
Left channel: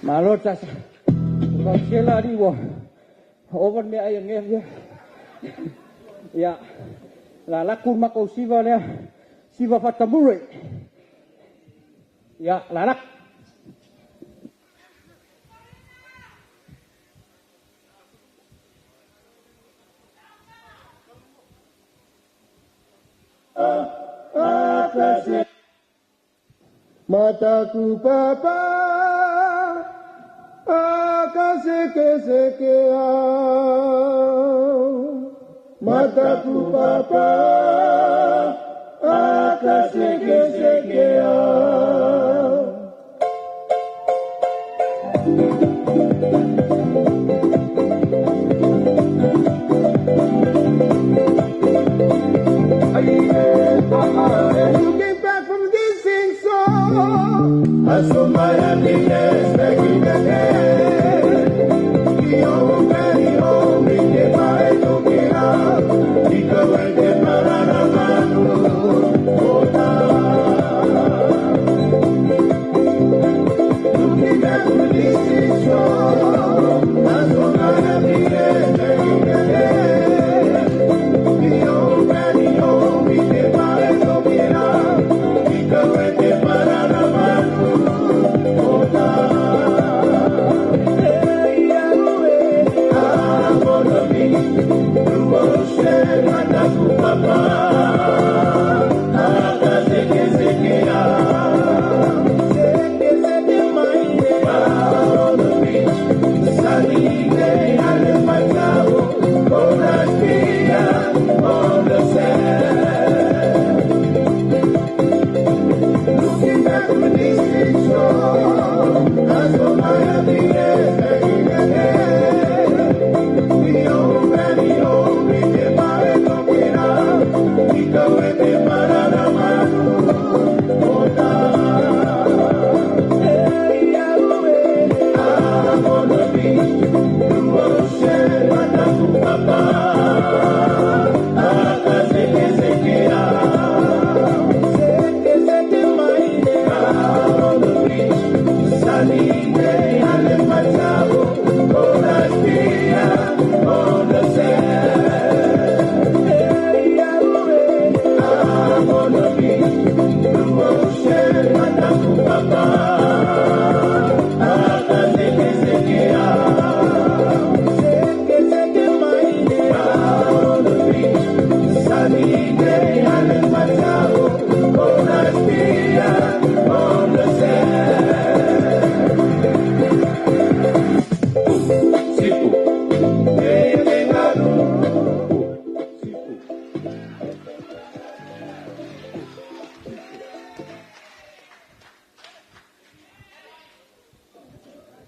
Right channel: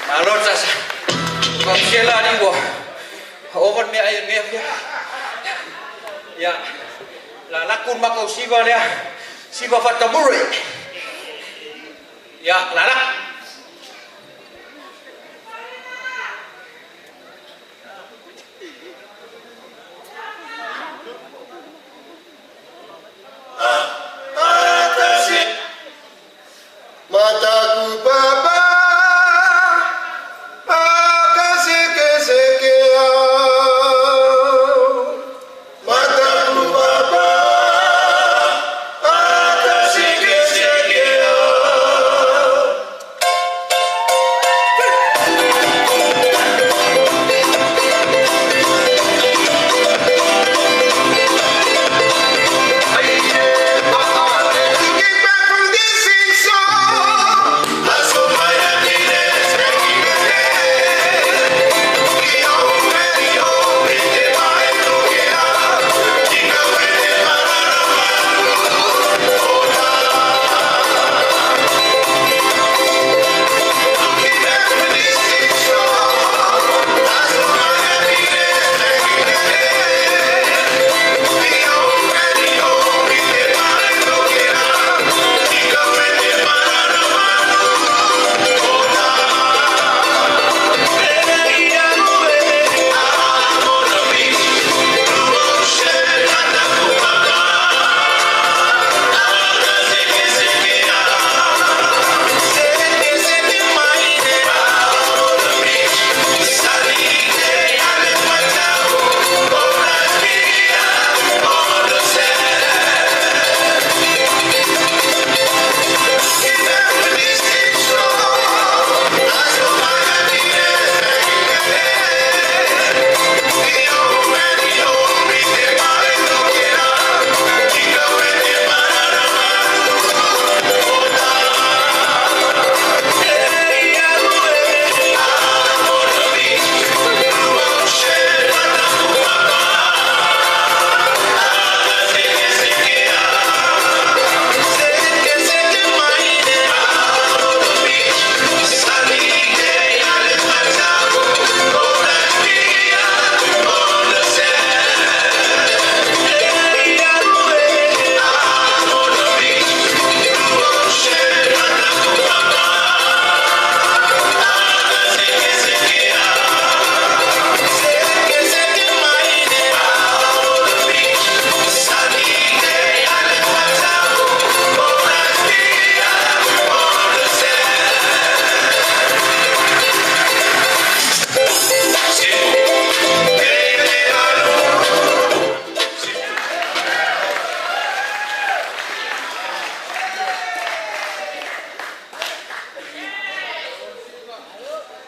Malot sa pagkila ni wo. Over me ayon me. Ya. La lakun makau siva le. Siva fatamure. Ya, lalak. Mataku papa, akaseke Mataku papa, akaseke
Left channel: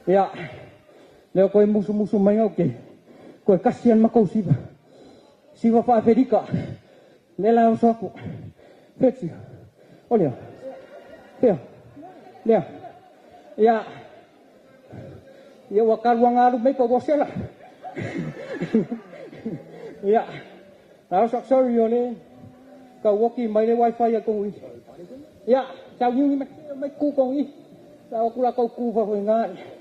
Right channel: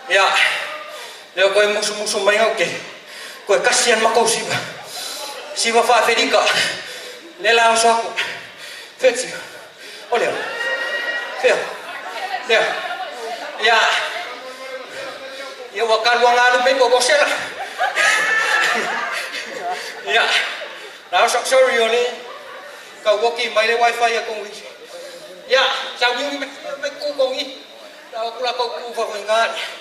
Ya, leo koe musu mai au ke. Koe kasian makau siva. Siva wha Fedika. Lela o saku. Fetsi. O leo. Fea. Leo. Ya. Ya wakaruang lalu me ko bosela. Ya. Lao sak sorry ole. Ka woki mai le wifi ya kong wi. Ya, sao như me ku kong i. Lao ku la ko ku fa ngai.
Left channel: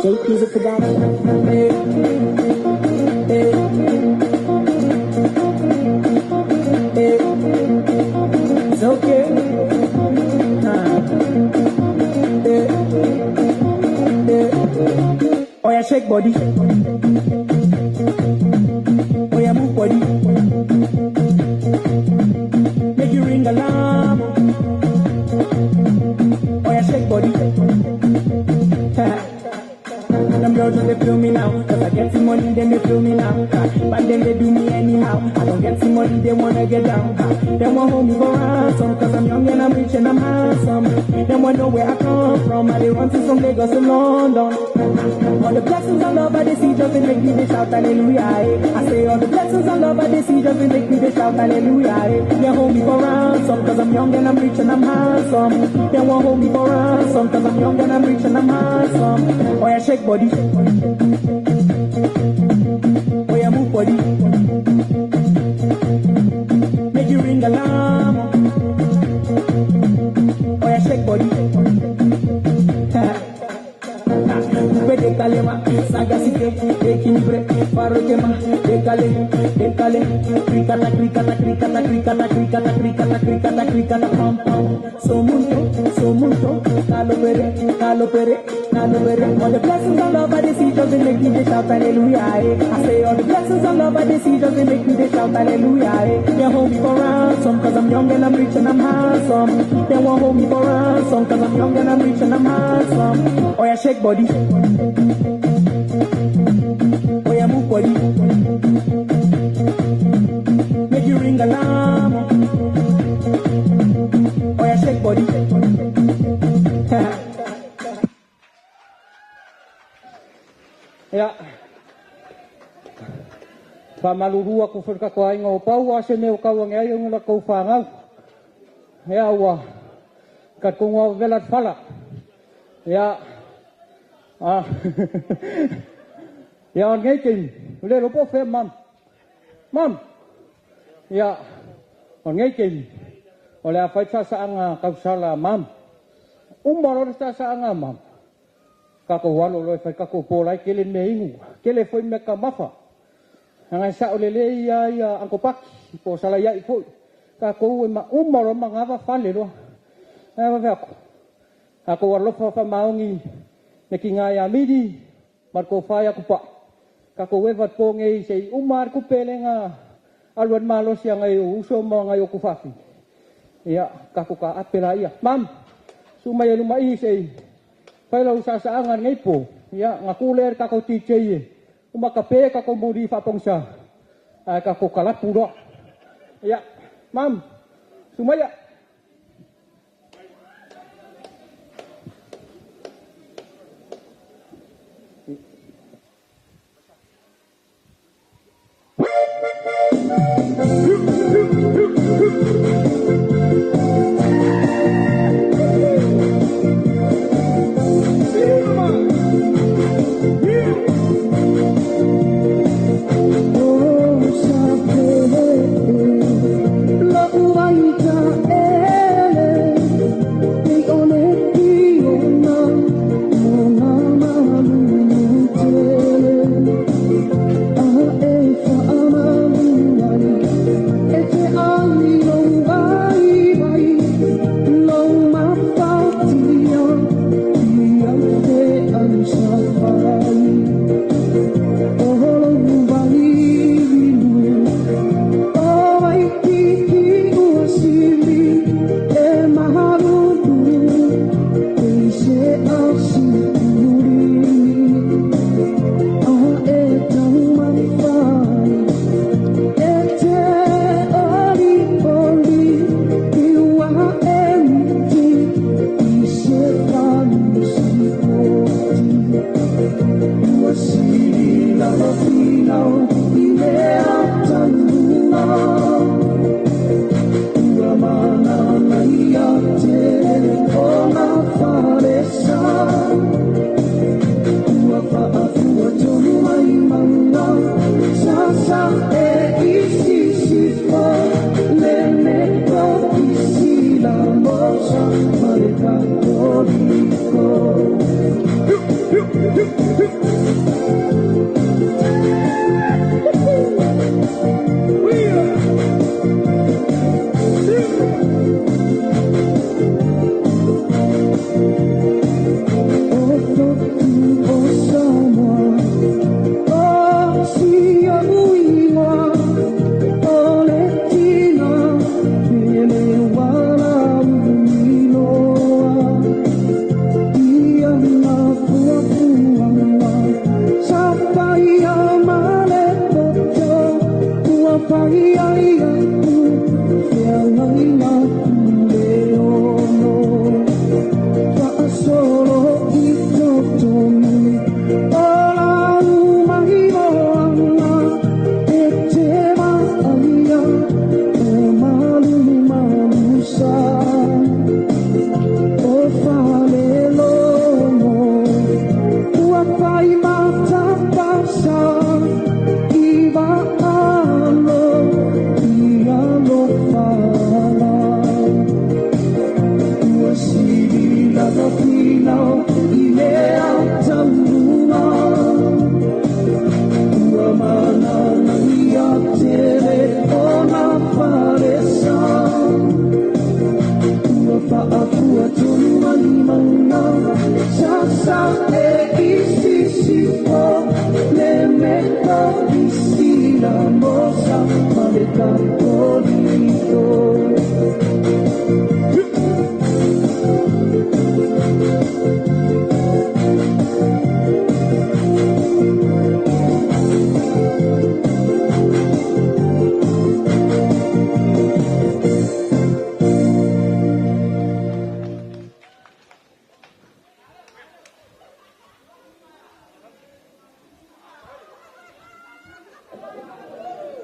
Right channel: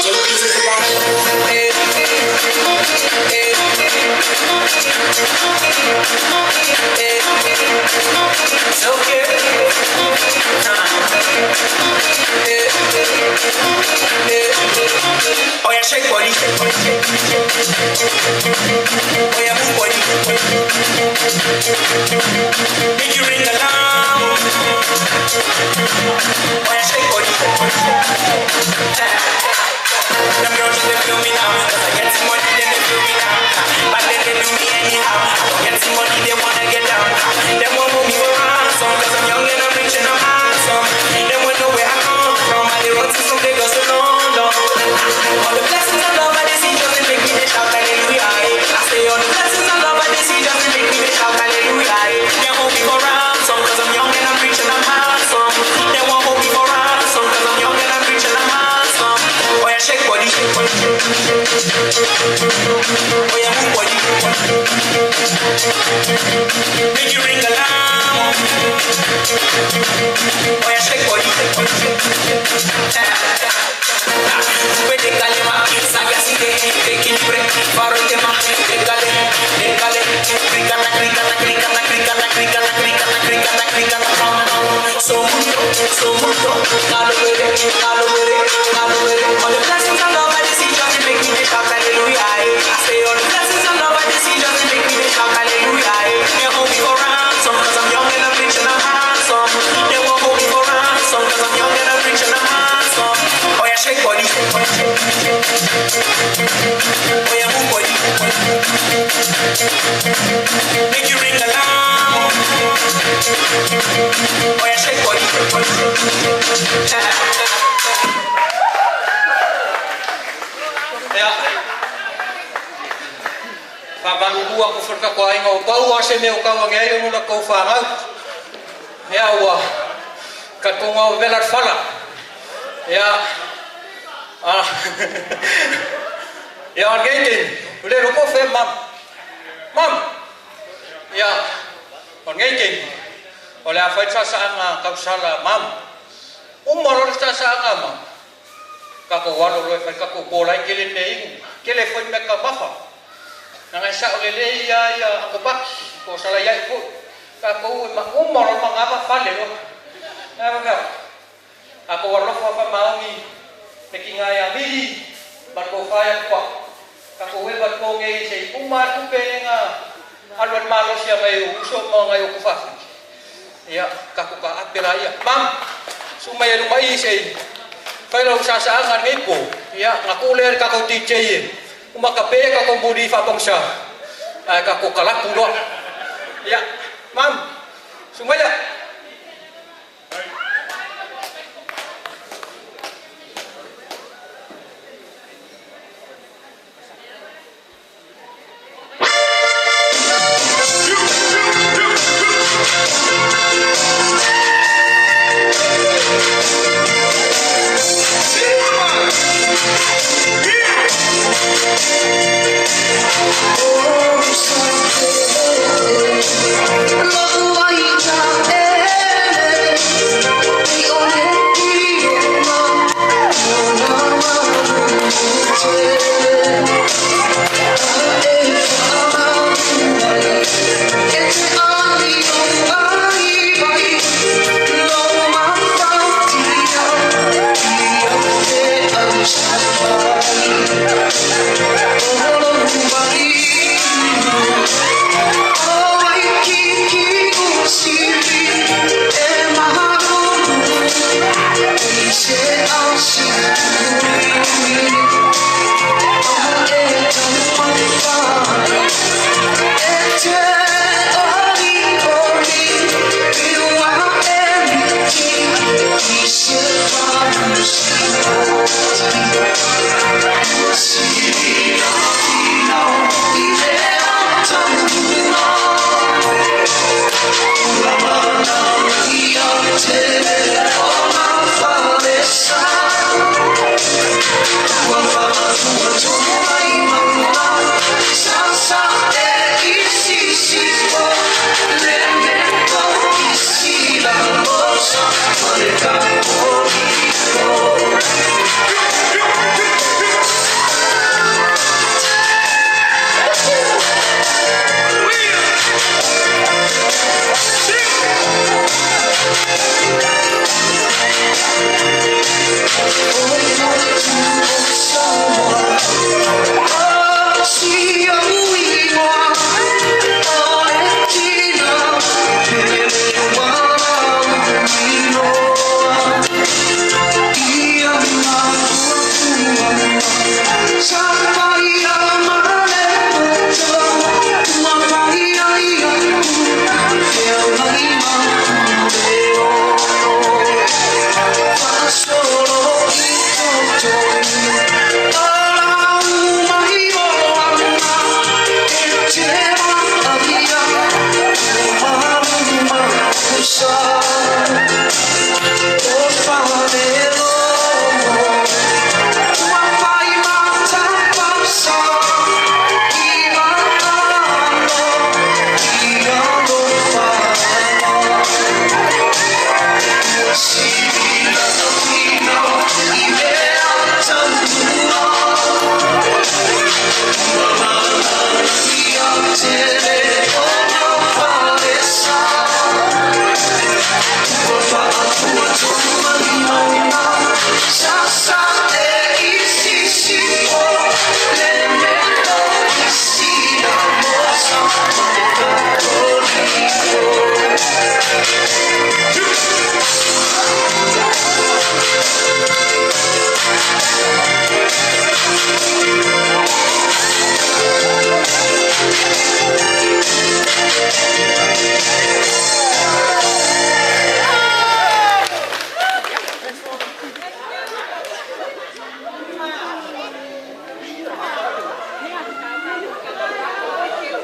Take music for that. It's okay. Oh yeah, shake body. Oh yeah, move body. Make you ring alarm. Oh yeah, shake body. Them girls just they feel me now, cause I get some money, then they feel me now. And then they do me anyhow. I don't get some money, they wanna get down. They won't hold me for ransom, cause I'm young and I'm rich and I'm handsome. They won't know where I come from, I they run to some Lagos to London. All the blessings I love, I they see just to make me they shout hallelujah. I say all the blessings I love, I they see just to make me they shout hallelujah. They hold me for ransom, cause I'm young and I'm rich and I'm handsome. They won't hold me for ransom, cause I'm young and I'm rich and I'm handsome. Oh yeah, shake body. Oh yeah, move body. Make you ring alarm. Oh yeah, shake body. Puede calema, sagacité, equilibre, faro tema, décale, décale, cricata, cricata, cricata, cricata, cricata, cricata, cricata, cricata, pam, pam, so mucho. so mucho. All the blessings of love I see just they make me to shout hallelujah. I say all the blessings of love I see just they make me to shout hallelujah. They hold me for ransom cause I'm young and I'm rich and I'm handsome. They won't hold me for ransom cause I'm young and I'm rich and I'm handsome. Oh yeah, shake body. Oh yeah, move body. Make you ring along. Oh yeah, shake body. Yeah. Pamalulu ako for kakuha ng pau ase meu kau ngayon mo na ko fanga. Ya wa. Katungo velat fala. Ya. Ah. Ya on gaiting. Le lo ko fe mam. Mam. Ya. On gaiting. Wala fa sa ang kausala mam. Umaro sa ang mam. Kako walo lo fa kako polai kele nei. Kele foi me ka mafa. Nang sa ulele ya ang kupak ko sala ya ipo. Kako umaro mangava fale lo. Ama ako walo fa maumi me kinga ya midi marko fa ya kupak. Kako weva ko ngei sei umar ku pelenga alwan malo sia ngai uso mo ngai ku fafi. Ya kako ka apela ya. Mam sumaya lumai sei. Kalau usahaangan ipo, ya ngakuler kako TJ, umakape kako budi fapongsa, kako kalap pudo, ya, mam, sumaya.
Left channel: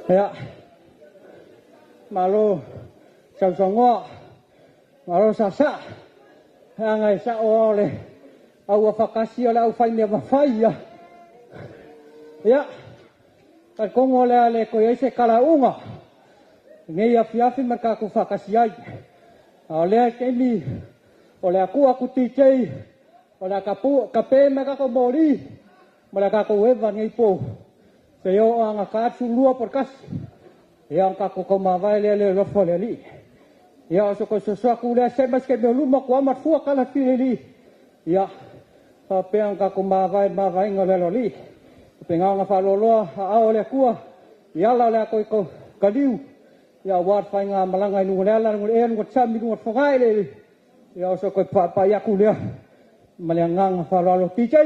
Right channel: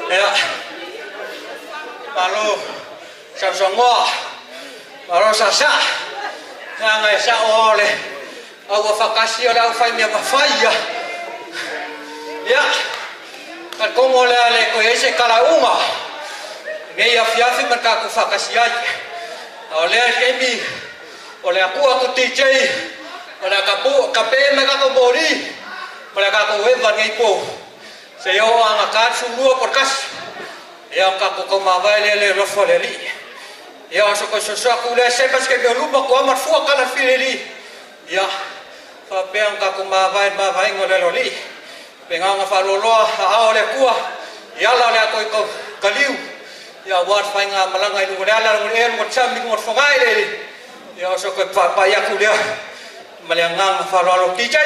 Ya. Malu Samsongo. Malu sasa. Ang sa ole. Awa fakasi ole au fai me mafai. Ya. At kung ole ale ko ese kalaunga. Ngai afiafi marka ku fakasi ai. Ole kemi. Ole aku TJ. Ole kape maka ko bori. Ole ka ko evan ngai po. Seo ang akatsu lua porkas. Yang kaku komavai le rofoleli. Ya so ko aku le sebas ke beluma ko amat fu kala fileli. Ya fa pe ang kaku mavai ngole loli. Pengang fa rolo a ole ku. Ya la le ko kaliu. Ya wat fa nga malangai nu le la nu en wat sam nu wat fangai le. Ya so ko pa ya ku le. Malangang fa rolo TJ.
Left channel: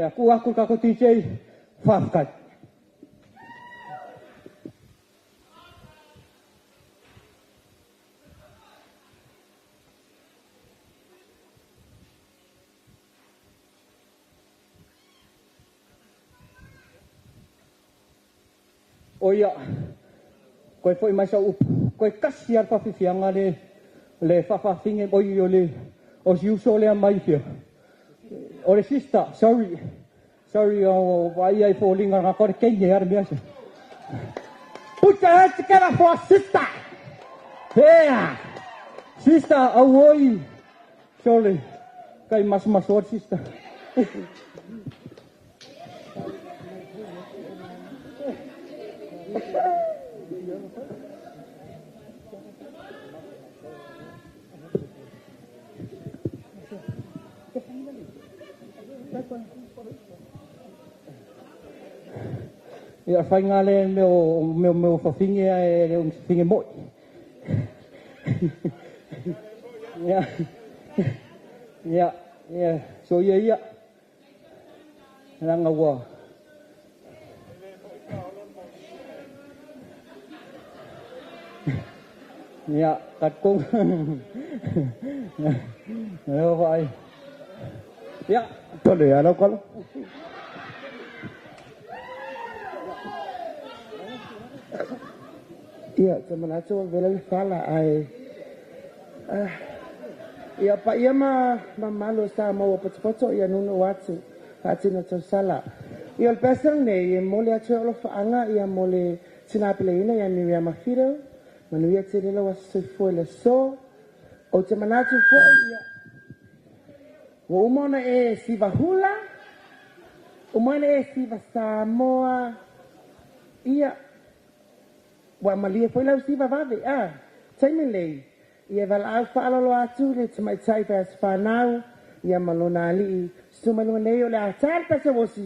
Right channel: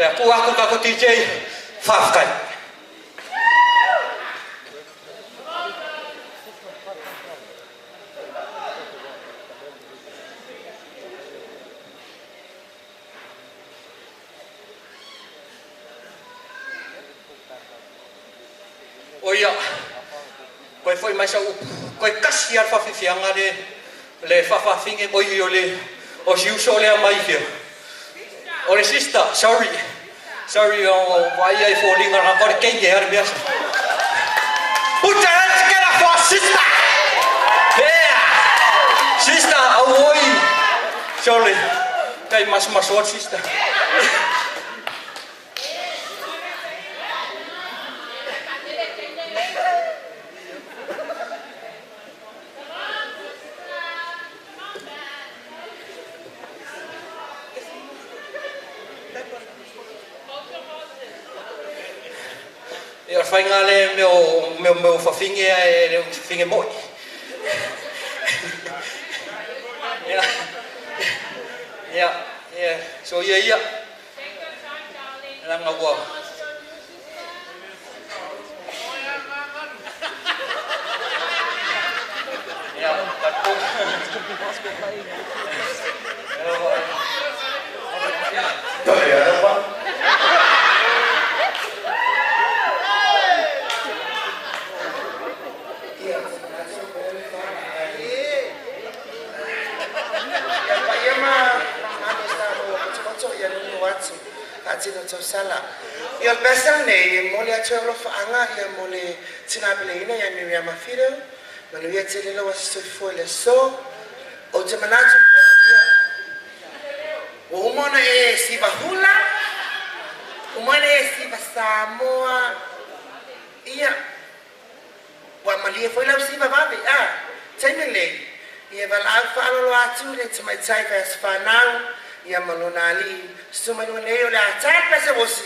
Ya ku aku TJ fa kai. Oya, koi foi mais au, koi kasiar fa fianga le fa finge oi ole, o si uso le mai fio. Ore sister, sorry o vai ai falling na kor kenge her biasa. Put your hands together for sister. Yeah, sister, oi, sorry, kai mas sister. Ya fai ngale meu fafinge e un finge moi. Ya. So ya. Lang awa. Ya, patung. Ya, Pak. Ya, boleh ada Pak. Iya, sebenarnya boleh salah. Ya Pak, iya mah malu sama pocok-pocok ya nunu watsu. Kacina cok salah. Ya pesel nih, mulai cok lo faanga ya mulai cina pelina ya Miriama Fidow. Manuia cile lo wasu foi so. O sebenarnya pun ya. Wa umona si bahula. Umona si Samoa. Iya. Wa malia foi la si vavi taimele ia val alfa lo atu le mai tai pas fanau ia malonali suma no neo la tai pese wosi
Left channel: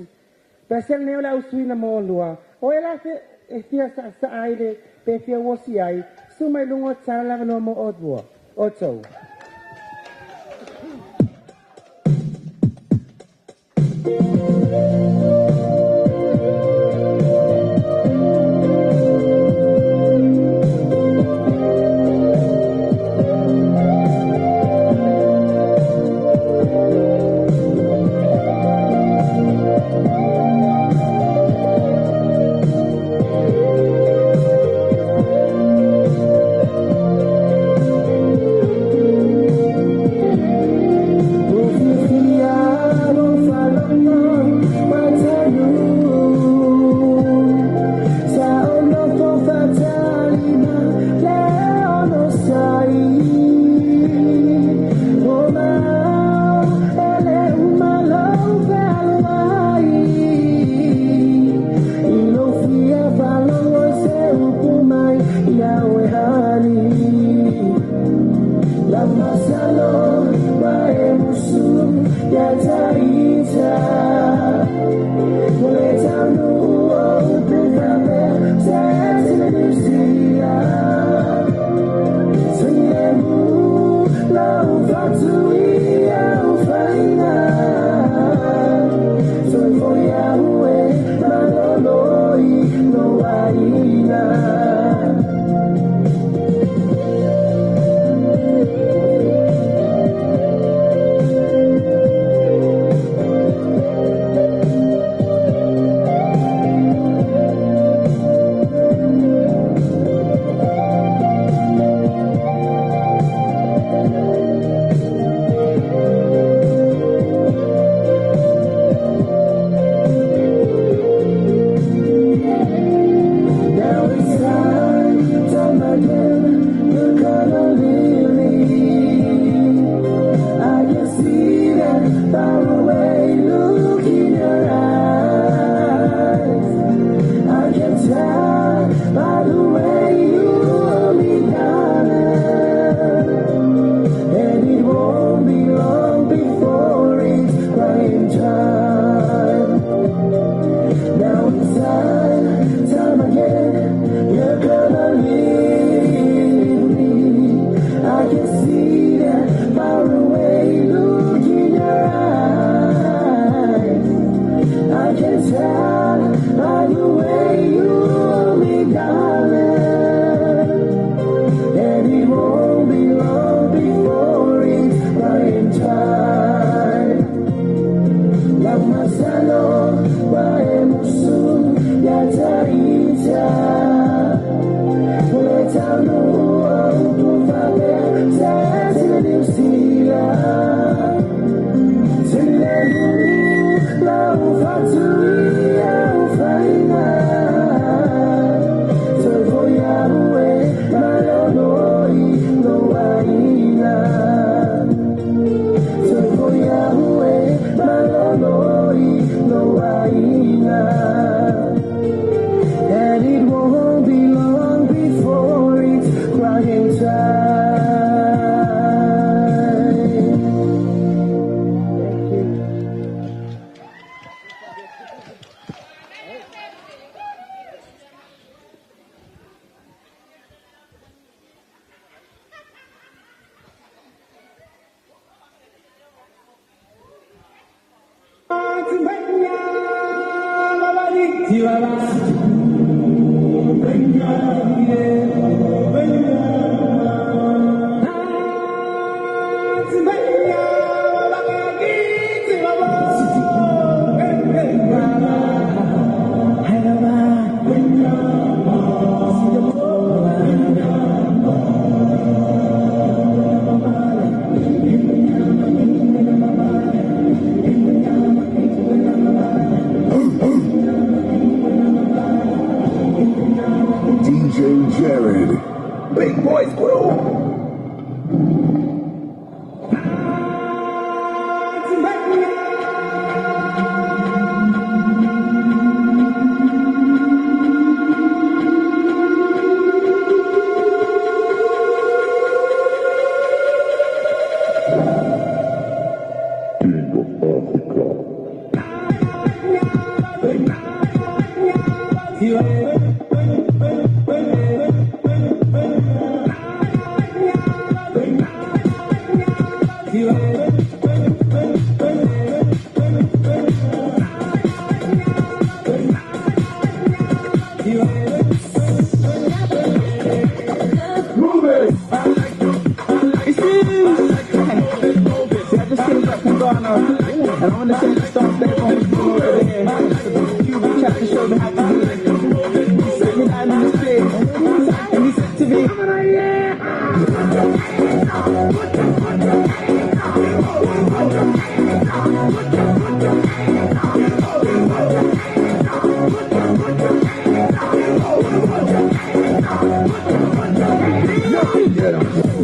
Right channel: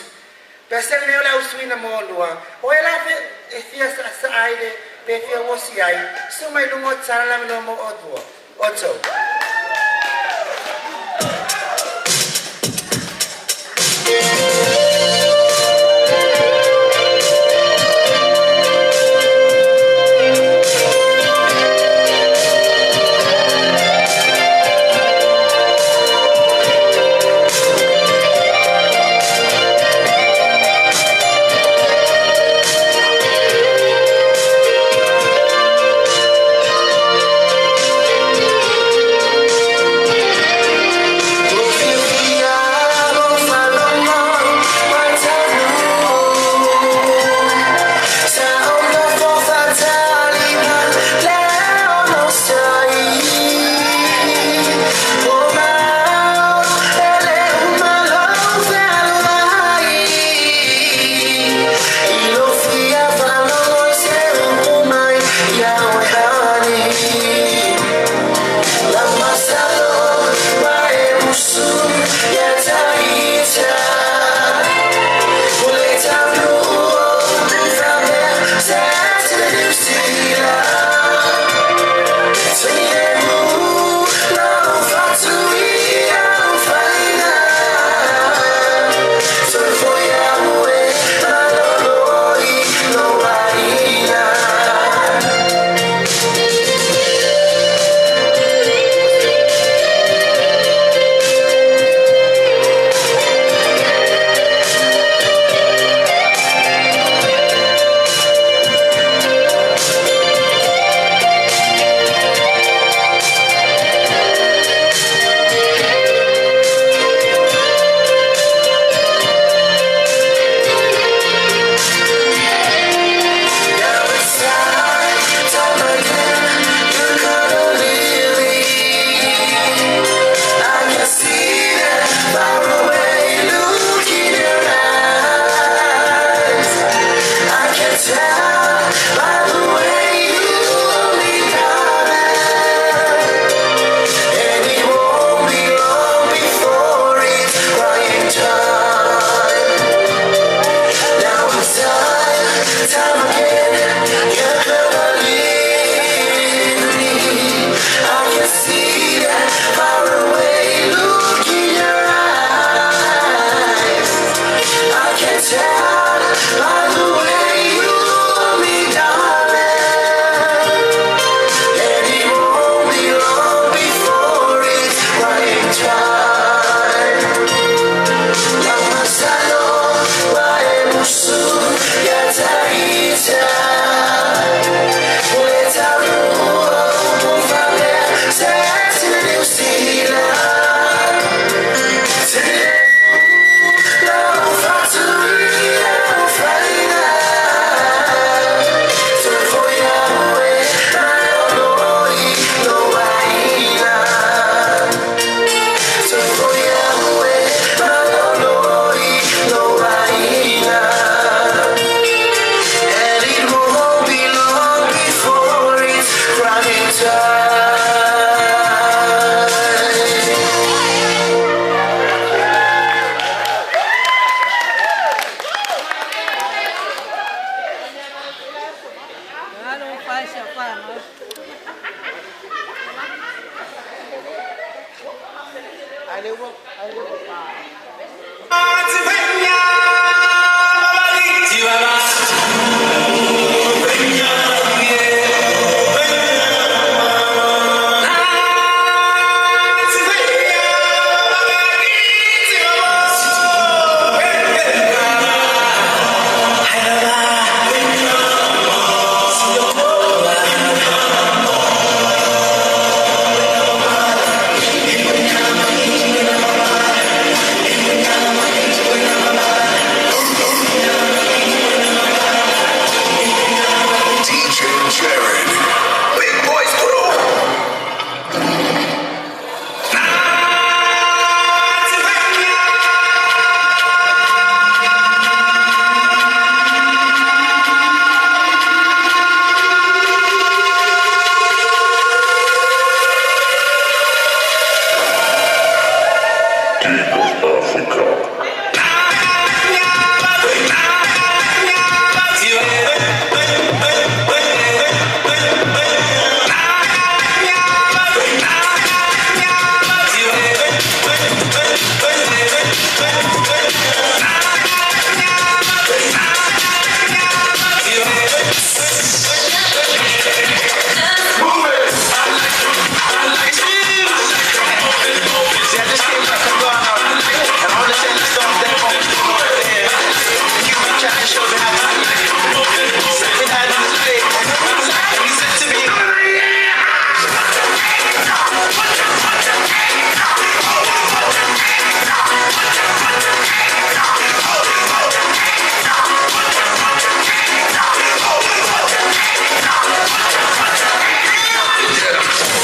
pese neo la uswina mo lua o ela fe fia sa aide pe fia wosi ai suma lungo tsala no mo odua oto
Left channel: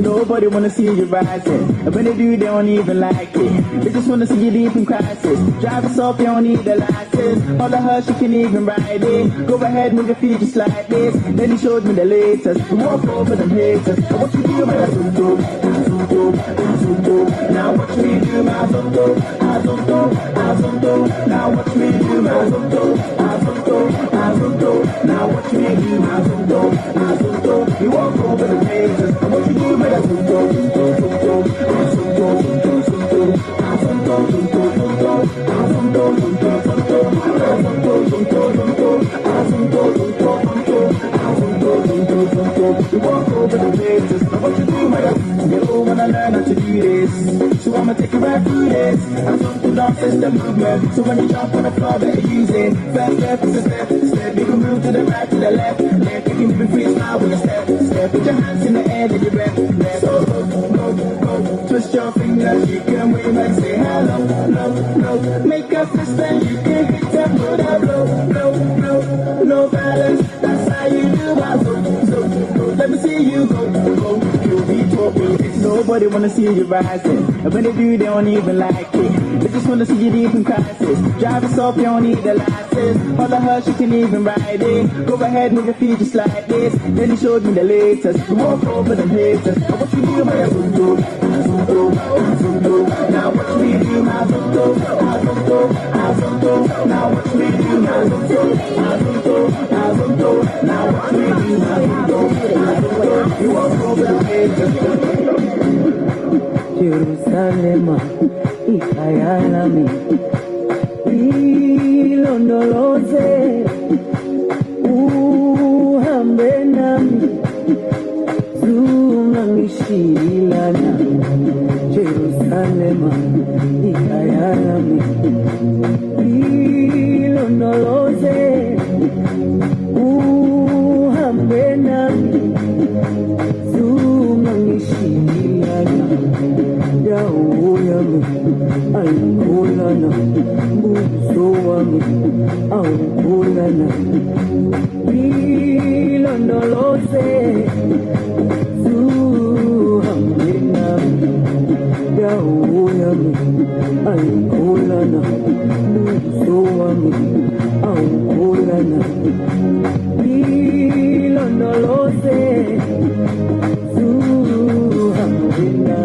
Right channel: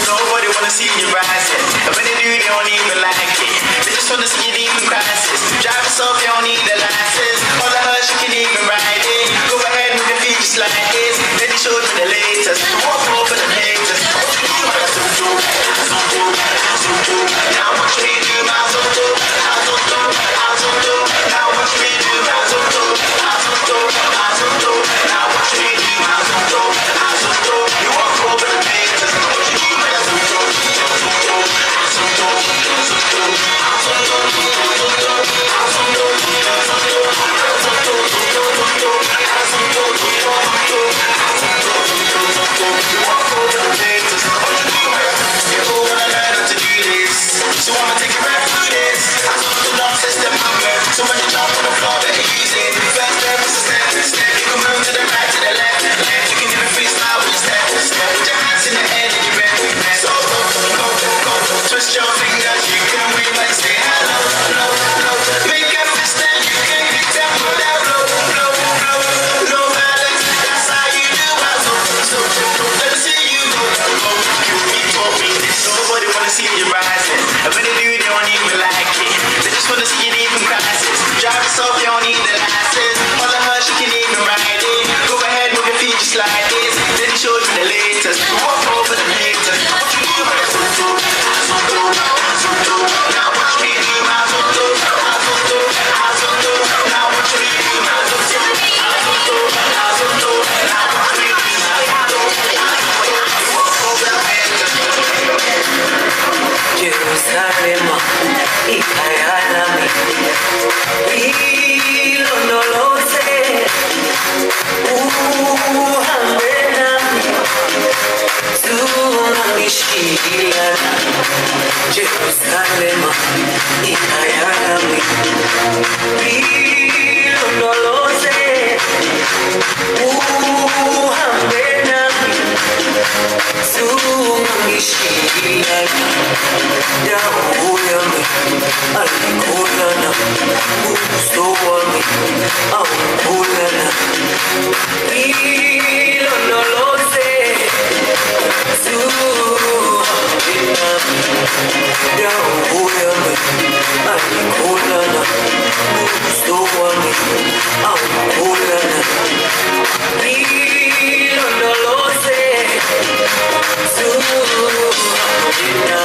Nobody wanna see you rising, and when they do, they don't even like it. They just wanna see you deep in crisis. Drive yourself, you don't need the license. All the hush, you can even ride it. Go ahead with the feet just like this. Then he showed me the latest. Walk over the haters. What you do, my zonto, zonto, zonto. Now watch me do my zonto, zonto, zonto. Now watch me do my zonto, zonto, zonto. Now watch me do my zonto, zonto. You walk over the haters. What you do, my zonto, zonto, zonto, zonto, zonto, zonto, zonto, zonto, you walk over the haters. What you do, my you all wanna learn how to do this. So I'ma take you right through this. I'm so to dance system movement. So when you jump on the floor, better use it. First step is a step, step. You can move to the right, to the left, left. You can even freestyle when you step, step. Put your hands in the air and you're ready. So go, go, go. Twist your fingers, you can wave like say hello, hello, hello. Make a fist and you can hit them with that blow, blow, blow. No balance, that's how you do my zone. Let me see you go, go. You be talking. Nobody wanna see you rising, and when they do, they don't even like it. They just wanna see you deep in crisis. Drive yourself, you don't need the license. All the hush, you can even ride it. Go ahead, move your feet just like this. Then he showed me the latest. Walk over the haters. What you do, my zonto, zonto, zonto. Now watch me do my zonto, zonto, zonto. Now watch me do my zonto, zonto, zonto. Now watch me do my zonto, zonto. You walk over the haters. Jerusalem, ikayalami, ilondoloze, uhambe nami, zungishilana. Jerusalem, ikayalami, ilondoloze, uhambe nami, zungishilana. Damu yami alikulana, uso wami aukulana. Ilondoloze, zuhamina. Damu yami alikulana, uso wami aukulana. Ilondoloze, zuhamina.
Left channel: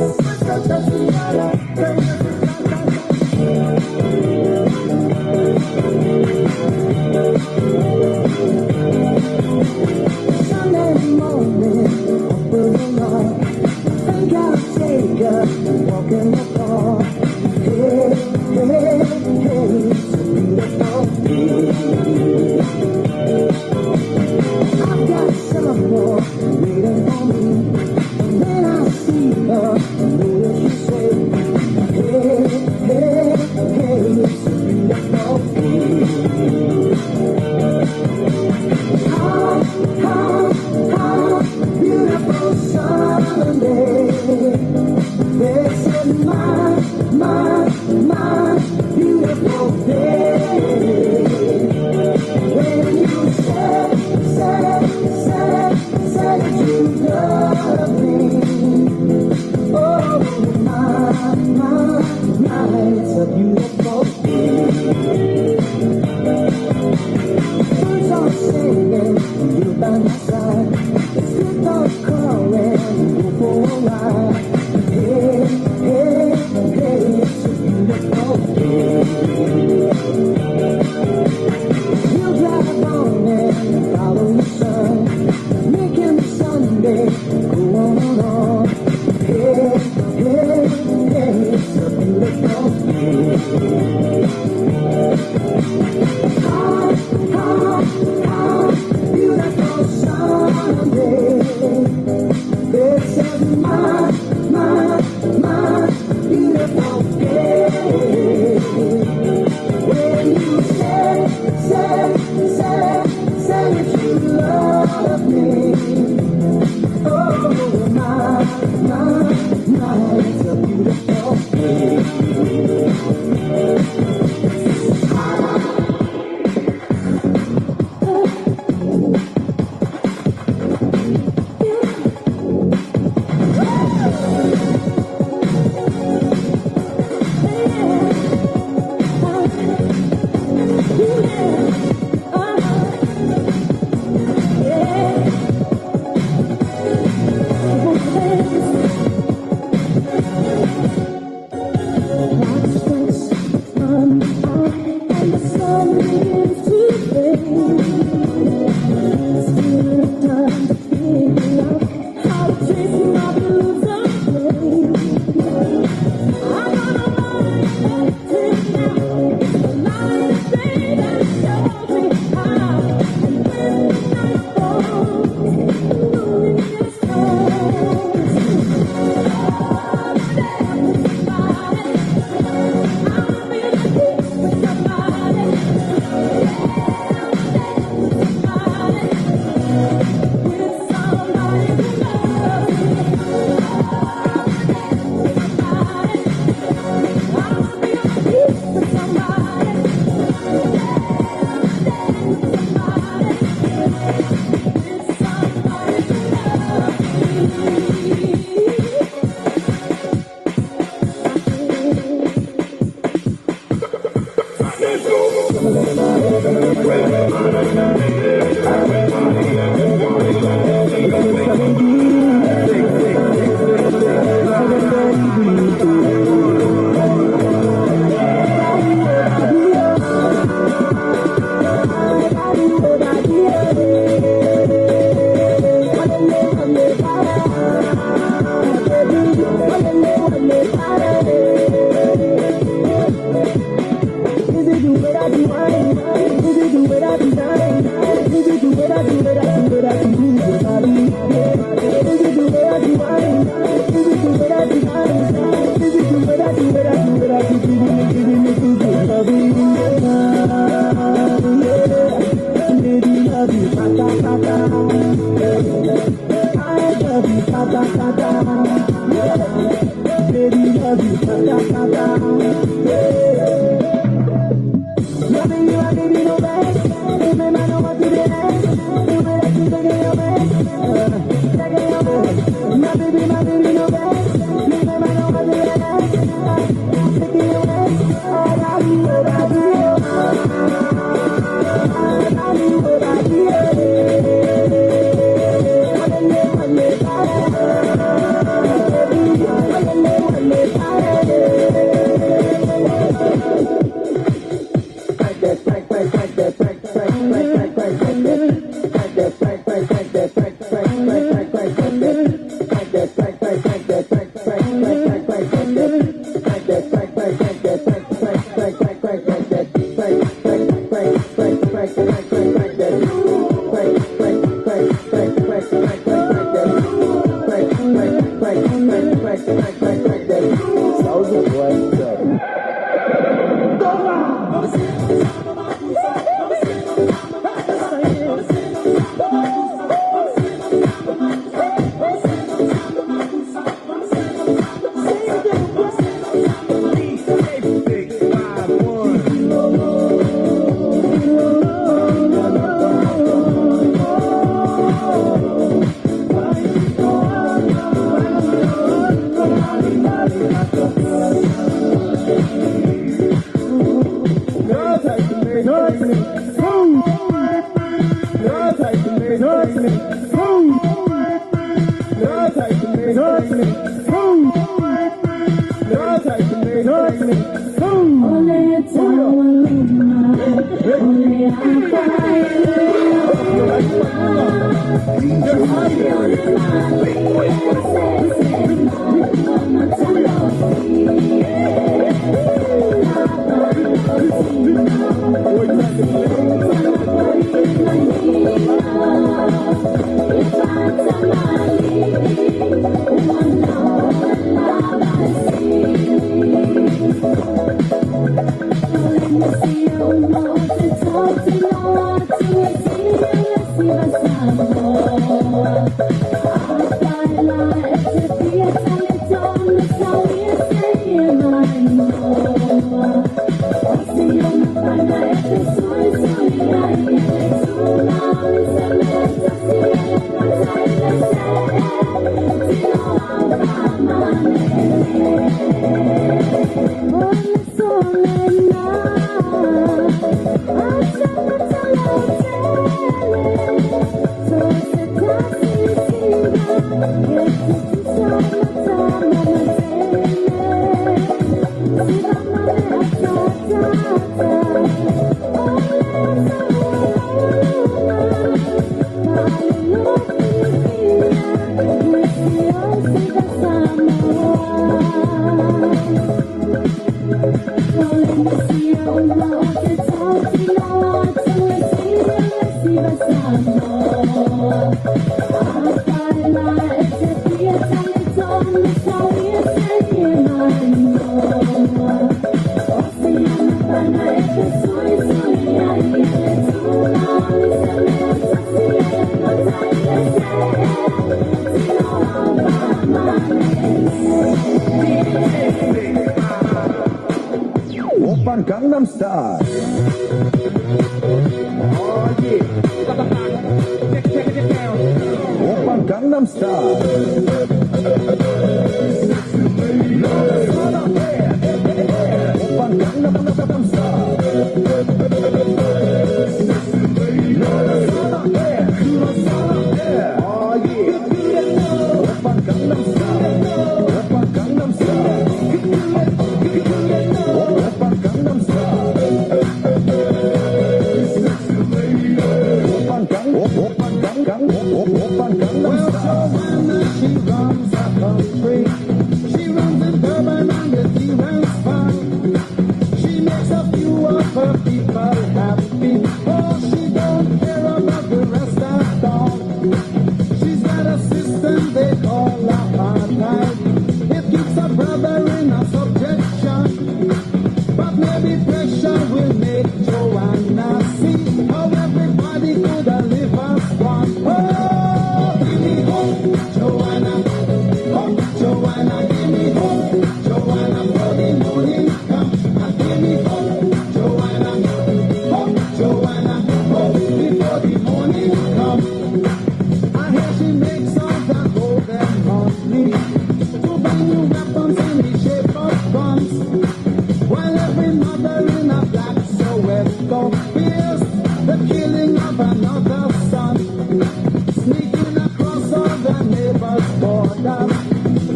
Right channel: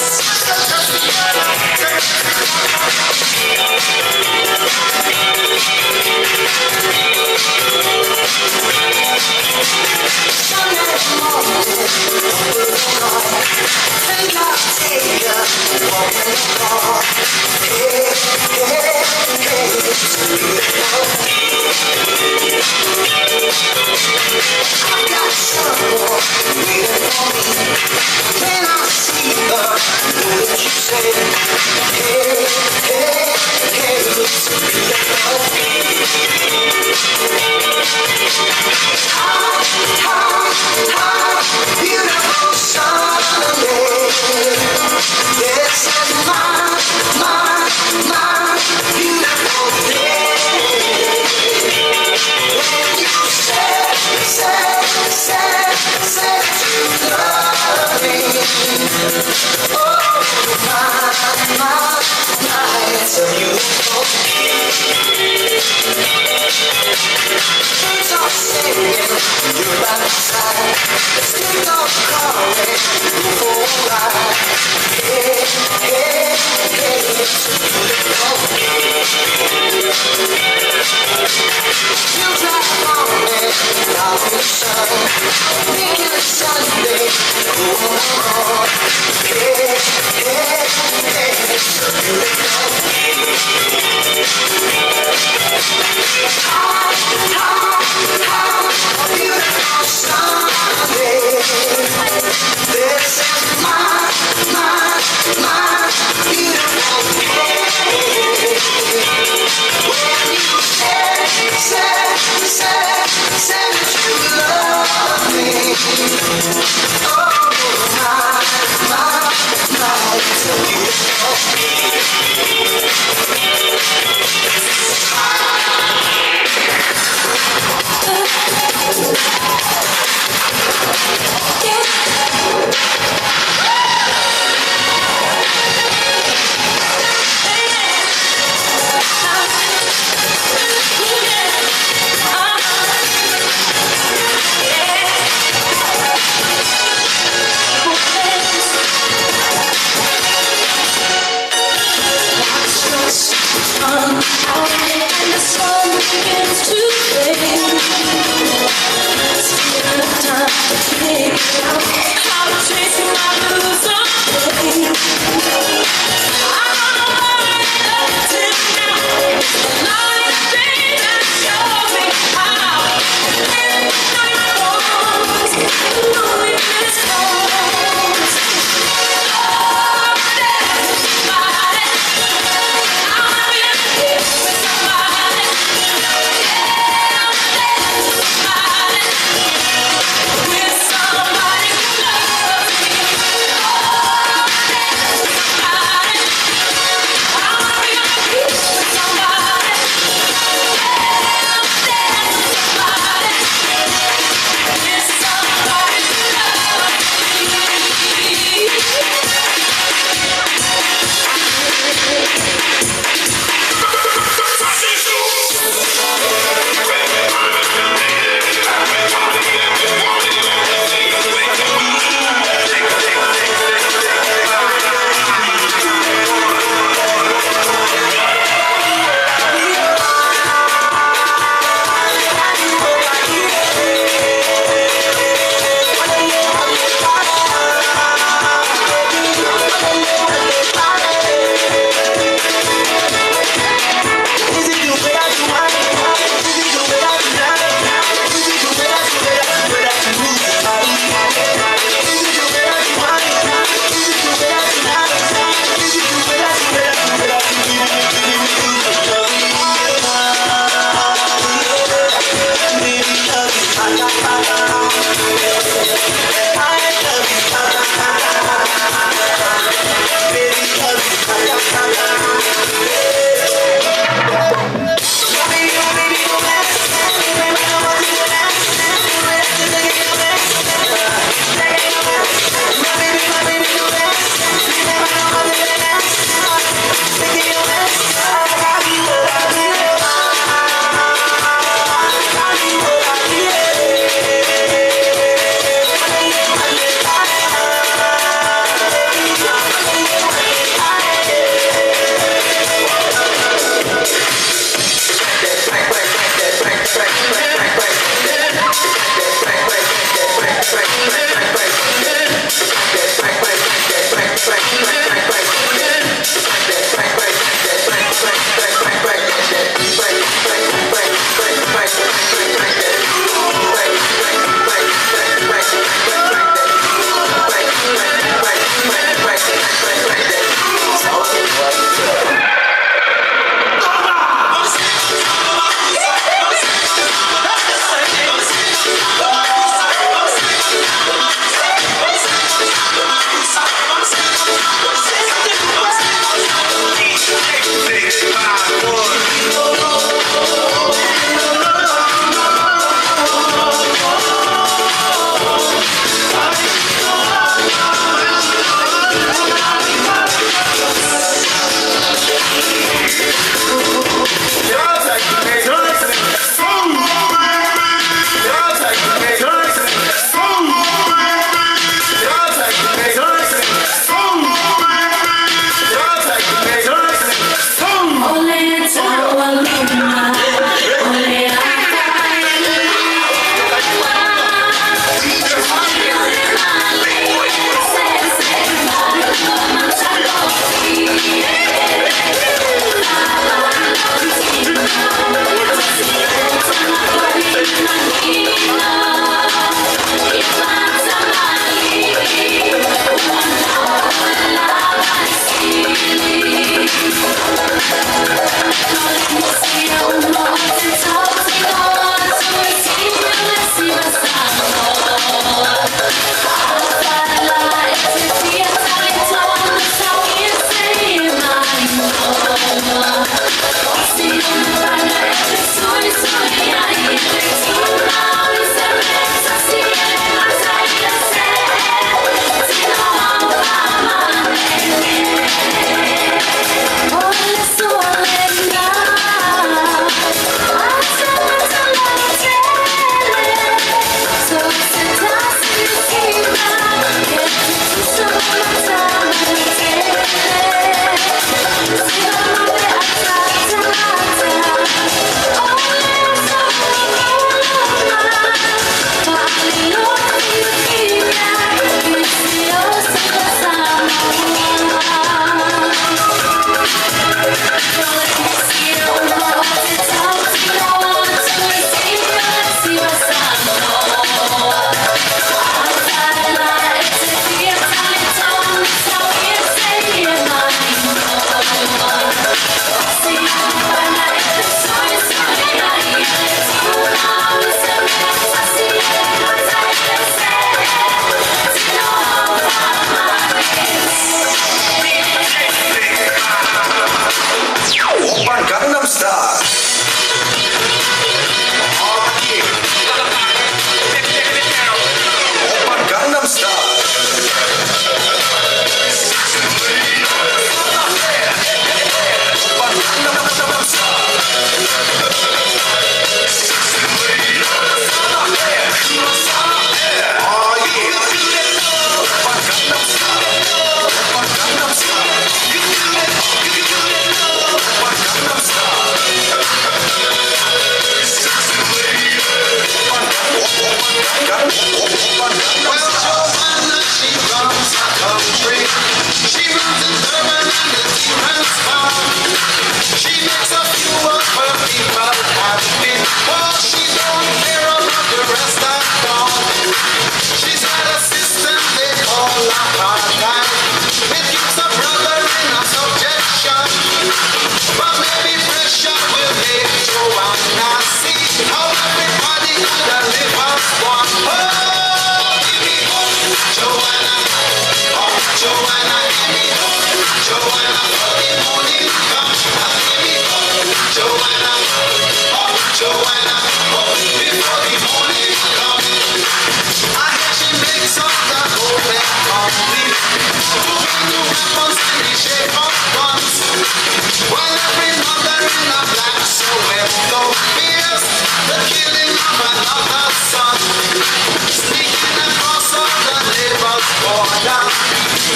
Sunday morning, think I'll take a walk in the park. Hey, hey, hey, it's a beautiful day. I've got someone waiting for me. When I see her, I know that you say, hey, hey, hey, it's a beautiful day. Beautiful Sunday. This is my beautiful day. When you said that you love me. Oh, my, it's a beautiful day. Birds are singing, you're by my side. Let's take off calling, go for a ride. Hey, hey, hey, it's a beautiful day. We'll drive on and follow the sun, making the Sunday go on. Hey, hey, hey, it's a beautiful day. Beautiful Sunday. This is my beautiful day. When you said that you love me. Oh, my, it's a beautiful day.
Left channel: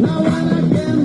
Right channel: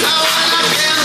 Now and again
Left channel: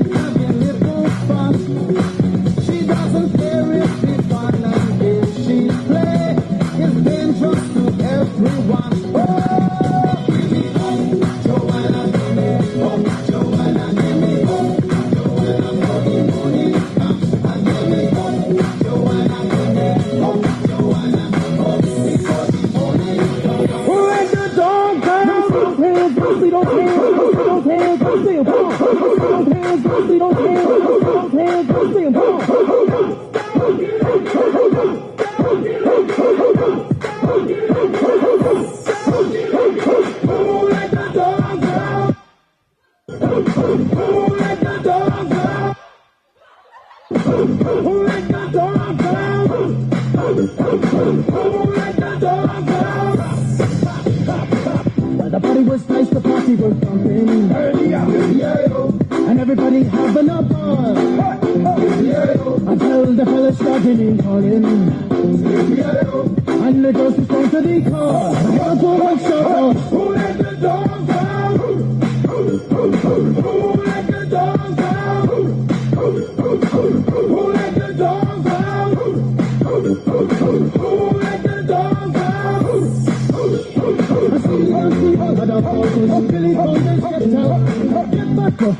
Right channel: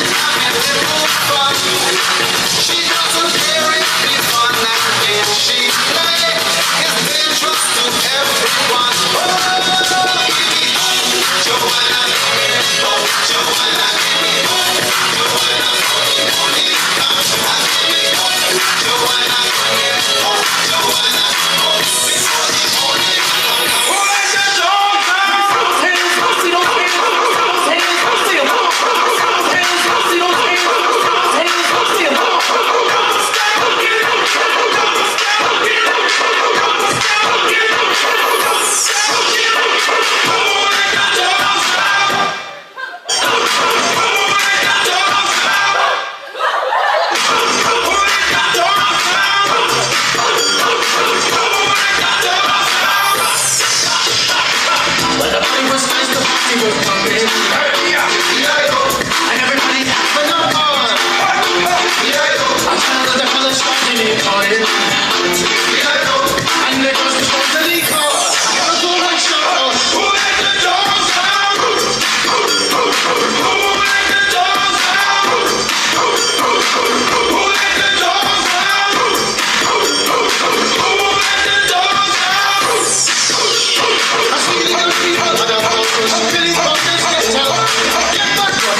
my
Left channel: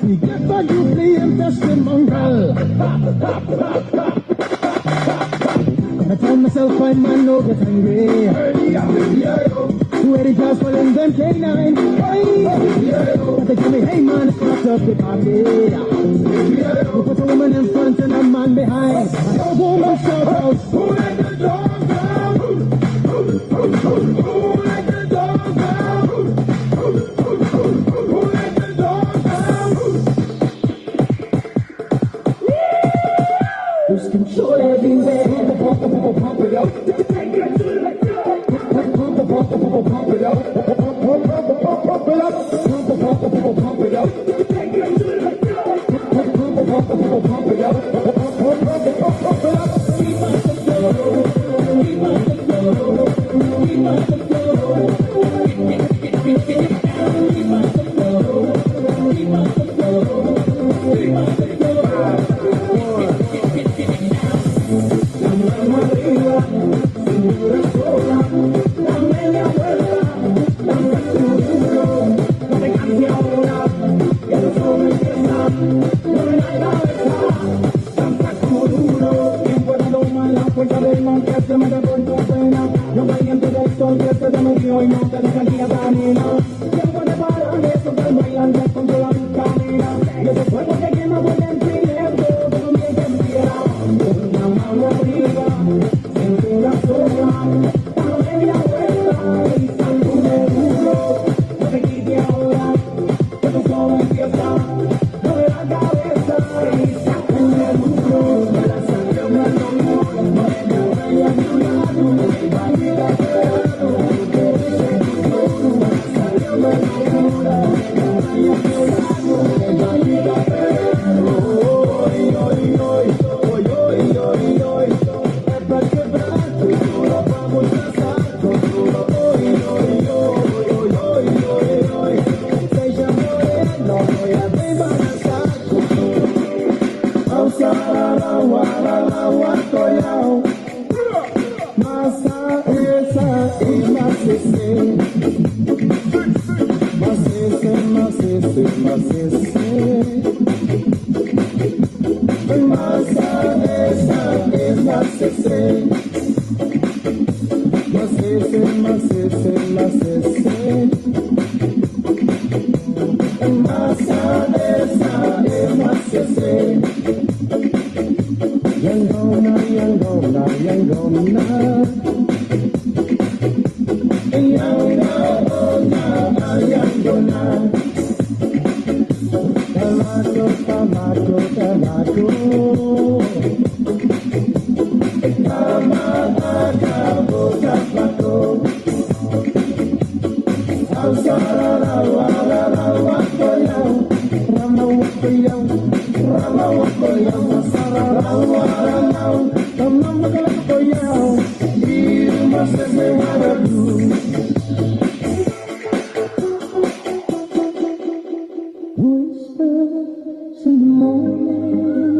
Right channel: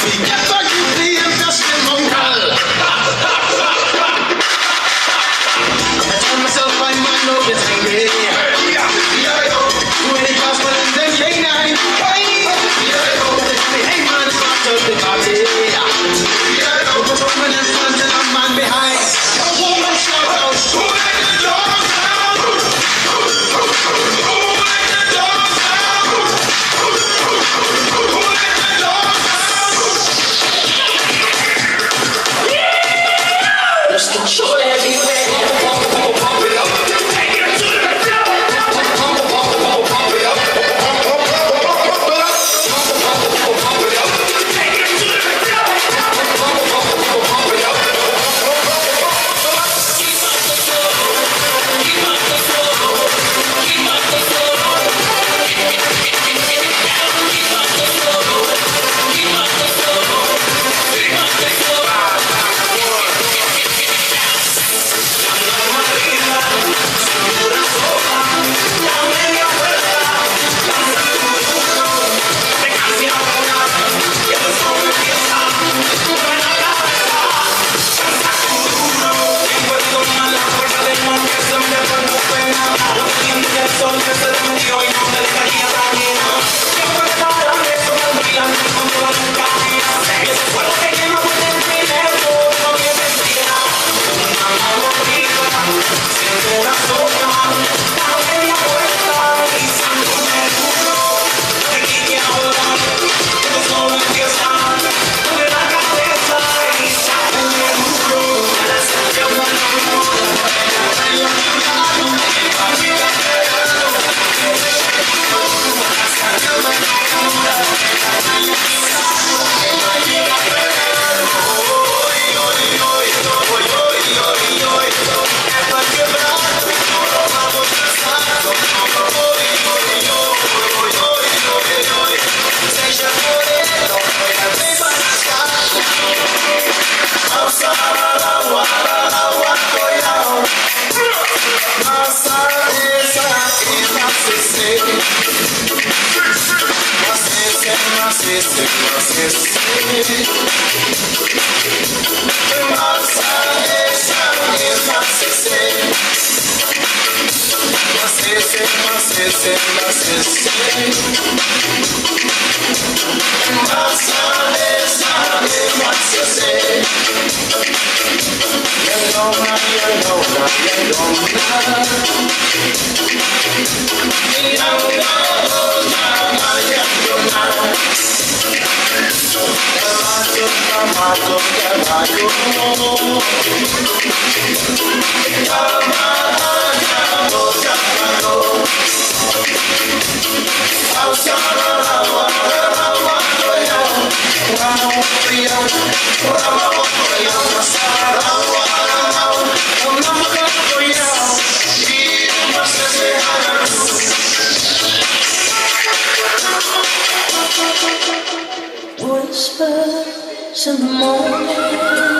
feet, get forgively and testimonial. I tell myself I might not get angry. When he goes for them, then canine. But they tell me, hey man, it's not up the party. You put a woman in front and a man behind. A woman shout out, who let the dogs out? Who let the dogs out? Who let the dogs out? There's control everywhere. Pump it up. Take it to the floor. Pump it up. Pump it up. Take it to the floor. Pump it up. Keep up the flow. Keep up the flow. Keep up the flow. Keep up the flow. Keep up the flow. Keep up the flow. Maria, signora sola, la media quella, danza tutto, e cambia ora, che lo sono piena, una cabeza, danza tutto, y cuando más la fuerza del mar que se me devuelve pena, los dientes del sol que se te metió y no te dejaría caminar, siempre te paran de eso, cuando bailando con toda tu cabina, y ese fuego que quema por dentro y dentro, que no me sentía, una mano fría, siempre la sombra, la media vuelta, y salud duro, te quita ahora, que tú solo empieza, mueve la cabeza, y salud duro, ya se llama el amor, Whispers in the morning.